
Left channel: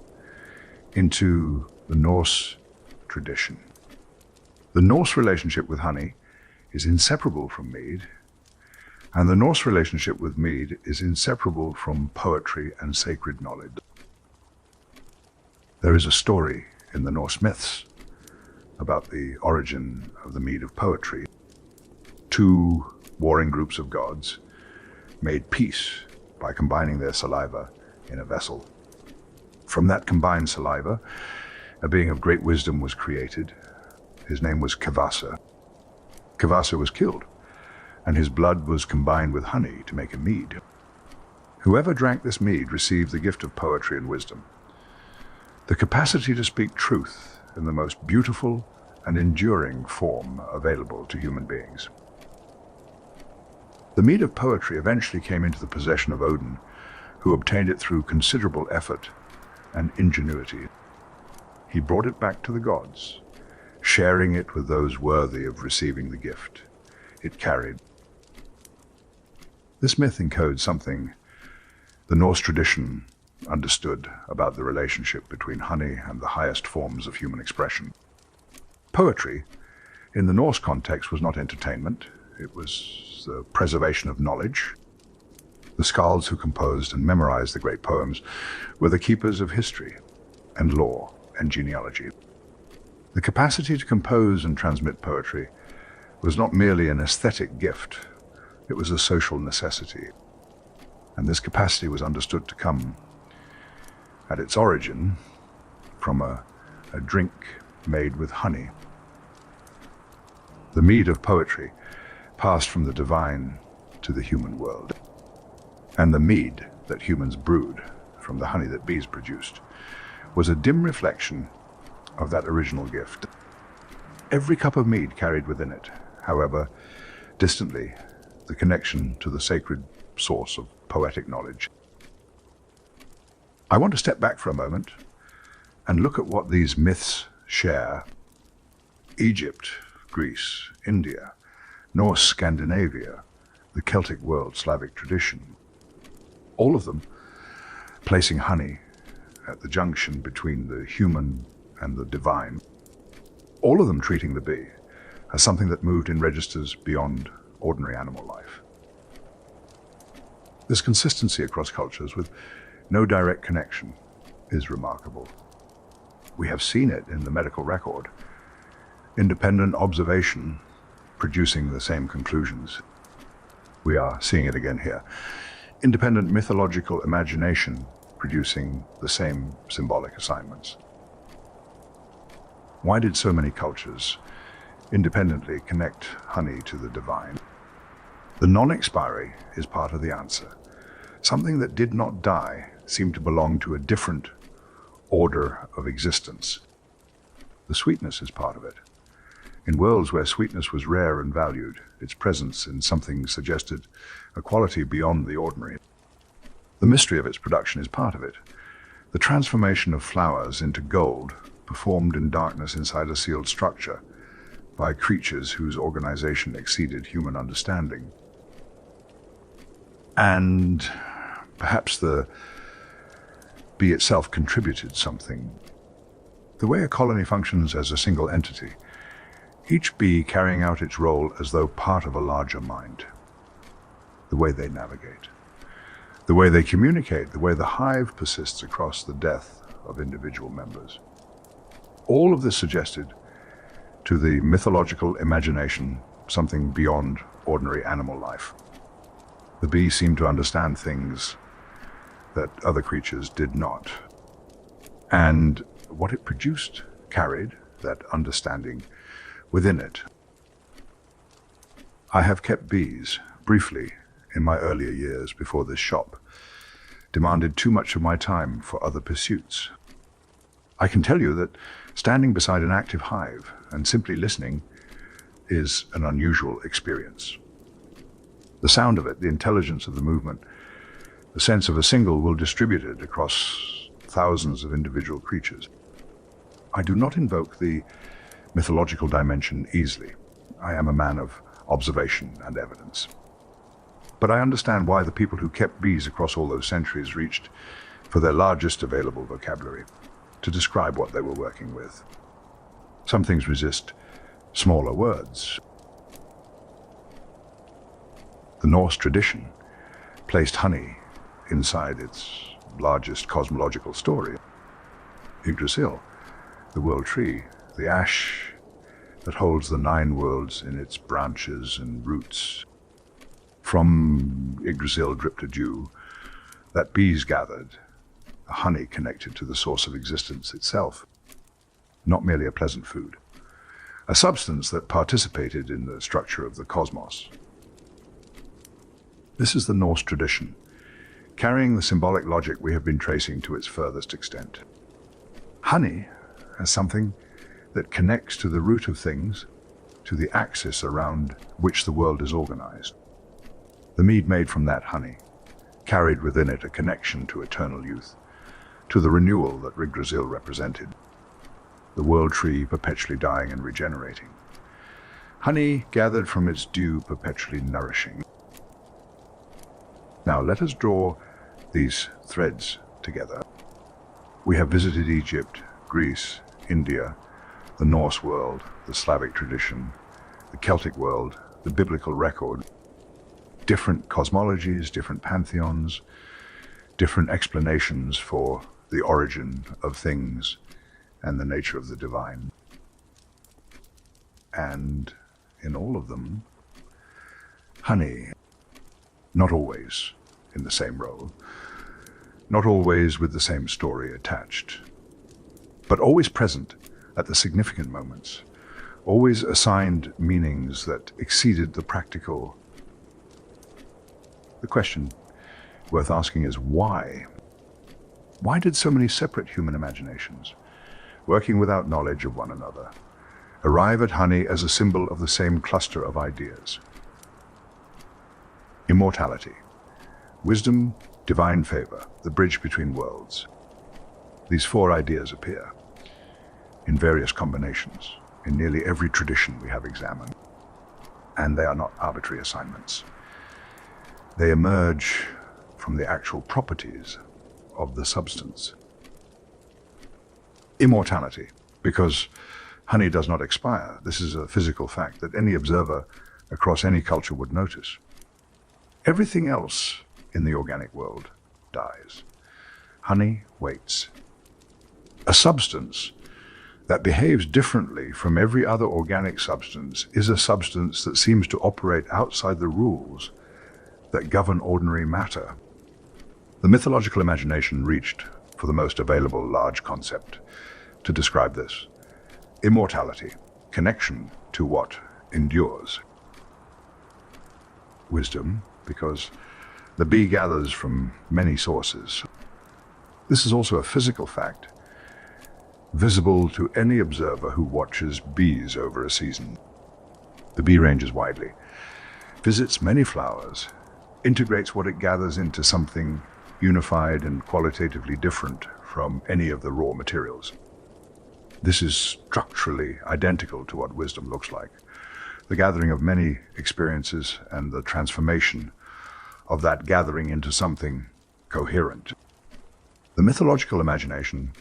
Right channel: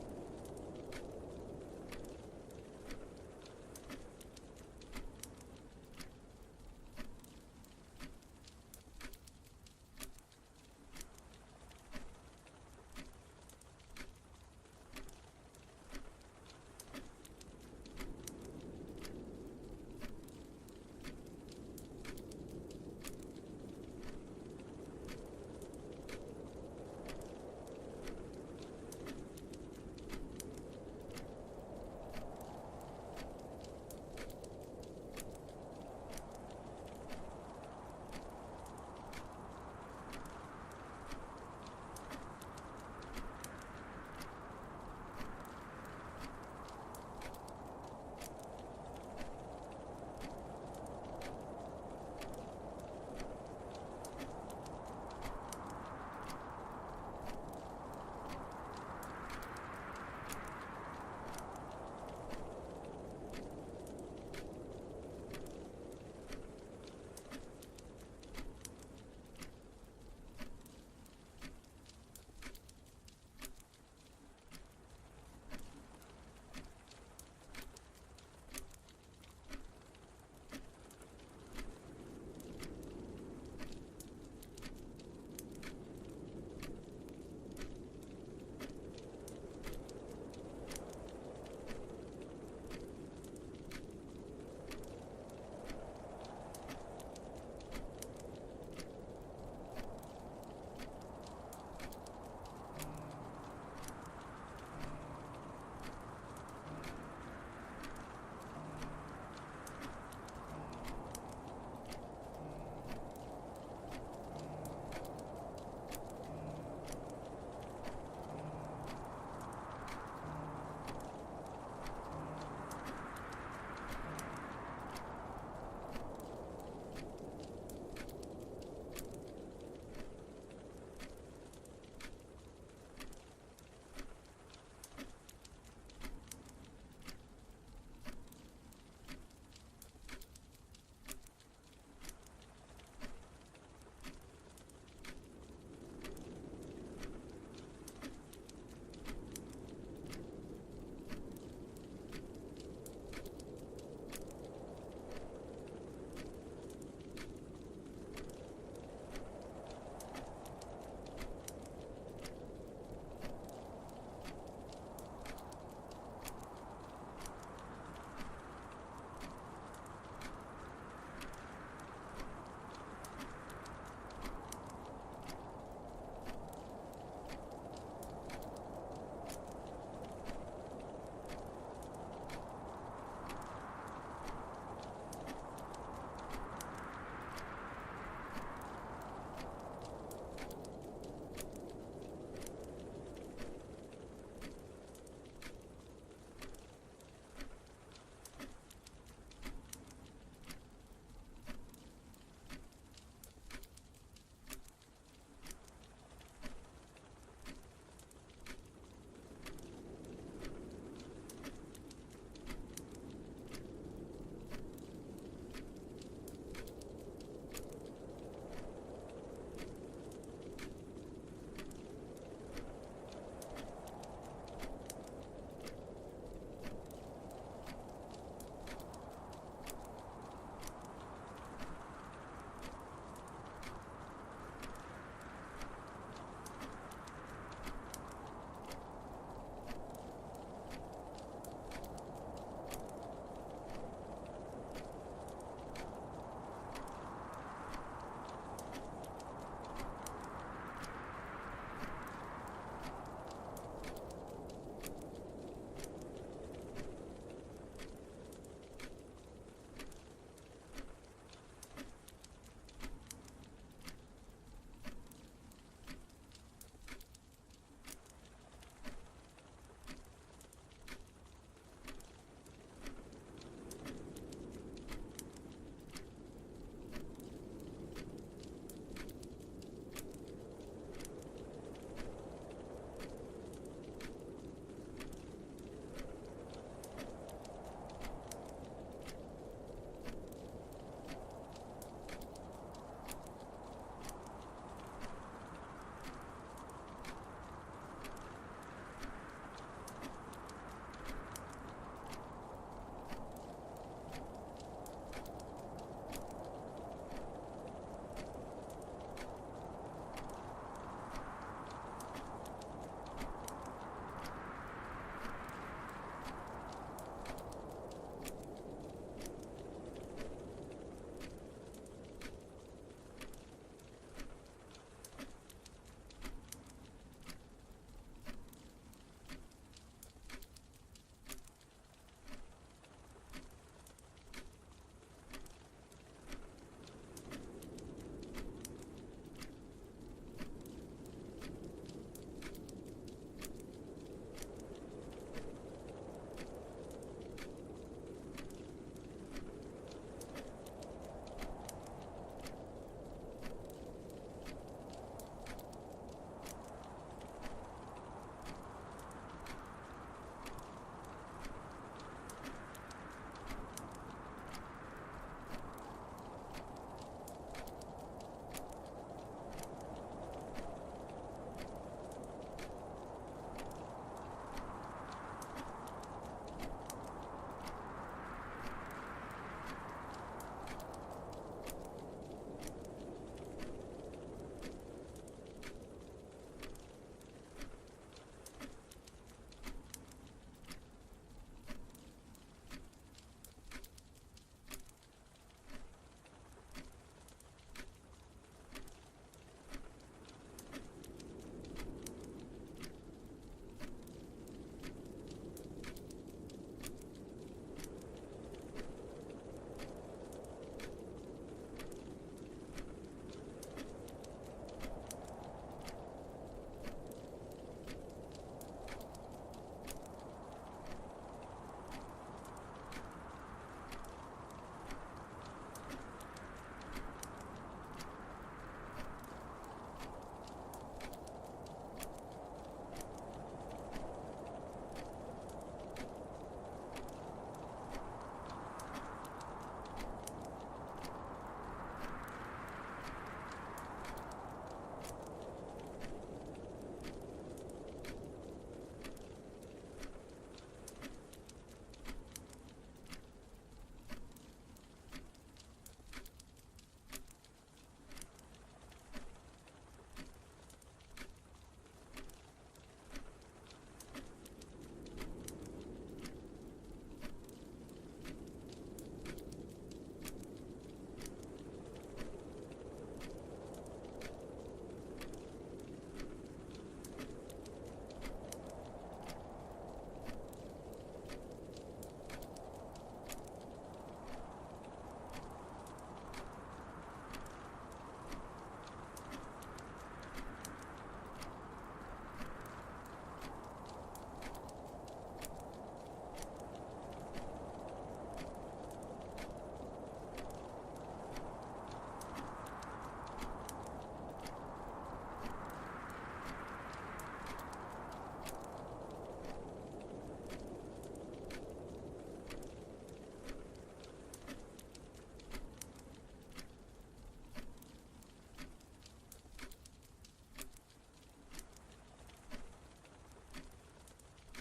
into the Norse tradition. The Norse relationship with honey is inseparable from mead, and the Norse relationship with mead is inseparable from poetry and sacred knowledge. There is a story in the Norse myths about the origin of the mead of poetry. 2 warring groups of gods made peace by combining their saliva in a vessel. From that combined saliva, a being of great wisdom was created. His name was Kvasa. Kvasa was killed, and his blood was combined with honey to make a mead. Whoever drank this mead received the gift of poetry and wisdom, the capacity to speak truth in the most beautiful and enduring form available to human beings. The mead of poetry eventually came into the possession of Odin, who obtained it through considerable effort and ingenuity. He brought it back to the gods, sharing it with those worthy of receiving the gift it carried. This myth encodes something the Norse tradition understood about the relationship between honey and the highest forms of human expression. Poetry, in the Norse context, was not entertainment. It was the preservation of knowledge. The skalds who composed and memorized the great poems were the keepers of history and law and genealogy. The capacity to compose and transmit poetry was not merely an aesthetic gift, it was a social necessity. And this capacity was understood to come, at its origin, from a drink made with honey. The mead of poetry passed from the divine to the human world. And the mead that humans brewed from the honey that bees produced was a dim reflection of that original gift. Every cup of mead carried within it, however, distantly, the connection to the sacred source of poetic knowledge. I want to step back for a moment and look at what these myths share. Egypt, Greece, India, Norse Scandinavia, the Celtic world, Slavic tradition, all of them placing honey at the junction between the human and the divine. All of them treating the bee as something that moved in registers beyond ordinary animal life. This consistency across cultures with no direct connection is remarkable. We have seen it in the medical record, independent observation producing the same conclusions. We are seeing it again here. Independent mythological imagination producing the same symbolic assignments. Why did so many cultures independently connect honey to the divine? The non-expiry is part of the answer. Something that did not die seemed to belong to a different order of existence. The sweetness is part of it. In worlds where sweetness was rare and valued, its presence in something suggested a quality beyond the ordinary. The mystery of its production is part of it. The transformation of flowers into gold, performed in darkness inside a sealed structure by creatures whose organization exceeded human understanding. And perhaps the bee itself contributed something. The way a colony functions as a single entity, each bee carrying out its role as though part of a larger mind. The way they navigate, the way they communicate, the way the hive persists across the death of individual members. All of this suggested to the mythological imagination something beyond ordinary animal life. The bee seemed to understand things that other creatures did not. And what it produced carried that understanding within it. I have kept bees, briefly, in my earlier years before this shop, demanded too much of my time for other pursuits. I can tell you that standing beside an active hive and simply listening is an unusual experience. The sound of it, the intelligence of the movement, the sense of a single will distribute it across thousands of individual creatures. I do not invoke the mythological dimension easily. I am a man of observation and evidence. But I understand why the people who kept bees across all those centuries reached for their largest available vocabulary to describe what they were working with. Some things resist smaller words. The Norse tradition placed honey inside its largest cosmological story. Yggdrasil, the world tree, the ash that holds the 9 worlds in its branches and roots. From Yggdrasil dripped a dew that bees gathered, a honey connected to the source of existence itself, not merely a pleasant food, a substance that participated in the structure of the cosmos. This is the Norse tradition, carrying the symbolic logic we have been tracing to its furthest extent. Honey as something that connects to the root of things, to the axis around which the world is organized. The mead made from that honey carried within it a connection to eternal youth, to the renewal that Yggdrasil represented, the world tree perpetually dying and regenerating. Honey gathered from its dew perpetually nourishing. Now let us draw these threads together. We have visited Egypt, Greece, India, the Norse world, the Slavic tradition, the Celtic world, the biblical record. Different cosmologies, different pantheons, different explanations for the origin of things and the nature of the divine. And in all of them, honey, not always in the same role, not always with the same story attached, but always present at the significant moments, always assigned meanings that exceeded the practical. The question worth asking is why? Why did so many separate human imaginations, working without knowledge of one another, arrive at honey as a symbol of the same cluster of ideas? Immortality, wisdom, divine favor, the bridge between worlds. These 4 ideas appear in various combinations in nearly every tradition we have examined, and they are not arbitrary assignments. They emerge from the actual properties of the substance. Immortality, because honey does not expire. This is a physical fact that any observer across any culture would notice. Everything else in the organic world dies. Honey waits. A substance that behaves differently from every other organic substance is a substance that seems to operate outside the rules that govern ordinary matter. The mythological imagination reached for the most available large concept to describe this: immortality, connection to what endures. Wisdom, because the bee gathers from many sources. This is also a physical fact, visible to any observer who watches bees over a season. The bee ranges widely, visits many flowers, integrates what it gathers into something unified and qualitatively different from any of the raw materials. This is structurally identical to what wisdom looks like: the gathering of many experiences and the transformation of that gathering into something coherent. The mythological imagination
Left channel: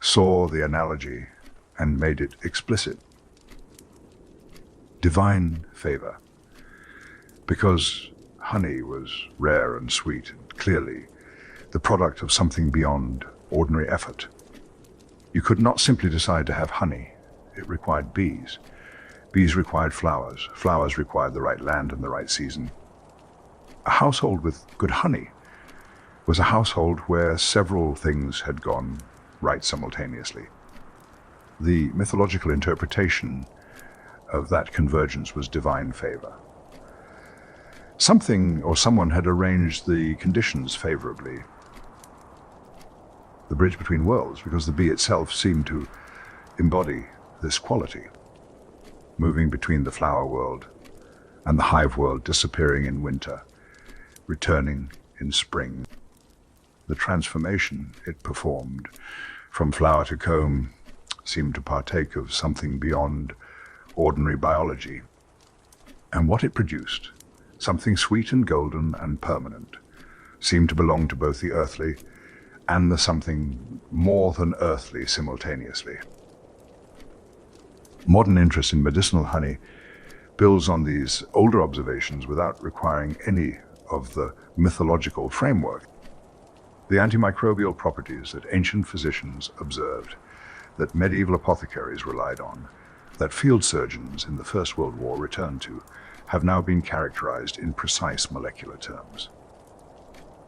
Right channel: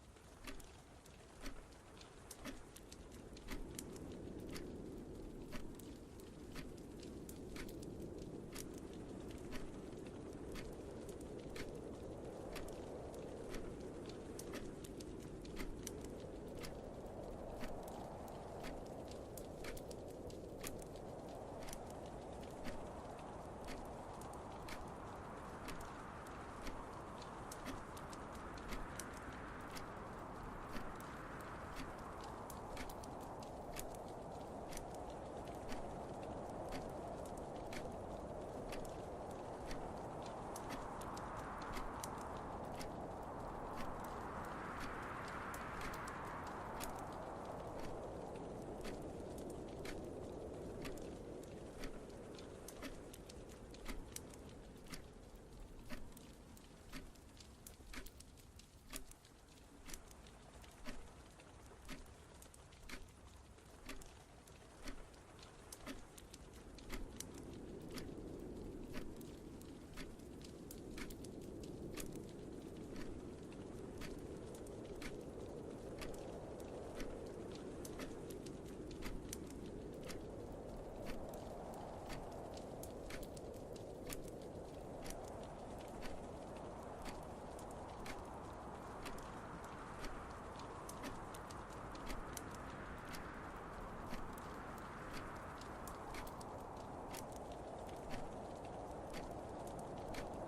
saw the analogy and made it explicit. Divine favor. Because honey was rare and sweet, and clearly the product of something beyond ordinary effort. You could not simply decide to have honey. It required bees. Bees required flowers. Flowers required the right land and the right season. A household with good honey was a household where several things had gone right simultaneously. The mythological interpretation of that convergence was divine favor. Something or someone had arranged the conditions favorably. The bridge between worlds, because the bee itself seemed to embody this quality, moving between the flower world and the hive world, disappearing in winter, returning in spring. The transformation it performed from flower to comb seemed to partake of something beyond ordinary biology. And what it produced, something sweet and golden and permanent, seemed to belong to both the earthly and the something more than earthly simultaneously. Modern interest in medicinal honey builds on these older observations without requiring any of the mythological framework. The antimicrobial properties that ancient physicians observed, that medieval apothecaries relied on, that field surgeons in the First World War returned to, have now been characterized in precise molecular terms.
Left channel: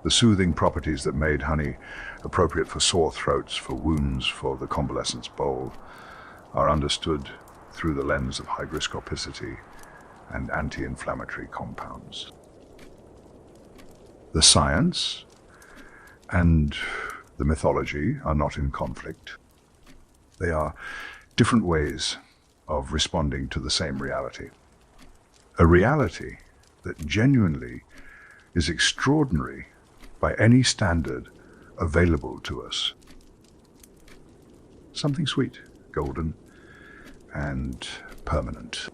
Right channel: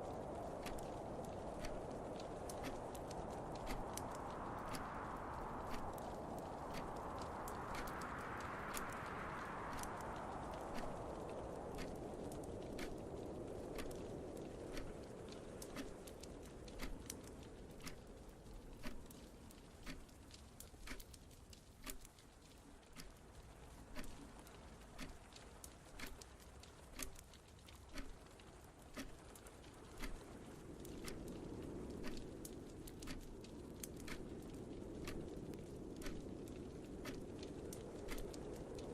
The soothing properties that made honey appropriate for sore throats, for wounds, for the convalescent's bowl, are understood through the lens of hygroscopicity and anti-inflammatory compounds. The science and the mythology are not in conflict. They are different ways of responding to the same reality. A reality that genuinely is extraordinary by any standard available to us. Something sweet, golden, and permanent,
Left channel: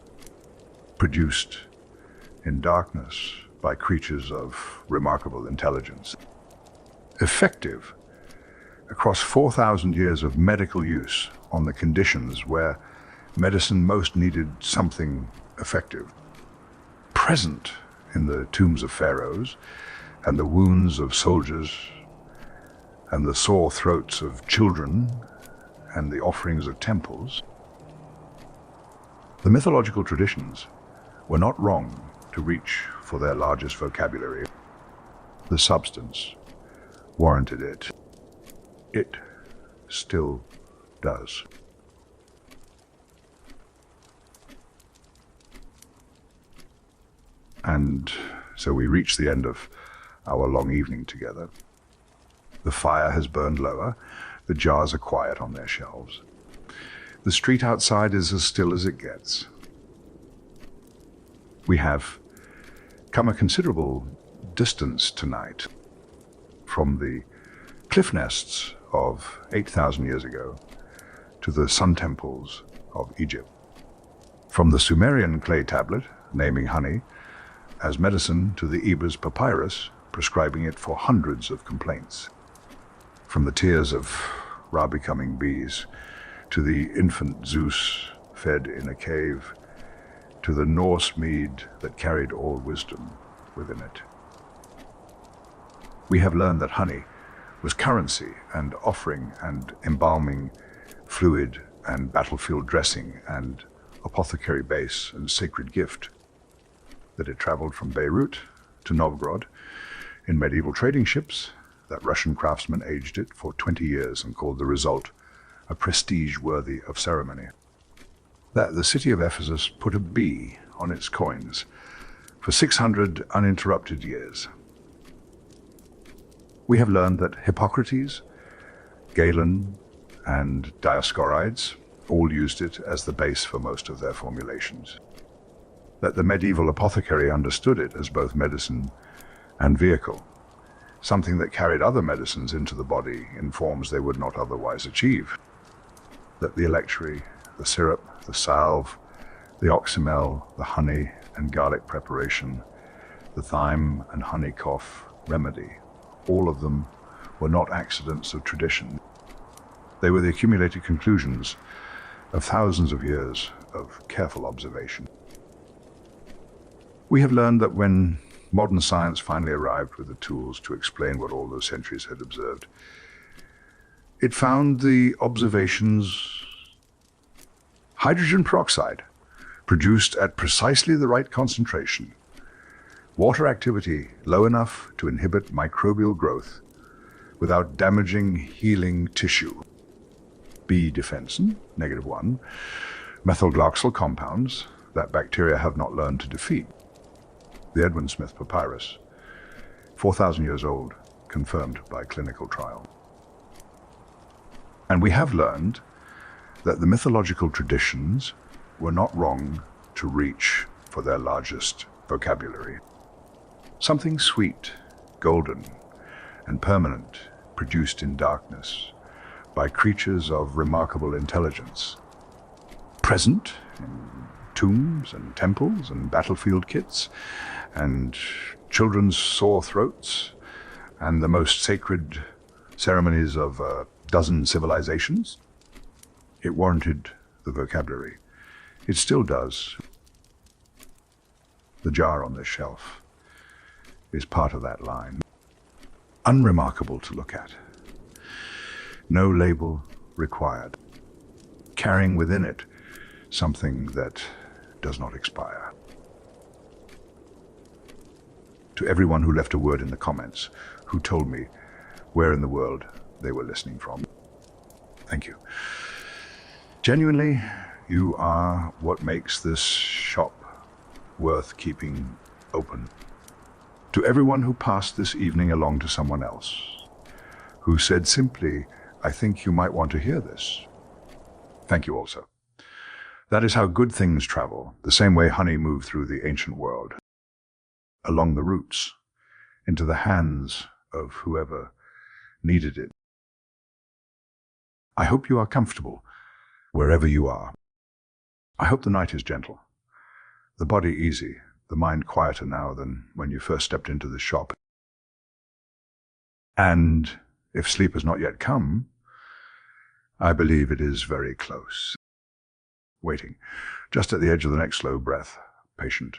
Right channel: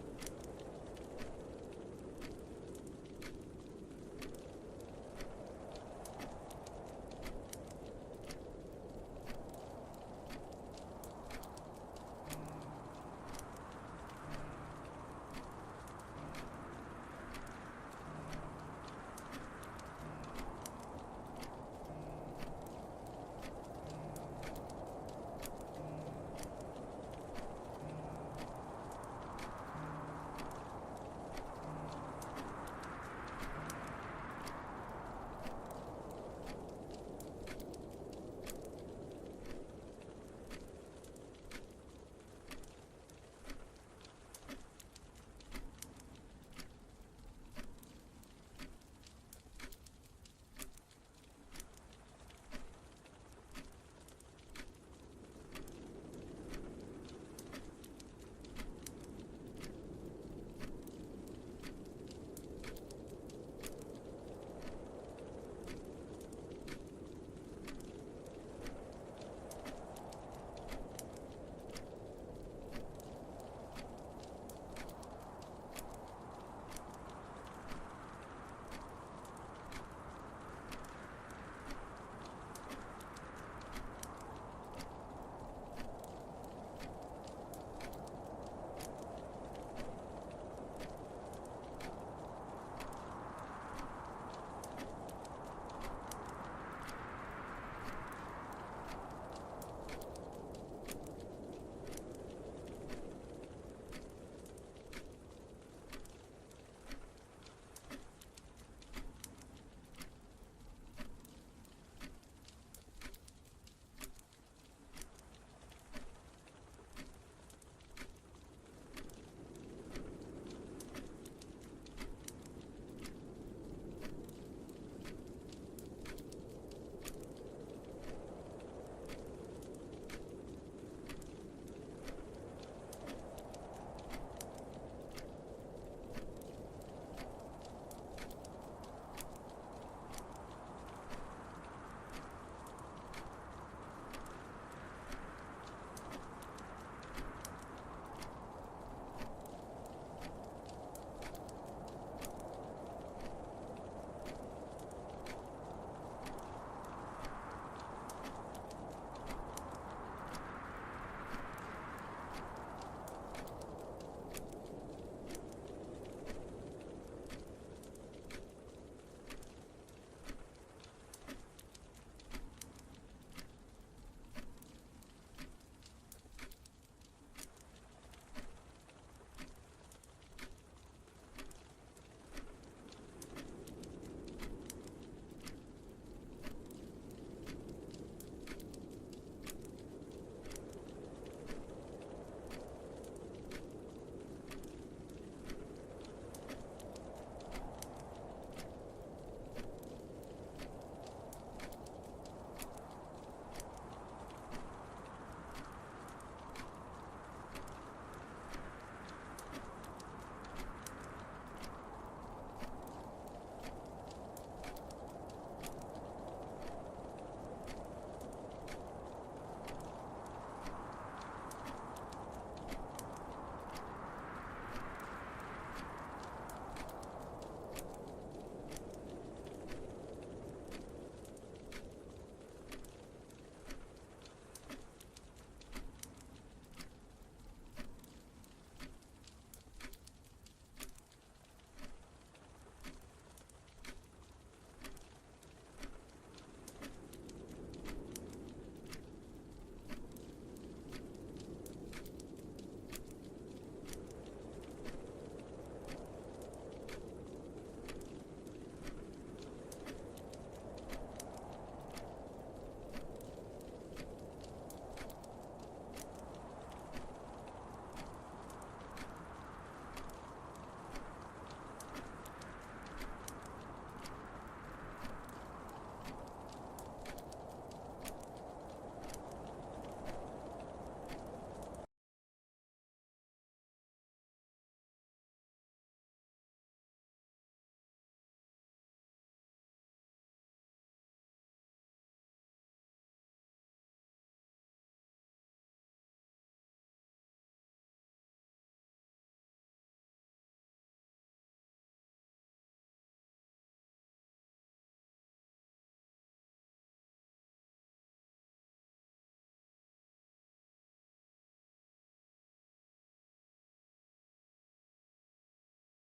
produced in darkness by creatures of remarkable intelligence. Effective across 4,000 years of medical use on the conditions where medicine most needed something effective. Present in the tombs of pharaohs and the wounds of soldiers and the sore throats of children and the offerings of temples. The mythological traditions were not wrong to reach for their largest vocabulary. The substance warranted it. It still does. And so we reach the end of our long evening together. The fire has burned lower, the jars are quiet on their shelves. The street outside is as still as it gets. We have come a considerable distance tonight from the cliff nests of 8,000 years ago to the sun temples of Egypt. From the Sumerian clay tablet naming honey as medicine to the Eber's papyrus prescribing it for hundreds of complaints. From the tears of Ra-becoming bees to the infant Zeus fed in a cave to the Norse mead that carried all wisdom within it. We have learned that honey was currency and offering and embalming fluid and battlefield dressing and apothecary base and sacred gift, that it traveled from Beirut to Novgorod In medieval trading ships, that Russian craftsman aged it for 20 years and called the result a prestige worthy of ceremony. That the city of Ephesus put a bee on its coins for 600 uninterrupted years. We have learned that Hippocrates, Galen, and Dioscorides all used it as the base for most of their formulations. That the medieval apothecary understood it as both medicine and vehicle, something that carried other medicines into the body in forms they would not otherwise achieve. That the electuary, the syrup, the salve, the oxymel, the honey and garlic preparation, the thyme and honey cough remedy, all of them were not accidents of tradition. They were the accumulated conclusions of thousands of years of careful observation. We have learned that when modern science finally arrived with the tools to explain what all those centuries had observed, it found the observations hydrogen peroxide produced at precisely the right concentration, water activity low enough to inhibit microbial growth without damaging healing tissue, B defensin, -1, methylglycol compounds that bacteria have not learned to defeat. The Edwin Smith Papyrus, 4,000 years old, confirmed by clinical trial. And we have learned that the mythological traditions were not wrong to reach for their largest vocabulary. Something sweet, golden, and permanent, produced in darkness by creatures of remarkable intelligence, present in tombs and temples and battlefield kits and children's sore throats and the most sacred ceremonies of a dozen civilizations. It warranted the vocabulary. It still does. The jar on this shelf is part of that line. Unremarkable to look at. No label required. Carrying within it something that does not expire. To everyone who left a word in the comments, who told me where in the world they were listening from, thank you. Genuinely, you are what makes this shop worth keeping open. To everyone who passed this evening along to someone else, who said simply, I think you might want to hear this, thank you also. That is how good things travel, the same way honey moved through the ancient world, along the roots, into the hands of whoever needed it. I hope you are comfortable wherever you are. I hope the night is gentle, the body easy, the mind quieter now than when you first stepped into the shop. And if sleep has not yet come, I believe it is very close. Waiting, just at the edge of the next slow breath, patient,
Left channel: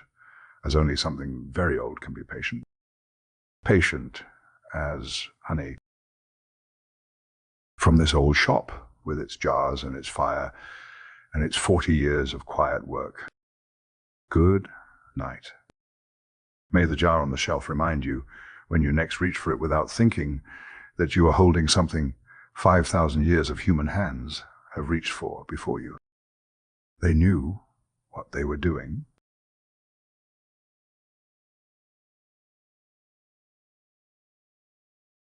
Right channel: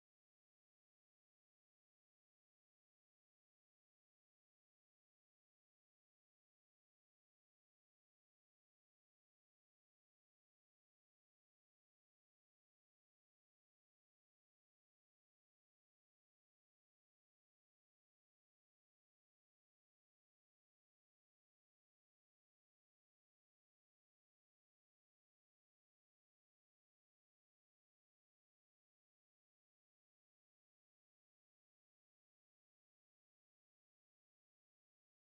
as only something very old can be patient. Patient as honey. From this old shop, with its jars and its fire, and its 40 years of quiet work. Good night. May the jar on the shelf remind you, when you next reach for it without thinking, that you are holding something 5,000 years of human hands have reached for before you. They knew what they were doing.